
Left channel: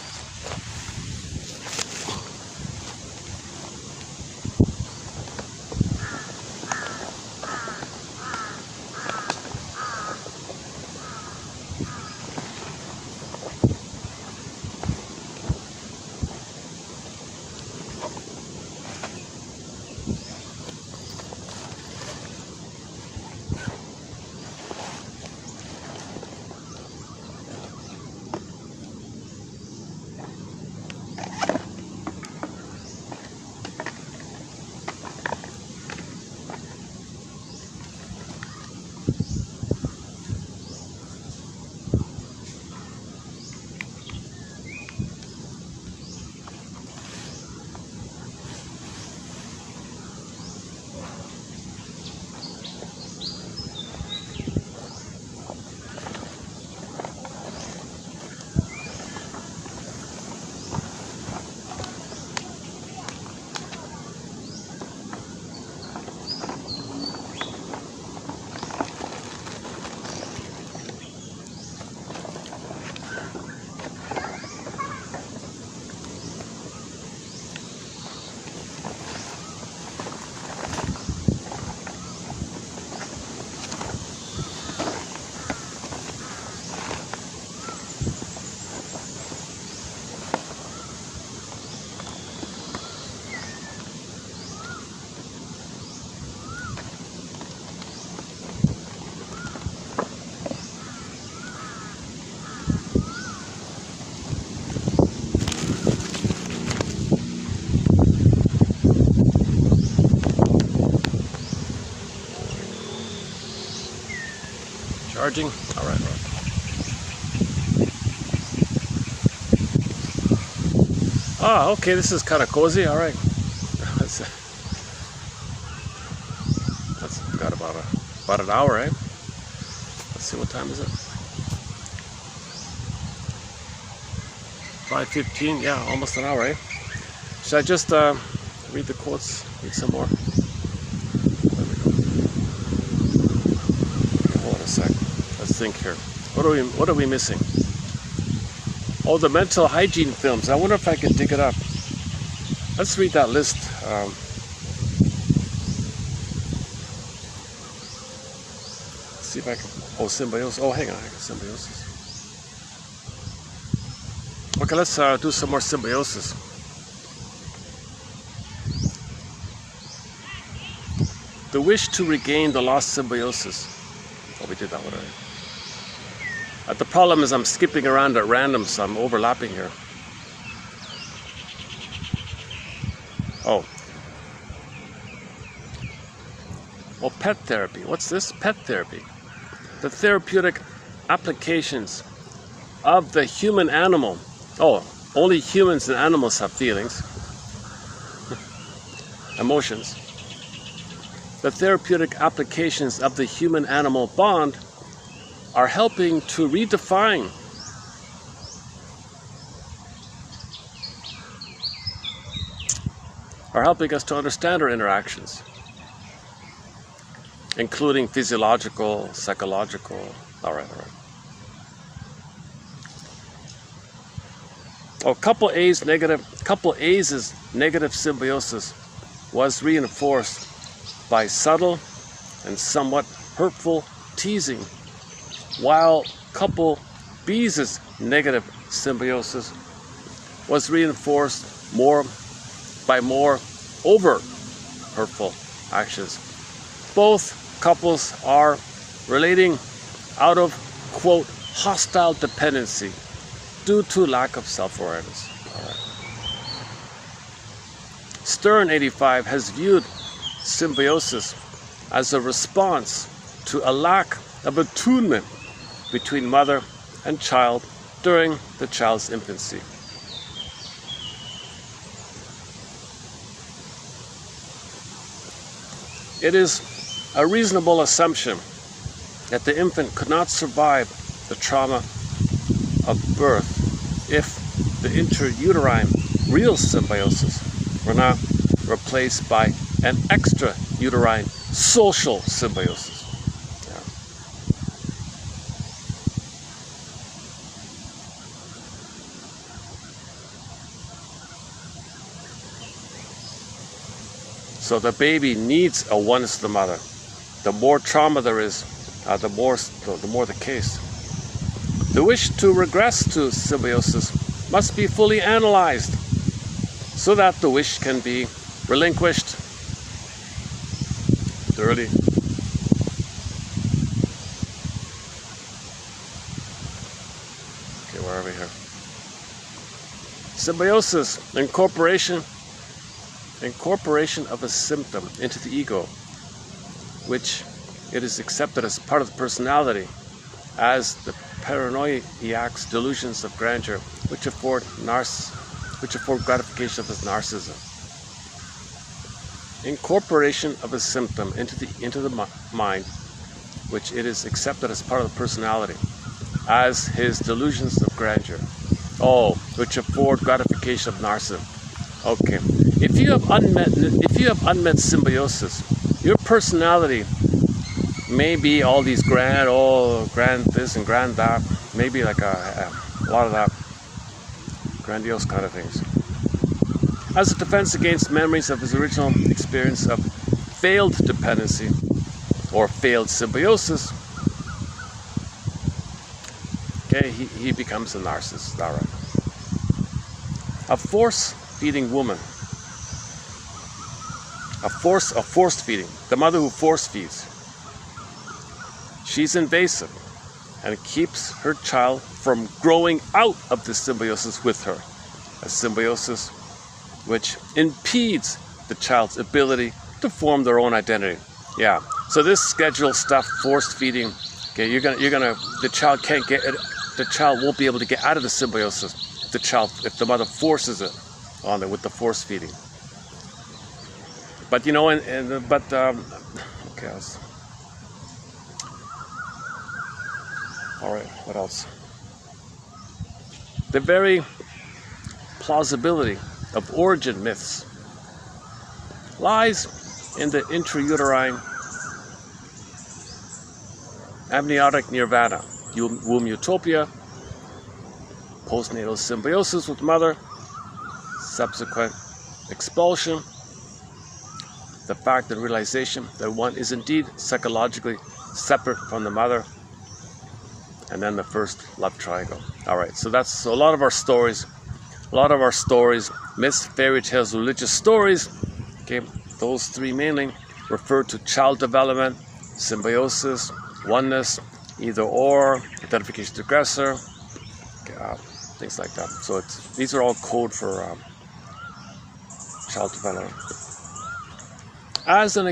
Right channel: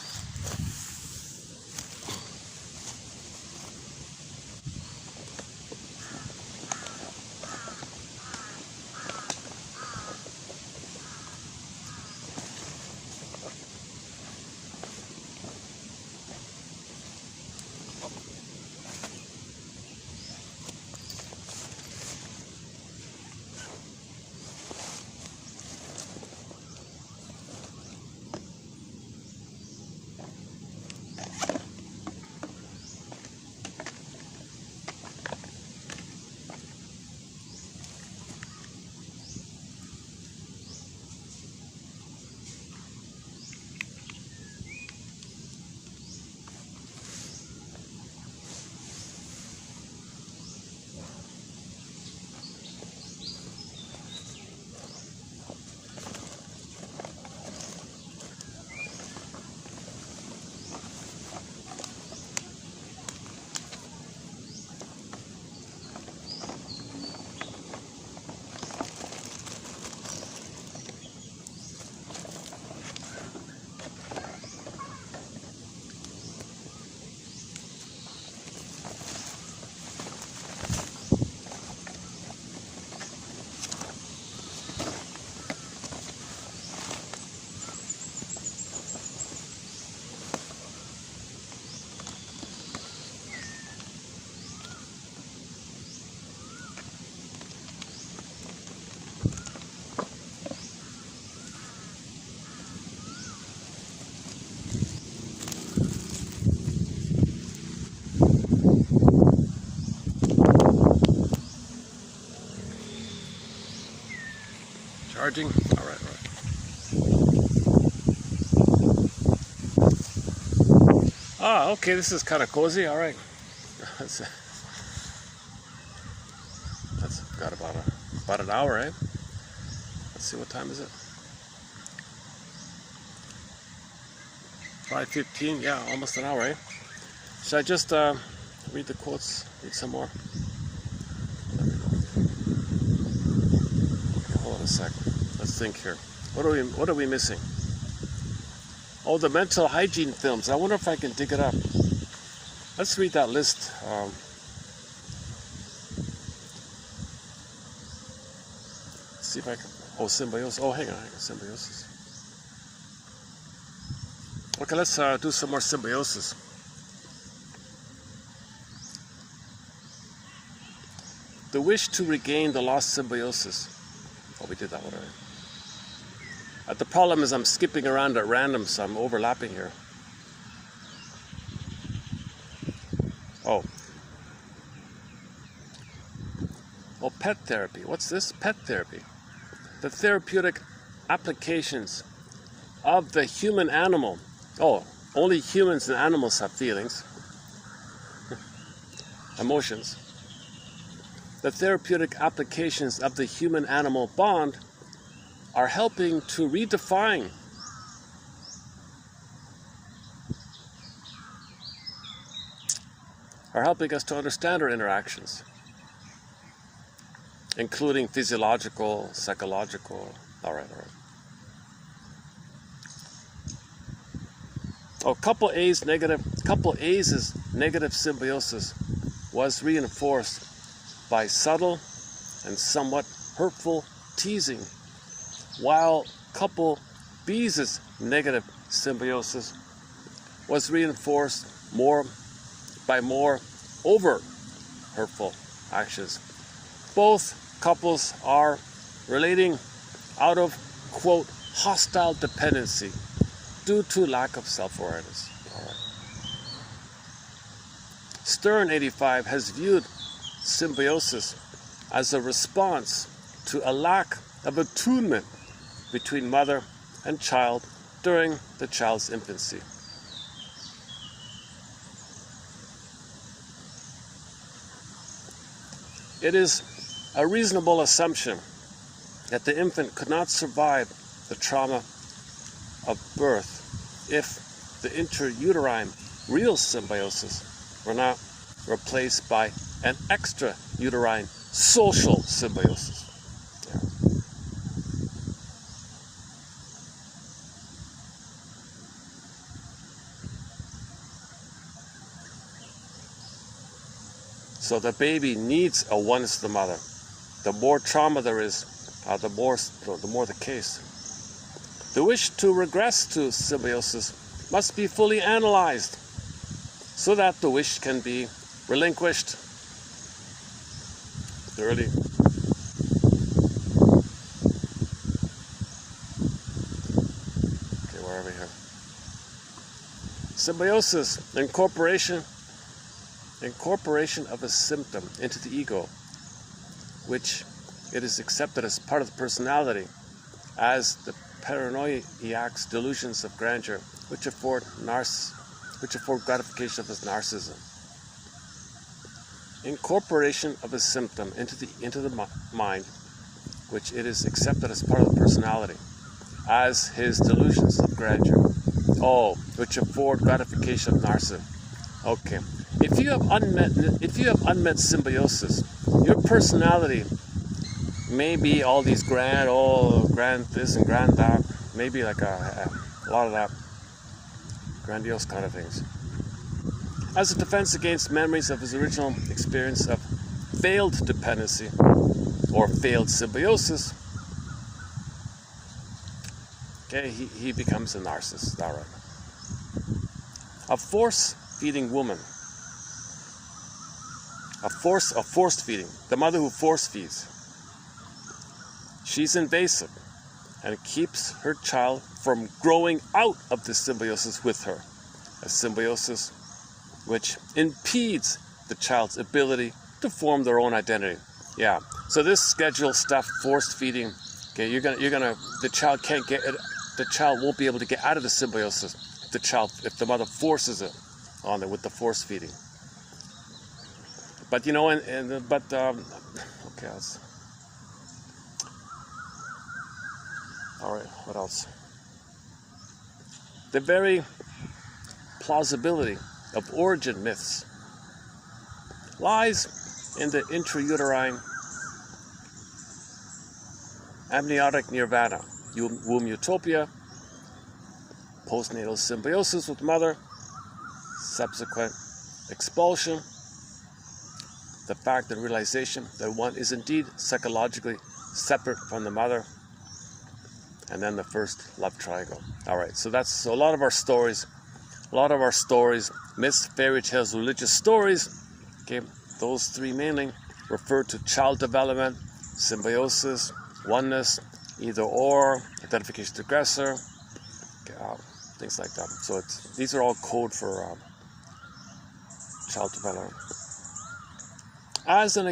charging? All right. Ah, okay, this is kind of cozy. All right. That's got about an hour, eh? Let's see, what time is it? 5:15. Yeah, almost an hour, eh? Should I just read the quotes? Read some more. Hold on a sec. Let's think here. What are we missing? Oh, the mental hygiene films. I wonder if I can dig it up. Let's read that list. See if I can. Oh, symbiosis. Oh, hang on. Symbiosis. Okay, let's do some more symbiosis. The wish to regain the lost symbiosis. Oh, we did that one already. The problem is I'm skipping around at random, so I'm overlapping here. Oh. Oh, pet therapy. What's this? Pet therapy. The therapeutic applications of the human animal. Oh, only humans and animals have feelings. Emotions. The therapeutic applications of the human-animal bond are helping to redefine us to understand our interactions, including physiological, psychological. All right. Oh, couple A's negative symbiosis was reinforced by subtle and somewhat hurtful teasing, while couple B's negative symbiosis was reinforced by more overt hurtful actions. Both couples are relating out of, quote, hostile dependency due to lack of self-awareness. Stern 85 has viewed symbiosis as a response to a lack of attunement between mother and child during the child's infancy. It is a reasonable assumption that the infant could not survive the trauma of birth if the intrauterine real symbiosis were not replaced by an extrauterine social symbiosis. So the baby needs a once the mother. The more trauma there is, the more the case. The wish to regress to symbiosis must be fully analyzed so that the wish can be relinquished. Early. Okay, where are we here? Symbiosis, incorporation of a symptom into the ego, which it is accepted as part of the personality, as the paranoiac's delusions of grandeur, which afford gratification of his narcissism. Incorporation of a symptom into the mind, which it is accepted as part of the personality, as his delusions of grandeur. Oh, which afford gratification of narcissism. Okay, if you have unmet symbiosis, your personality may be all these grand this and grand that, maybe like a lot of that grandiose kind of things. As a defense against memories of his original experience of failed dependency or failed symbiosis, okay, he becomes a narcissist. All right. A force-feeding woman. A forced feeding. The mother who force feeds. She's invasive and keeps her child from growing out of the symbiosis with her. A symbiosis which impedes the child's ability to form their own identity. Yeah, so this scheduled stuff, forced feeding, Okay, the child can't get it. The child won't be able to get out of the symbiosis. The child, if the mother forces it on it with the force feeding. But okay. All right. What else? The very plausibility of origin myths lies in the intrauterine amniotic nirvana, womb utopia, postnatal symbiosis with mother, subsequent expulsion, the fact and realization that one is indeed psychologically separate from the mother, and then the first love triangle. All right, so that's a lot of our stories, myths, fairy tales, religious stories. Okay, those three mainly refer to child development, symbiosis, oneness, either or, identification to aggressor, things like that. So these are all code for child development. As a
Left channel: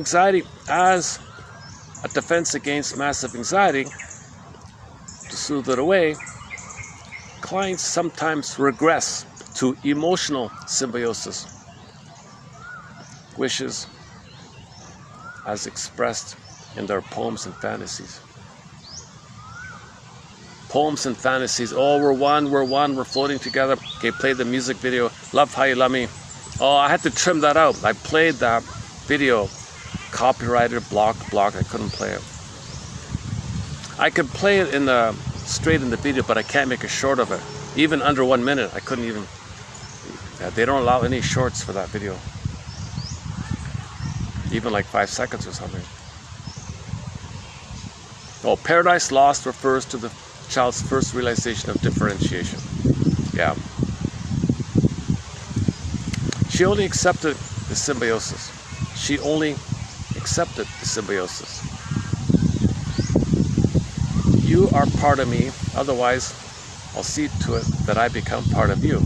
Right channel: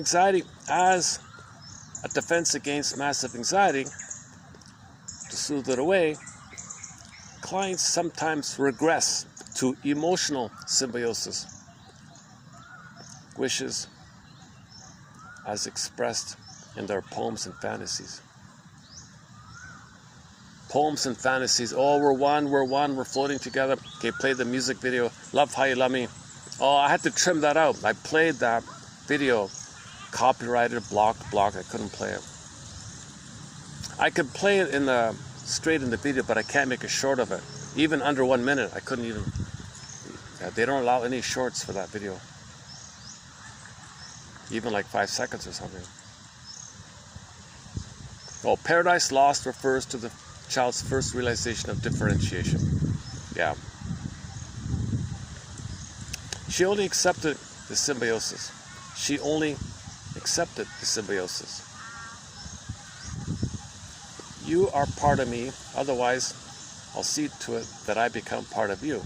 defense against massive anxiety, to soothe it away, clients sometimes regress to emotional symbiosis, wishes as expressed in their poems and fantasies. Poems and fantasies. Oh, we're one, we're floating together. Okay, play the music video. Love How You Love Me. Oh, I had to trim that out. I played that video. Copyrighted, blocked. I couldn't play it. I could play it straight in the video, but I can't make a short of it. Even under 1 minute, I couldn't even. They don't allow any shorts for that video. Even like 5 seconds or something. Oh, Paradise Lost refers to the child's first realization of differentiation. Yeah. She only accepted the symbiosis. You are part of me, otherwise I'll see to it that I become part of you.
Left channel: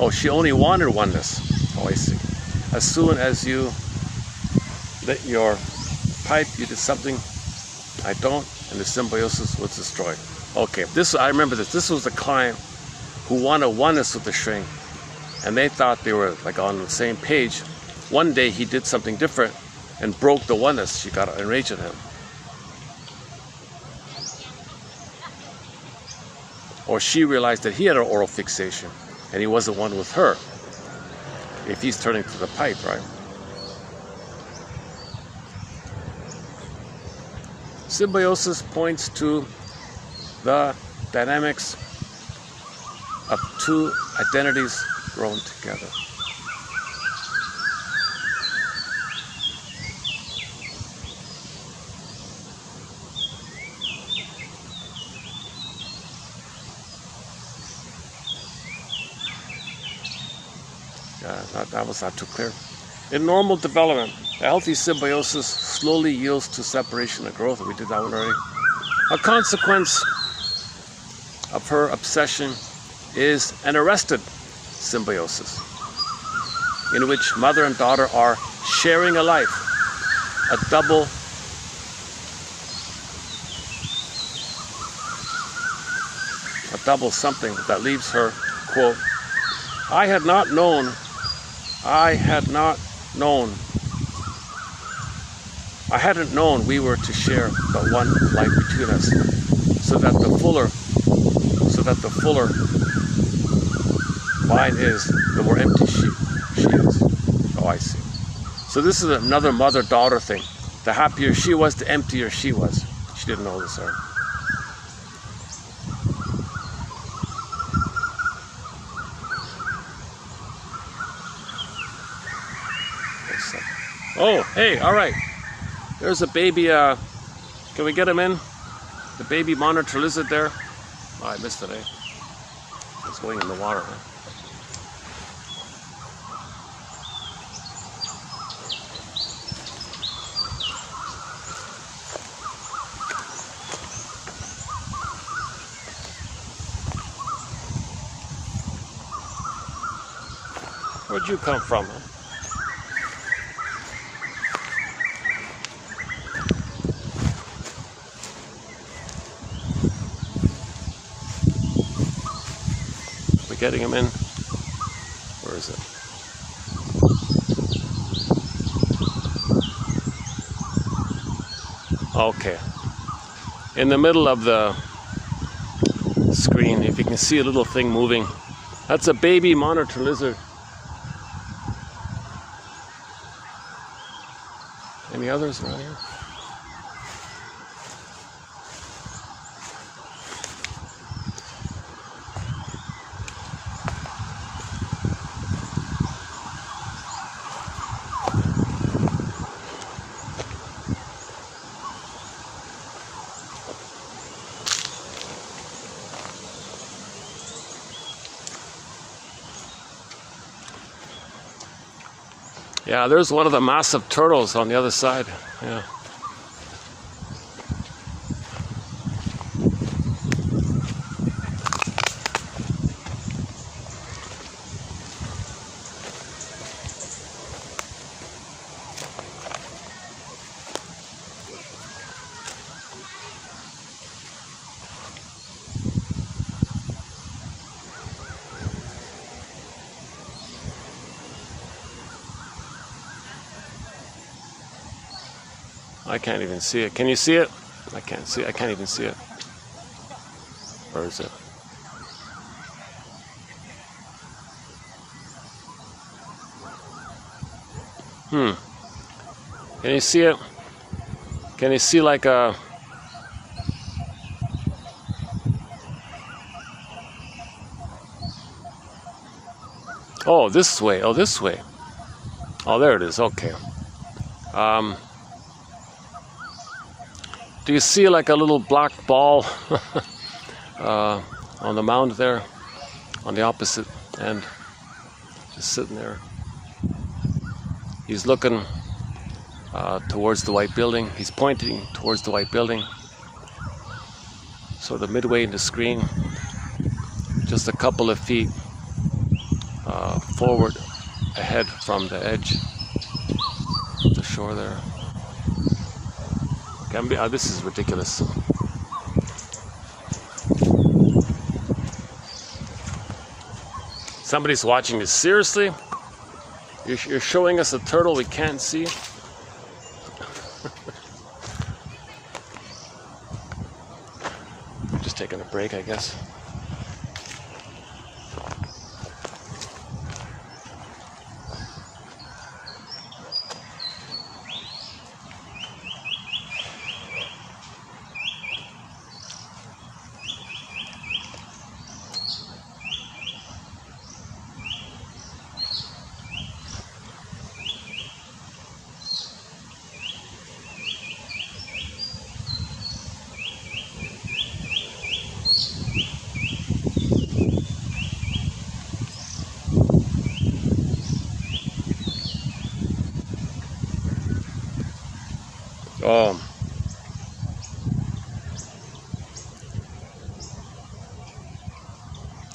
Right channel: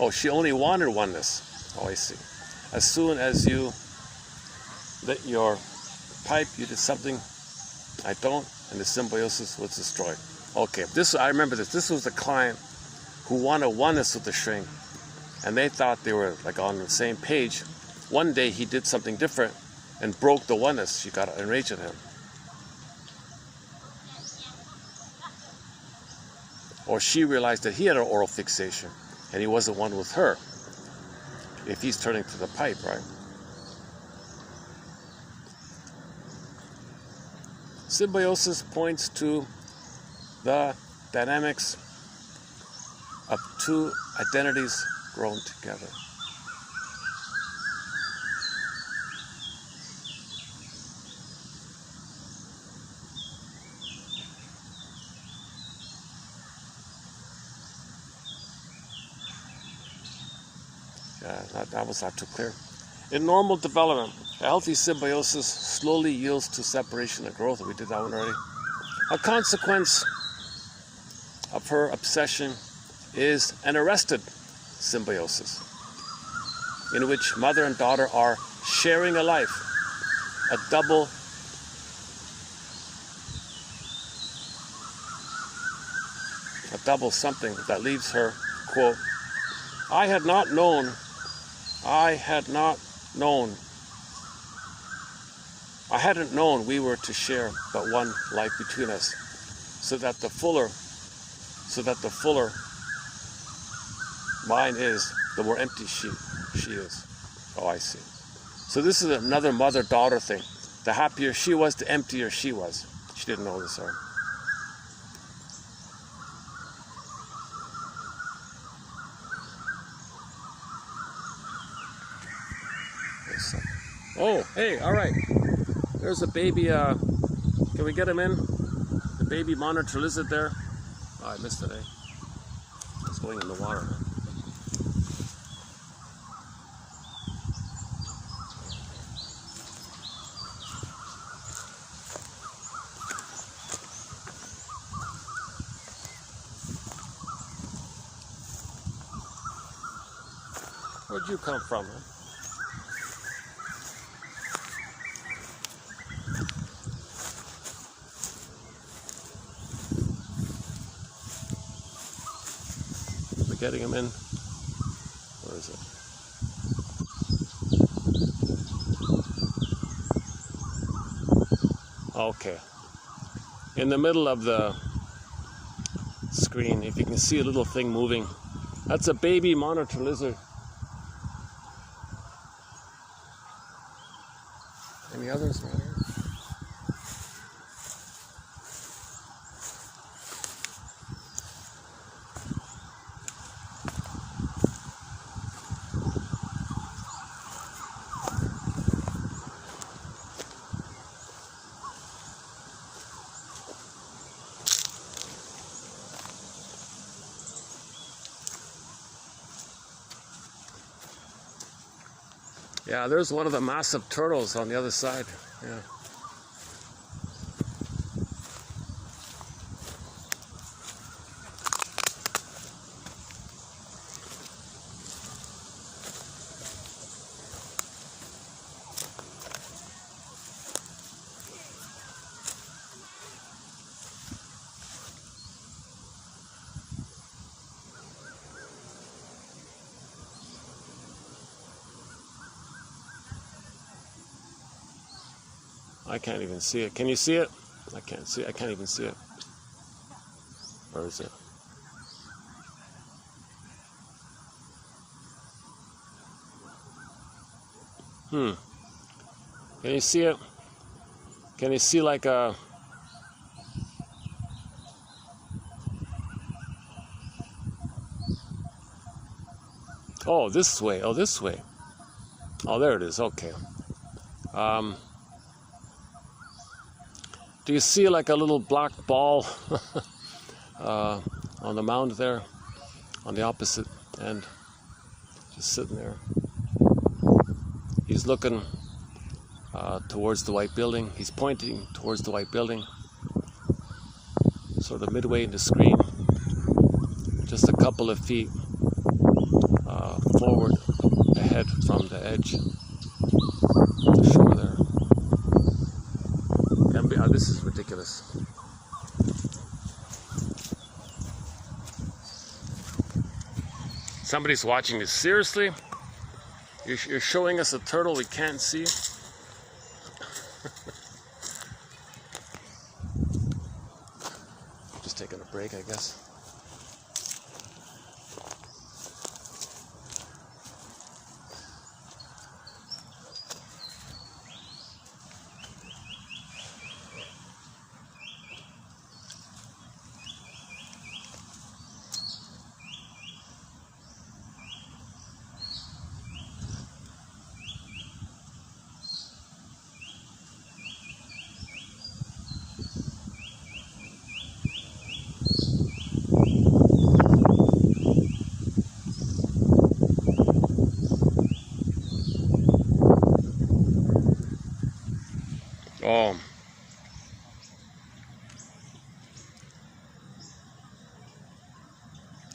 Oh, she only wanted oneness. Oh, I see. As soon as you lit your pipe, you did something I don't, and the symbiosis was destroyed. Okay, I remember this. This was the client who wanted oneness with the shrink, and they thought they were like on the same page. One day he did something different and broke the oneness. She got enraged at him. Or she realized that he had an oral fixation and he wasn't one with her. If he's turning to the pipe, right? Symbiosis points to the dynamics of two identities grown together. That was not too clear. In normal development, a healthy symbiosis slowly yields to separation and growth. We did that one already. A consequence of her obsession is an arrested symbiosis, in which mother and daughter are sharing a life, a double something that leaves her, quote, I hadn't known we were to share but one life between us, so that the fuller mine is, the more empty she is. Oh, I see. So this is another mother-daughter thing. The happier she was, the emptier she was. She didn't know this, or oh, hey, all right. There's a baby, can we get him in? The baby monitor lizard there. Oh, I missed it, eh? It's going in the water. Where'd you come from, huh? getting him in? Where is it? Okay. In the middle of the screen, if you can see a little thing moving, that's a baby monitor lizard. Any others around here? Yeah, there's one of the massive turtles on the other side. Yeah. I can't even see it. Can you see it? I can't see it. I can't even see it. Where is it? Can you see it? Can you see like a... Oh, this way. Oh, this way. Oh, there it is. Okay. Do you see like a little black ball on the mound there, on the opposite end, just sitting there? He's looking towards the white building. He's pointing towards the white building, sort of midway in the screen, just a couple of feet forward, ahead from the edge, the shore there. This is ridiculous. Somebody's watching this. Seriously? You're showing us a turtle we can't see? We're just taking a break, I guess.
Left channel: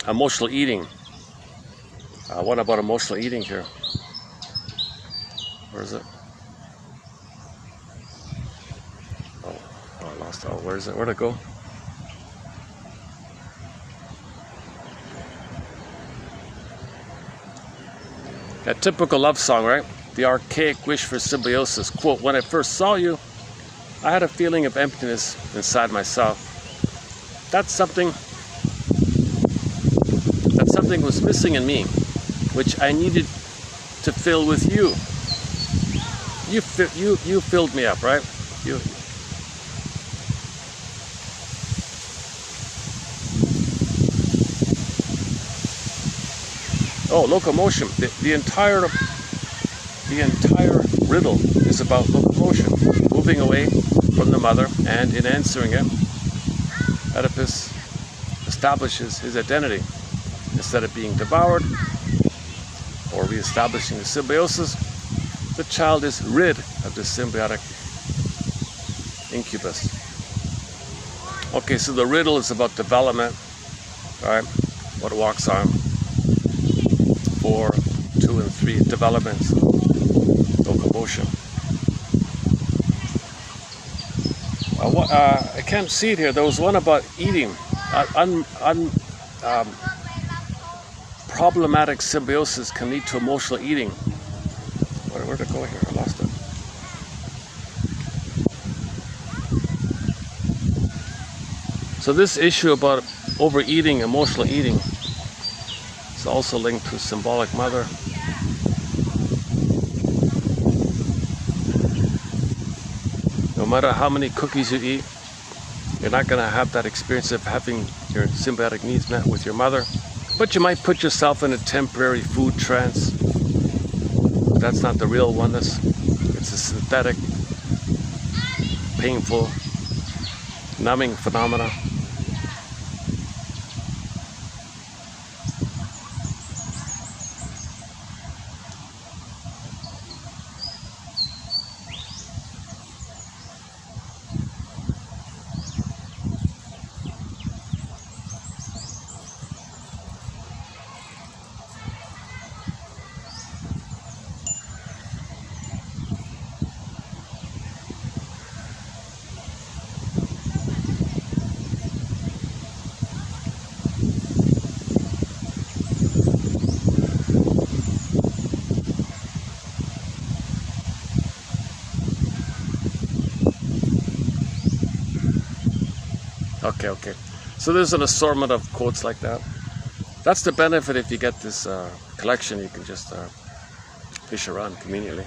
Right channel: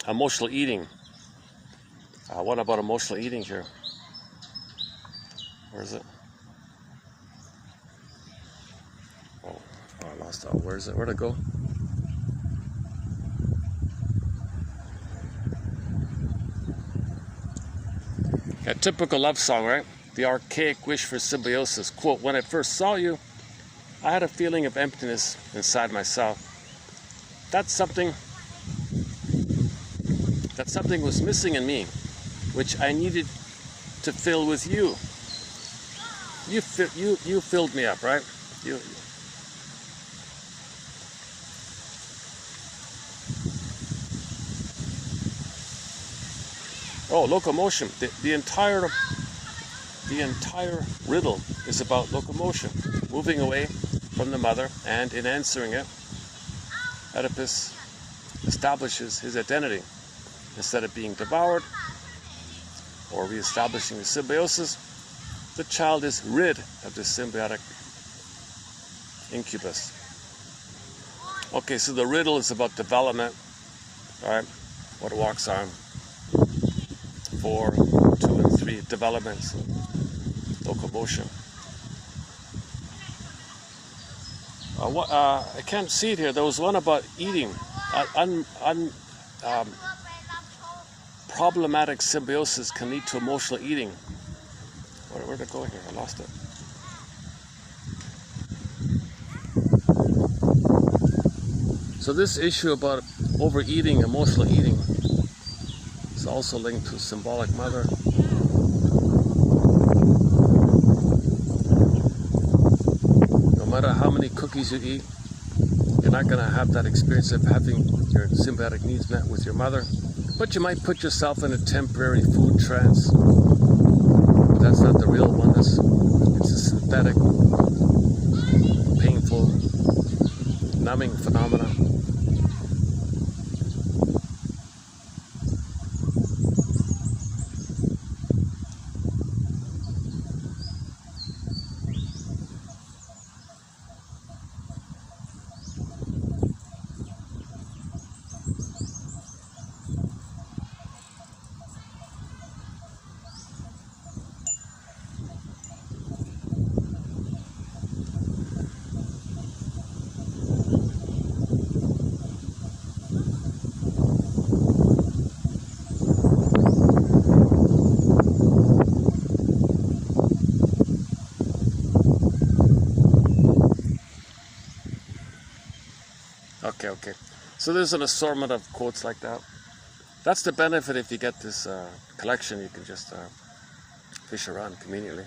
Emotional eating. What about emotional eating here? Where is it? Oh, I lost it. Oh, where is it? Where'd it go? A typical love song, right? The archaic wish for symbiosis. Quote, when I first saw you, I had a feeling of emptiness inside myself. That's something was missing in me, which I needed to fill with you. You filled me up, right? You. Oh, locomotion. The entire riddle is about locomotion, moving away from the mother, and in answering it, Oedipus establishes his identity. Instead of being devoured or re-establishing the symbiosis, the child is rid of the symbiotic incubus. Okay, so the riddle is about development, right? What walks on 4, 2, and 3 developments, locomotion. I can't see it here. There was one about eating. problematic symbiosis can lead to emotional eating. Where'd it go here? I lost it. So this issue about overeating, emotional eating, is also linked to symbolic mother. No matter how many cookies you eat, you're not going to have that experience of having your symbiotic needs met with your mother. But you might put yourself in a temporary food trance. But that's not the real oneness. It's a synthetic, painful, numbing phenomena. Okay. So there's an assortment of quotes like that. That's the benefit if you get this collection. You can just fish around conveniently.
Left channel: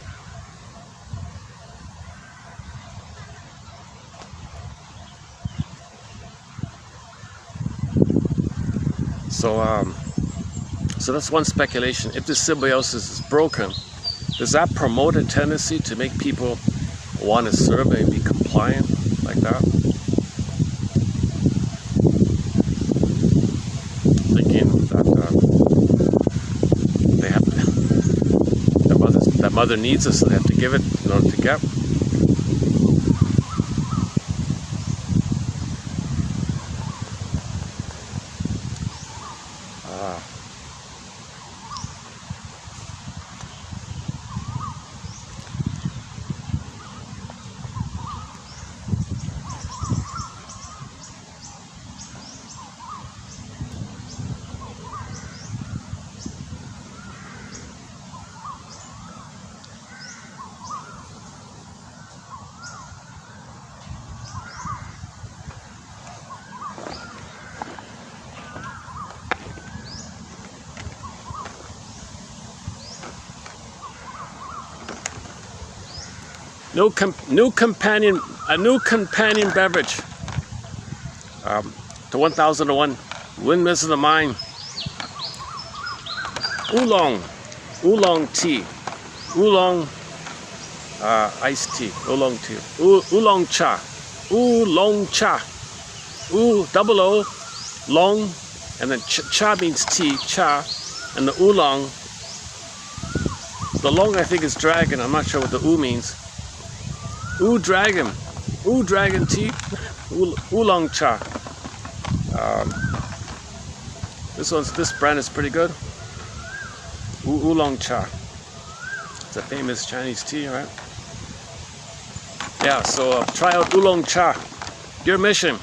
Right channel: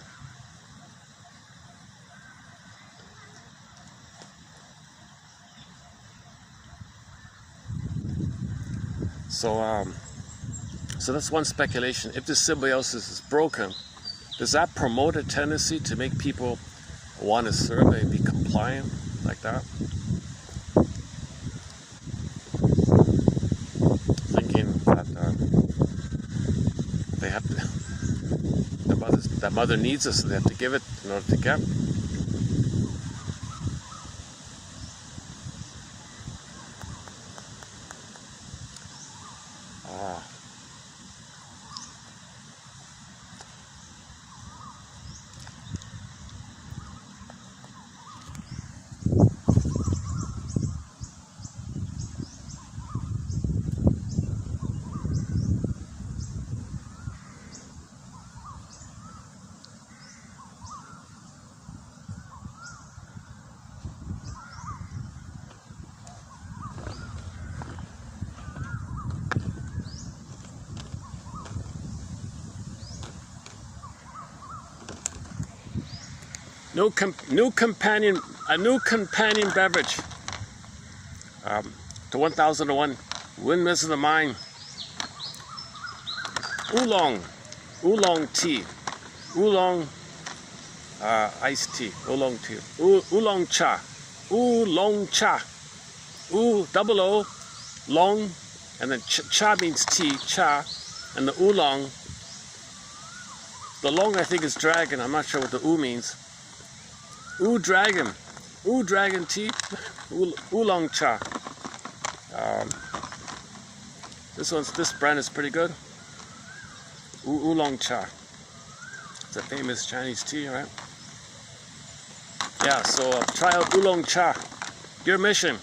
So that's one speculation. If the symbiosis is broken, does that promote a tendency to make people want to serve and be compliant like that? Mother needs us, so they have to give it in order to get. New companion beverage. To 1001 Windmills of the Mind. Oolong tea. Oolong iced tea. Oolong tea. Oolong cha. Oolong cha. Double O, long, and then cha means tea, cha, and the oolong. The long I think is dragon. I'm not sure what the means. Dragon tea, oolong cha. This brand is pretty good. Oolong cha. It's a famous Chinese tea, right? Yeah, so try out oolong cha. Your mission,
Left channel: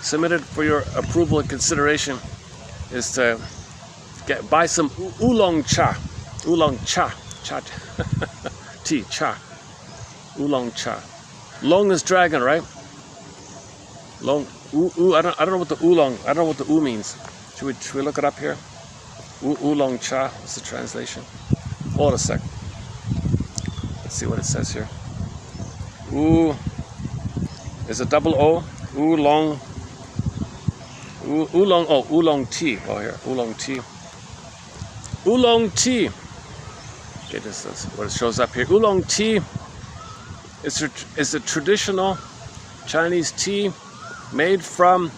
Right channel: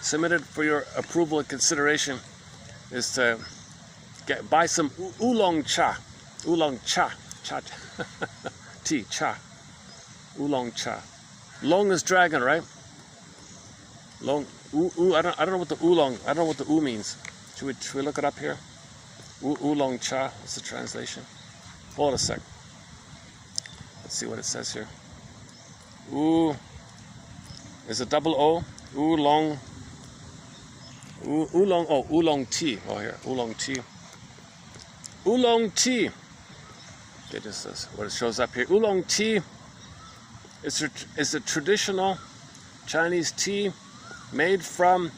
submitted for your approval and consideration, is to buy some oolong cha. Oolong cha. Tea, cha. Oolong cha. Long is dragon, right? Long. I don't know what the oolong. I don't know what the means. Should we look it up here? Oolong cha. What's the translation? Hold on a sec. Let's see what it says here. Is it double O? Oolong. Oolong. Oh, oolong tea. Oh, here. Oolong tea. Oolong tea. Okay, this is what it shows up here. Oolong tea is a traditional Chinese tea made from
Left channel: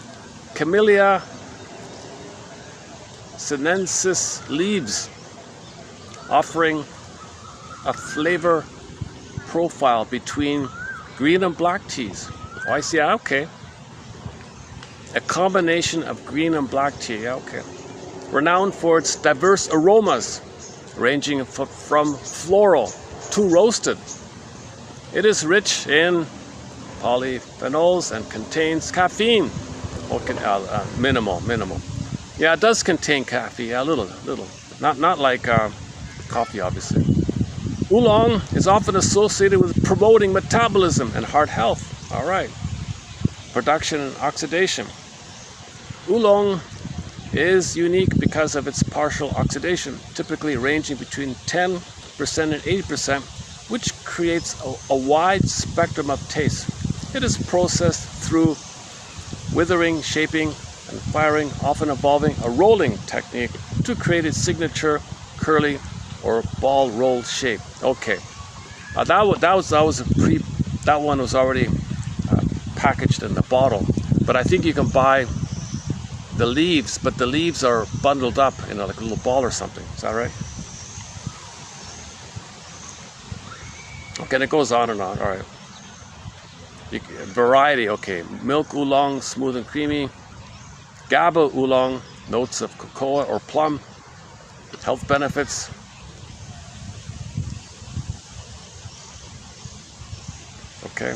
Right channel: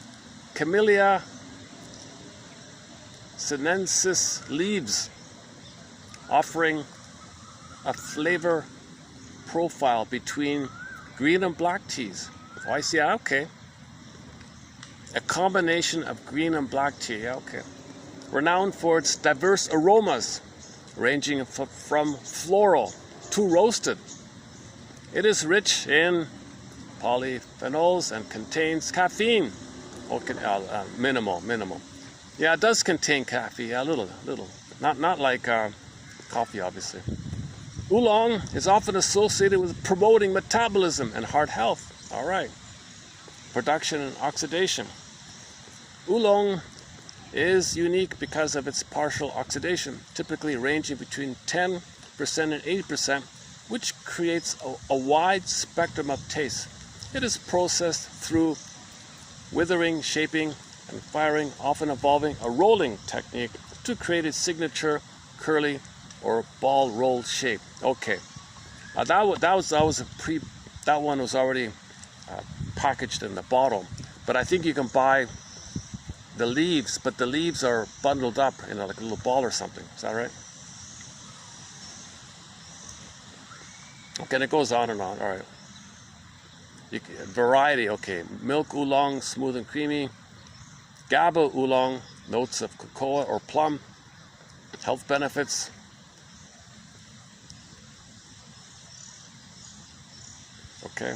Camellia sinensis leaves, offering a flavor profile between green and black teas. Oh, I see. Okay. A combination of green and black tea. Okay. Renowned for its diverse aromas, ranging from floral to roasted. It is rich in polyphenols and contains caffeine. Okay, minimal. Yeah, it does contain caffeine, a little. Not like coffee, obviously. Oolong is often associated with promoting metabolism and heart health. All right. Production and oxidation. Oolong is unique because of its partial oxidation, typically ranging between 10% and 80%, which creates a wide spectrum of taste. It is processed through withering, shaping, and firing, often involving a rolling technique to create a signature curly or ball roll shape. Okay, that one was already packaged in the bottle, but I think you can buy the leaves, but the leaves are bundled up in like a little ball or something. Is that right? Okay, and it goes on and on. All right. Variety, okay. Milk oolong, smooth and creamy. GABA oolong, notes of cocoa or plum. Health benefits. Okay.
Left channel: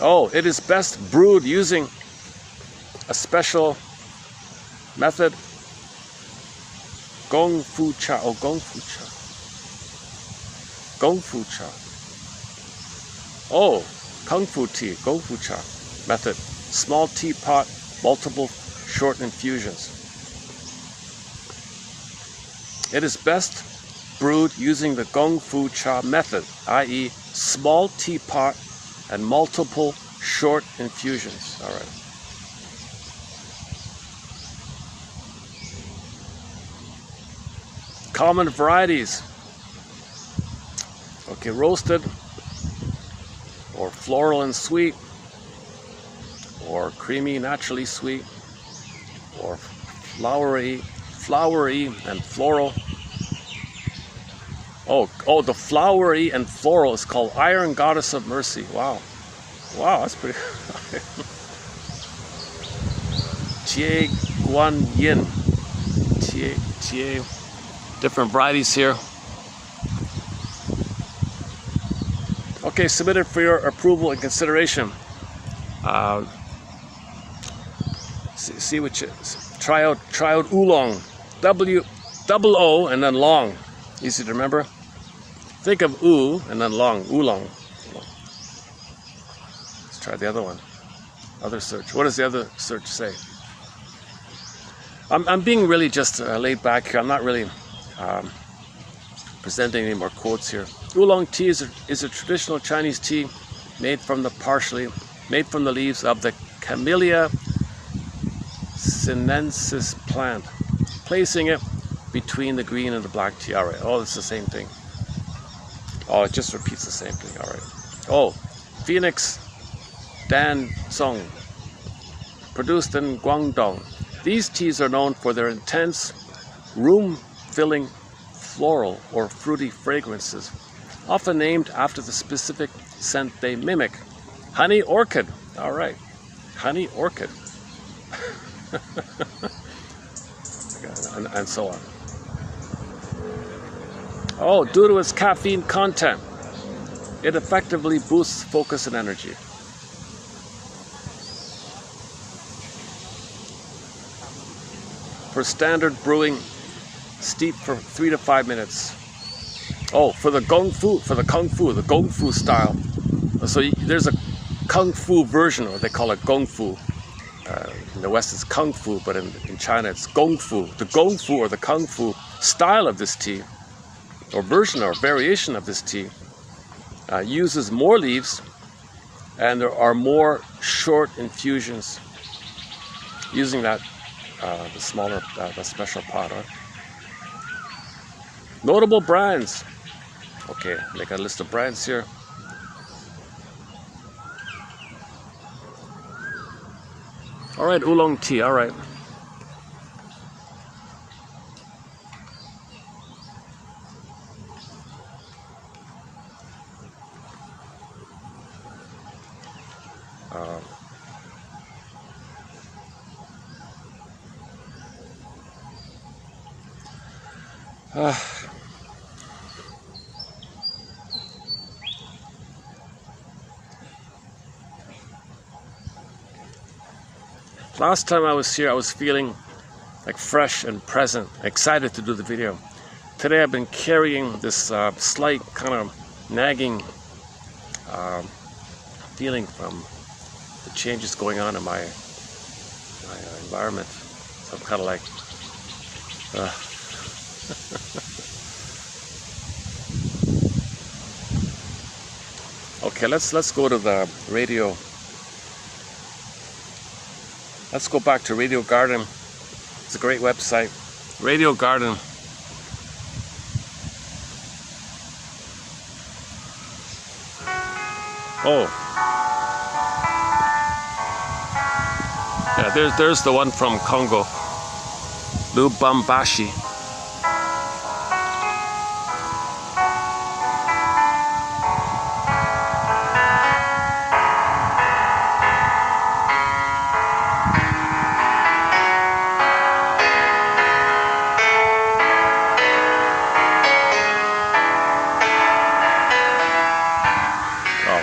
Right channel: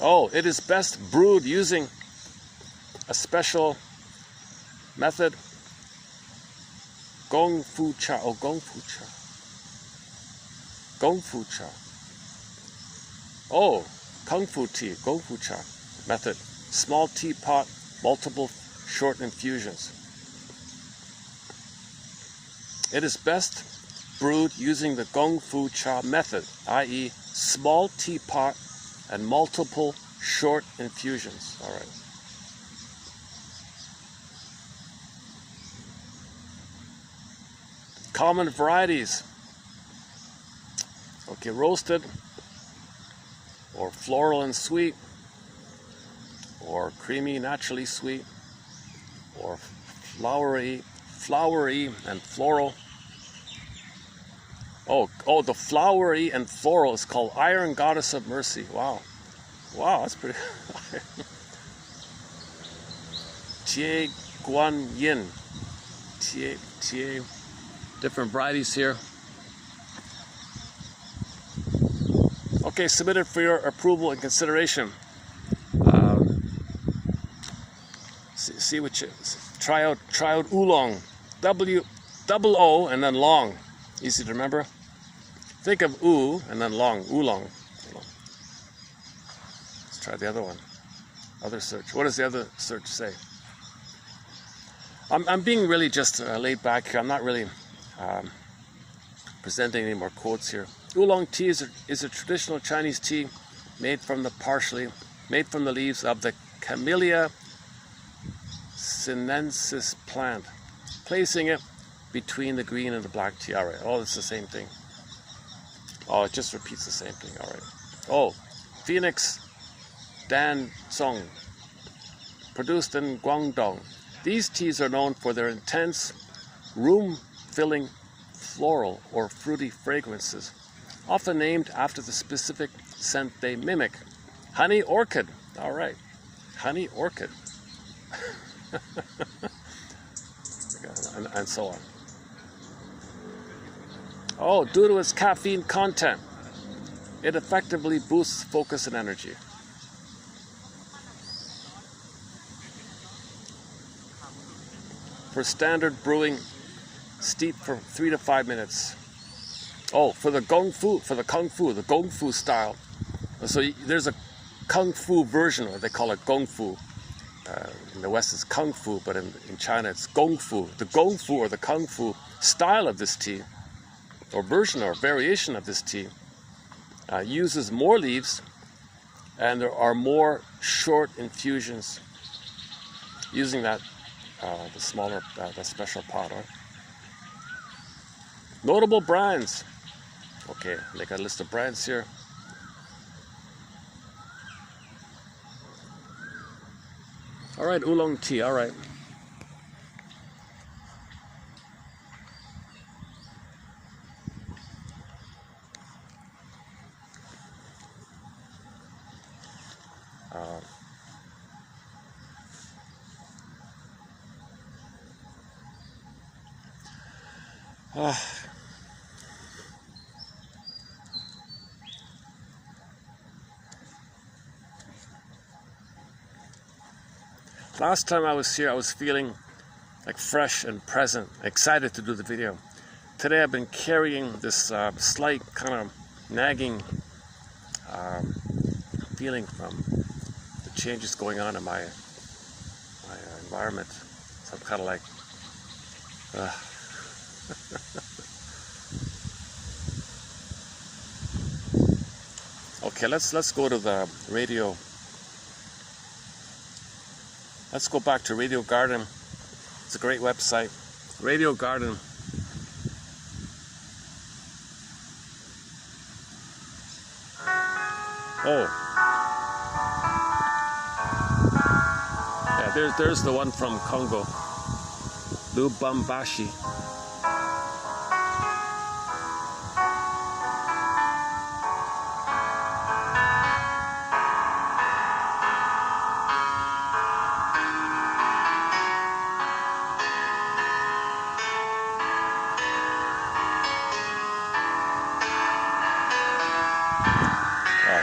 Oh, it is best brewed using a special method. Gong fu cha. Oh, gong fu cha. Gong fu cha. Oh, kung fu tea, gong fu cha method. Small teapot, multiple short infusions. It is best brewed using the gong fu cha method, i.e. small teapot and multiple short infusions. All right. Common varieties. Okay, roasted, or floral and sweet, or creamy, naturally sweet, or flowery and floral. Oh, the flowery and floral is called Iron Goddess of Mercy. Wow, that's pretty. Tie Guan Yin. Tie. Different varieties here. Okay, submitted for your approval and consideration. See what you try out oolong. Double O and then long. Easy to remember. Think of oo and then long. Oolong. Let's try the other one. Other search. What does the other search say? I'm being really just laid back here. I'm not really presenting any more quotes here. Oolong tea is a traditional Chinese tea made from the leaves of the Camellia sinensis plant, placing it between the green and the black tea. All right. Oh, it's the same thing. Oh, it just repeats the same thing. All right. Oh, Phoenix Dan Song, produced in Guangdong. These teas are known for their intense, room-filling floral or fruity fragrances, often named after the specific scent they mimic. Honey orchid. All right. Honey orchid. and so on. Oh, due to its caffeine content, it effectively boosts focus and energy. For standard brewing, steep for 3 to 5 minutes. Oh, for the kung fu style. So there's a kung fu version, or they call it gong fu. In the West it's kung fu, but in China it's gong fu. The gong fu or the kung fu style of this tea, or version or variation of this tea, uses more leaves, and there are more short infusions using that the smaller, the special pot. Right? Notable brands. Okay, make a list of brands here. All right, oolong tea. All right. Last time I was here, I was feeling like fresh and present, excited to do the video. Today I've been carrying this slight kind of nagging feeling from the changes going on in my environment. So I'm kind of like, okay, let's go to the radio. Let's go back to Radio Garden. It's a great website. Radio Garden. Oh. Yeah, there's the one from Congo. Lubumbashi.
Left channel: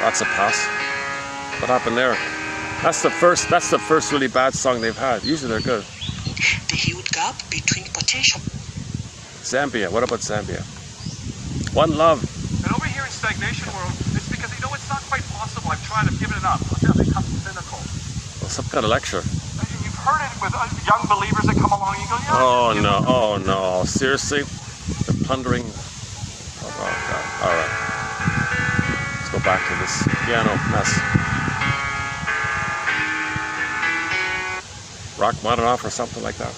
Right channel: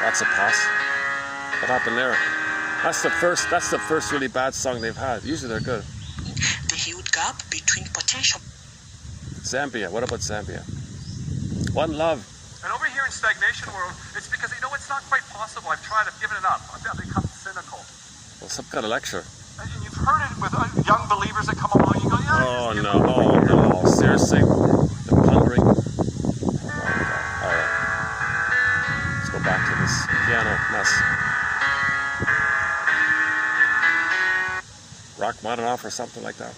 That's a pass. What happened there? That's the first really bad song they've had. Usually they're good. The huge gap between potential. Zambia. What about Zambia? One Love. And over here in stagnation world, it's because it's not quite possible. I've tried. I've given it up. I've become cynical. Well, some kind of lecture. You've heard it with young believers that come along. You go, yeah. Oh no! Seriously, the plundering. All right. Let's go back to this piano mess. Rachmaninoff or something like that.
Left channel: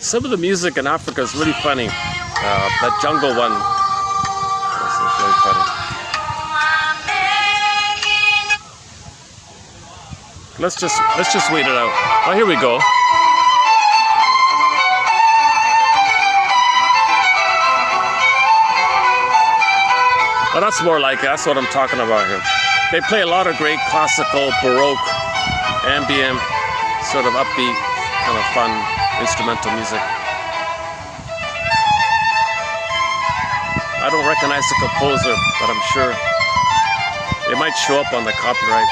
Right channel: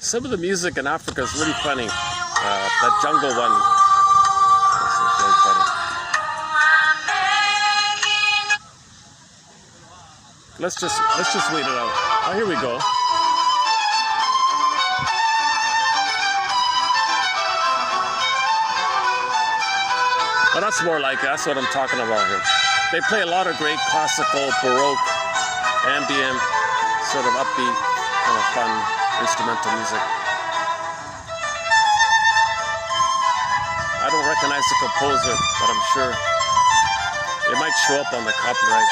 Some of the music in Africa is really funny. That jungle one is really funny. Let's just wait it out. Oh, here we go. Oh, that's more like it. That's what I'm talking about here. They play a lot of great classical, baroque, ambient, sort of upbeat, kind of fun instrumental music. I don't recognize the composer, but I'm sure it might show up on the copyright.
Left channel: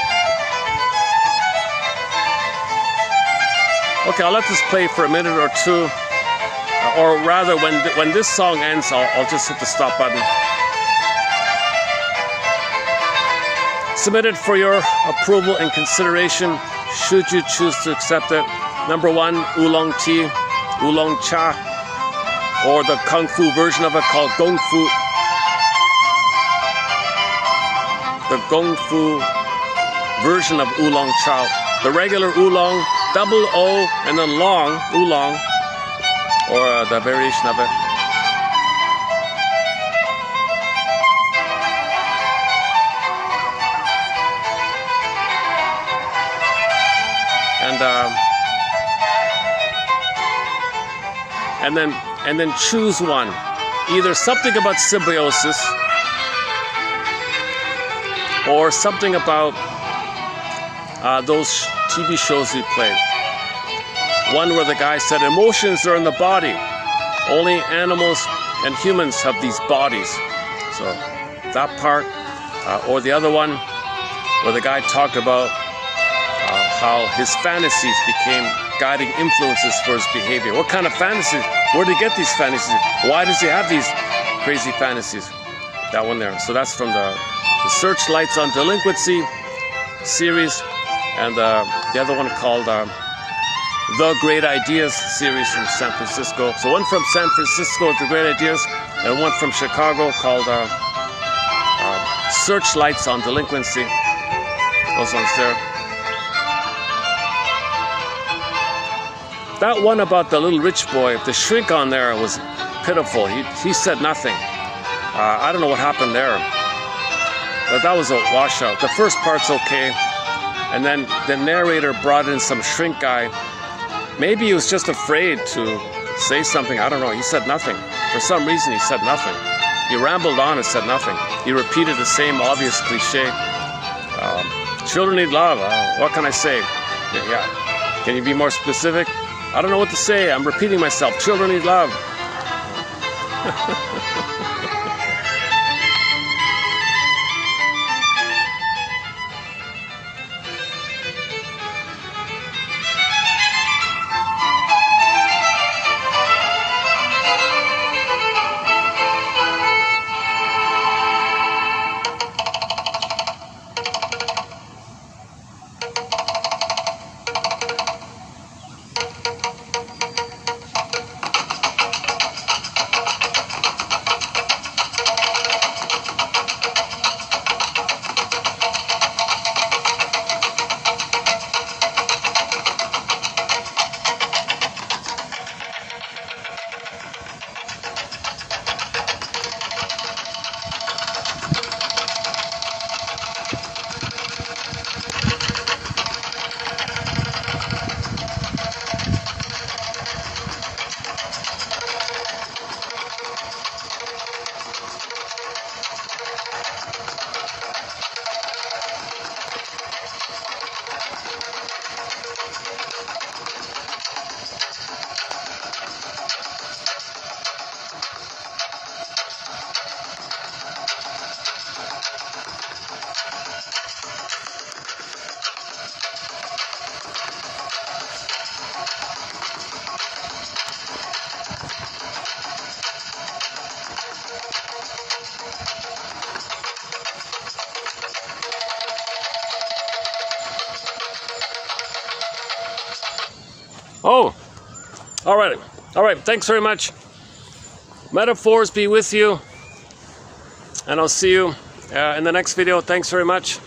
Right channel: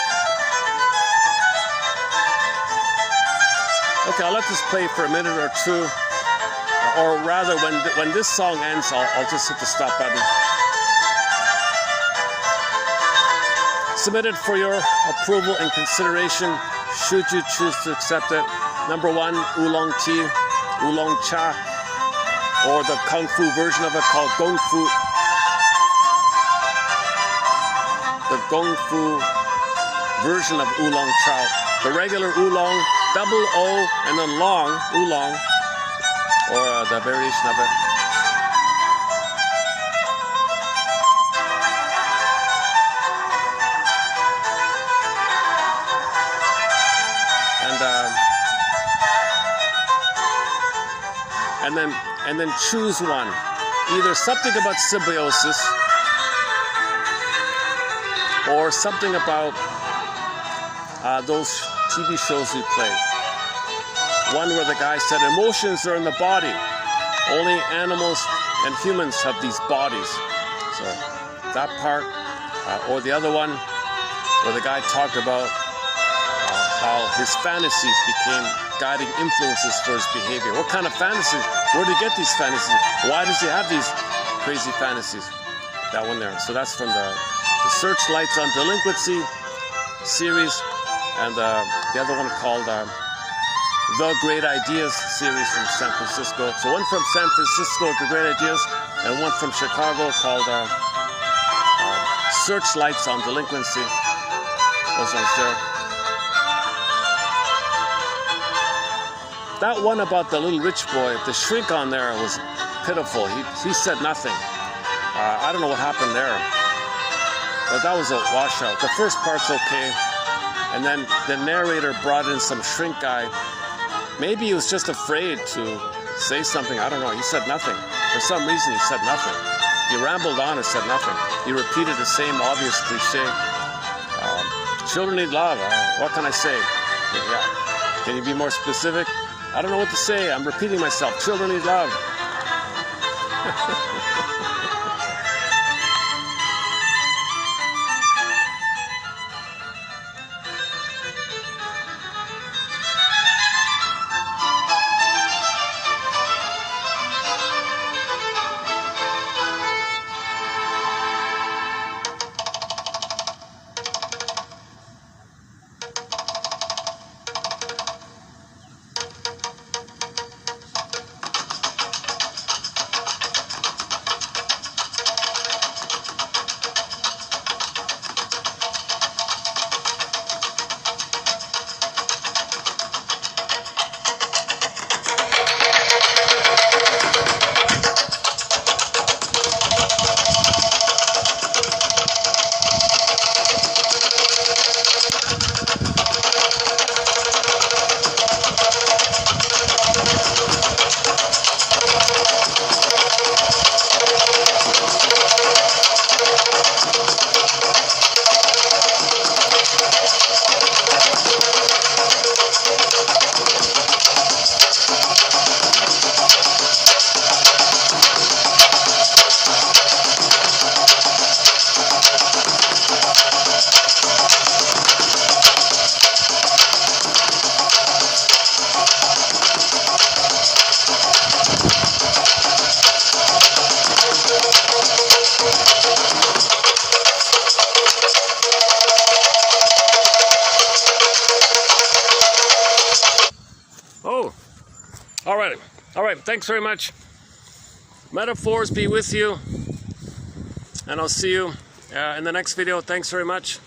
Okay, I'll let this play for a minute or two, or rather, when this song ends, I'll just hit the stop button. Submitted for your approval and consideration, should you choose to accept it. Number 1, oolong tea, oolong cha, or the kung fu version of it called gong fu. The gong fu version of oolong cha. The regular oolong, double O, and then long oolong, or the variation of it. And then choose one. Either something about symbiosis or something about those TV shows we played. One where the guy said emotions are in the body. Only animals and humans have these bodies. So that part, or the other one where the guy talked about how his fantasies became guiding influences for his behavior. What kind of fantasies? Where did he get these fantasies? Why does he have these crazy fantasies? That one there. So that's from the Searchlights on Delinquency series, and the other one called The Great Ideas series from San Francisco. So one from San Francisco, The Great Ideas, and one from Chicago called Searchlights on Delinquency. Those ones there. That one about the little rich boy, the shrink on there was pitiful. He said nothing. I don't know what happened there. But that was a washout. The first part's okay. And then the narrator brought in some shrink guy. Maybe he was just afraid to say something. I don't know. He said nothing. For some reason, he said nothing. He rambled on and said nothing. He repeated the same obvious cliche. Children need love. What can I say? Yeah. Can you be more specific? I don't know what to say. I'm repeating myself. Children need love. Oh, all right. All right. Thanks very much. Metaphors be with you. And I'll see you in the next video. Thanks very much.